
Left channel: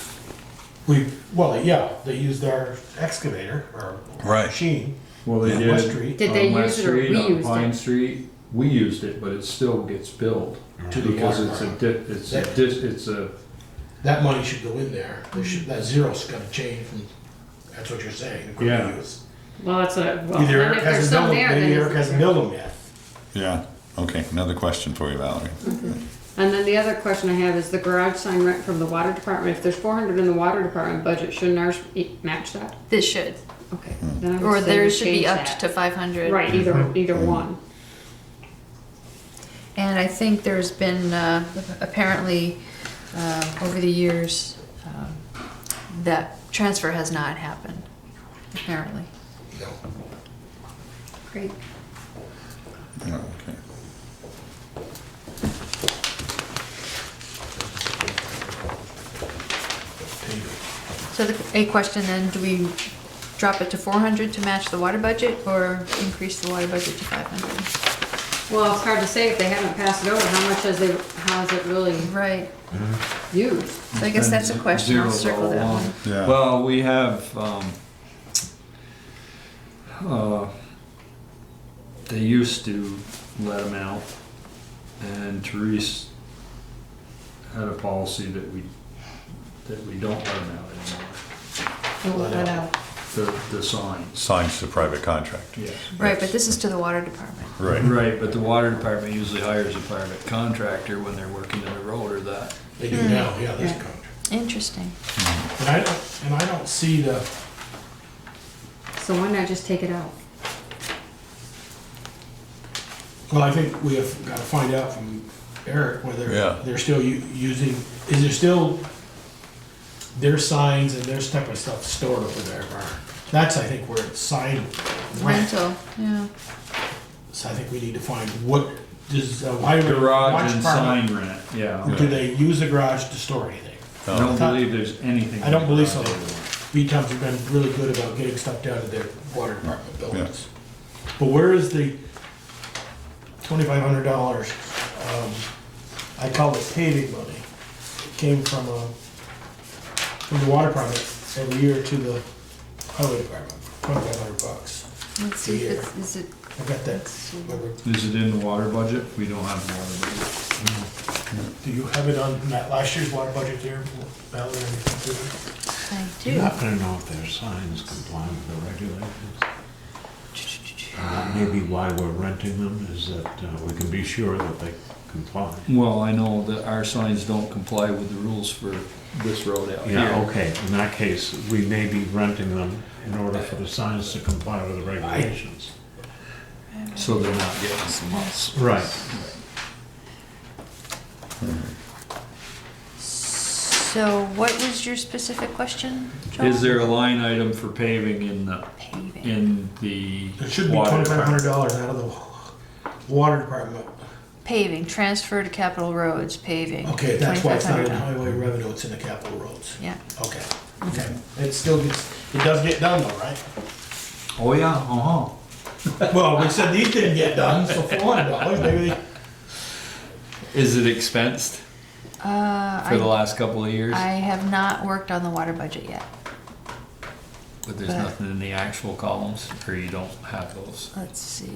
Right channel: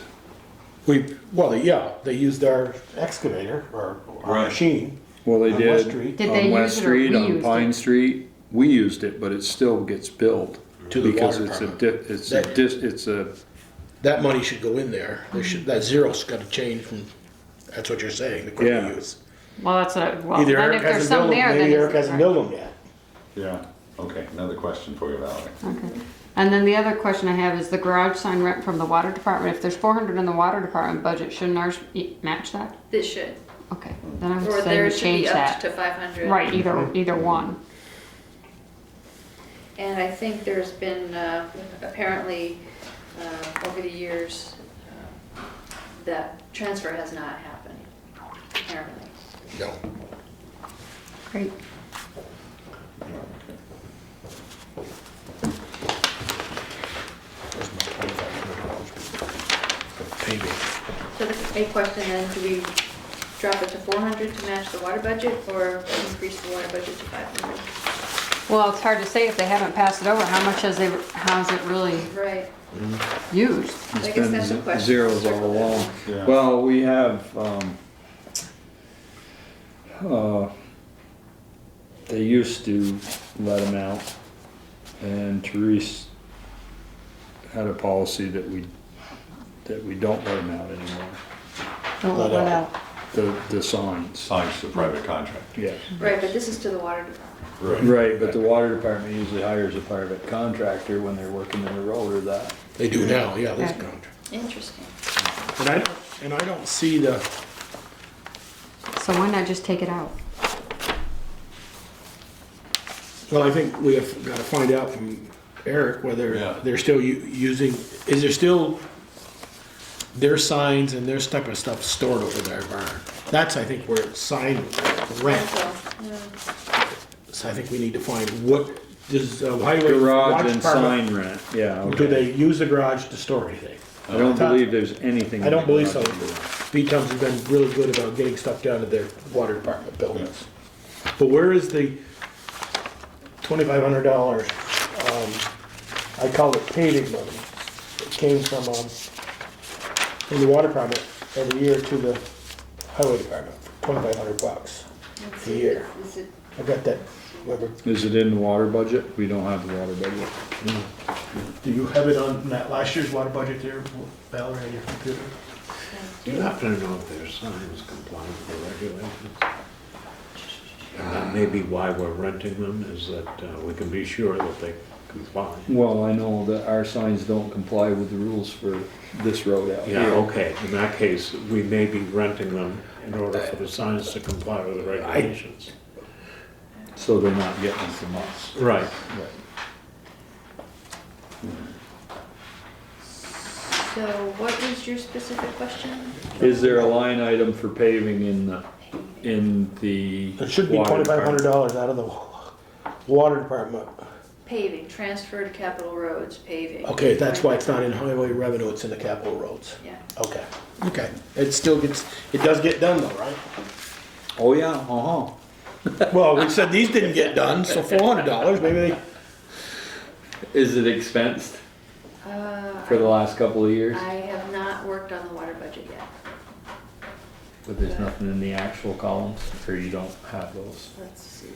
they used our excavator or Right. machine well, they on West did Street did they on West use it or Street, we on used Pine it? Street. We used it, but it still gets billed to the because water it's a department. it's a, That money should go in there. They should, that zero's gotta change from, that's what you're saying, equipment Yeah. use. well, it's a, well, Either then Eric if there's hasn't some billed them, there, then maybe is Eric it hasn't correct? billed them yet. Yeah, okay, another question for you, Valerie. And then the other question I have is the garage sign rent from the water department. If there's 400 in the water department budget, shouldn't ours match that? This should, Okay, then I or would say there we should be change up that. to 500. Right, either one. And I think there's been, apparently, over the years, that transfer has not happened, apparently. No. Great. Yeah, okay. Payment. So a question then, do we drop it to 400 to match the water budget or increase the water budget to 500? Well, it's hard to say if they haven't passed it over, how much has it really Right, used? so I guess that's a question, I'll zeros circle all that along. one. Yeah. Well, we have, they used to let them out, and Therese had a policy that we don't let them out anymore. Don't let out. The signs. Signs to private contractor. Yes. Right, but this is to the water department. Right. Right, but the water department usually hires a private contractor when they're working in the road or that. They do now, yeah, this Yeah. contract. Interesting. And I don't see the So why not just take it out? Well, I think we have got to find out from Eric whether Yeah. they're still using, is there still their signs and their type of stuff stored over there, barn? That's, I think, where it's sign rent. Rental, yeah. So I think we need to find what does highway Garage watch and department, sign rent, yeah. do they use the garage to store anything? I don't believe there's anything. I in don't the believe so. garage. V-Tums have been really good about getting stuff down to their water department buildings. But where is the $2,500? I call it paving money. It came from the water department every year to the highway department, $2,500 Let's a see, year. is it, I got that. Remember? Is it in the water budget? We don't have the water budget. Do you have it on that last year's water budget there, Val, or anything? I You do. happen to know if their signs comply with the regulations? And that may be why we're renting them, is that we can be sure that they comply. Well, I know that our signs don't comply with the rules for this road out Yeah, here. okay, in that case, we may be renting them in order for the signs to comply with the regulations. So they're not getting from us. Right. So what was your specific question, John? Is there a line item for paving in the, Paving. in the It should be water department? $2,500 out of the water department. Paving, transfer to capital roads, paving. Okay, that's why it's not in 2,500. highway revenue, it's in the capital roads. Yeah. Okay, okay. It still gets, it does get done though, right? Oh, yeah, uh-huh. Well, we said these didn't get done, so $400, maybe they, Is it expensed Uh, for the I, last couple of years? I have not worked on the water budget yet. But there's but- nothing in the actual columns, or you don't have those? Let's see,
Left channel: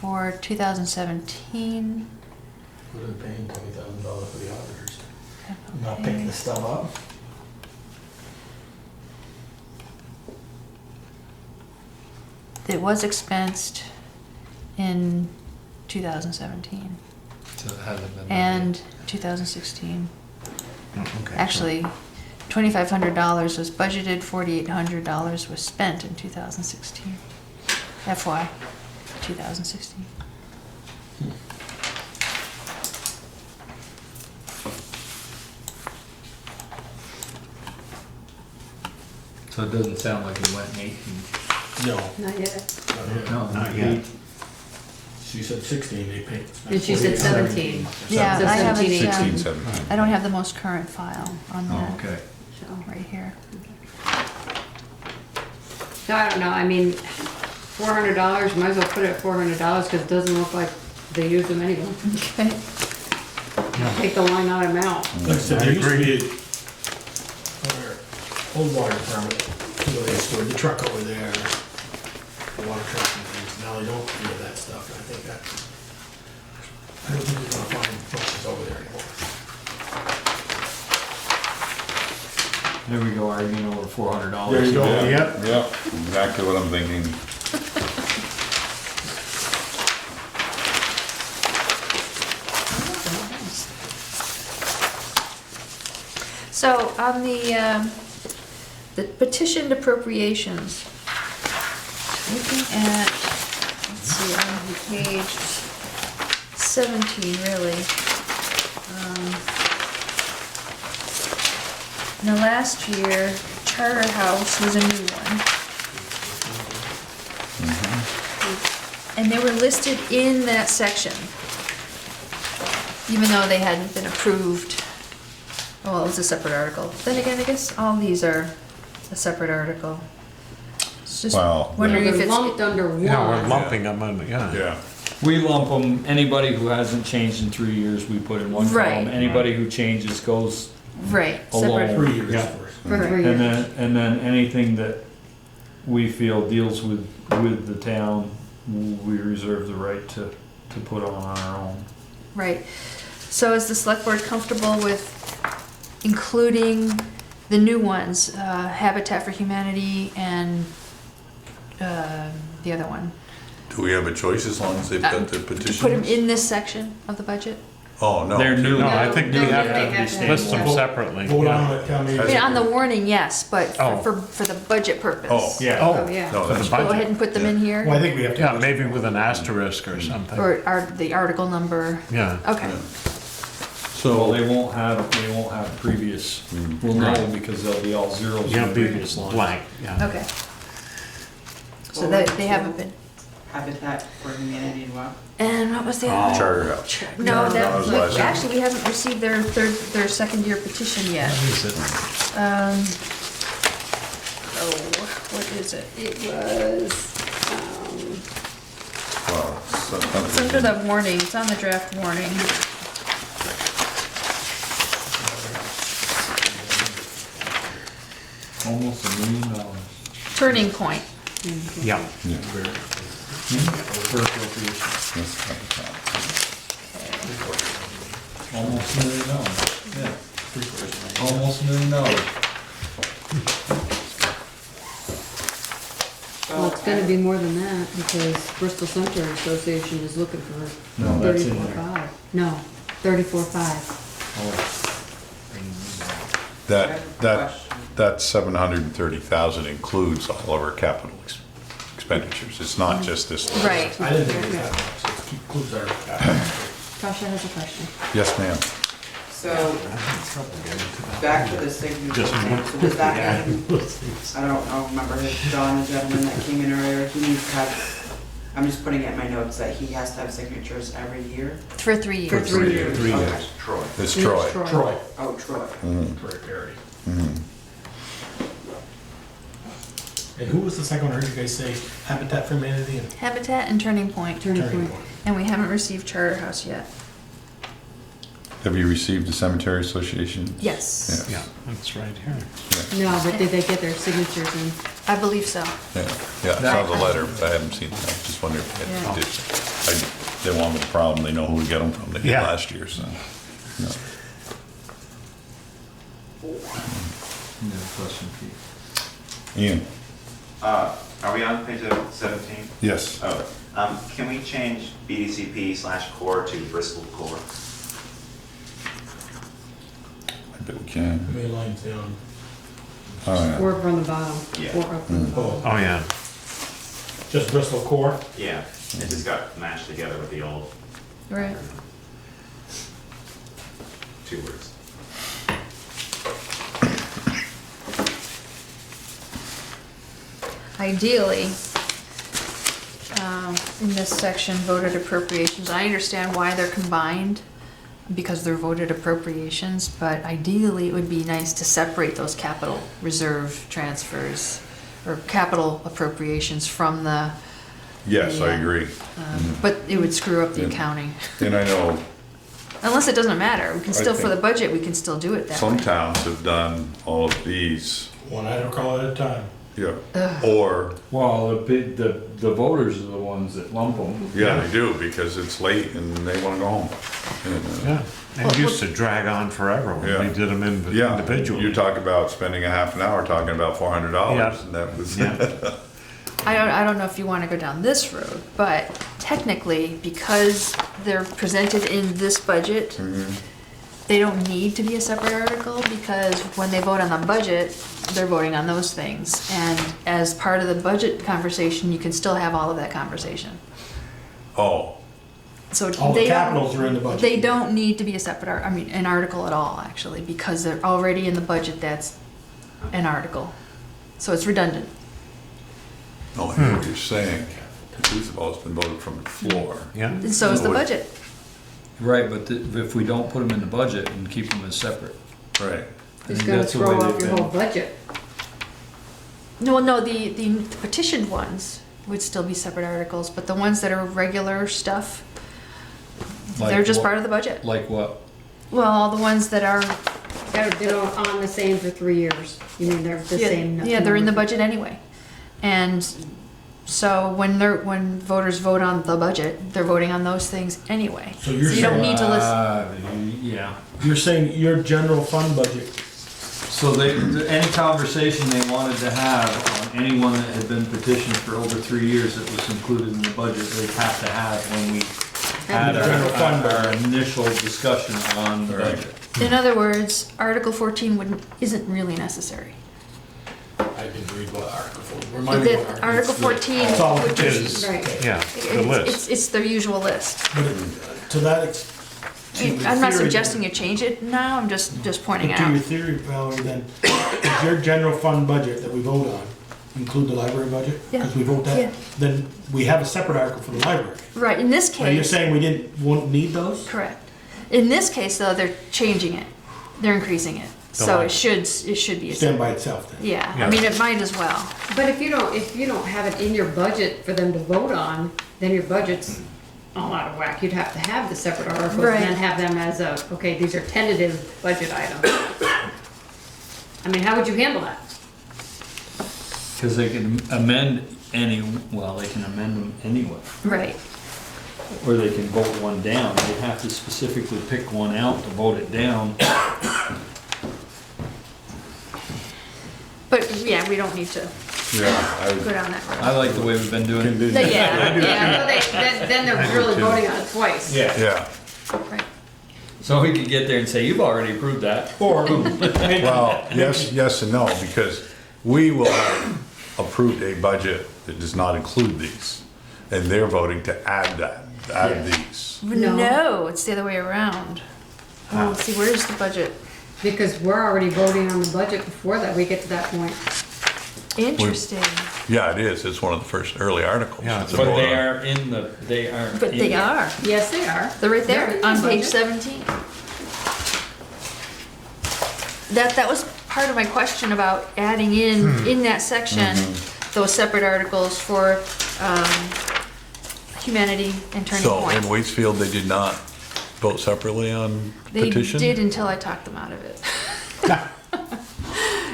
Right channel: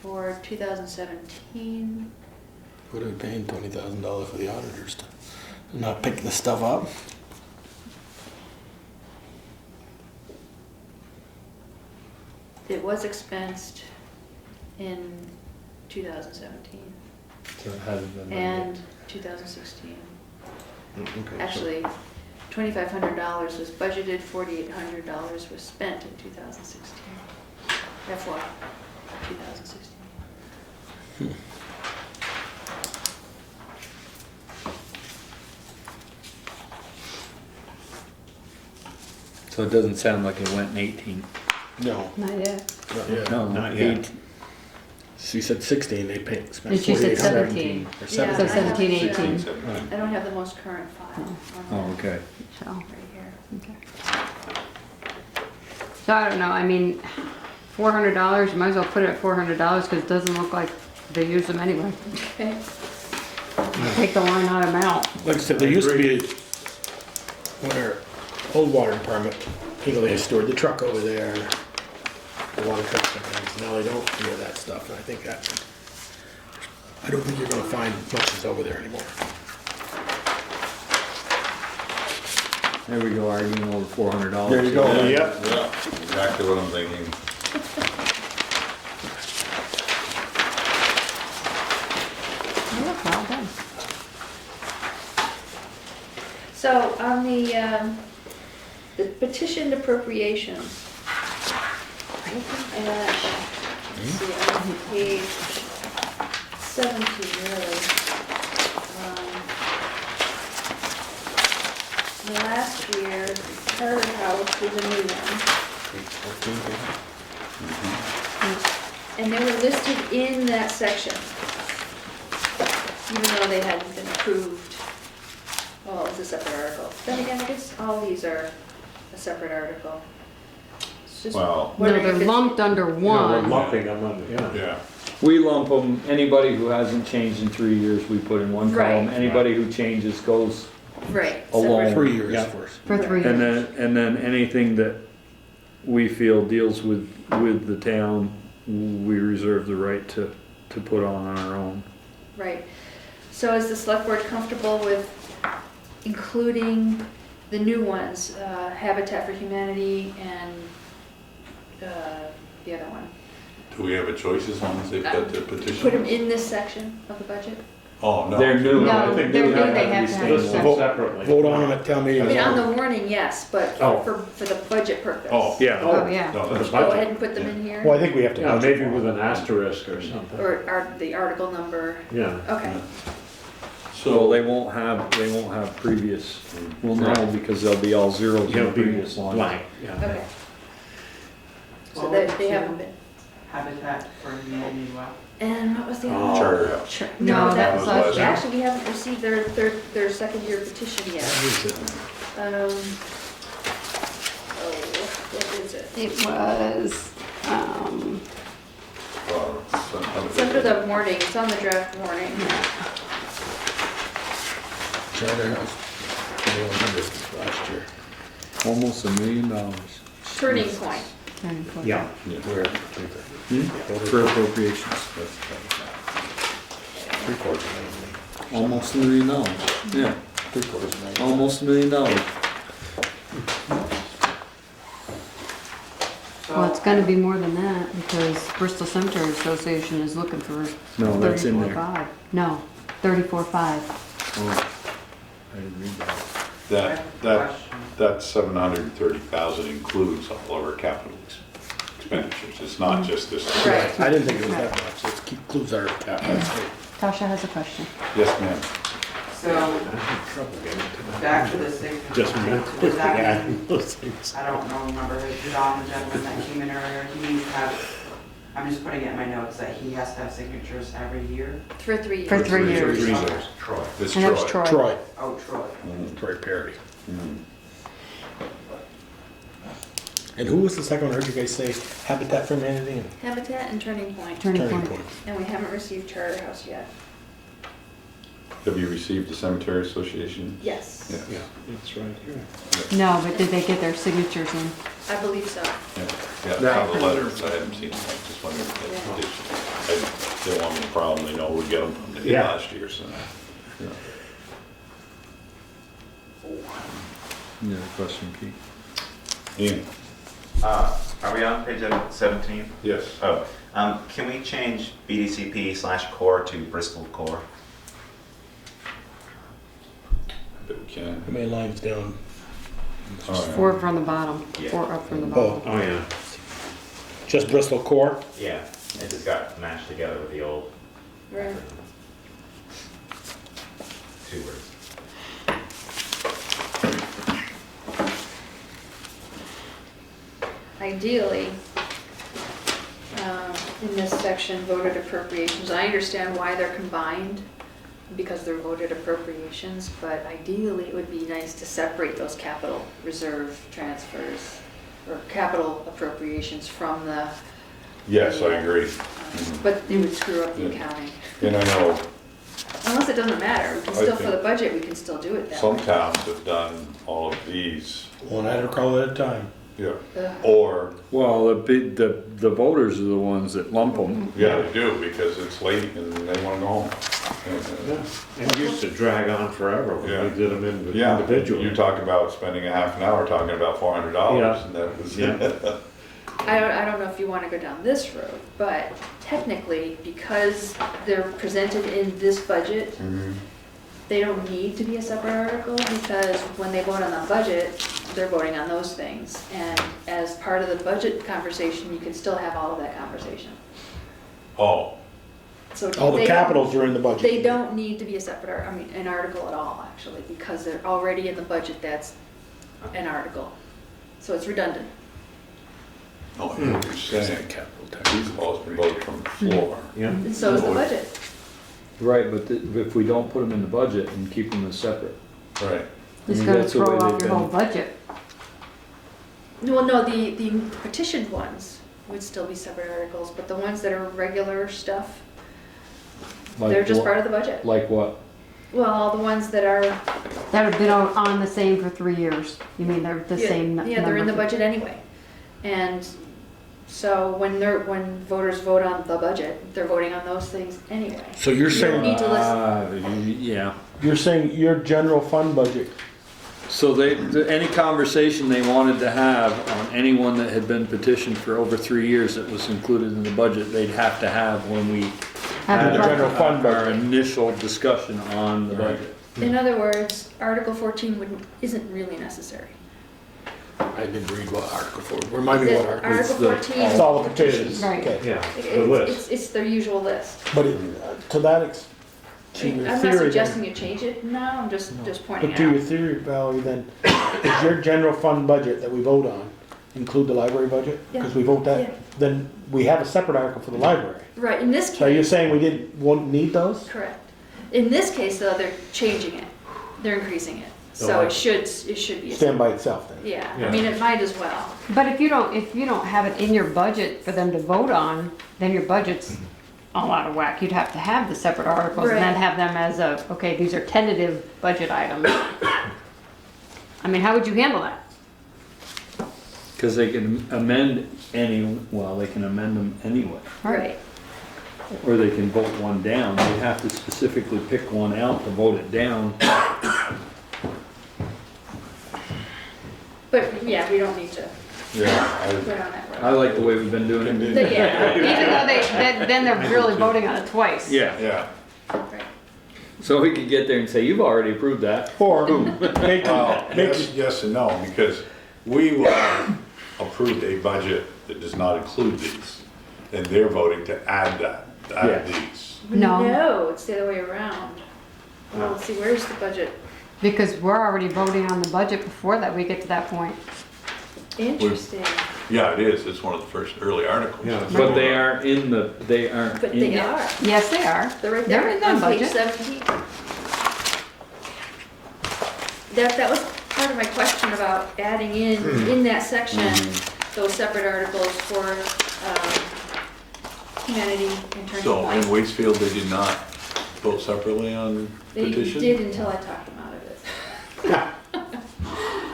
for 2017, would have paid $20,000 for the auditors to not pick this stuff up. it was expensed in 2017 So it hasn't been. and 2016. Okay. Actually, $2,500 was budgeted, $4,800 was spent in 2016. FY 2016. So it doesn't sound like it went in 18. No, Not yet. not yet. No, Not yet. 18. She said 16, they paid. And she said 4,800. 17. Yeah, So I haven't, 17, 16, 18. 17. I don't have the most current file on Oh, that, okay. So, right here. so I don't know, I mean, $400, might as well put it at $400 because it doesn't look like they use them anyway. Okay. Take the line out amount. Like I said, there used to be, on our old water department, you know, they stored the truck over there, the water truck, and now they don't do that stuff, and I think that, I don't think we're gonna find buses over there anymore. There we go, arguing over $400. There you go. Yeah, Yep. yeah, exactly what I'm thinking. Oh, well, thanks. So on the petitioned appropriations, looking at, let's see, on page 17 really. In the last year, Charter House was a new one. And they were listed in that section, even though they hadn't been approved. Well, it's a separate article. Then again, I guess all these are a separate article. It's just Well- wondering if They're it's. lumped under Yeah, we're one. lumping them in, yeah. Yeah. We lump them, anybody who hasn't changed in 3 years, we put in one column. Right. Anybody who changes goes, Right. Alone. separate. 3 years Yeah. first. For 3 and years. then anything that we feel deals with the town, we reserve the right to put on our own. Right. So is the select board comfortable with including the new ones, Habitat for Humanity and the other one? Do we have a choice as long as they've got the Put them petitions? in this section of the budget? Oh, no. They're new. No, I think we No, have they have to to have list them vote- separately. Vote yeah. on them at town meeting. I mean, on the warning, yes, but Oh. for the budget purpose. Oh. Yeah, Oh, yeah. No, for that's the Go ahead budget. and put them in here, Well, I think we have to. Yeah, maybe with an asterisk or something. or the article number, Yeah. okay. So they won't have previous, well, no, because they'll be all zeros You'll in be previous lines. blank, yeah. Okay. So that they haven't been, Habitat for Humanity, what? and what was the other? Charter House. No, No, that that was last was, year. actually, we haven't received their second year petition yet. Oh, what is it? It was, Well, It's under the warning, it's on the draft warning. Almost $1 million Turning point. Yeah. for appropriation. Almost $1 million. Yeah. Almost $1 million. well, it's gonna be more than that, because Bristol Cemetery Association is looking for No, that's in there. 34.5. No, 34.5. Oh. I didn't read that. That 730,000 includes all of our capital expenditures. It's not just this. Right. I didn't think it was that much, so it includes our capital. Tasha has a question. Yes, ma'am. So, back to the signature. Was that, I don't remember, John, the gentleman that came in earlier, he needs to have, I'm just putting it in my notes, that he has to have signatures every year? For 3 years. For 3 years. Okay. Troy. It's And that's Troy. Troy, Oh, Troy. Troy Perry. Mhm. And who was the second one I heard you guys say? Habitat for Humanity and Habitat and Turning Point, Turning Turning point. Point. and we haven't received Charter House yet. Have you received the Cemetery Association? Yes, Yeah, that's right here. No, but did they get their signatures in? I believe so. Yeah, I saw the letter, but I haven't seen it. I just wondered if Yeah. they did. They wanted the problem, they know who to get them from. They did Yeah. last year, so. no. You got a question, Keith? Ian? Are we on page 17? Yes. Oh, can we change BDCP/core to Bristol Core? I bet we can. How many lines down? Oh, yeah. 4 from the bottom, Yeah. 4 up from the Oh, bottom. Oh, yeah. just Bristol Core? Yeah, it just got mashed together with the old Right. 2 words. Ideally, in this section, voted appropriations, I understand why they're combined, because they're voted appropriations, but ideally, it would be nice to separate those capital reserve transfers, or capital appropriations from the, Yes, I agree. but it would screw up the Yeah. accounting. And I know Unless it doesn't matter, we can still, for think the budget, we can still do it that some way. towns have done all of these, One article at a time. yeah, Ugh. or, Well, the voters are the ones that lump them. yeah, they do, because it's late and they wanna go home. And, Yeah, it used to drag on forever when Yeah. we did them yeah, individually. you talk about spending a half an hour talking about $400, Yeah. and that was. Yeah. I don't know if you wanna go down this road, but technically, because they're presented in this budget, Mhm. they don't need to be a separate article, because when they vote on the budget, they're voting on those things. And as part of the budget conversation, you can still have all of that conversation. Oh, So All the they don't- capitals are in the budget. They don't need to be a separate, an article at all, actually, because they're already in the budget, that's an article. So it's redundant. no, I know what you're saying. These have all been voted from the floor. Yeah. And so is the budget. Right, but if we don't put them in the budget and keep them as separate. Right. It's think gonna that's the throw way off they've your whole been. budget. No, the petitioned ones would still be separate articles, but the ones that are regular stuff, they're Like just what? part of the budget. Like what? Well, all the ones that are, That have been on the same for 3 years. You mean they're the yeah, same? yeah, they're in the number. budget anyway. And so when voters vote on the budget, they're voting on those things anyway. So you're You don't saying, need to listen. Yeah. you're saying your general fund budget, So any conversation they wanted to have on anyone that had been petitioned for over 3 years that was included in the budget, they'd have to have when we Add general fund our initial discussion on the budget. In other words, Article 14 isn't really necessary. I didn't read what Article 4, remind me what Article. Article 14, It's all which it is, is. Right. Yeah, the list. it's their usual list. But to that extent. I'm not suggesting you change it now, I'm just pointing To out. your theory, Valerie, then, does your general fund budget that we vote on include the library budget? Yeah. Because we vote Yeah. that, then we have a separate article for the library. Right, in this So you're case, saying we won't need those? correct. In this case, though, they're changing it, they're increasing it, so it should be a. Stand by itself then? Yeah, Yeah. I mean, it might as well. But if you don't have it in your budget for them to vote on, then your budget's all out of whack. You'd have to have the separate articles and then Right. have them as okay, these are tentative budget items. I mean, how would you handle that? Because they can amend they can amend them anyway. Right. Or they can vote one down. They have to specifically pick one out to vote it down. But, yeah, we don't need to Yeah, go down that road. I like the way we've been doing it. Then they're really voting on it twice. yeah. So we could get there and say, you've already approved that. Or, Well, yes and no, because we will have approved a budget that does not include these. And they're voting to add these. No. No, it's the other way around. Oh, let's see, where's the budget? Because we're already voting on the budget before that we get to that point. Interesting. Yeah, it is. It's one of the first early articles. Yeah, It's But one they of are in the, they aren't. But they in- are. Yes, they are. They're right They're there in the on page budget. 17. That was part of my question about adding in that section, those separate articles for humanity and Turning So in Point. Waitsfield, they did not vote separately on They petition? did until I talked them out of it.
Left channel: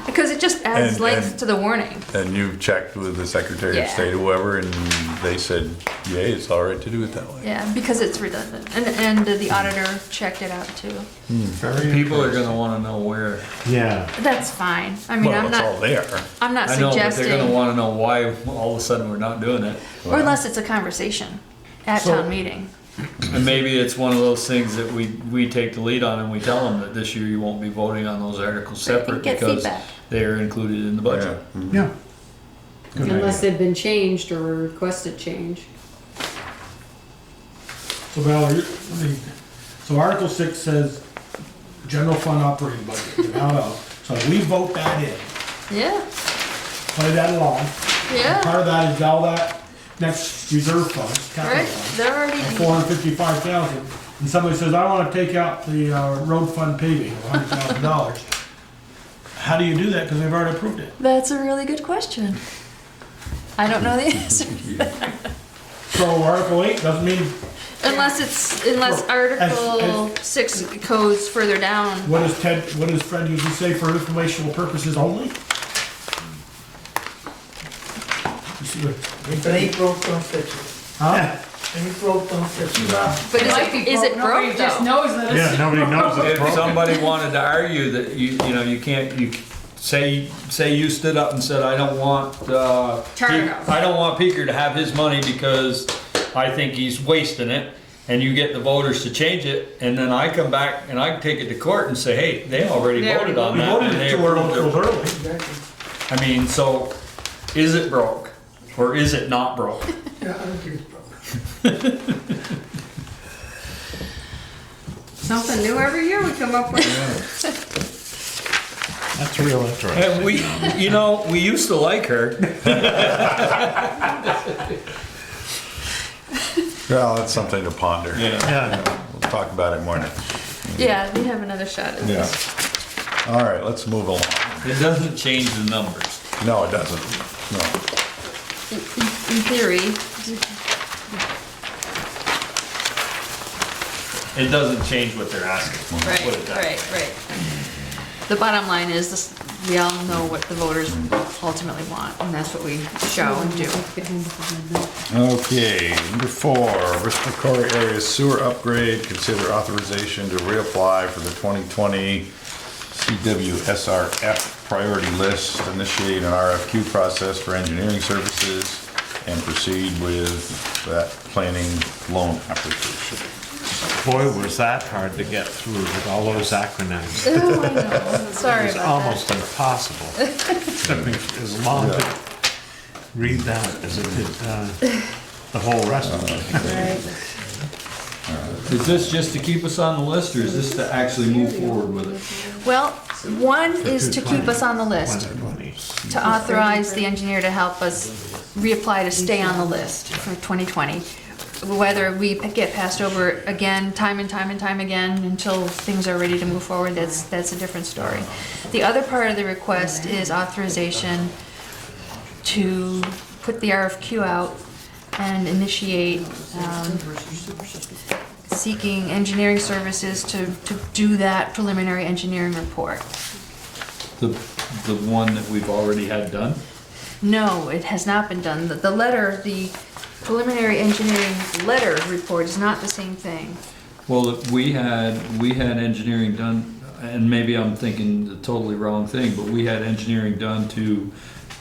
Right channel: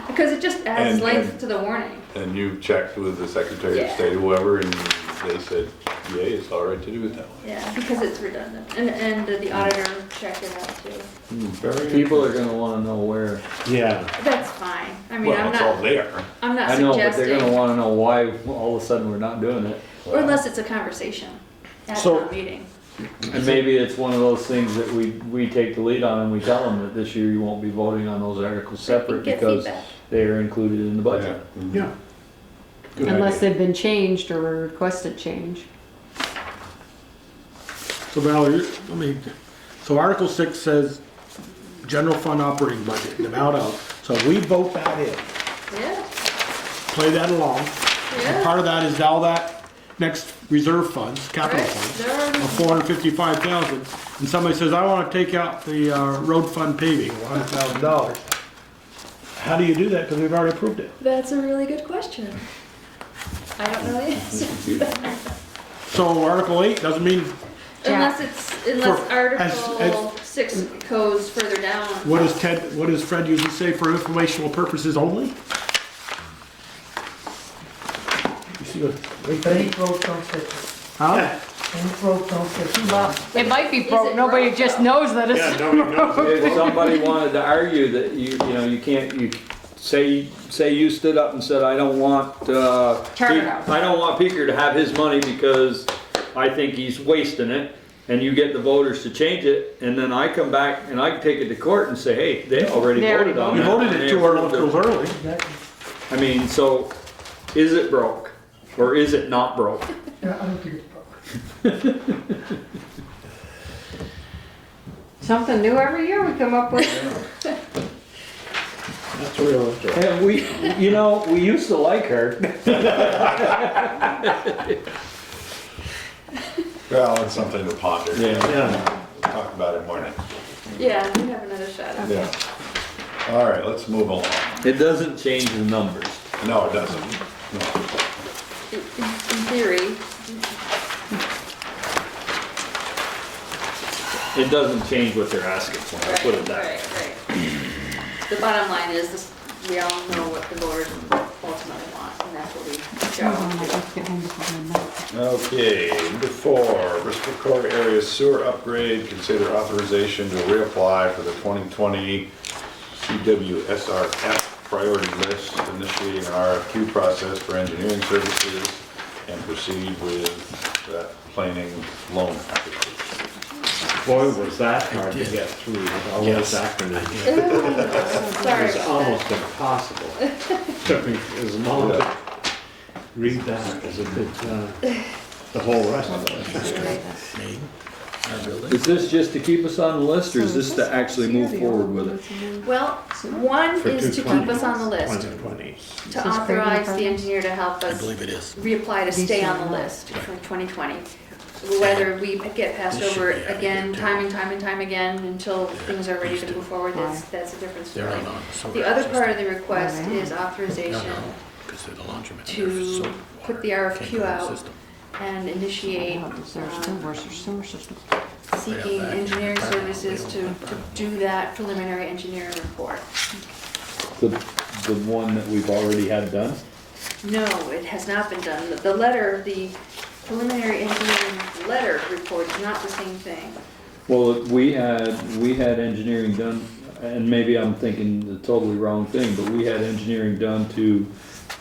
Because it just adds And- length and- to the warning. And you checked with the Secretary of Yeah. State or whoever, and they said, yay, it's all right to do it that way. Yeah, because it's redundant. And the auditor checked it out too. People are gonna wanna know where. Yeah, That's fine. I mean, Well, I'm it's all not, there. I'm not I know, but they're suggesting, gonna wanna know why all of a sudden we're not doing it. or unless it's a conversation at So- town meeting. And maybe it's one of those things that we take the lead on and we tell them that this year you won't be voting on those articles separate Get because feedback. they are included in the budget. yeah. Good Unless idea. they've been changed or requested change. so Valerie, so Article 6 says general fund operating budget, the amount of, so we vote that in, Yeah, play that along. And yeah, part of that is all that next reserve funds, capital right. funds. They're already, Of 455,000, and somebody says, I want to take out the road fund paving, $100,000. How do you do that, because we've already approved it? that's a really good question. I don't know the answer. So Article 8 doesn't mean, Unless Article as- 6 goes further down. what does Fred usually say, for informational purposes only? You see what- Huh? But It might be is it broke, nobody broke just though? knows that it's. Yeah, nobody knows it's If broken. somebody wanted to argue that you can't, say you stood up and said, I don't want, Turn it off. I don't want Peter to have his money because I think he's wasting it, and you get the voters to change it, and then I come back and I take it to court and say, hey, they already They voted on We that. voted and it they 2 approved articles it. early. I mean, so, is it broke, or is it not broke? Something new every year we come up with. That's real interesting. And we used to like her. Well, it's something to ponder. Yeah. We'll talk about it more next. Yeah, we have another shot at Yeah. this. All right, let's move along. It doesn't change the numbers. No, it doesn't. No. In theory, It doesn't change what they're asking for. right, Put it that way. right. The bottom line is this, we all know what the voters ultimately want, and that's what we show and do. Okay, number 4, Bristol Core Area Sewer Upgrade. Consider authorization to reapply for the 2020 CWSRF priority list. Initiate an RFQ process for engineering services. and proceed with that planning loan application. Boy, was that hard to get through with all those acronyms. Sorry It's about almost impossible. Took me as long to read that as it did the whole rest of it. that. Right. Is this just to keep us on the list, or is this to actually move forward with it? Well, one is to keep us on the list, 2020. to authorize the engineer to help us reapply to stay on the list for 2020. Whether we get passed over again, time and time again, until things are ready to move forward, that's a different story. The other part of the request is authorization to put the RFQ out and initiate seeking engineering services to do that preliminary engineering report. The one that we've already had done? No, it has not been done. The letter, the preliminary engineering letter report is not the same thing. Well, we had engineering done, and maybe I'm thinking the totally wrong thing, but we had engineering done to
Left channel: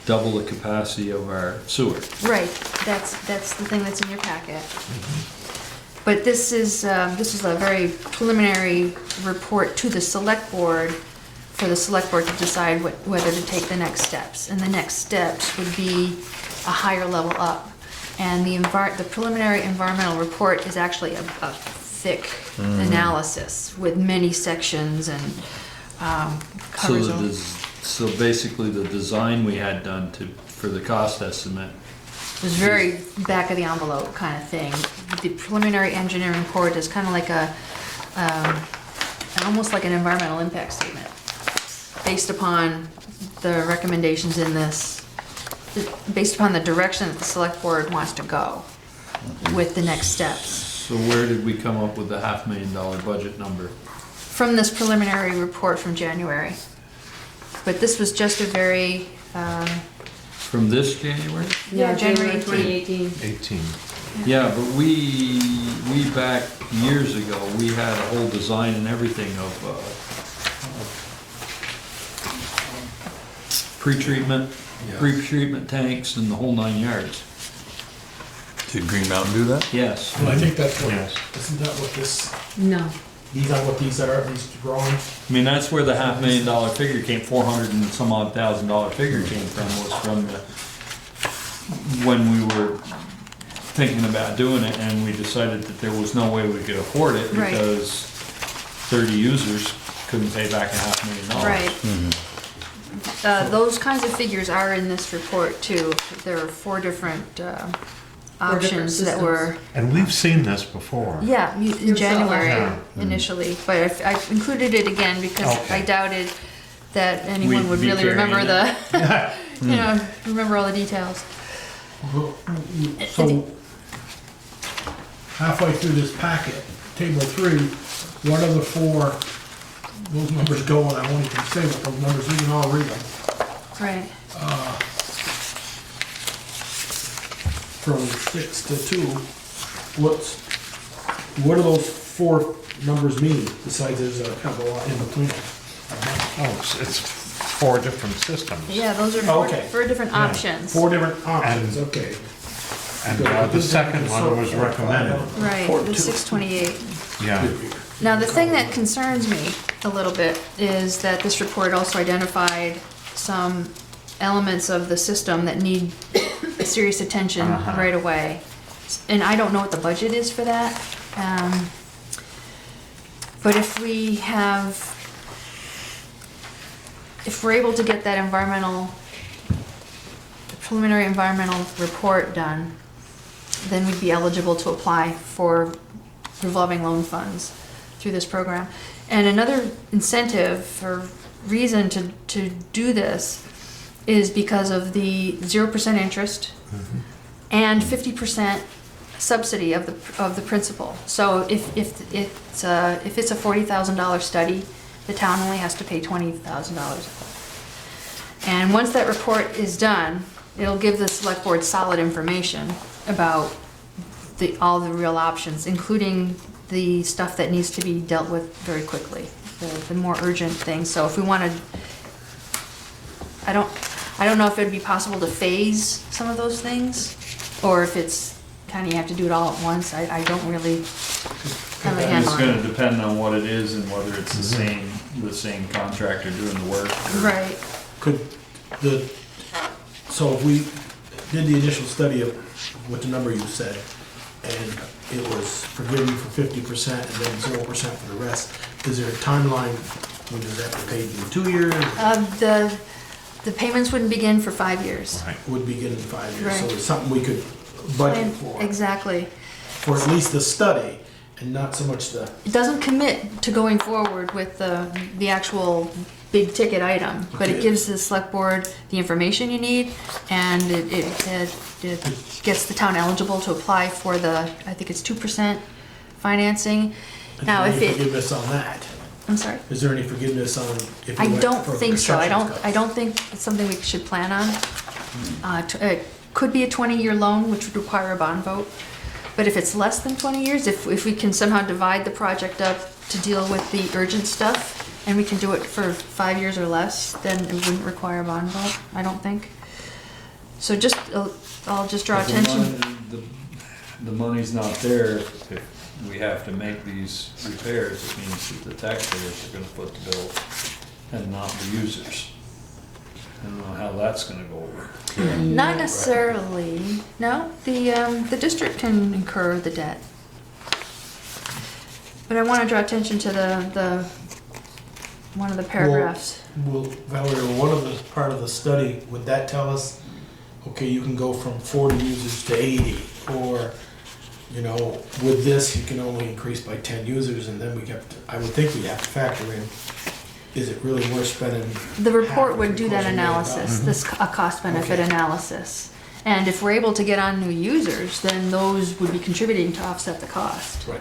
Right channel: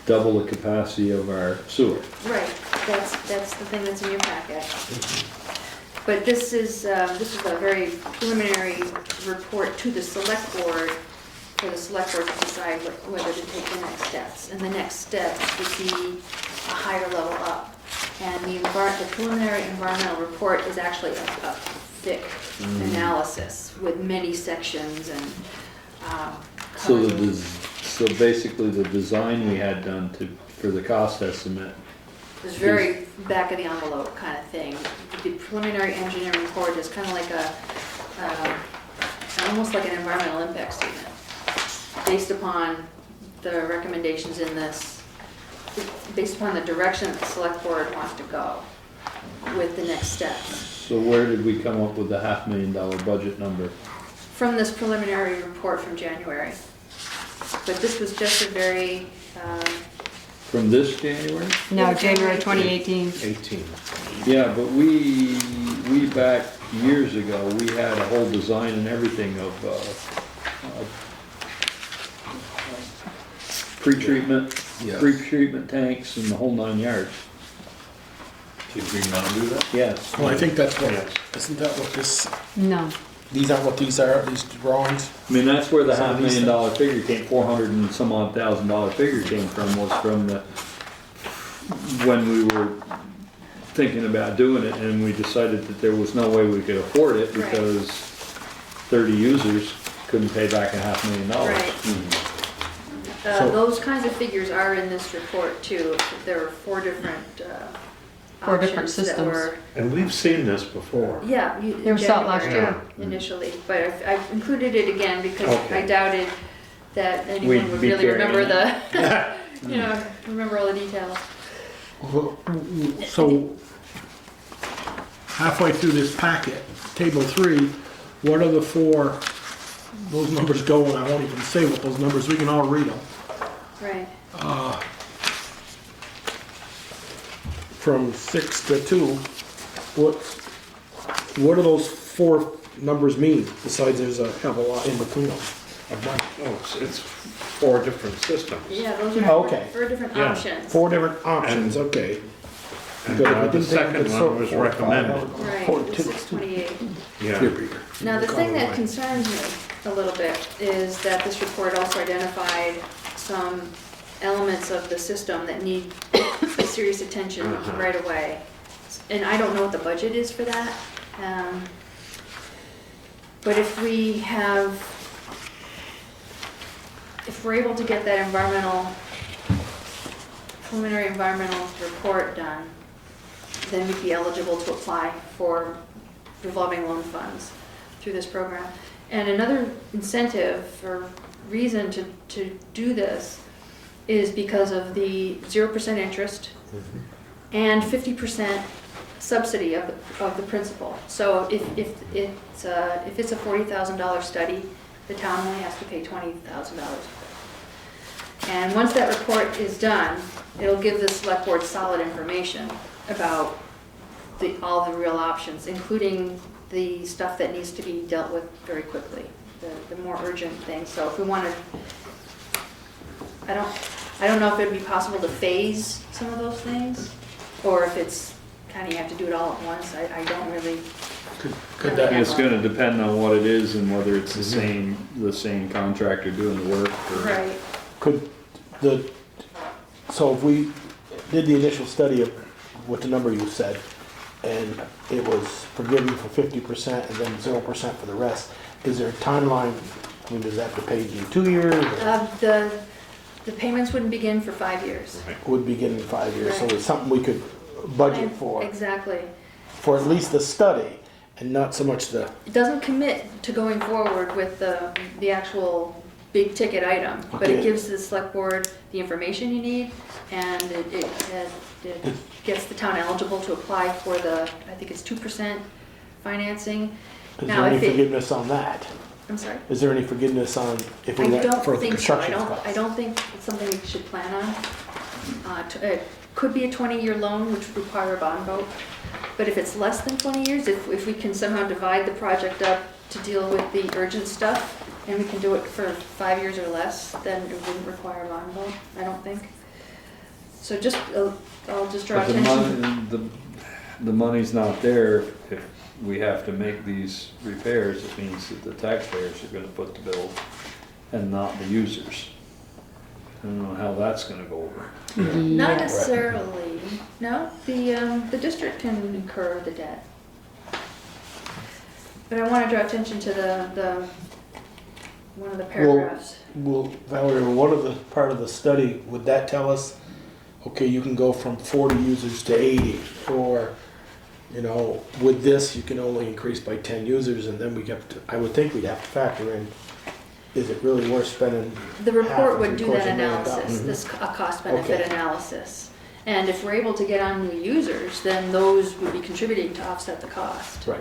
double the capacity of our sewer. Right, that's the thing that's in your packet. But this is a very preliminary report to the select board, for the select board to decide whether to take the next steps. And the next steps would be a higher level up. And the preliminary environmental report is actually a thick analysis with many sections and covers. So basically, the design we had done for the cost estimate. It was very back of the envelope kind of thing. The preliminary engineering report is kind of like almost like an environmental impact statement, based upon the recommendations in this, based upon the direction that the select board wants to go with the next steps. So where did we come up with the $500,000 budget number? From this preliminary report from January. But this was just a very, From this January? No, Yeah, January January 2018. 18. Yeah, but we back years ago, we had a whole design and everything of pre-treatment tanks and the whole 9 yards. Did Green Mountain do that? Yes. Well, I think that's what, Yes. isn't that what this, No. these are what these are, these drawings? I mean, that's where the $500,000 figure came, $400 and some odd $1,000 figure came from, was from when we were thinking about doing it, and we decided that there was no way we could afford it Right. because 30 users couldn't pay back $500,000. right. Those kinds of figures are in this report too. There are four different options that systems. were, And we've seen this before. yeah, They in were set last January year. initially. But I've included it again because Okay. I doubted that anyone We'd would be really remember carrying remember all the details. So, halfway through this packet, table 3, what are the 4, those numbers go, and I won't even say what those numbers, we can all read them. Right. From 6 to 2, what do those 4 numbers mean, besides there's a hell of a lot in between them? Oh, it's 4 different systems. Yeah, those are Okay. four different Yeah. options. 4 different options, okay. And the second one was recommended. Right, and 628. Yeah. Now, the thing that concerns me a little bit is that this report also identified some elements of the system that need serious attention right away. And I don't know what the budget is for that. But if we're able to get that preliminary environmental report done, then we'd be eligible to apply for revolving loan funds through this program. And another incentive or reason to do this is because of the 0% interest and 50% subsidy of the principal. So if it's a $40,000 study, the town only has to pay $20,000. And once that report is done, it'll give the select board solid information about all the real options, including the stuff that needs to be dealt with very quickly, the more urgent things. So if we wanted, I don't know if it'd be possible to phase some of those things. or if it's kind of you have to do it all at once. I don't really Could have a that- handle It's on gonna it. depend on what it is and whether it's the same contractor doing the work. or- Right. Could the, so if we did the initial study of what the number you said, and it was forgiven for 50% and then 0% for the rest, is there a timeline, when does that get paid in 2 years? The payments wouldn't begin for 5 years. Would begin in 5 years, so Right. it's something we could budget for Exactly. at least the study, and not so much the, It doesn't commit to going forward with the actual big ticket item, but it Okay. gives the select board the information you need, and it gets the town eligible to apply for the, I think it's 2% financing. is Now, there if any it- forgiveness on that? I'm sorry? Is there any forgiveness on if I it went don't for think so. construction costs? I don't think it's something we should plan on. It could be a 20-year loan, which would require a bond vote. But if it's less than 20 years, if we can somehow divide the project up to deal with the urgent stuff, and we can do it for 5 years or less, then it wouldn't require a bond vote, I don't think. So just, I'll just draw But the attention. the money's not there. If we have to make these repairs, it means that the taxpayers are gonna foot the bill and not the users. I don't know how that's gonna go over. Not necessarily, no, the district can incur the debt. But I wanna draw attention to the one of the paragraphs. Well, Valerie, one of the, part of the study, would that tell us, okay, you can go from 40 users to 80, or, you know, with this, you can only increase by 10 users, and then we have to, I would think we'd have to factor in, is it really worth spending? The report half would if do it that goes $1 million? analysis, this, a cost benefit Okay. analysis. And if we're able to get on new users, then those would be contributing to offset the cost. Right.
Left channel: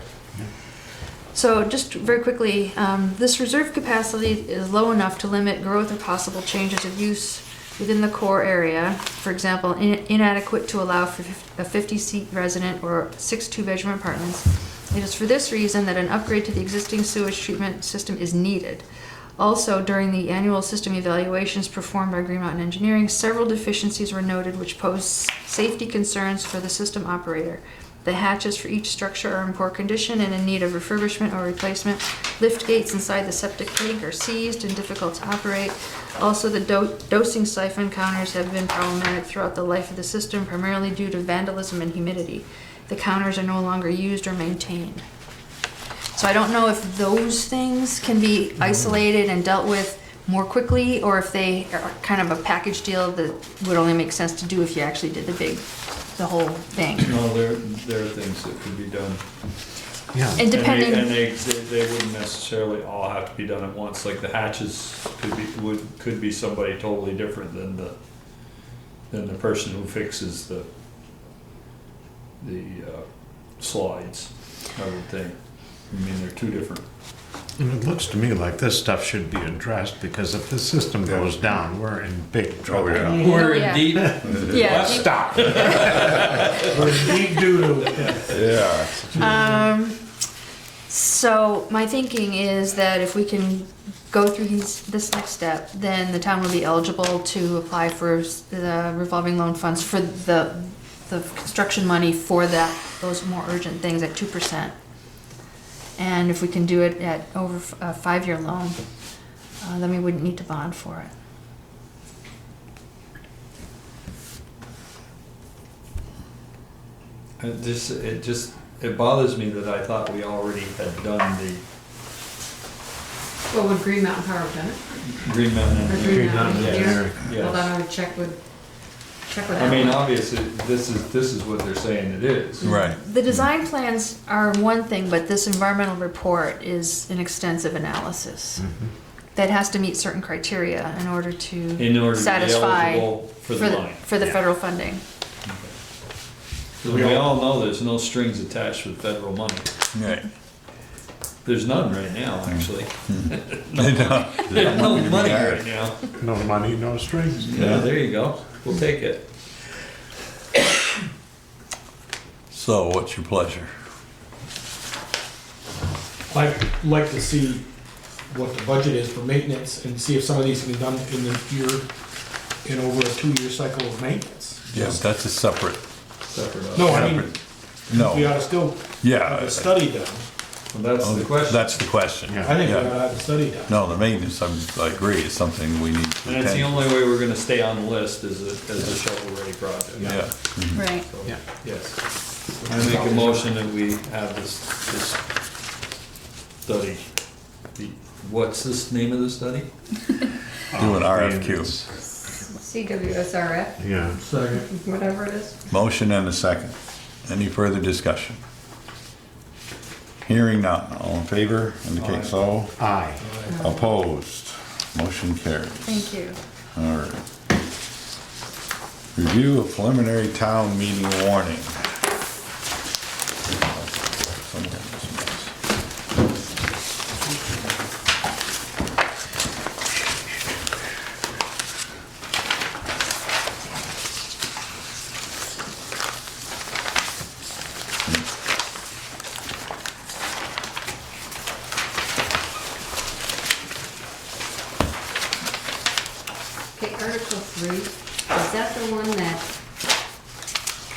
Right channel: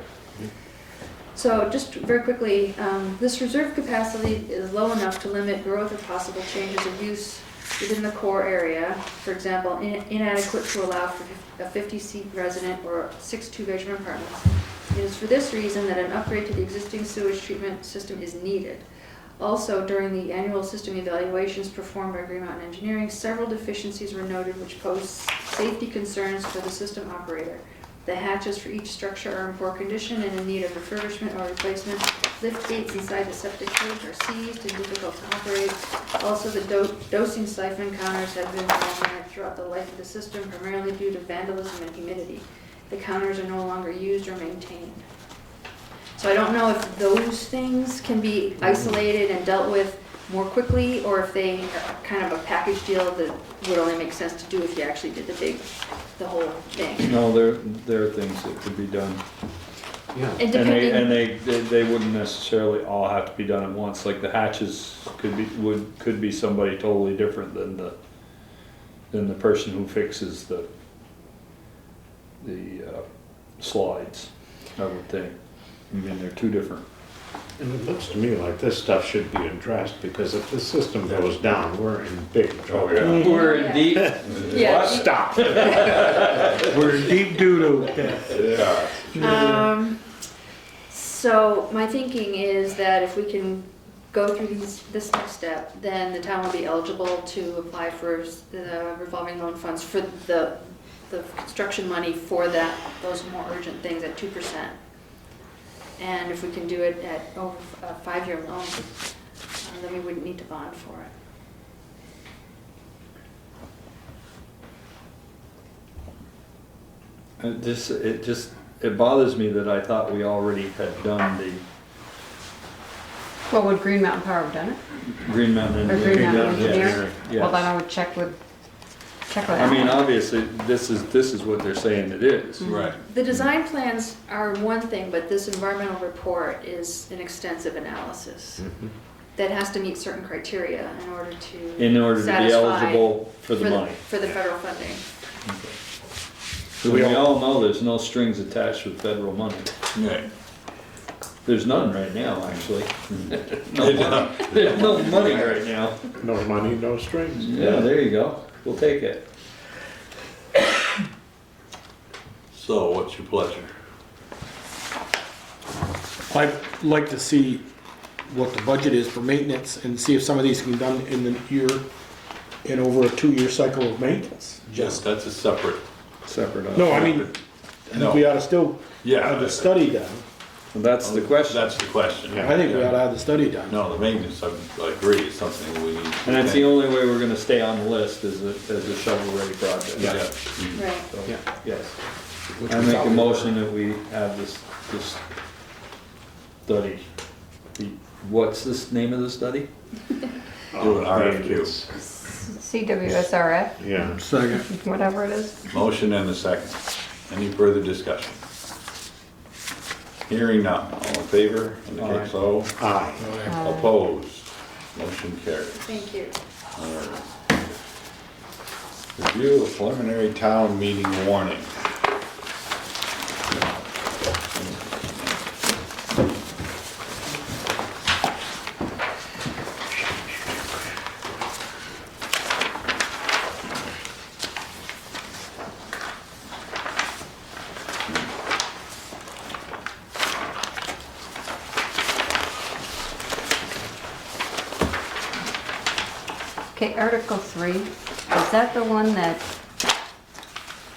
So just very quickly, this reserve capacity is low enough to limit growth or possible changes of use within the core area. For example, inadequate to allow for a 50-seat resident or 6 two-bedroom apartments. It is for this reason that an upgrade to the existing sewage treatment system is needed. Also, during the annual system evaluations performed by Green Mountain Engineering, several deficiencies were noted which pose safety concerns for the system operator. The hatches for each structure are in poor condition and in need of refurbishment or replacement. Lift gates inside the septic tank are seized and difficult to operate. Also, the dosing siphon counters have been problematic throughout the life of the system, primarily due to vandalism and humidity. The counters are no longer used or maintained. So I don't know if those things can be isolated and dealt with more quickly, or if they are kind of a package deal that would only make sense to do if you actually did the whole thing. No, there are things that could be done. Yeah. And depending, And they wouldn't necessarily all have to be done at once, like the hatches could be somebody totally different than the person who fixes the slides, I would think. I mean, they're two different. And it looks to me like this stuff should be addressed, because if the system goes down, we're in big trouble. Oh, yeah. We're yeah. in deep. yeah. Stop. We're in deep doo-doo. Yeah. So my thinking is that if we can go through this next step, then the town will be eligible to apply for the revolving loan funds for the construction money for those more urgent things at 2%. And if we can do it at over a 5-year loan, then we wouldn't need to bond for It bothers me that I thought we already had done the Well, would Green Mountain Power have done it? Green Mountain. Or Green Mountain yes, Engineer? yes. Well, then I would check with I mean, obviously, this is what they're saying it is. Right. The design plans are one thing, but this environmental report is an extensive analysis that has to meet certain criteria in order to In order to be satisfy eligible for the money. for the federal funding. Because we all know there's no strings attached with federal money. Right. There's none right now, actually. There's There's no money right now. No money, no strings. Yeah, there you go. We'll take it. So, what's your pleasure? I'd like to see what the budget is for maintenance and see if some of these can be done in the year, in over a 2-year cycle of maintenance. Yes, that's a separate Separate. No, I mean, No. we ought to still Yeah. have a study done. Well, that's the question. That's the question. I think we ought to have the study done. No, the maintenance, I agree, is something we need. And that's the only way we're gonna stay on the list is a shovel-ready project. Yeah. Mhm. Right. So, Yeah. yes. I make a motion that we have this study. What's this name of the study? Do an RFQ. CWSRF, Yeah. whatever it is. Motion and a second. Any further discussion? Hearing none. All in favor? Indicate so. Aye. Opposed? Motion carries. Thank you. All right. Review of preliminary town meeting warning. Okay, Article 3, is that the one that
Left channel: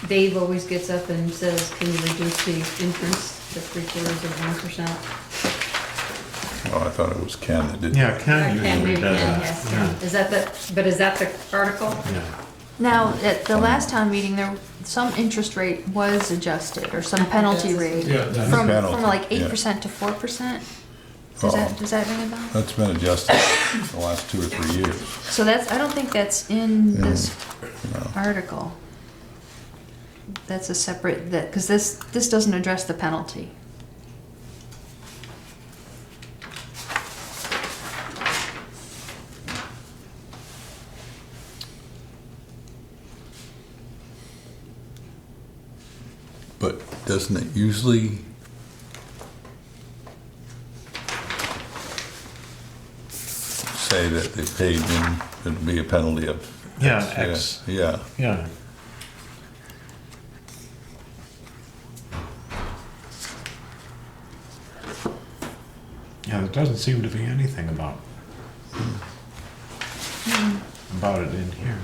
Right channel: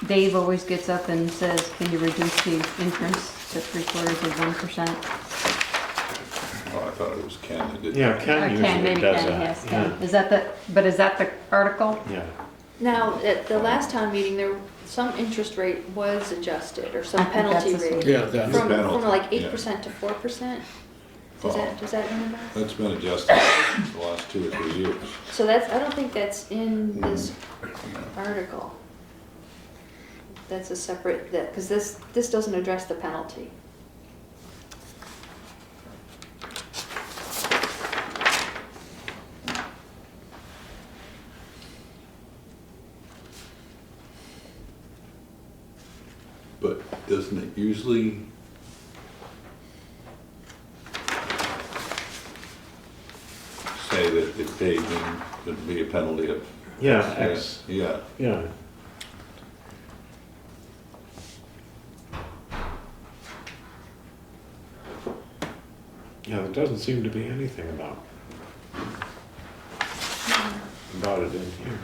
Dave always gets up and says, can you reduce the interest to 3/4%? Oh, I thought it was Ken that did. Yeah, Ken Ken, usually maybe does Ken, that. yes, Ken. Is that the, but is that the article? Yeah. Now, at the last town meeting, there, some interest rate was adjusted, or I some think penalty that's the- rate. Yeah, that's From penalty, like yeah. 8% to 4%? Uh-oh. Does that ring a bell? That's been adjusted the last 2 or 3 years. So that's, I don't think that's in this No. article. That's a separate, because this doesn't address the penalty. But doesn't it usually say that they paid, then there'd be a penalty of? Yeah, X. Yeah. Yeah. Yeah, there doesn't seem to be anything about it in here.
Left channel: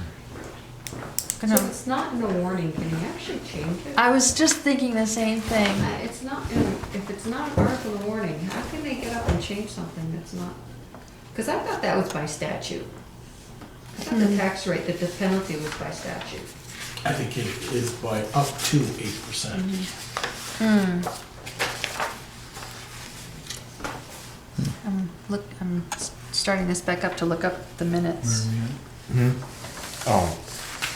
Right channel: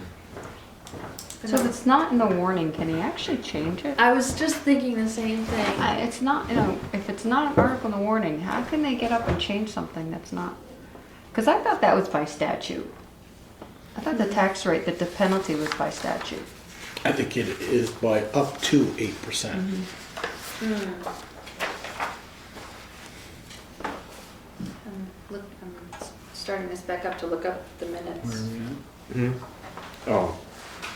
So if it's not in the warning, can you actually change it? I was just thinking the same thing. It's not, you know, if it's not an article in the warning, how can they get up and change something that's not? Because I thought that was by statute. I thought the tax rate, that the penalty was by statute. I think it is by up to 8%. I'm starting this back up to look up the minutes. Hmm? Oh,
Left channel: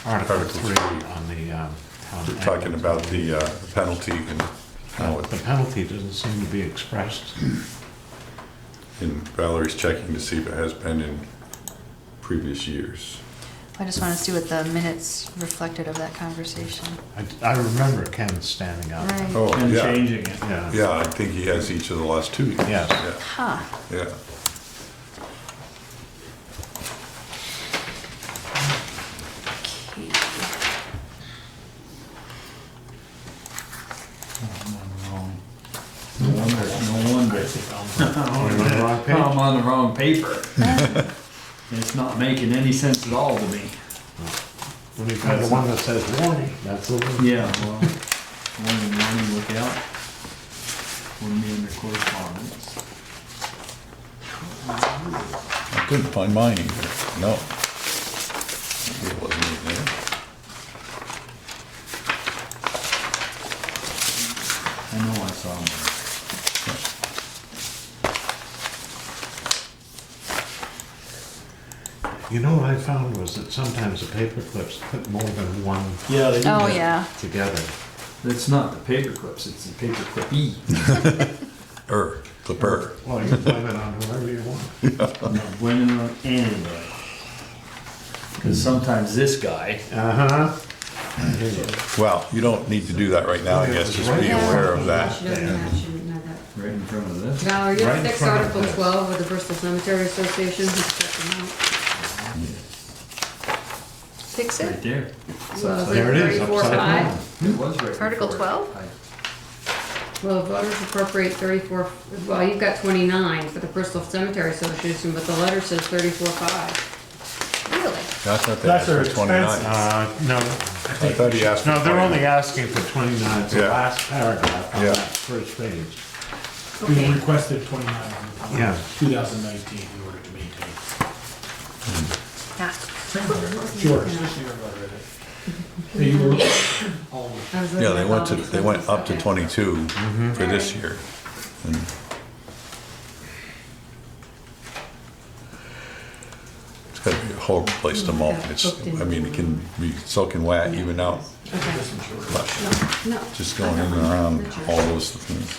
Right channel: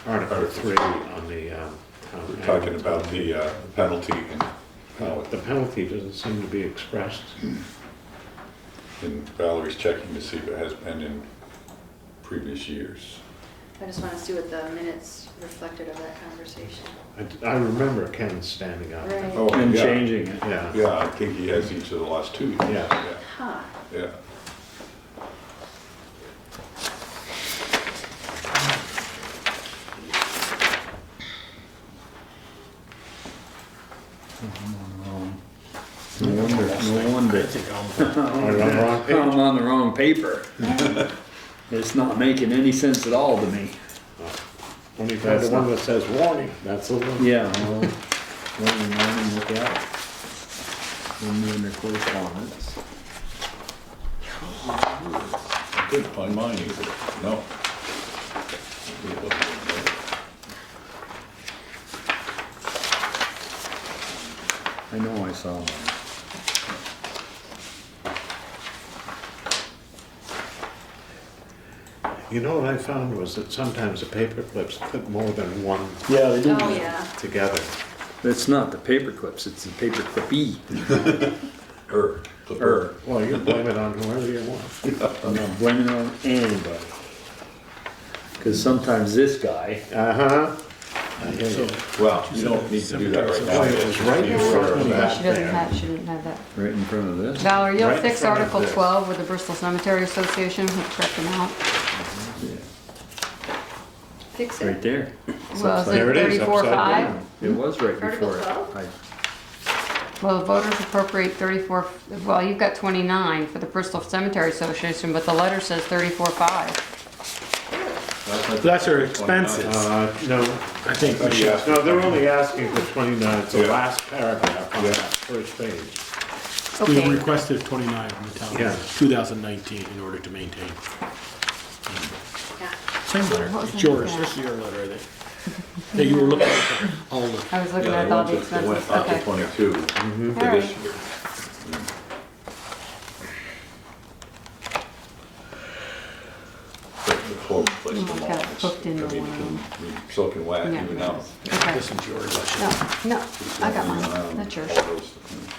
Article 3 on the town. We're talking about the penalty and how The penalty doesn't seem to be expressed. and Valerie's checking to see if it has been in previous years. I just want to see what the minutes reflected of that conversation. I remember Ken standing up. Right. Oh, And yeah. changing it. Yeah. Yeah, I think he has each of the last 2 years. Yes. Huh. Yeah. No wonder. Page. I'm on the wrong paper. It's not making any sense at all to me. When you've got the one that says warning, that's a little. Yeah, well, look out. Under correspondence. I couldn't find mine either. No. It wasn't in there. I know I saw one. You know what I found was that sometimes the paper clips put more than one Yeah, they do. Oh, yeah. together. It's not the paper clips, it's the paper clippy. Clipper. Well, you can blame it on whoever you want. I'm not blaming it on anybody. Cause sometimes this guy, Uh-huh. Well, you don't need to do that right now, I guess, just be aware of She that. doesn't have that. right in front of this. Valerie, you'll Right in fix front of Article this. 12 with the Bristol Cemetery Association, who's checking out. Fix Right it? there. Well, is There it it is, 34.5? upside down. It was right before. Article it. 12? Well, the voters appropriate 34, well, you've got 29 for the Bristol Cemetery Association, but the letter says 34.5. Really? That's what That's our for 29. expenses. No, I I think thought we he should. asked. no, for they're only 29. asking for 29, the Yeah. last paragraph on Yeah. that first page. We Okay, requested 29 from the town, Yeah. 2019, in order to maintain. yeah. It's yours, this is your letter, I think. Yeah, you were looking at all the, I was looking Yeah, at all the they went expenses. up to Okay. 22 for this Alright. year. But the whole place to mow, Okay, it's, booked in. I mean, it can be soaking wet Yeah. even out, Okay. this is yours. No, just I going got in mine. and around That's yours. all those things.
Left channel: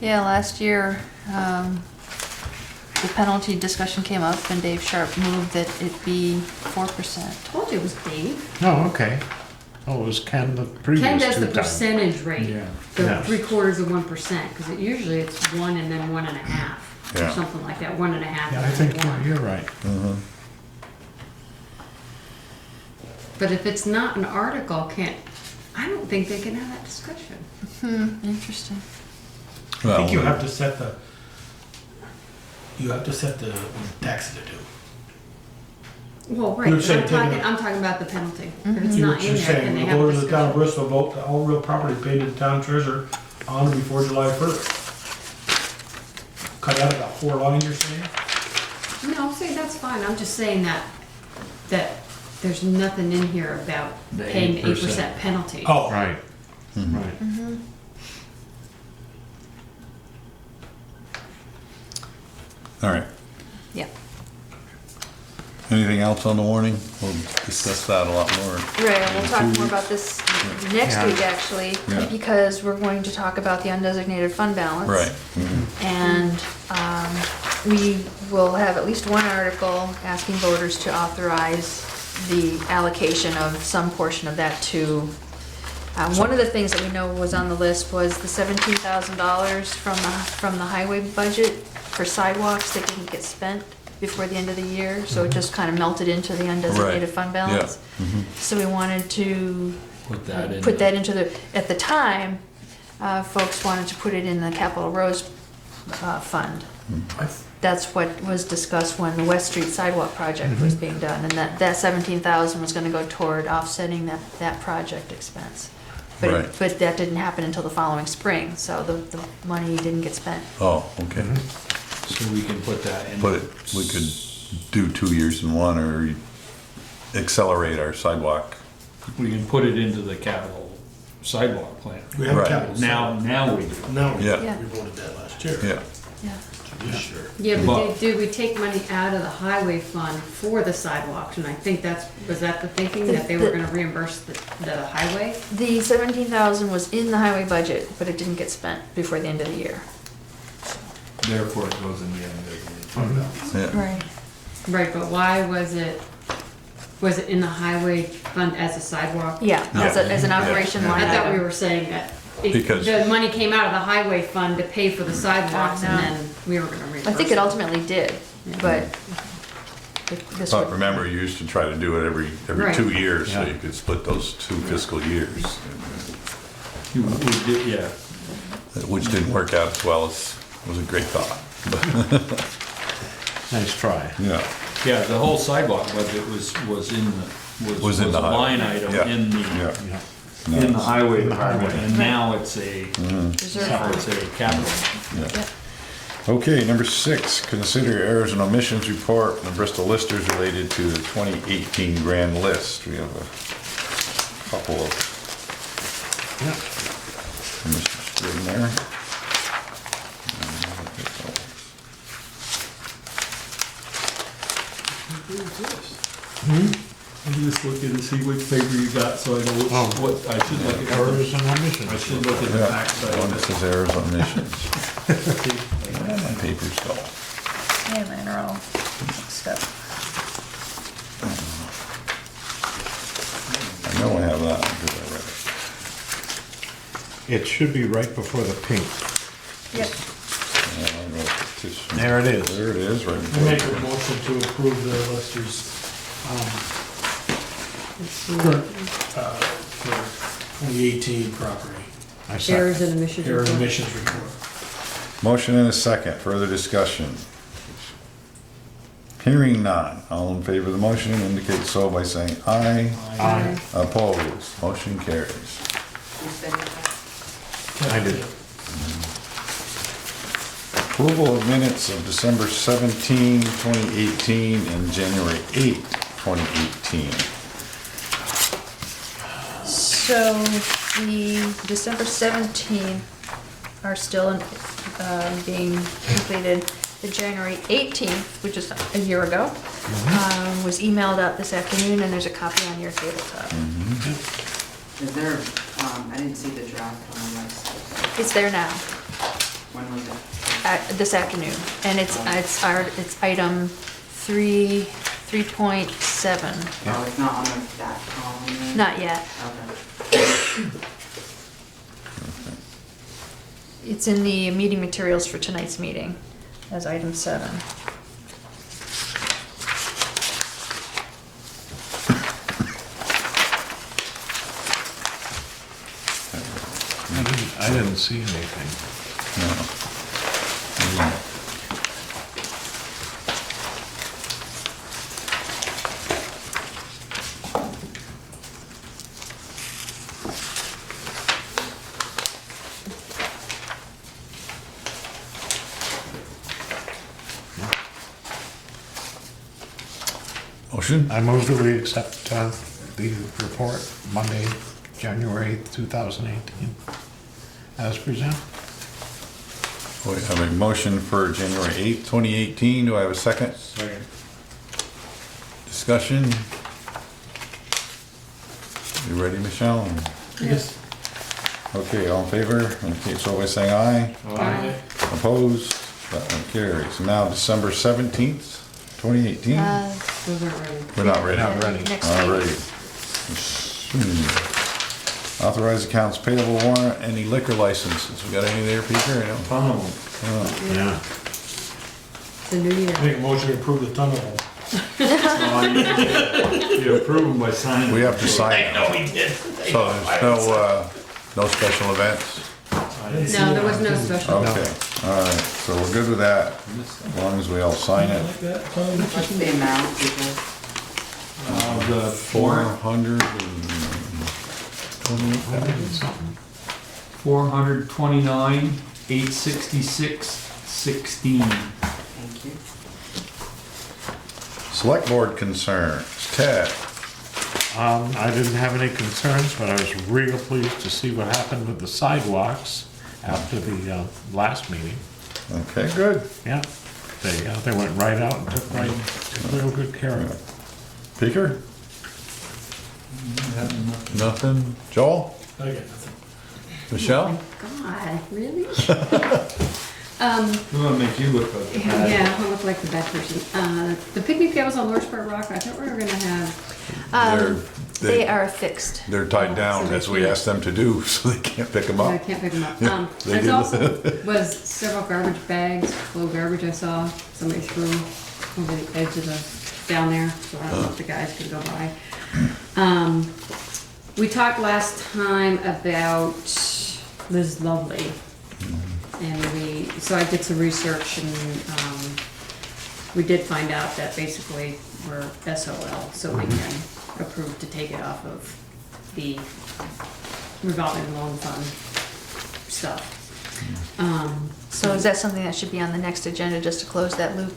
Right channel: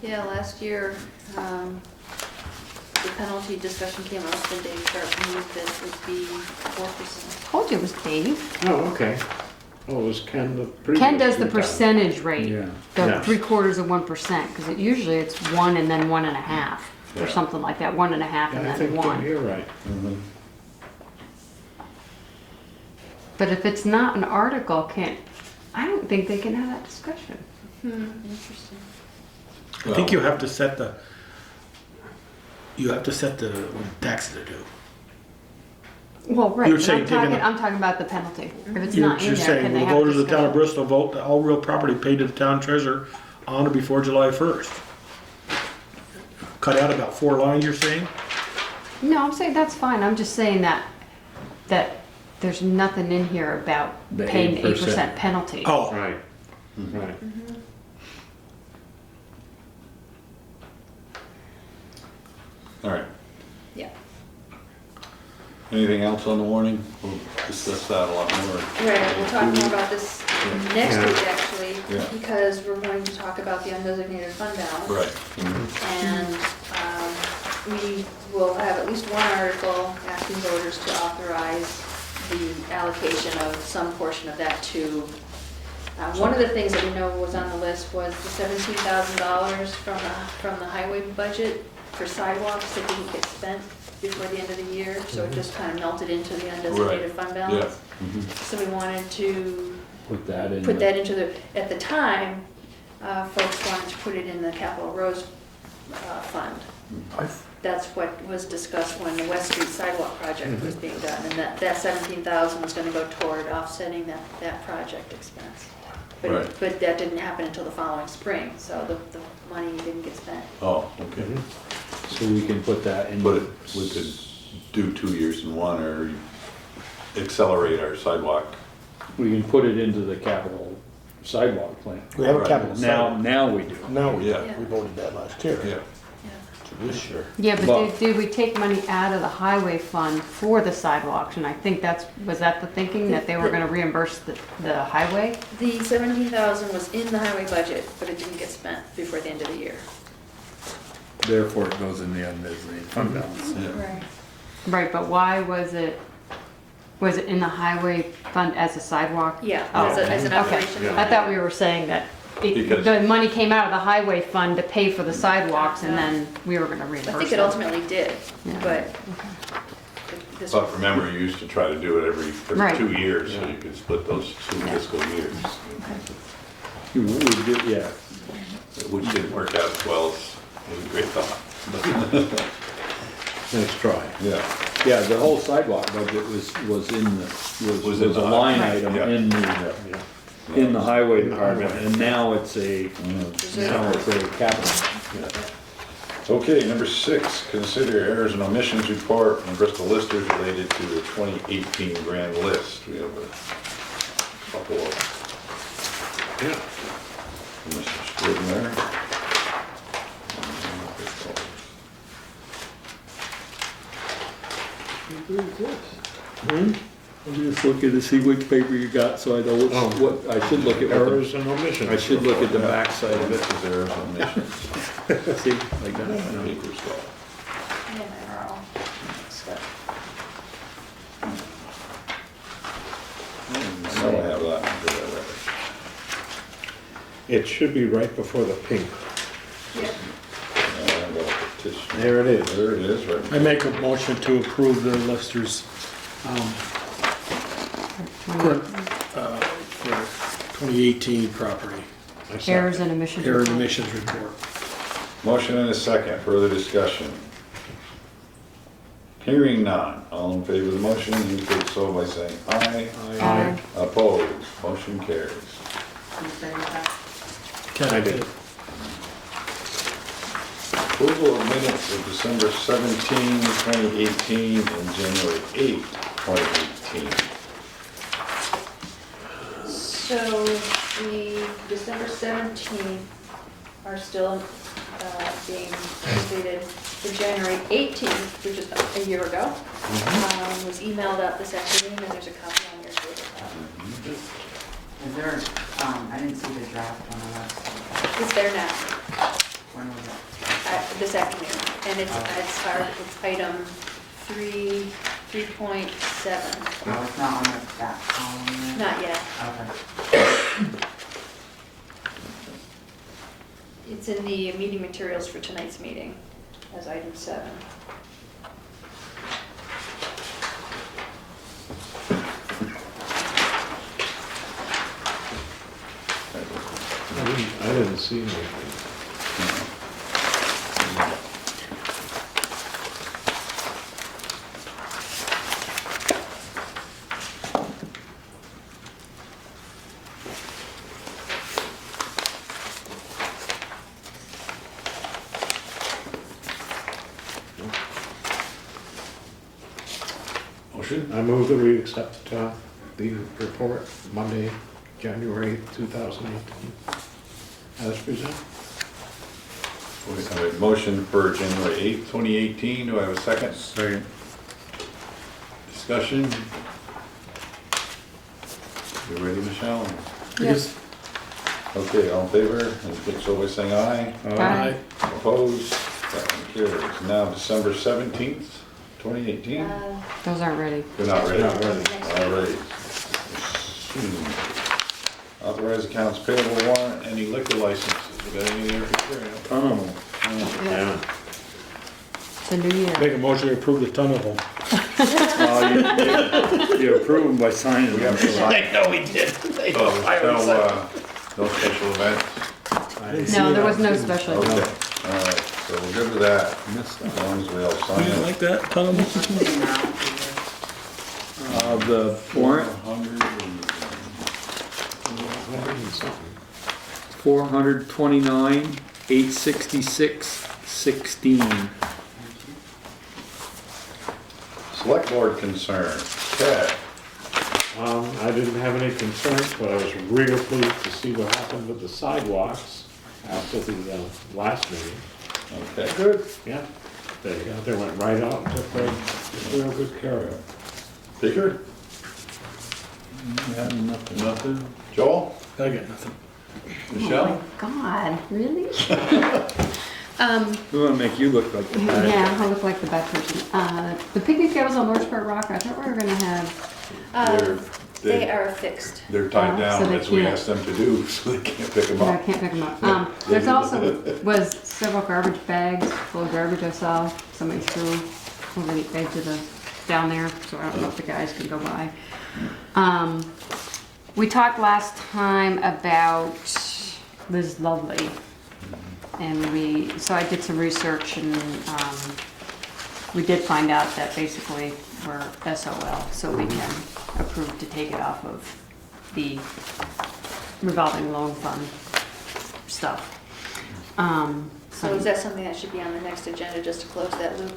Yeah, last year, the penalty discussion came up and Dave Sharp moved that it be 4%. Told you it was Dave. Oh, okay. Oh, it was Ken the previous Ken does the 2 times. percentage rate, Yeah. the Yes. 3/4 of 1%, because usually it's 1 and then 1.5, or Yeah. something like that, 1.5 Yeah, and I then think 1. you're right. Mhm. But if it's not an article, I don't think they can have that discussion. Interesting. I think you Well, have to set the taxes are due. Well, right, You're but saying taking I'm talking about the penalty. If it's You're not in just there, can saying, they we'll have go to the town of discussion? Bristol, vote that all real property paid to the town treasurer on or before July 1st. Cut out about 4 lines, you're saying? No, I'm saying that's fine, I'm just saying that there's nothing in here about The paying 8%. 8% penalty. Oh, Right, Mhm. right. All right. Yeah. Anything else on the warning? We'll discuss that a lot more. Right, and we'll talk 2 more weeks. about this next Yeah. week, actually, Yeah. because we're going to talk about the undesignated fund balance. Right. Mhm. And we will have at least one article asking voters to authorize the allocation of some portion of that to, one of the things that we know was on the list was the $17,000 from the highway budget for sidewalks that didn't get spent before the end of the year, so it just kind of melted into the undesignated fund balance. Mhm. So we wanted to Put that in. put that into the, at the time, folks wanted to put it in the capital roads fund. That's what was discussed when the West Street sidewalk project was being done, and that 17,000 was gonna go toward offsetting that project expense. But, Right. but that didn't happen until the following spring, so the money didn't get spent. Oh, okay. So we can put that in. Put it, we could do 2 years in one or accelerate our sidewalk. We can put it into the capital sidewalk plan. we have Right. capital. Now we do. Now, we Yeah. Yeah. voted that last year. Yeah. Yeah. This year. Yeah, but But- did we take money out of the highway fund for the sidewalks? And I think was that the thinking, that they were gonna reimburse the highway? The 17,000 was in the highway budget, but it didn't get spent before the end of the year. Therefore, it goes in the undesignated fund balance. Yeah. Right. Right, but why was it in the highway fund as a sidewalk? Yeah, as an Yeah. operation line I thought we item. were saying that Because- the money came out of the highway fund to pay for the sidewalks, and No. then we were gonna reimburse I think it them. ultimately did, but this But one, remember, you used to try to do it every Right. 2 years, so Yeah. you could split those 2 fiscal years, We did, yeah. which didn't work out as well as, it was a great thought. Nice try. Yeah. Yeah, the whole sidewalk budget was in Was in a the line highway. item Yeah. in the, Yeah. in the highway In the department, highway. and now it's a, reserve now it's fund. a capital. Okay, number 6, consider errors and omissions report on Bristol listers related to the 2018 grand list. We have a couple of Yeah. from Mr. Scrivener. I'm just looking to see which paper you got, so I know what, I should look at. Errors and omissions. I should look at the backside Oh, of it. this is errors and omissions. See, like that. Paper's gone. Yeah, mine are all stuff. I know I have that one, because I read it. It should be right before the pink. Yeah, I got a petition. There it is. There it is, right. I make a motion to approve the Lester's, for 2018 property. I second. Errors and omissions. Error and report. emissions report. Motion and a second, further discussion. Hearing none. All in favor of the motion indicate so by saying aye. Aye. Opposed, motion carries. Who said that? I did. Approval of minutes of December 17, 2018 and January 8, 2018. So the December 17 are still being completed. The January 18th, which is a year ago, was emailed out this afternoon, and there's a copy on your tabletop. Is there, I didn't see the draft on the last, It's there now, when was it? this afternoon, and it's item 3.7. Oh, it's not on that column then? Not yet. Okay. It's in the meeting materials for tonight's meeting as item 7. I didn't see anything. No. Motion? I move that we accept the report Monday, January 8th, 2018, as presented. We have a motion for January 8th, 2018. Do I have a second? Second. Discussion? You ready, Michelle? Yes. Okay, all in favor? Indicate so by saying aye. Aye. Opposed? That one carries. Now December 17th, 2018. Those aren't ready. We're not ready. Not ready. Next All week. right. Authorize accounts payable warrant, any liquor licenses. We got any there, Peter? Ton of them. Yeah. It's a new year. Make a motion to approve the ton of them. You approve them by signing. We have to sign. I know we did. So there's no special events? I didn't see No, it there was on no here. special. Okay, all right, so we're good with that, Missed as that. long as we all sign it. Like that, Tom? What's the amount, Peter? The warrant, 400 $429,866.16. Thank you. Select board concerns. Ted? I didn't have any concerns, but I was real pleased to see what happened with the sidewalks after the last meeting. Okay, good. Yeah, they went right out and took real good care of it. Peter? Nothing. Joel? I got nothing. Michelle? Oh my God, really? We want to make you look like the bad. Yeah, I look like the bad person. The picnic tables on North Part Rock, I thought we were gonna have, They are fixed. They're tied so down they as we can't- asked them to do, so they can't pick them I up. can't pick them up. They There's did. also, was several garbage bags full of garbage I saw somebody threw over the edge of the, down there, so I don't know if the guys can go by. We talked last time about Liz Lovely. And so I did some research and, we did find out that basically we're SOL, so we can approve to take it off of the revolving loan fund stuff. So is that something that should be on the next agenda, just to close that loop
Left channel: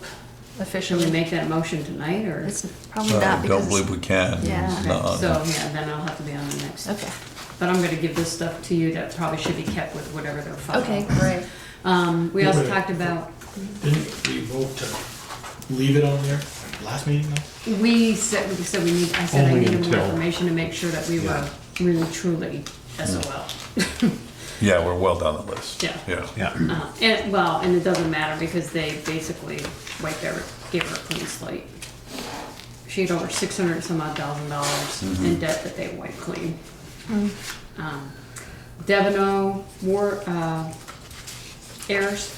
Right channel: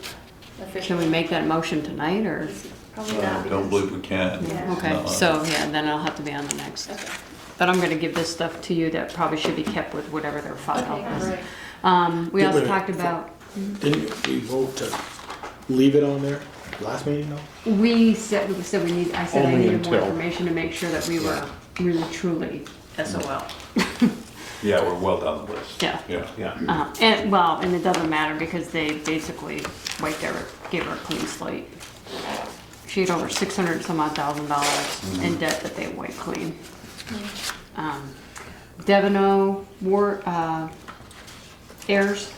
Should officially? we make that motion tonight, or? It's probably I not, don't because believe we can. Yeah. Okay, No. so, yeah, then I'll have to be on the next. okay, But I'm gonna give this stuff to you that probably should be kept with whatever they're filing. okay, great. We also Wait, talked about, Didn't we vote to leave it on there last meeting though? we said we need, I said I Only needed more until- information to make sure that we were really truly SOL. Yeah, we're well down the list. Yeah. Yeah. Yeah. And it doesn't matter because they basically gave her a clean slate. She had over $600 and some odd thousand in debt that they wiped clean. Devino heirs.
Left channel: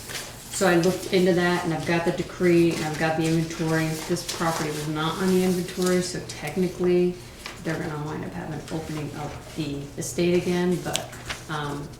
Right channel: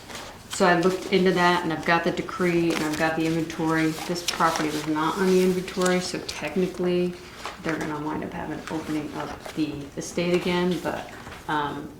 So I looked into that and I've got the decree and I've got the inventory. This property was not on the inventory, so technically they're gonna wind up having opening up the estate again, but,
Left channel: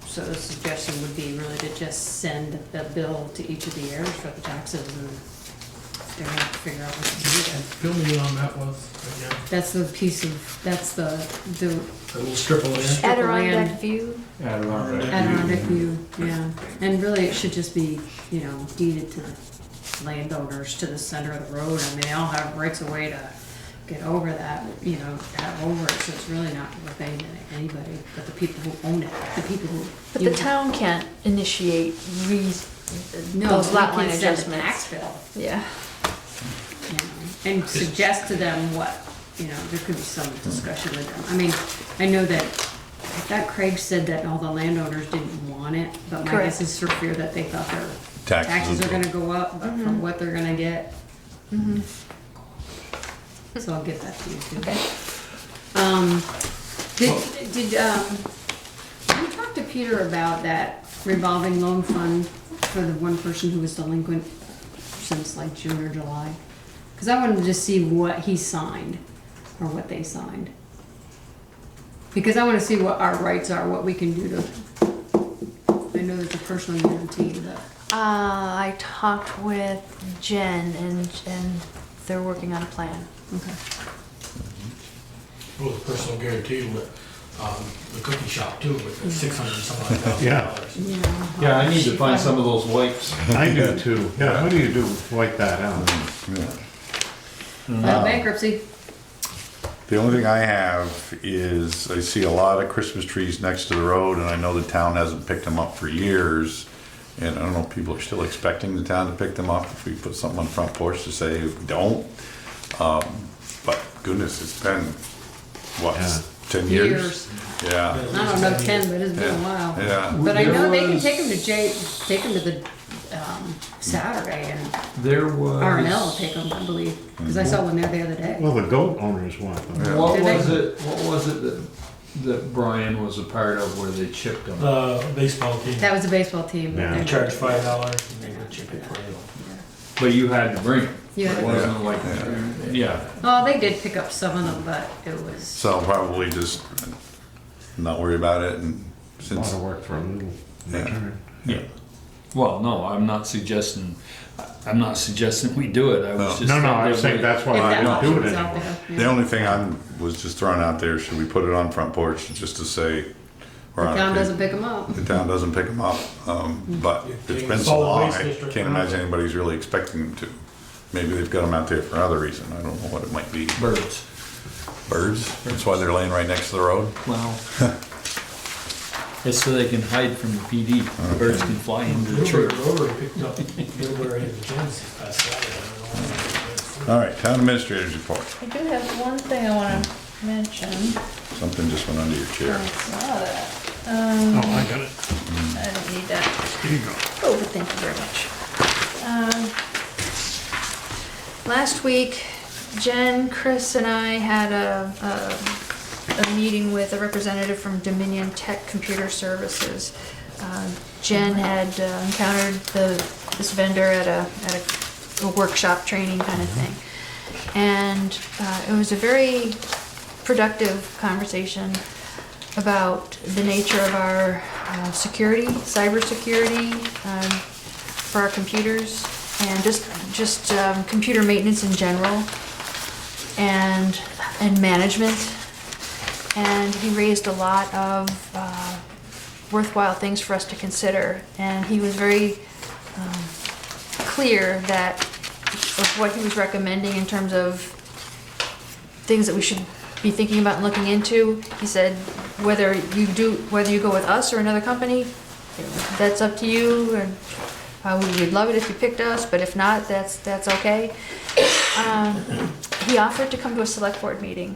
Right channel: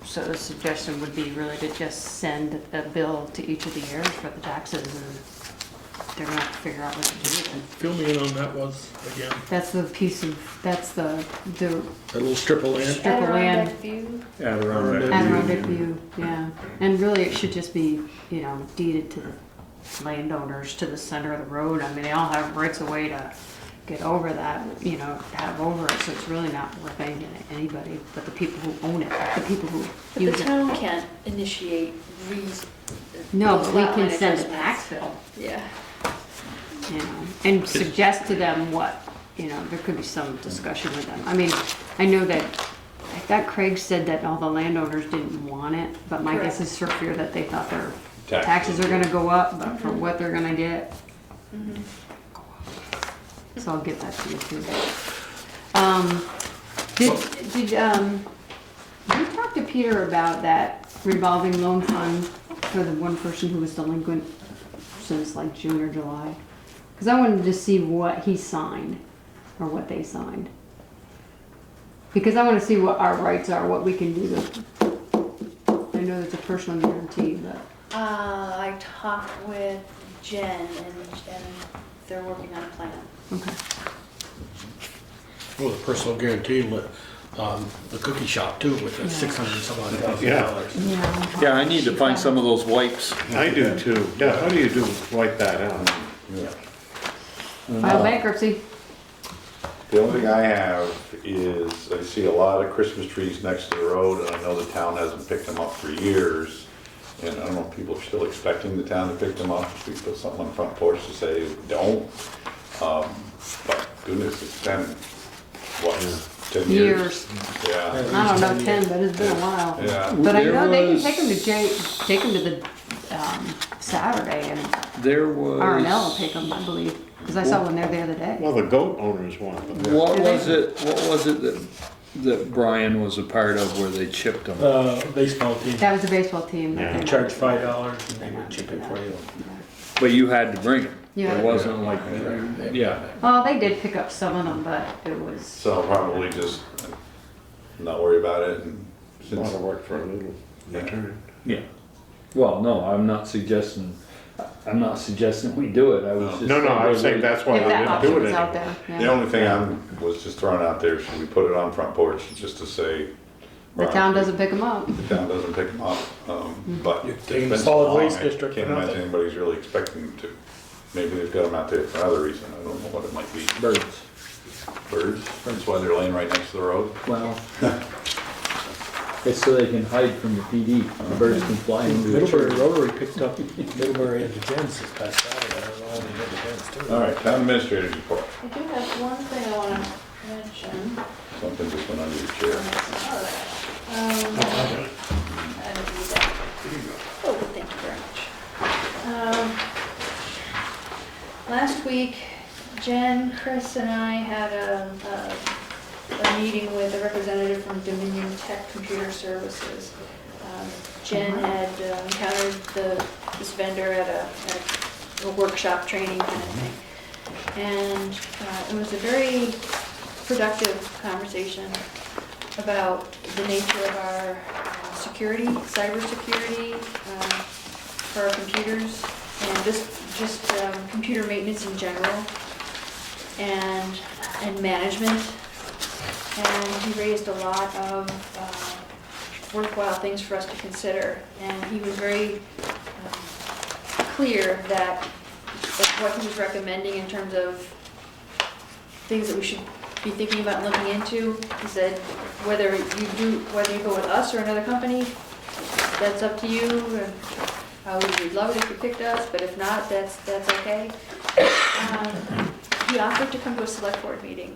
so the suggestion would be really to just send the bill to each of the heirs for the taxes and they're gonna have to figure out what to do with Fill me in on that was, again, it. That's the piece of, that's the the little strip of land. strip of land. Adirondack view. Yeah, around there. Adirondack view, yeah. And really, it should just be, you know, deeded to the landowners to the center of the road. I mean, they all have rights of way to get over that, you know, have over it, so it's really not worth anything to anybody, but the people who own it, the people who. But the use it. town can't initiate No, those we lot line can send a adjustments. tax bill, Yeah. you know, and suggest to them what, you know, there could be some discussion with them. I mean, I know that, I thought Craig said that all the landowners didn't want it, but my guess is for fear that they thought their taxes are gonna go up, but for what they're gonna get. Mhm. So I'll get that to you too. Okay. Did you talk to Peter about that revolving loan fund for the one person who was delinquent since like June or July? Cause I wanted to see what he signed, or what they signed. Because I wanna see what our rights are, what we can do to, I know there's a personal guarantee, but. I talked with Jen and they're working on a plan. Okay. Well, the personal guarantee with, the cookie shop too, with the Yeah. $600-some-odd-thousand. Yeah. Yeah, I need to find some of those wipes. I do too. Yeah, how do you do, wipe that out? Yeah. File bankruptcy. The only thing I have is, I see a lot of Christmas trees next to the road, and I know the town hasn't picked them up for years. And I don't know if people are still expecting the town to pick them up, if we put something on the front porch to say we don't. But goodness, it's been, what, 10 years? Yeah. I don't know 10, but it's been a while. Yeah. But I know There they can was- take them to take them to the Saturday, and There was. R&L will take them, I believe, because I saw one there the other day. Well, the goat owners want them. What Did they? was it that Brian was a part of where they chipped them? Baseball team. That was a baseball team. Yeah. They They charge $5 and they would chip it for you. But you had to bring it. You had It to- wasn't like, yeah. Well, they did pick up some of them, but it was, So probably just not worry about it, and A lot since, of work for a little Yeah. return. Yeah. Well, no, I'm not suggesting we do it. I was just. No, no, saying I was that saying we- that's why if I that didn't option do was it out anymore. there. the yeah. only thing was just throwing out there, should we put it on front porch just to say. The town doesn't pick them up. The town doesn't pick them up, but it's Came been so solid long, waste I district can't or imagine nothing. anybody's really expecting them to. Maybe they've got them out there for another reason, I don't know what it might be. Birds. Birds, that's why they're laying right next to the road. Well. It's so they can hide from the PD. Birds can fly into the Middlebury tree. Rotary picked up Middlebury and the Gens this past Saturday. I don't know how many Gens too. All right, town administrator's report, I do have one thing I wanna mention. something just went under your I chair. saw that. Oh, I got it. I don't need that. Here you go. Oh, thank you very much. Last week, Jen, Chris, and I had a meeting with a representative from Dominion Tech Computer Services. Jen had encountered this vendor at a workshop training kind of thing. And it was a very productive conversation about the nature of our security, cybersecurity for our computers, and just computer maintenance in general, and management. And he raised a lot of worthwhile things for us to consider. And he was very clear that of what he was recommending in terms of things that we should be thinking about and looking into. He said, whether you go with us or another company, that's up to you, and we'd love it if you picked us, but if not, that's okay. He offered to come to a select board meeting,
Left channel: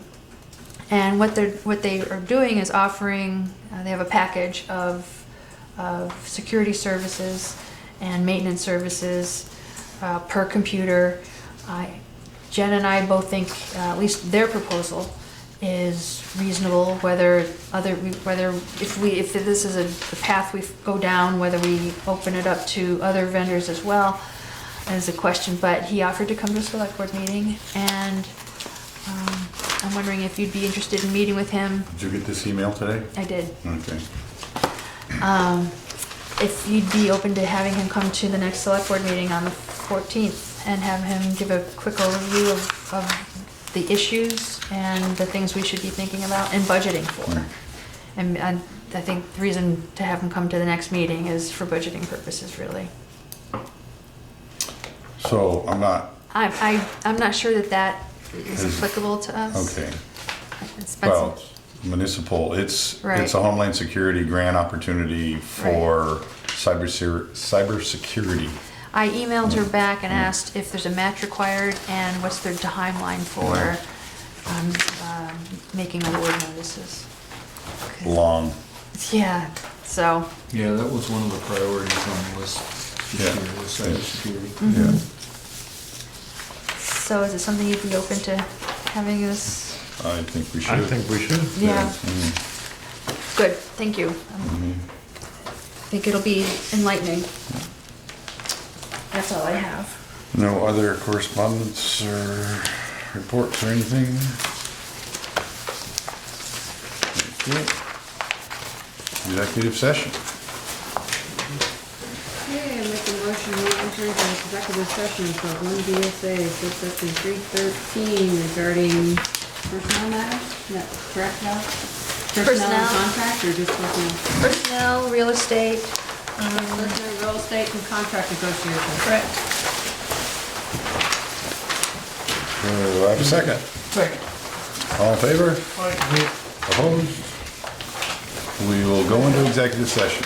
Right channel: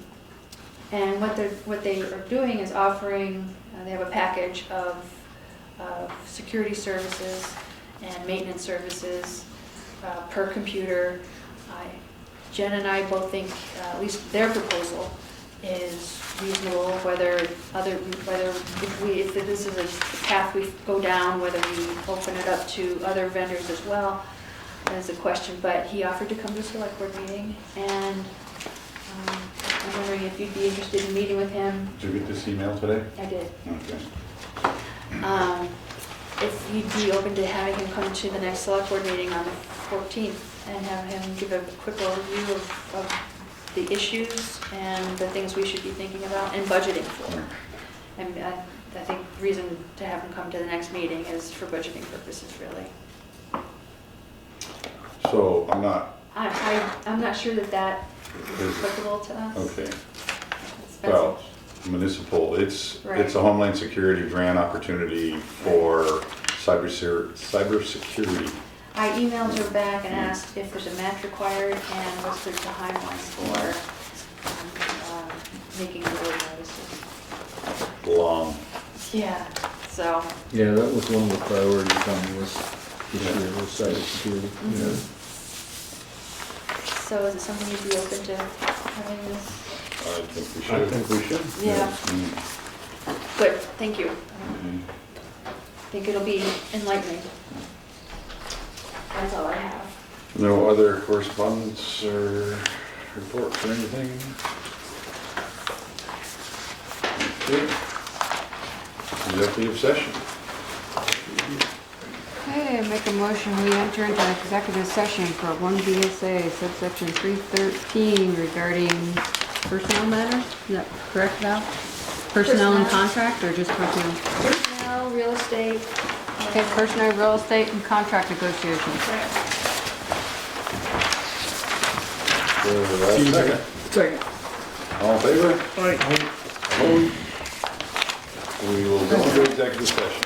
and what they are doing is offering, they have a package of security services and maintenance services per computer. Jen and I both think, at least their proposal is reasonable, whether if this is the path we go down, whether we open it up to other vendors as well, is a question. But he offered to come to a select board meeting, and I'm wondering if you'd be interested in meeting with him. Did you get this email today? I did. Okay. If you'd be open to having him come to the next select board meeting on the 14th and have him give a quick overview of the issues and the things we should be thinking about and budgeting for. And I think the reason to have him come to the next meeting is for budgeting purposes, really. So I'm not, I'm not sure that is Is- applicable to us. okay, It's- well, municipal, it's Right. a Homeland Security grant opportunity for cybersecurity. I emailed her back and asked if there's a match required and what's their timeline for making award notices. Long. Yeah, so, Yeah, that was one of the priorities on the list this Yeah. year, was cybersecurity. Yeah. so is it something you'd be open to having us? I think we should. I think we should. Yeah, Mm, good, thank you. mhm. I think it'll be enlightening. That's all I have. No other correspondence or reports or anything? Okay. Executive session. Okay, I make a motion, we enter into executive session for 1 VSA, subsection 313 regarding personnel matters. Is that correct, Val? Personnel and Personnel. contract, or just personnel? Personnel, real estate. Okay, personnel, real estate, and contract negotiations. Correct. I have a second. Second. All in favor? Opposed? We will go into executive session.